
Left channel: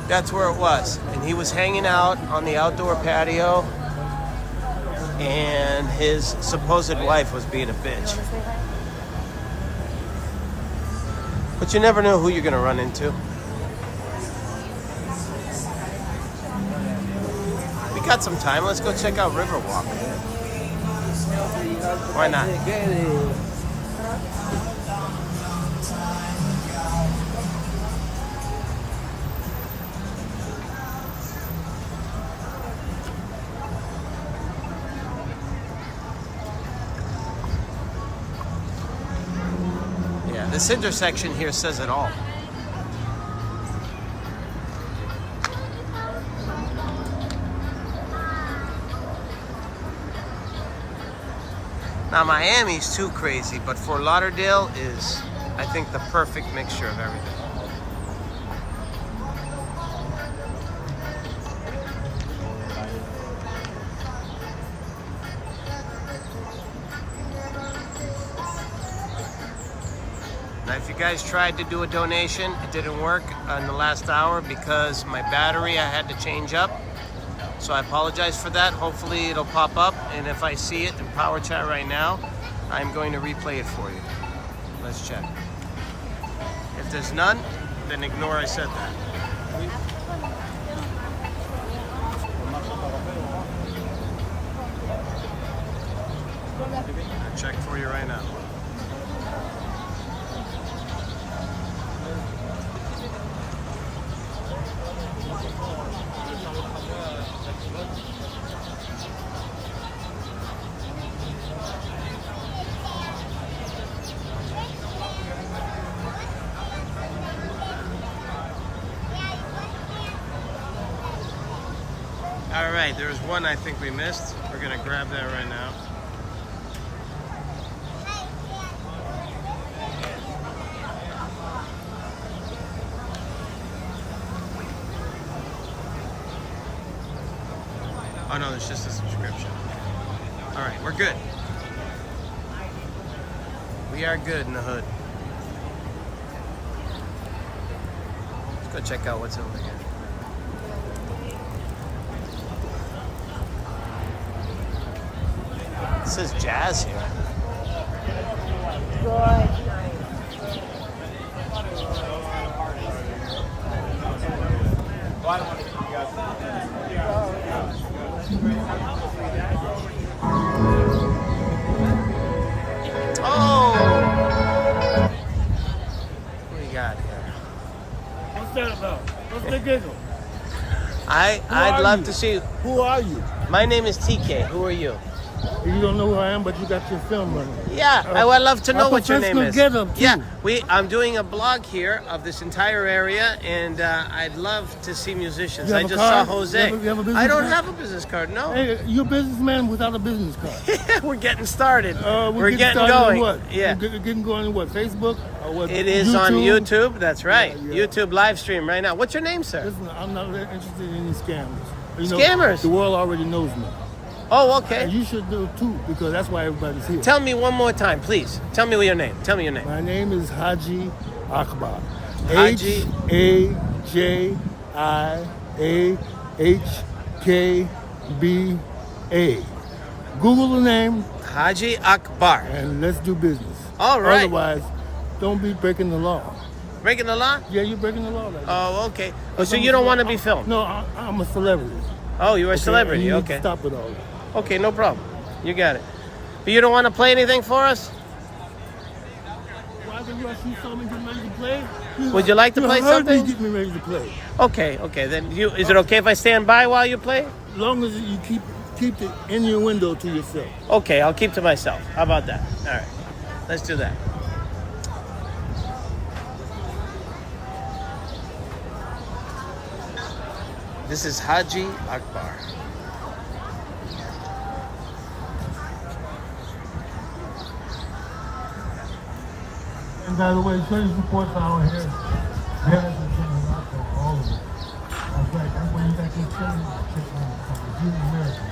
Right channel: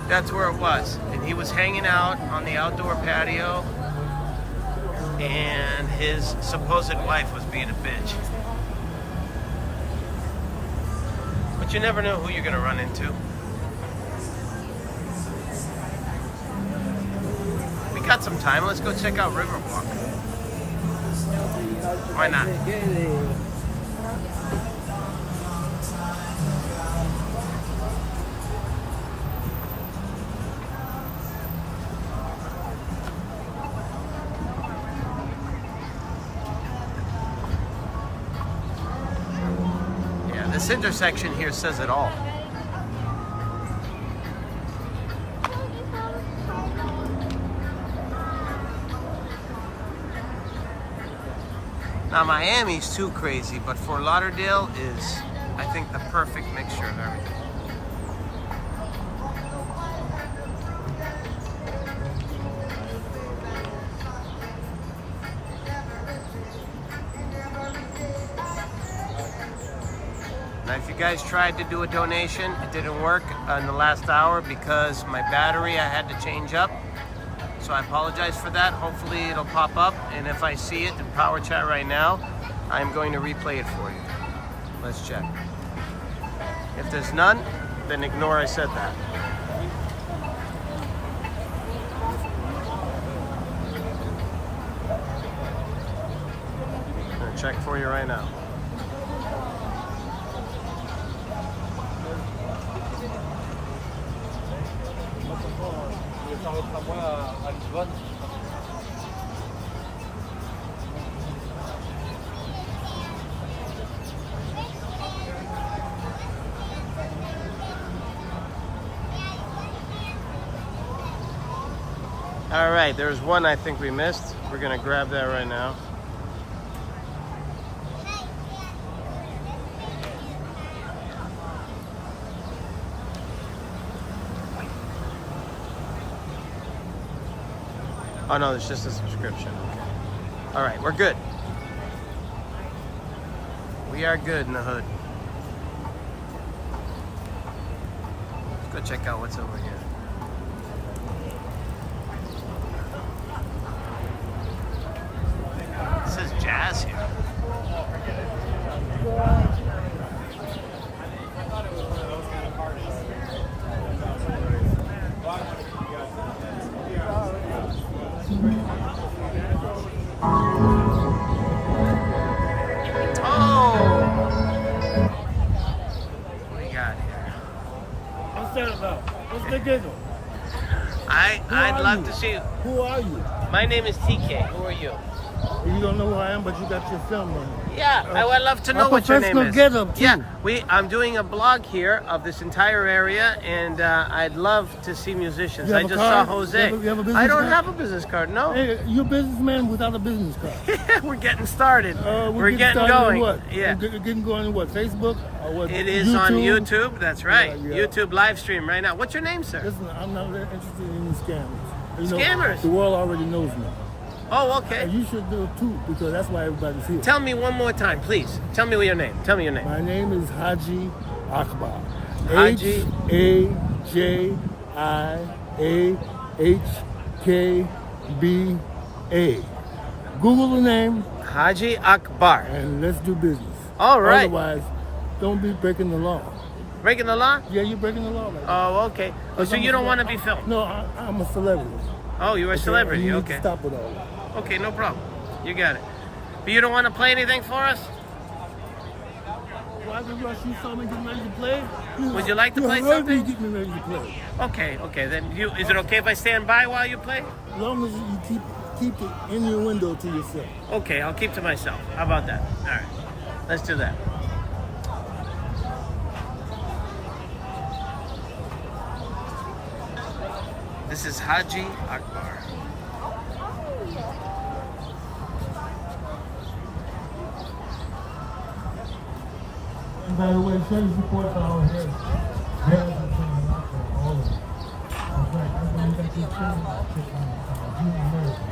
That's where it was. And he was hanging out on the outdoor patio, and his supposed wife was being a bitch. But you never know who you're gonna run into. We got some time. Let's go check out Riverwalk. Why not? This intersection here says it all. Now Miami's too crazy, but Fort Lauderdale is, I think, the perfect mixture of everything. Now, if you guys tried to do a donation, it didn't work in the last hour because my battery I had to change up. So I apologize for that. Hopefully it'll pop up, and if I see it in Power Chat right now, I'm going to replay it for you. Let's check. If there's none, then ignore I said that. I'm gonna check for you right now. All right, there's one I think we missed. We're gonna grab that right now. Oh no, it's just a subscription. Okay. All right, we're good. We are good in the hood. Let's go check out what's over here. It says jazz here. Oh! What do you got here? What's that about? What's the giggle? I'd love to see you. Who are you? My name is TK. Who are you? You don't know who I am, but you got your film on me. Yeah, I'd love to know what your name is. Get-up too. Yeah, I'm doing a blog here of this entire area, and I'd love to see musicians. I just saw Jose. You have a business I don't card? have a business card, no. Hey, you're a businessman without a business card. We're getting started. We're getting started going. On what? Yeah. We're getting going on what? Facebook? Or what? It is YouTube? on YouTube. That's right. Yeah, yeah. YouTube live stream right now. What's your name, sir? Listen, I'm not interested in any scams. You know, Scammers? the world already knows me. Oh, okay. And you should do it too, because that's why everybody's here. Tell me one more time, please. Tell me your name. Tell me your name. My name is Haji Akbar. Haji. Hajiahkba. Google the name. Haji Akbar. And let's do business. All right. Otherwise, don't be breaking the law. Breaking the law? Yeah, you're breaking the law right now. Oh, okay. Oh, so you don't want to be filmed? No, I'm a celebrity. Oh, you're a celebrity. You need Okay. to stop it all. Okay, no problem. You got it. But you don't want to play anything for us? Why the rush? You saw me getting ready to play? Would you like to play You heard something? me getting ready to play. Okay. Then is it okay if I stand by while you play? As long as you keep the innuendo to yourself. Okay, I'll keep to myself. How about that? All right. Let's do that. This is Haji Akbar. And by the way, show your support for our hair. Jazz and alcohol, all of it. In fact, that's when you got your children. in America.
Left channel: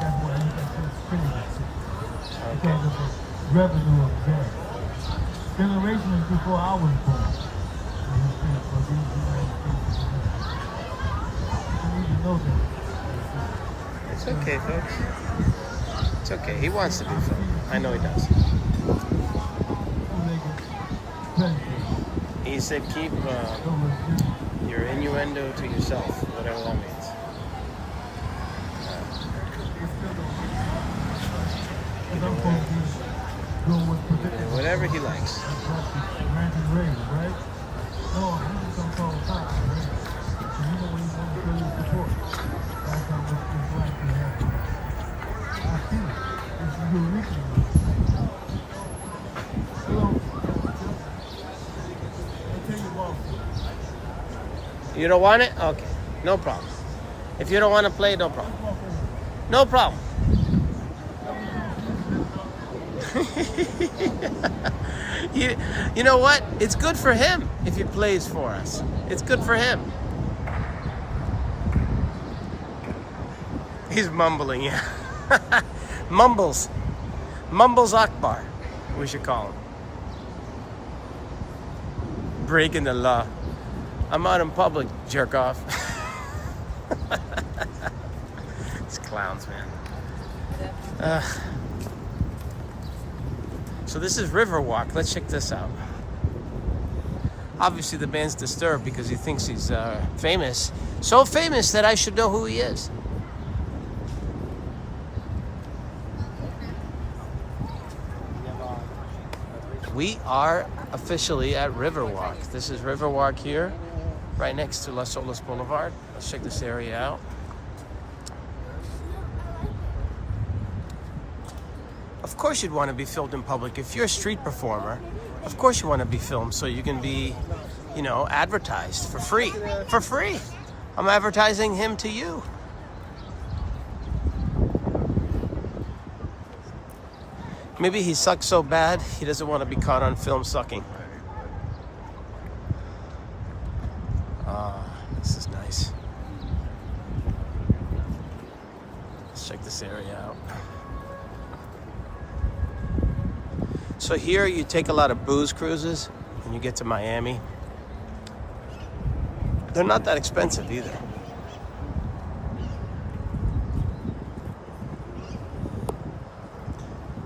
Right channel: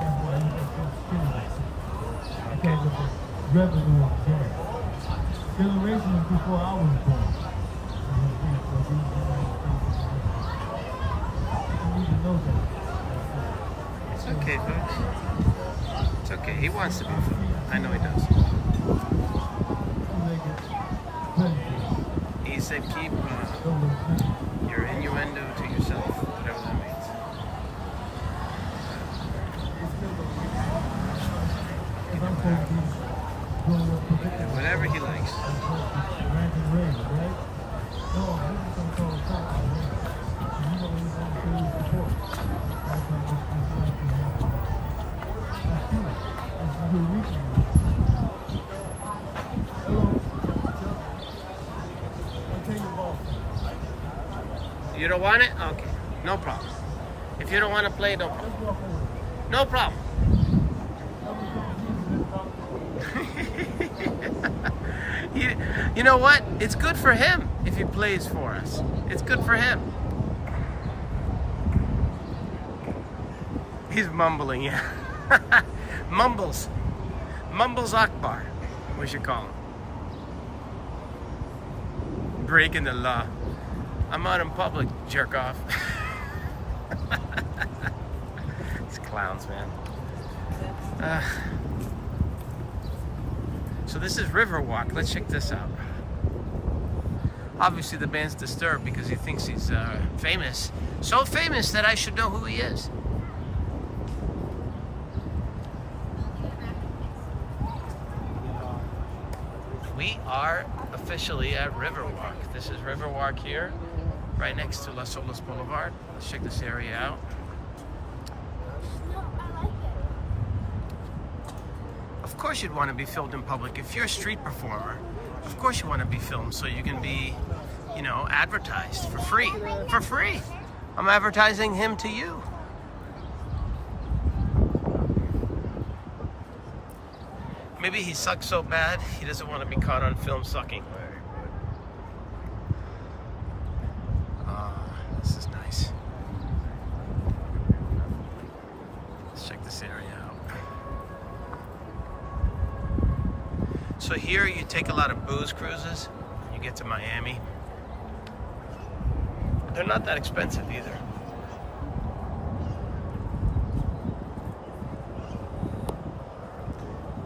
That's why he got this famous because of the revenue of jazz. Generations before I was born. And he famous for these United States of America. You need to know that. It's okay, folks. It's okay. He wants to be filmed. I know he does. He said keep your innuendo to yourself, whatever that means. Yeah, whatever he likes. You don't want it? Okay, no problem. If you don't want to play, no problem. No problem. You know what? It's good for him if he plays for us. It's good for him. He's mumbling, yeah. Mumbles. Mumbles Akbar, we should call him. Breaking the law. I'm out in public, jerk off. These clowns, man. So this is Riverwalk. Let's check this out. Obviously the band's disturbed because he thinks he's famous. So famous that I should know who he is. We are officially at Riverwalk. This is Riverwalk here, right next to Las Olas Blvd. Let's check this area out. Of course you'd want to be filmed in public. If you're a street performer, of course you want to be filmed so you can be, you know, advertised for free. For free. I'm advertising him to you. Maybe he sucks so bad, he doesn't want to be caught on film sucking. This is nice. Let's check this area out. So here you take a lot of booze cruises when you get to Miami. They're not that expensive either.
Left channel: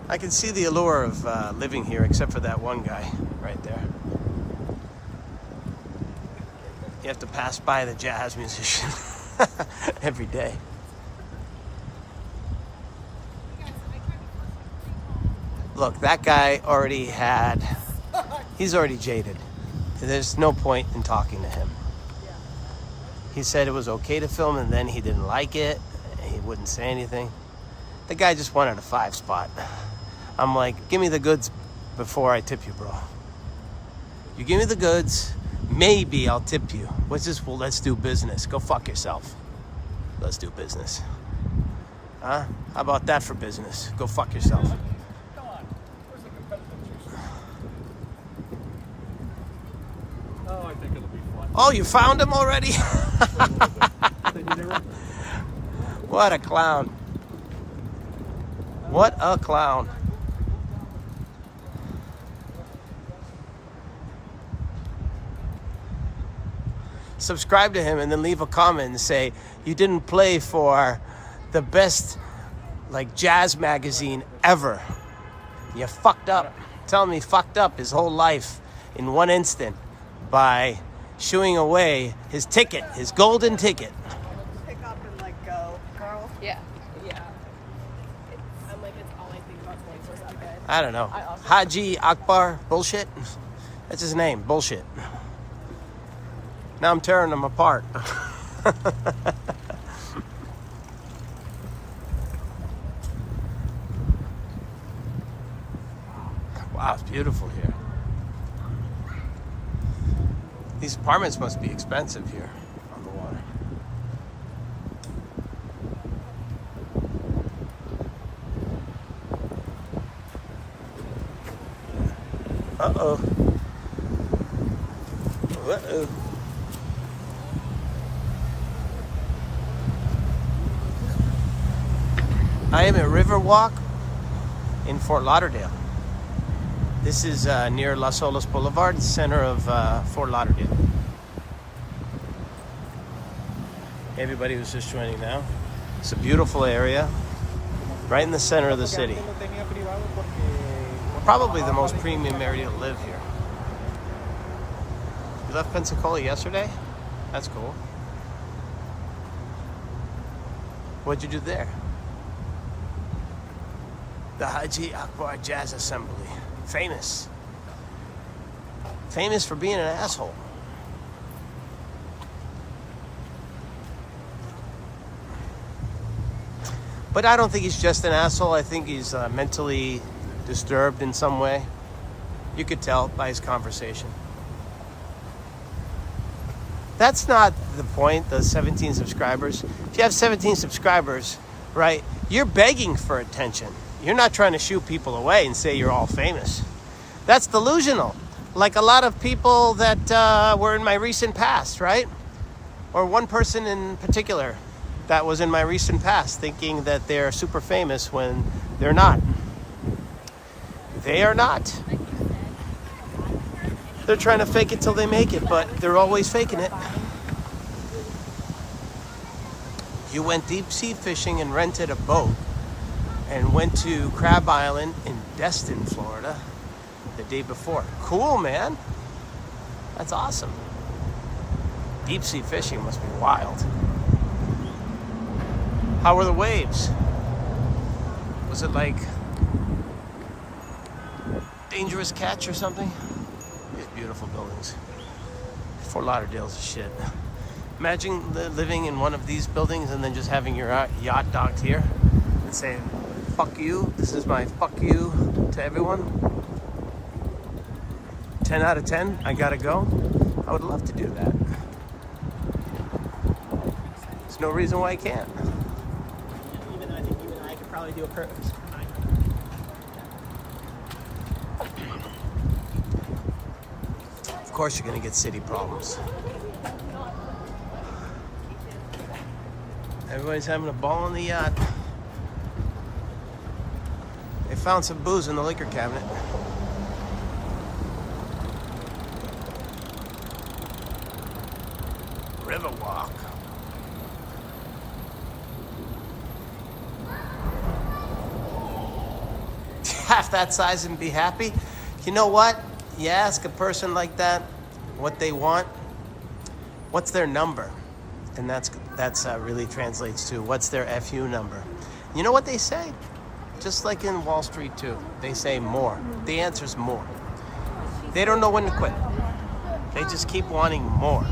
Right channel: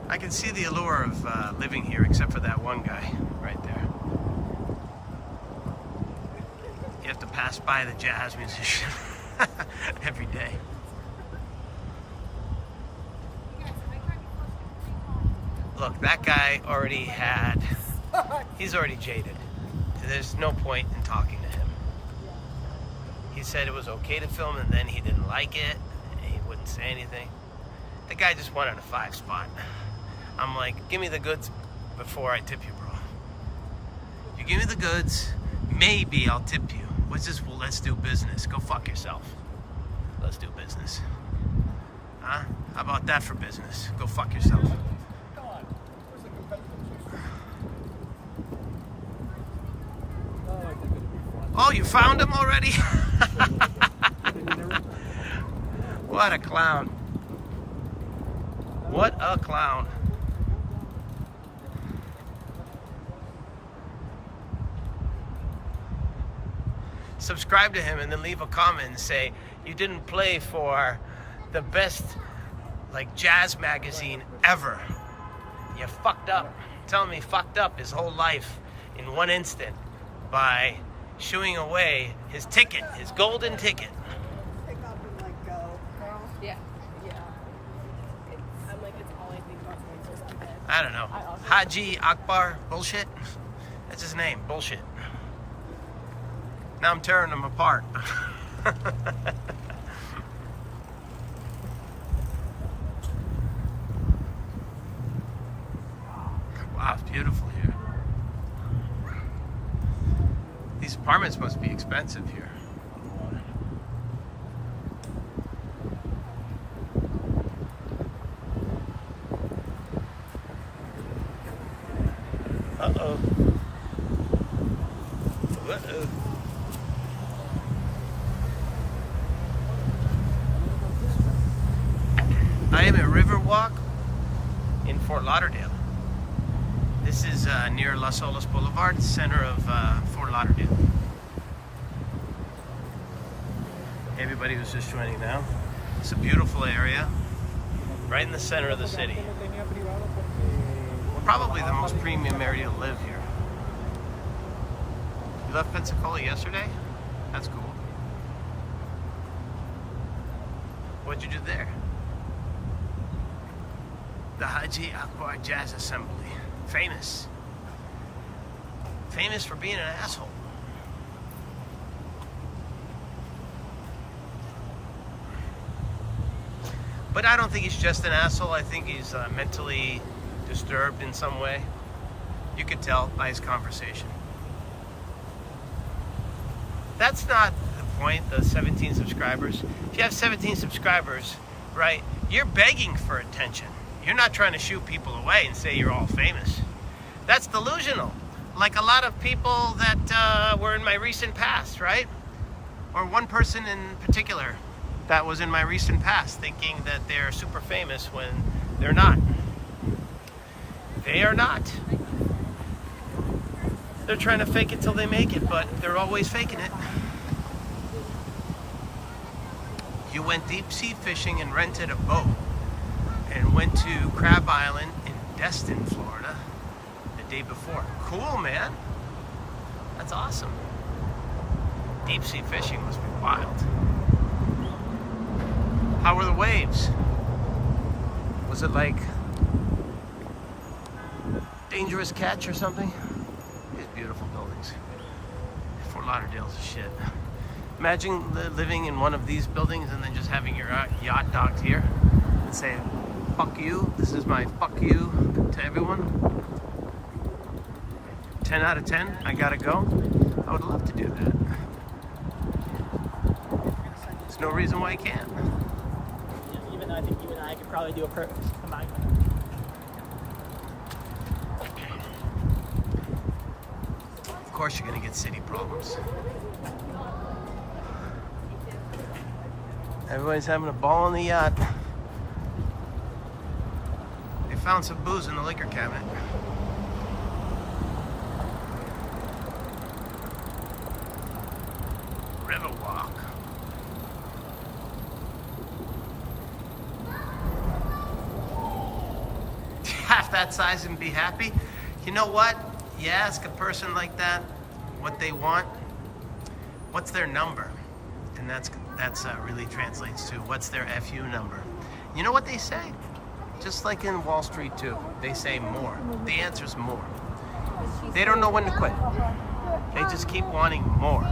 I can see the allure of living here, except for that one guy right there. You have to pass by the jazz musician every day. Look, that guy already had, he's already jaded. There's no point in talking to him. He said it was okay to film and then he didn't like it. He wouldn't say anything. The guy just wanted a 5 spot. I'm like, give me the goods before I tip you, bro. You give me the goods, maybe I'll tip you. What's this? Well, let's do business. Go fuck yourself. Let's do business. Huh? How about that for business? Go fuck yourself. Come on. Where's the competitive juice? Oh, I think it'll be fun. Oh, you found him already? What a clown. What a clown. Subscribe to him and then leave a comment and say you didn't play for the best like jazz magazine ever. You fucked up. Tell him he fucked up his whole life in one instant by shooing away his ticket, his golden ticket. Pick up and like go, Carl. Yeah. Yeah. I'm like, it's all I think about 24/7. I don't know. Haji Akbar bullshit. That's his name. Bullshit. Now I'm tearing them apart. Wow, it's beautiful here. These apartments must be expensive here on the water. Uh-oh. am at Riverwalk in Fort Lauderdale. This is near Las Olas Blvd, center of Fort Lauderdale. Everybody who's just joining now. It's a beautiful area, right in the center of the city. Probably the most premium area to live here. You left Pensacola yesterday? That's cool. What'd you do there? The Haji Akbar Jazz Assembly. Famous. Famous for being an asshole. But I don't think he's just an asshole. I think he's mentally disturbed in some way. You could tell by his conversation. That's not the point, the 17 subscribers. If you have 17 subscribers, right, you're begging for attention. You're not trying to shoo people away and say you're all famous. That's delusional. Like a lot of people that were in my recent past, right? Or one person in particular that was in my recent past thinking that they're super famous when they're not. They are not. They're trying to fake it till they make it, but they're always faking it. You went deep sea fishing and rented a boat and went to Crab Island in Destin, Florida the day before. Cool, man. That's awesome. Deep sea fishing must be wild. How were the waves? Was it like dangerous catch or something? These beautiful buildings. Fort Lauderdale's a shit. Imagine living in one of these buildings and then just having your yacht docked here and say, fuck you, this is my fuck you to everyone. 10 out of 10, I gotta go. I would love to do that. There's no reason why I can't. Even I think you and I could probably do a perfect combined. Of course you're gonna get city problems. Everybody's having a ball on the yacht. They found some booze in the liquor cabinet. Riverwalk. Half that size and be happy. You know what? You ask a person like that what they want, what's their number? And that's really translates to what's their FU number. You know what they say? Just like in Wall Street too, they say more. The answer's more. They don't know when to quit. They just keep wanting more.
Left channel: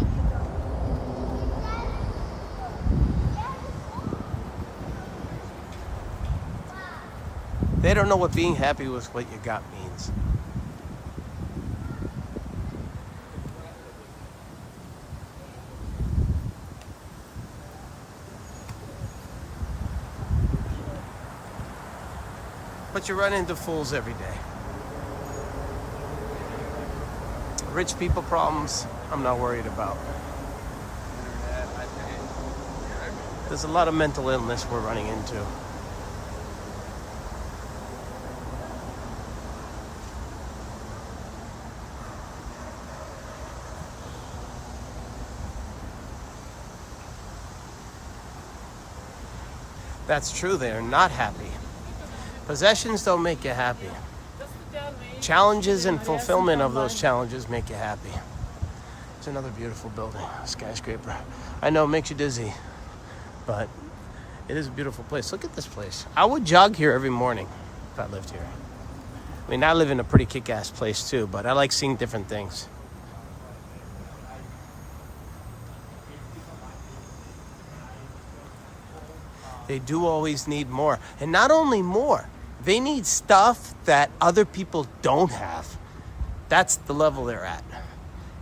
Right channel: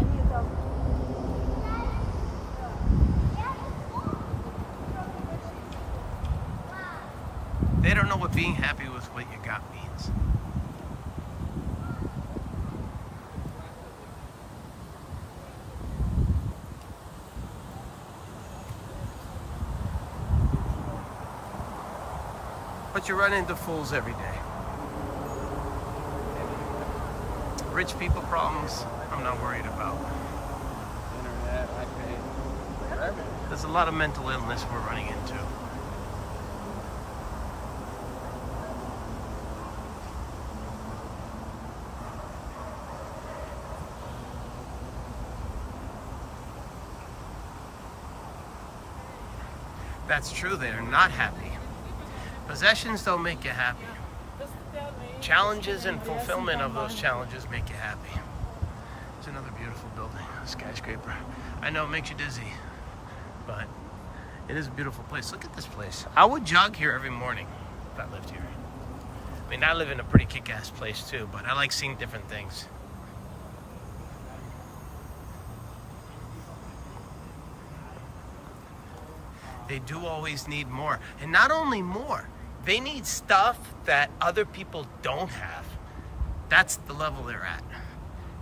They don't know what being happy with what you got means. But you run into fools every day. Rich people problems, I'm not worried about. There's a lot of mental illness we're running into. That's true, they're not happy. Possessions don't make you happy. Challenges and fulfillment of those challenges make you happy. It's another beautiful building, a skyscraper. I know it makes you dizzy, but it is a beautiful place. Look at this place. I would jog here every morning if I lived here. I mean, I live in a pretty kick-ass place too, but I like seeing different things. They do always need more. And not only more, they need stuff that other people don't have. That's the level they're at.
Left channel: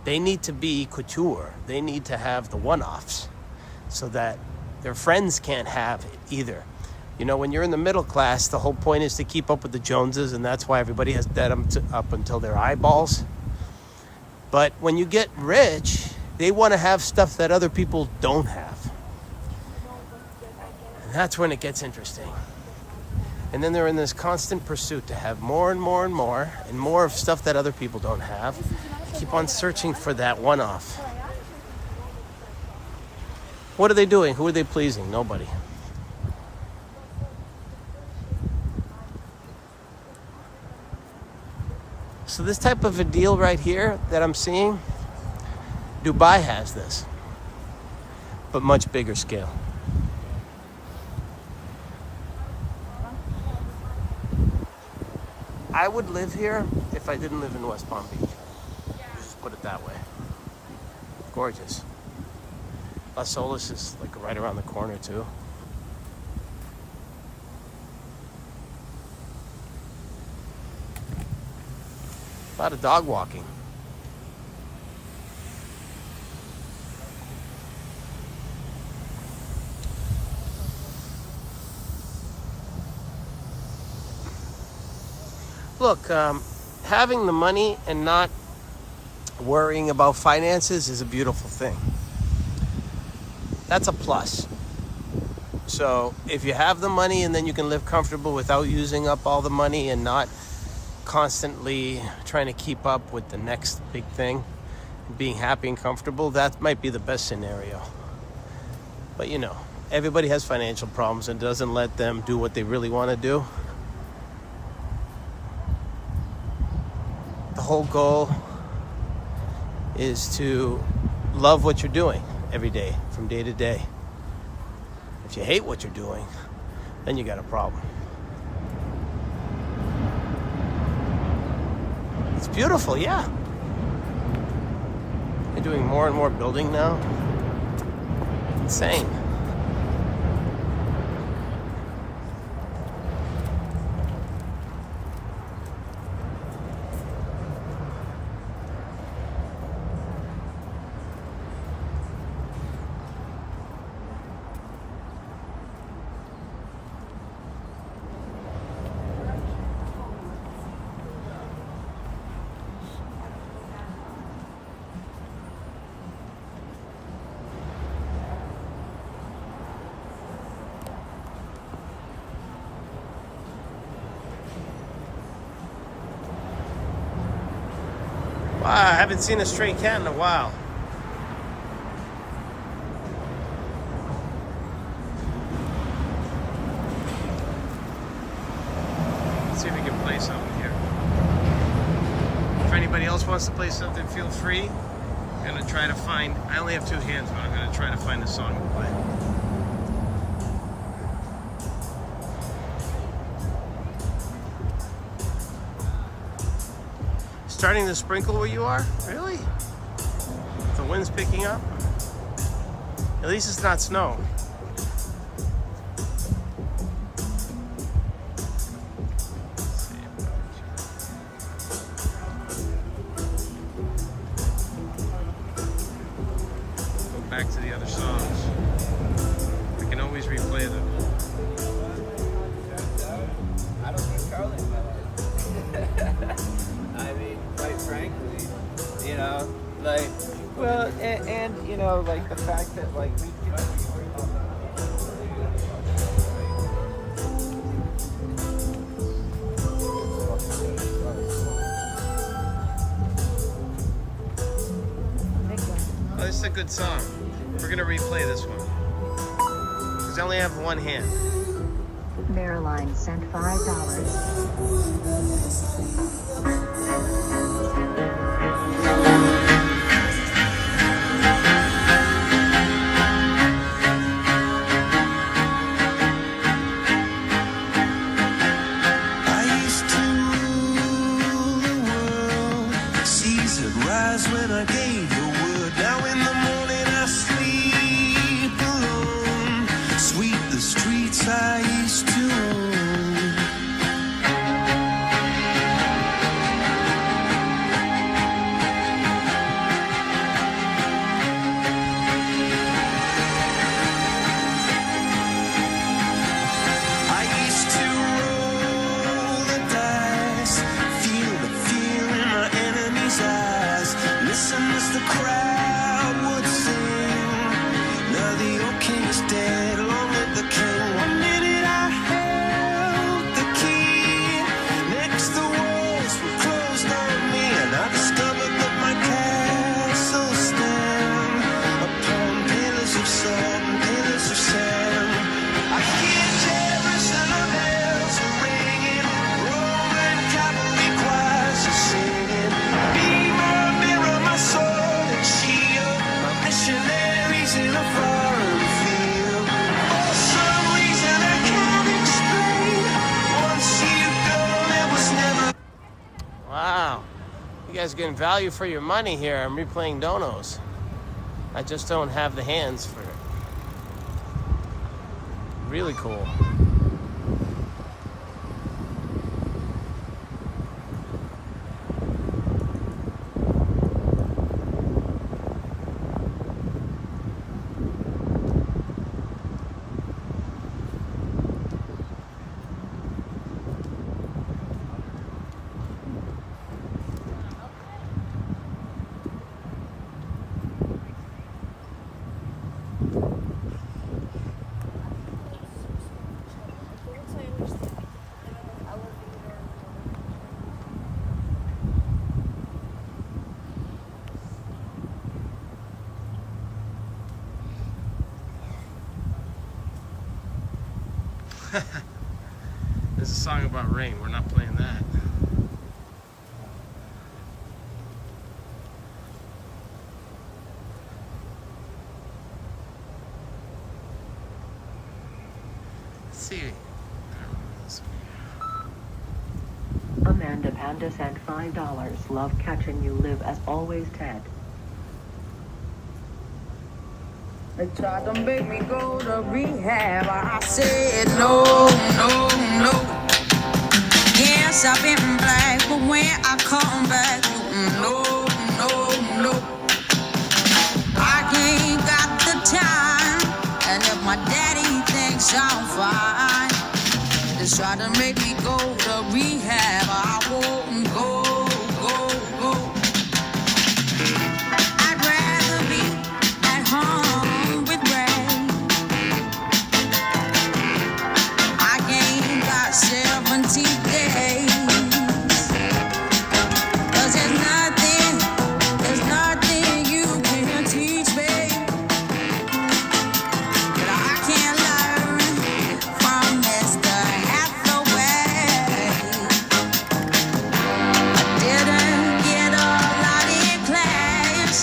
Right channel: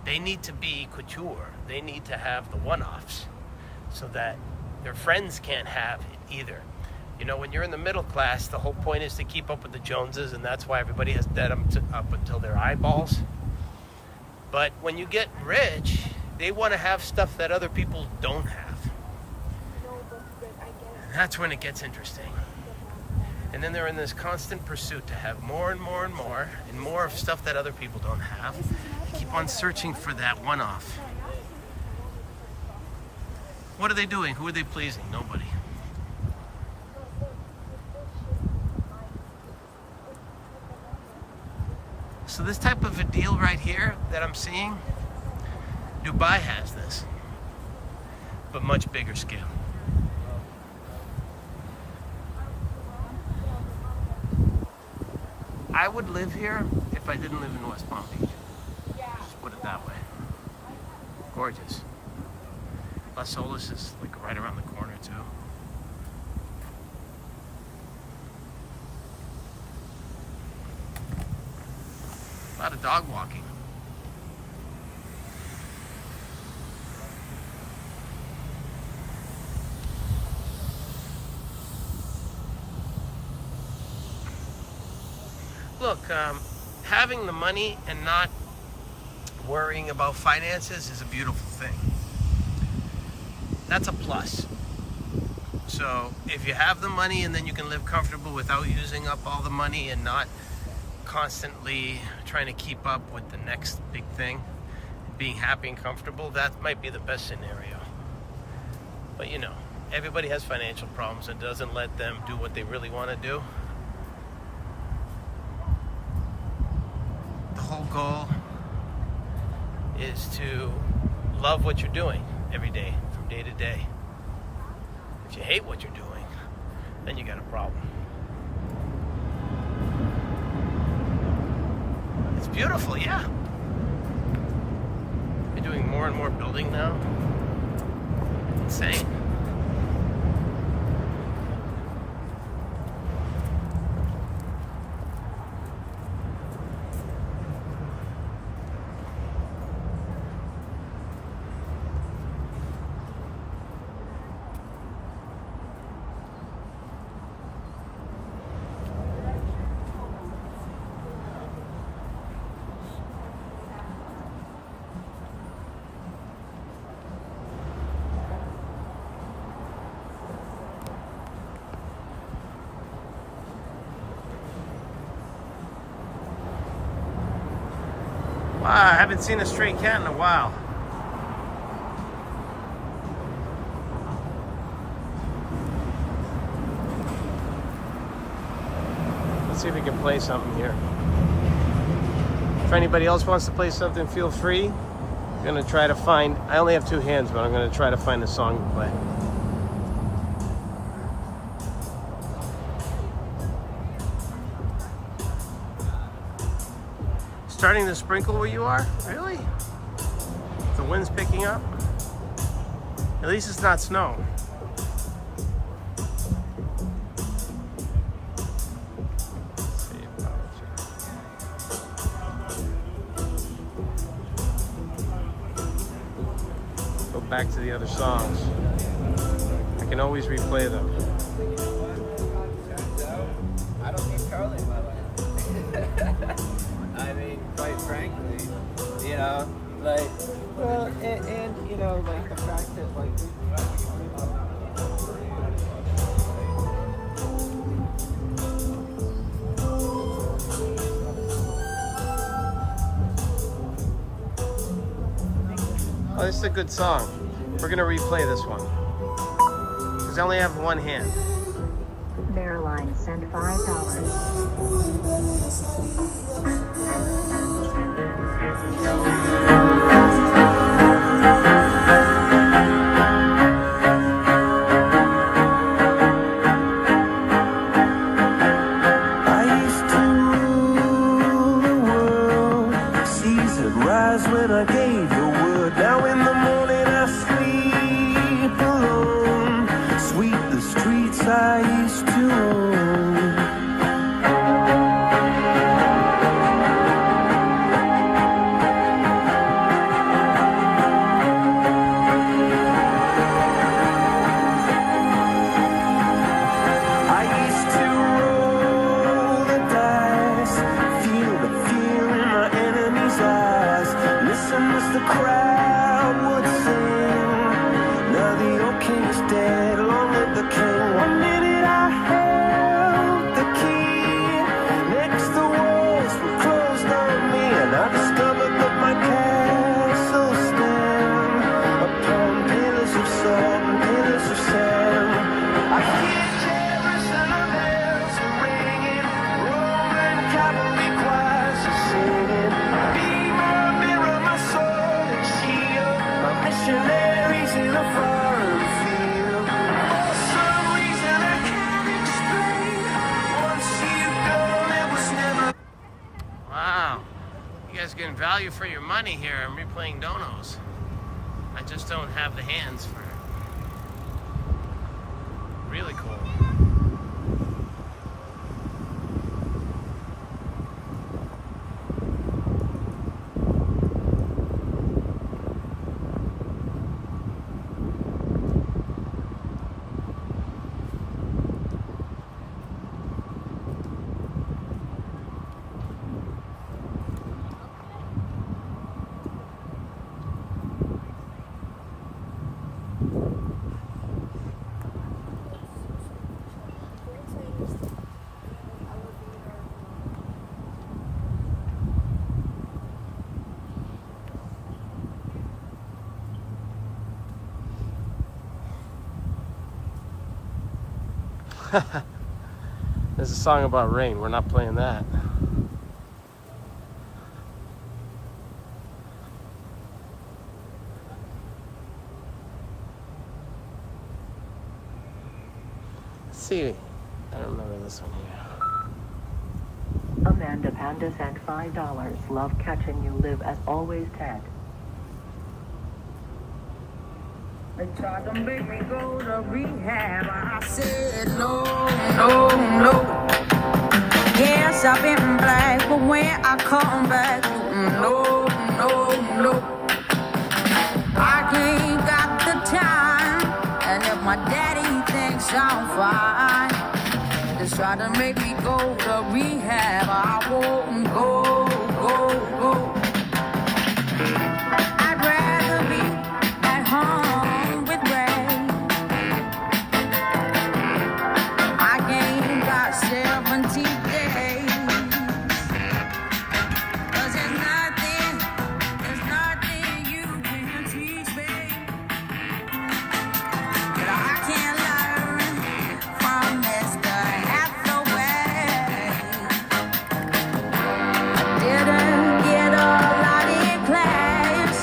They need to be couture. They need to have the one-offs so that their friends can't have it either. You know, when you're in the middle class, the whole point is to keep up with the Joneses, and that's why everybody has debt up until their eyeballs. But when you get rich, they want to have stuff that other people don't have. And that's when it gets interesting. And then they're in this constant pursuit to have more and more and more, and more of stuff that other people don't have. Keep on searching for that one-off. What are they doing? Who are they pleasing? Nobody. So this type of a deal right here that I'm seeing, Dubai has this, but much bigger scale. I would live here if I didn't live in West Palm Beach. Just put it that way. Gorgeous. Las Olas is like right around the corner too. A lot of dog walking. Look, having the money and not worrying about finances is a beautiful thing. That's a plus. So if you have the money and then you can live comfortable without using up all the money and not constantly trying to keep up with the next big thing, being happy and comfortable, that might be the best scenario. But you know, everybody has financial problems and doesn't let them do what they really want to do. The whole goal is to love what you're doing every day, from day to day. If you hate what you're doing, then you got a problem. It's beautiful, yeah. They're doing more and more building now. Insane. Wow, I haven't seen a stray cat in a while. Let's see if we can play something here. If anybody else wants to play something, feel free. I'm gonna try to find, I only have two hands, but I'm gonna try to find a song to play. Starting to sprinkle where you are? Really? The wind's picking up? At least it's not snow. Let's see. Go back to the other songs. I can always replay them. You know what? Turns out, I don't need Charlie in my life. I mean, quite frankly, you know, like, well, and you know, like the fact that, like, oh, this is a good song. We're gonna replay this one because I only have one hand. Marilyn sent $5. When I gave the word, now in the morning I sleep alone. Sweep the streets I used to own. I used to roll the dice, feel the fear in my enemy's eyes. Listen as the crowd would sing. Now the old king is dead, long live the king. One minute I held the getting value for your money here. I'm replaying donos. I just don't have the hands for it. Really cool. There's a song about rain. We're not playing that. Let's see, I don't remember this one here. Amanda Panda sent $5. Love catching you. Live as always, Ted. They tried to make me go to rehab. I said no, no, no. Yes, I've been black, but when I come back, no, no, no. I ain't got the time, and if my daddy thinks I'm fine, they try to make me go to rehab. I won't go, go, go. I'd rather be at home. I ain't got 70 days. 'Cause there's nothing you can teach me that I can't learn from Mr. Hathaway. I didn't get a lot in class,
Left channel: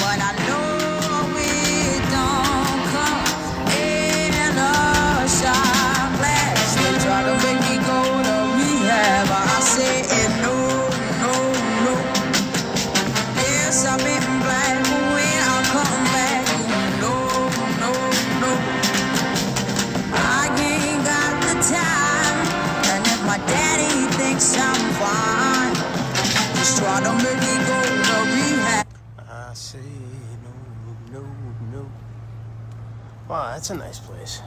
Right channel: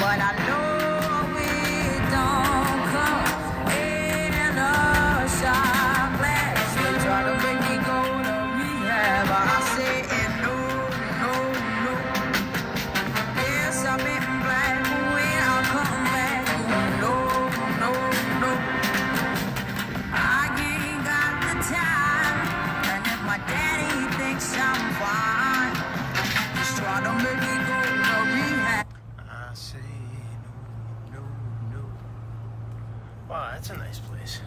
but I know it don't come in a shot glass. They try to make me go to rehab. I said no, no, no. Yes, I've been black, but when I come back, no, no, no. I ain't got the time, and if my daddy thinks I'm fine, just try to make me go to rehab. I say no, no, no. Wow, that's a nice place.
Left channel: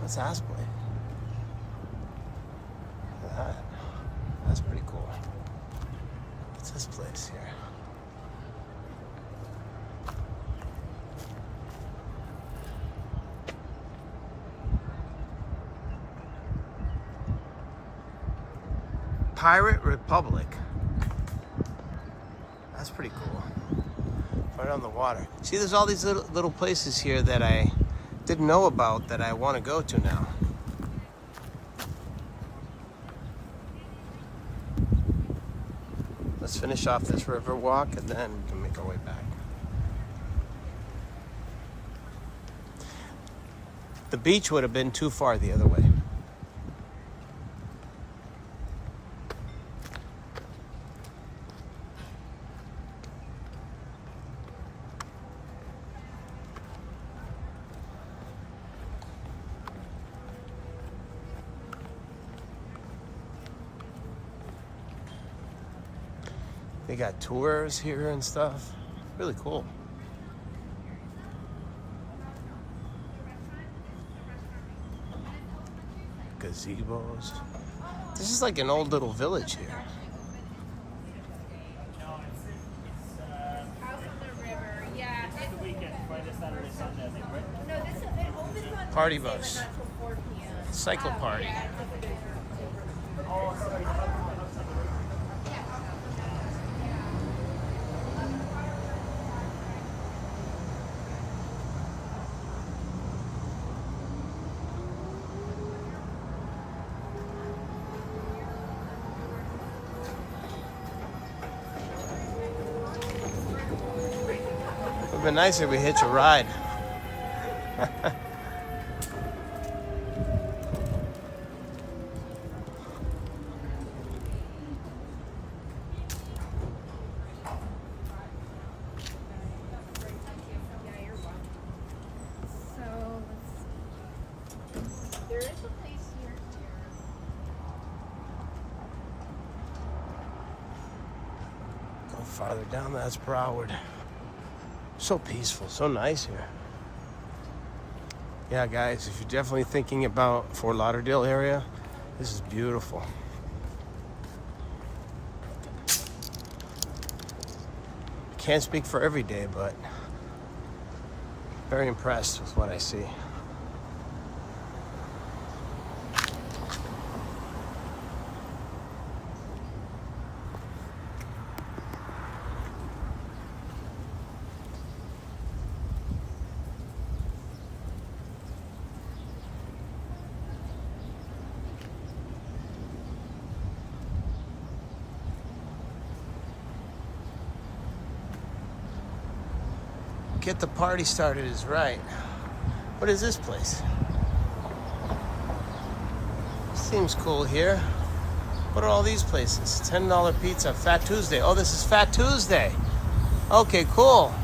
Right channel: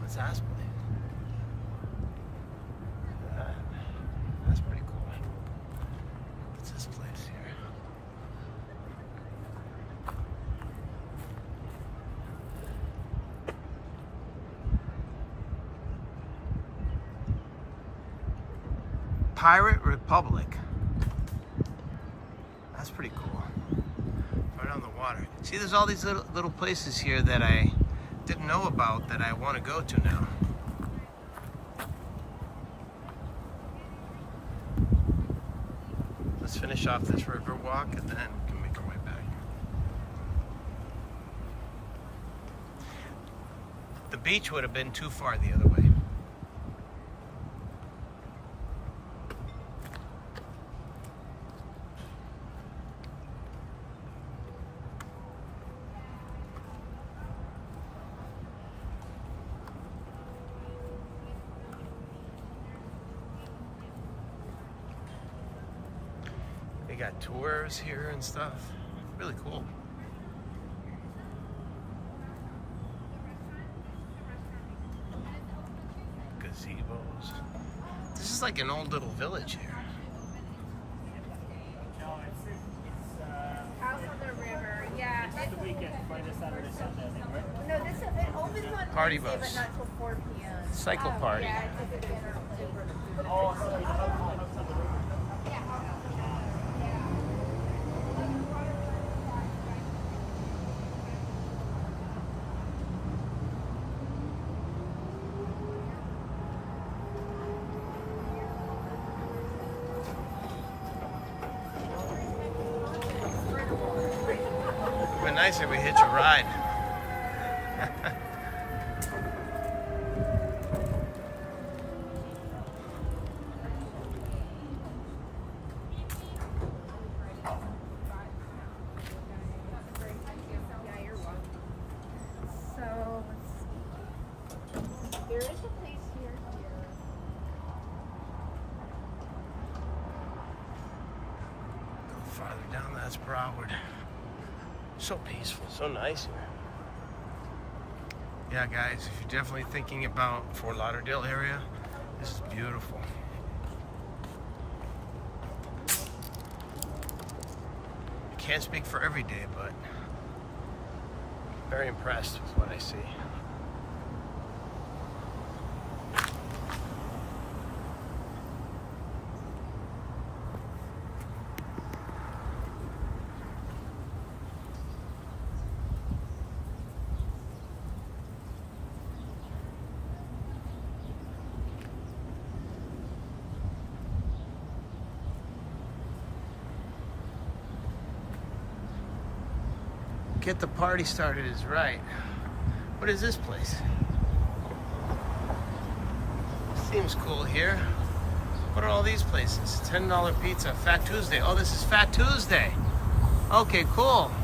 What's that place? That's pretty cool. What's this place here? Pirate Republic. That's pretty cool. Right on the water. See, there's all these little places here that I didn't know about that I want to go to now. Let's finish off this Riverwalk and then we can make our way back. The beach would have been too far the other way. They got tours here and stuff. Really cool. Gazebos. This is like an old little village here. No, it's Out on the river, yeah. it's the weekend, Friday, Saturday, Sunday, I think, right? No, this it opens on Party Wednesday, bus. but not till 4 p.m. Cycle party. Yeah, it's super duper It'd be nice if we hitch a ride. farther down, that's Broward. So peaceful, so nice here. Yeah, guys, if you're definitely thinking about Fort Lauderdale area, this is beautiful. Can't speak for every day, but very impressed with what I see. Get the party started is right. What is this place? Seems cool here. What are all these places? $10 pizza, Fat Tuesday. Oh, this is Fat Tuesday. Okay, cool.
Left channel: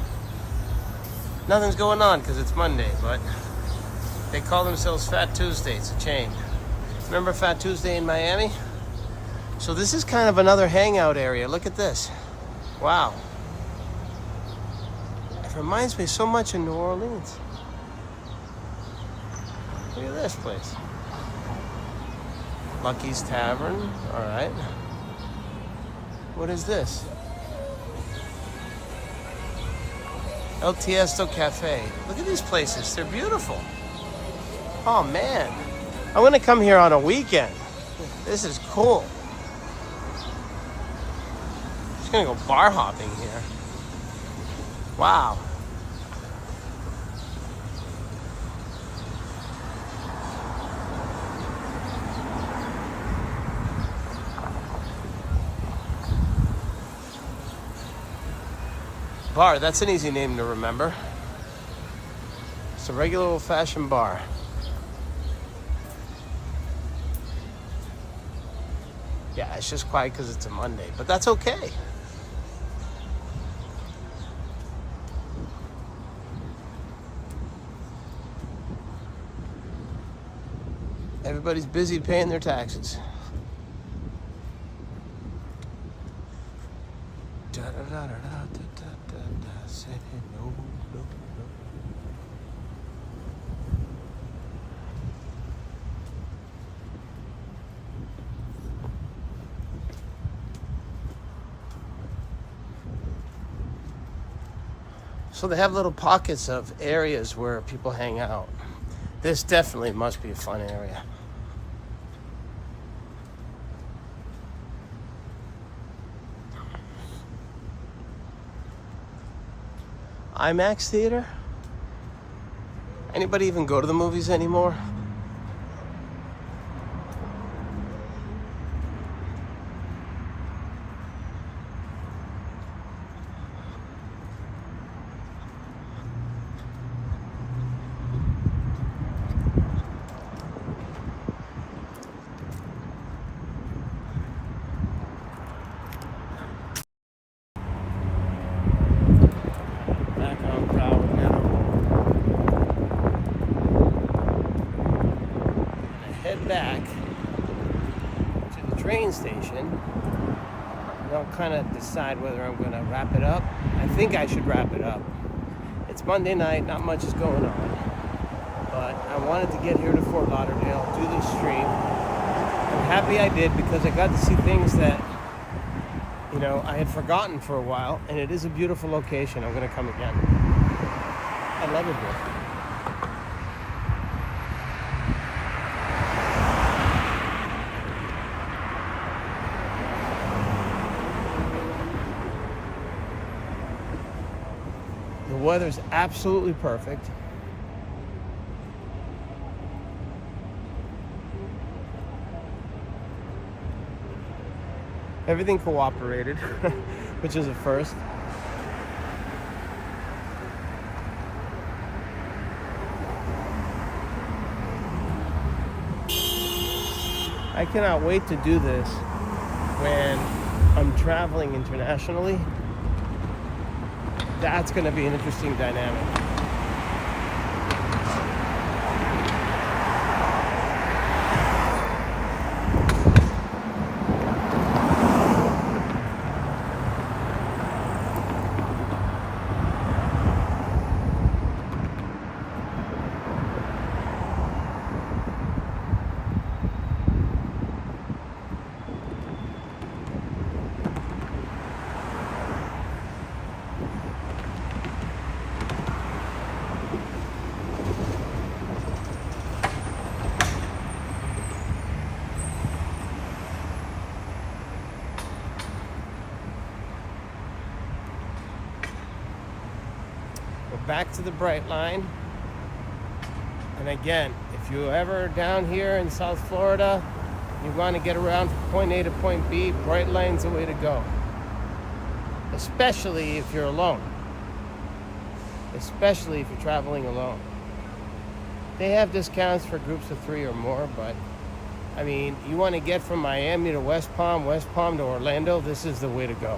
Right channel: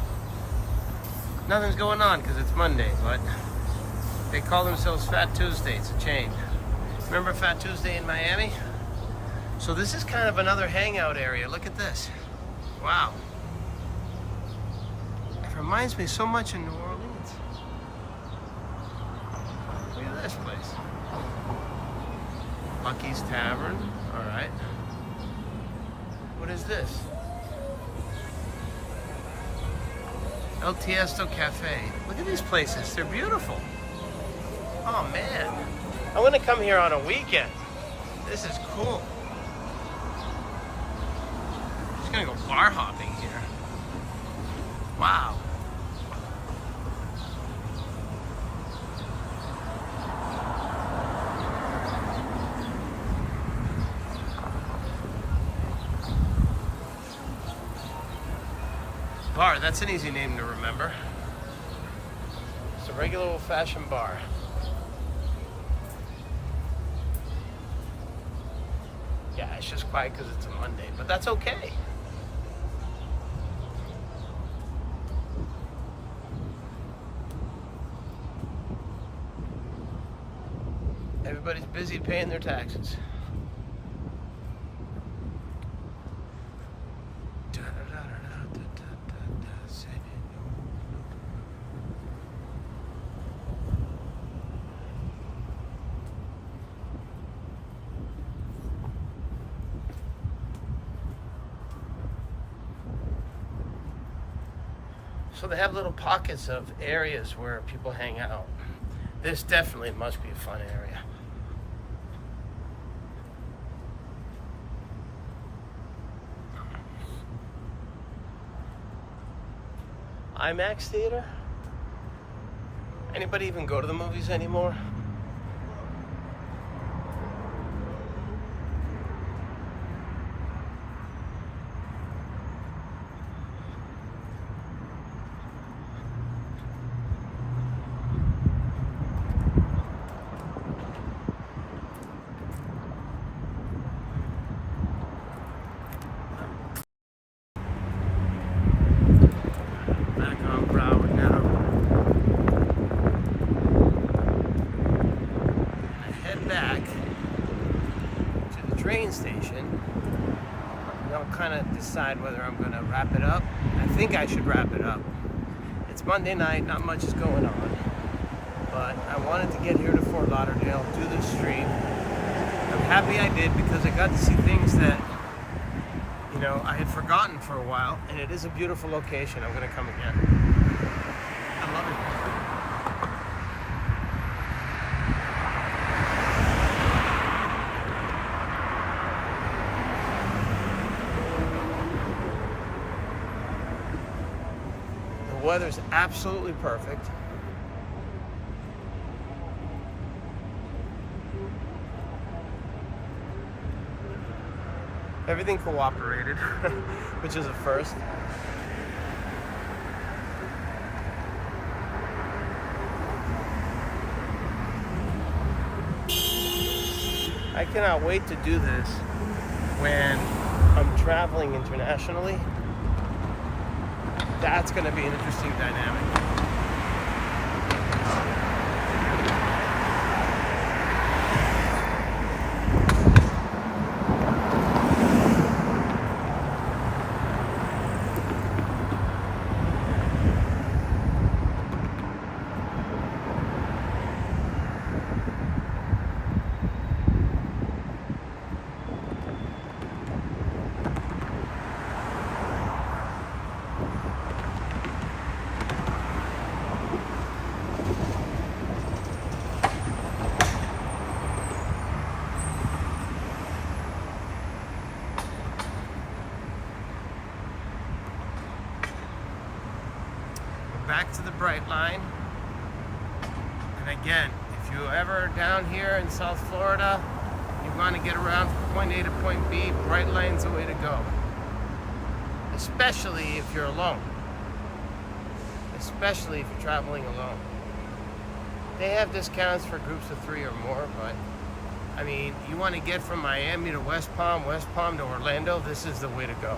Nothing's going on because it's Monday, but they call themselves Fat Tuesday. It's a chain. Remember Fat Tuesday in Miami? So this is kind of another hangout area. Look at this. Wow. It reminds me so much of New Orleans. Look at this place. Lucky's Tavern. All right. What is this? El Tiesto Cafe. Look at these places. They're beautiful. Oh, man. I'm going to come here on a weekend. This is cool. Just going to go bar hopping here. Wow. Bar, that's an easy name to remember. It's a regular old-fashioned bar. Yeah, it's just quiet because it's a Monday, but that's okay. Everybody's busy paying their taxes. So they have little pockets of areas where people hang out. This definitely must be a fun area. IMAX theater? Anybody even go to the movies anymore? Monday night, not much is going on, but I wanted to get here to Fort Lauderdale, do this stream. I'm happy I did because I got to see things that, you know, I had forgotten for a while, and it is a beautiful location. I'm going to come again. I love it here. The weather's absolutely perfect. Everything cooperated, which is a first. I cannot wait to do this when I'm traveling internationally. That's going to be an interesting dynamic. back to the Brightline. And again, if you're ever down here in South Florida, you want to get around from point A to point B, Brightline's the way to go. Especially if you're alone. Especially if you're traveling alone. They have discounts for groups of 3 or more, but I mean, you want to get from Miami to West Palm to Orlando, this is the way to go.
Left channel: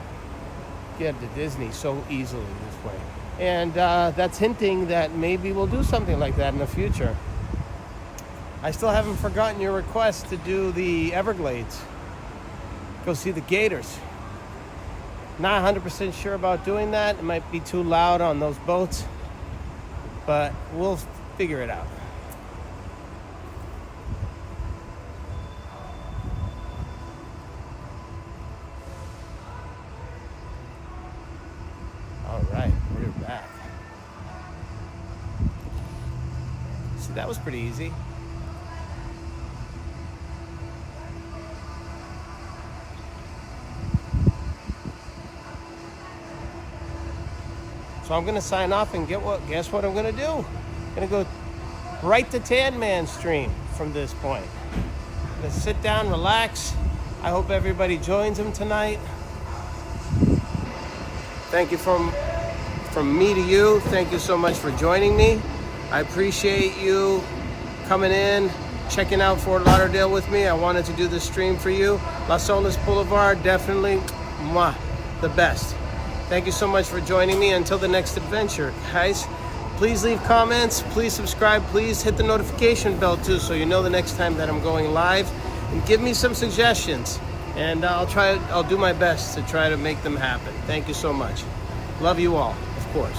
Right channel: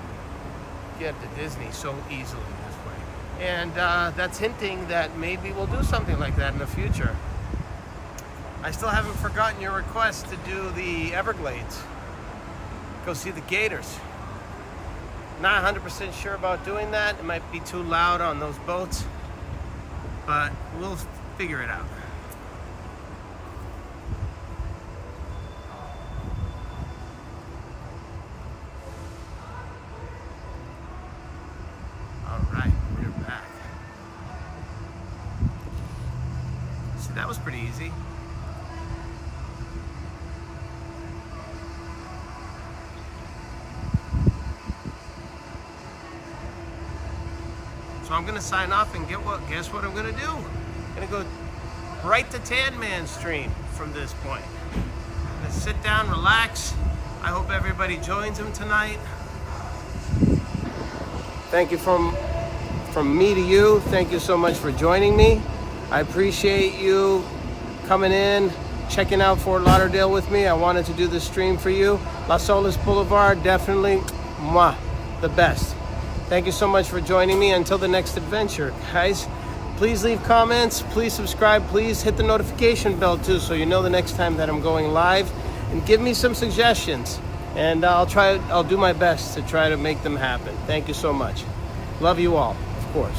Get to Disney so easily this way. And that's hinting that maybe we'll do something like that in the future. I still haven't forgotten your request to do the Everglades. Go see the gators. Not 100% sure about doing that. It might be too loud on those boats, but we'll figure it out. That was pretty easy. So I'm gonna sign off and guess what I'm gonna do? I'm gonna go right to Tan Man Stream from this point. I'm gonna sit down, relax. I hope everybody joins him tonight. Thank you from me to you. Thank you so much for joining me. I appreciate you coming in, checking out Fort Lauderdale with me. I wanted to do this stream for you. Las Olas Boulevard, definitely the best. Thank you so much for joining me. Until the next adventure, guys. Please leave comments, please subscribe, please hit the notification bell too so you know the next time that I'm going live. And give me some suggestions. And I'll do my best to try to make them happen. Thank you so much. Love you all, of course.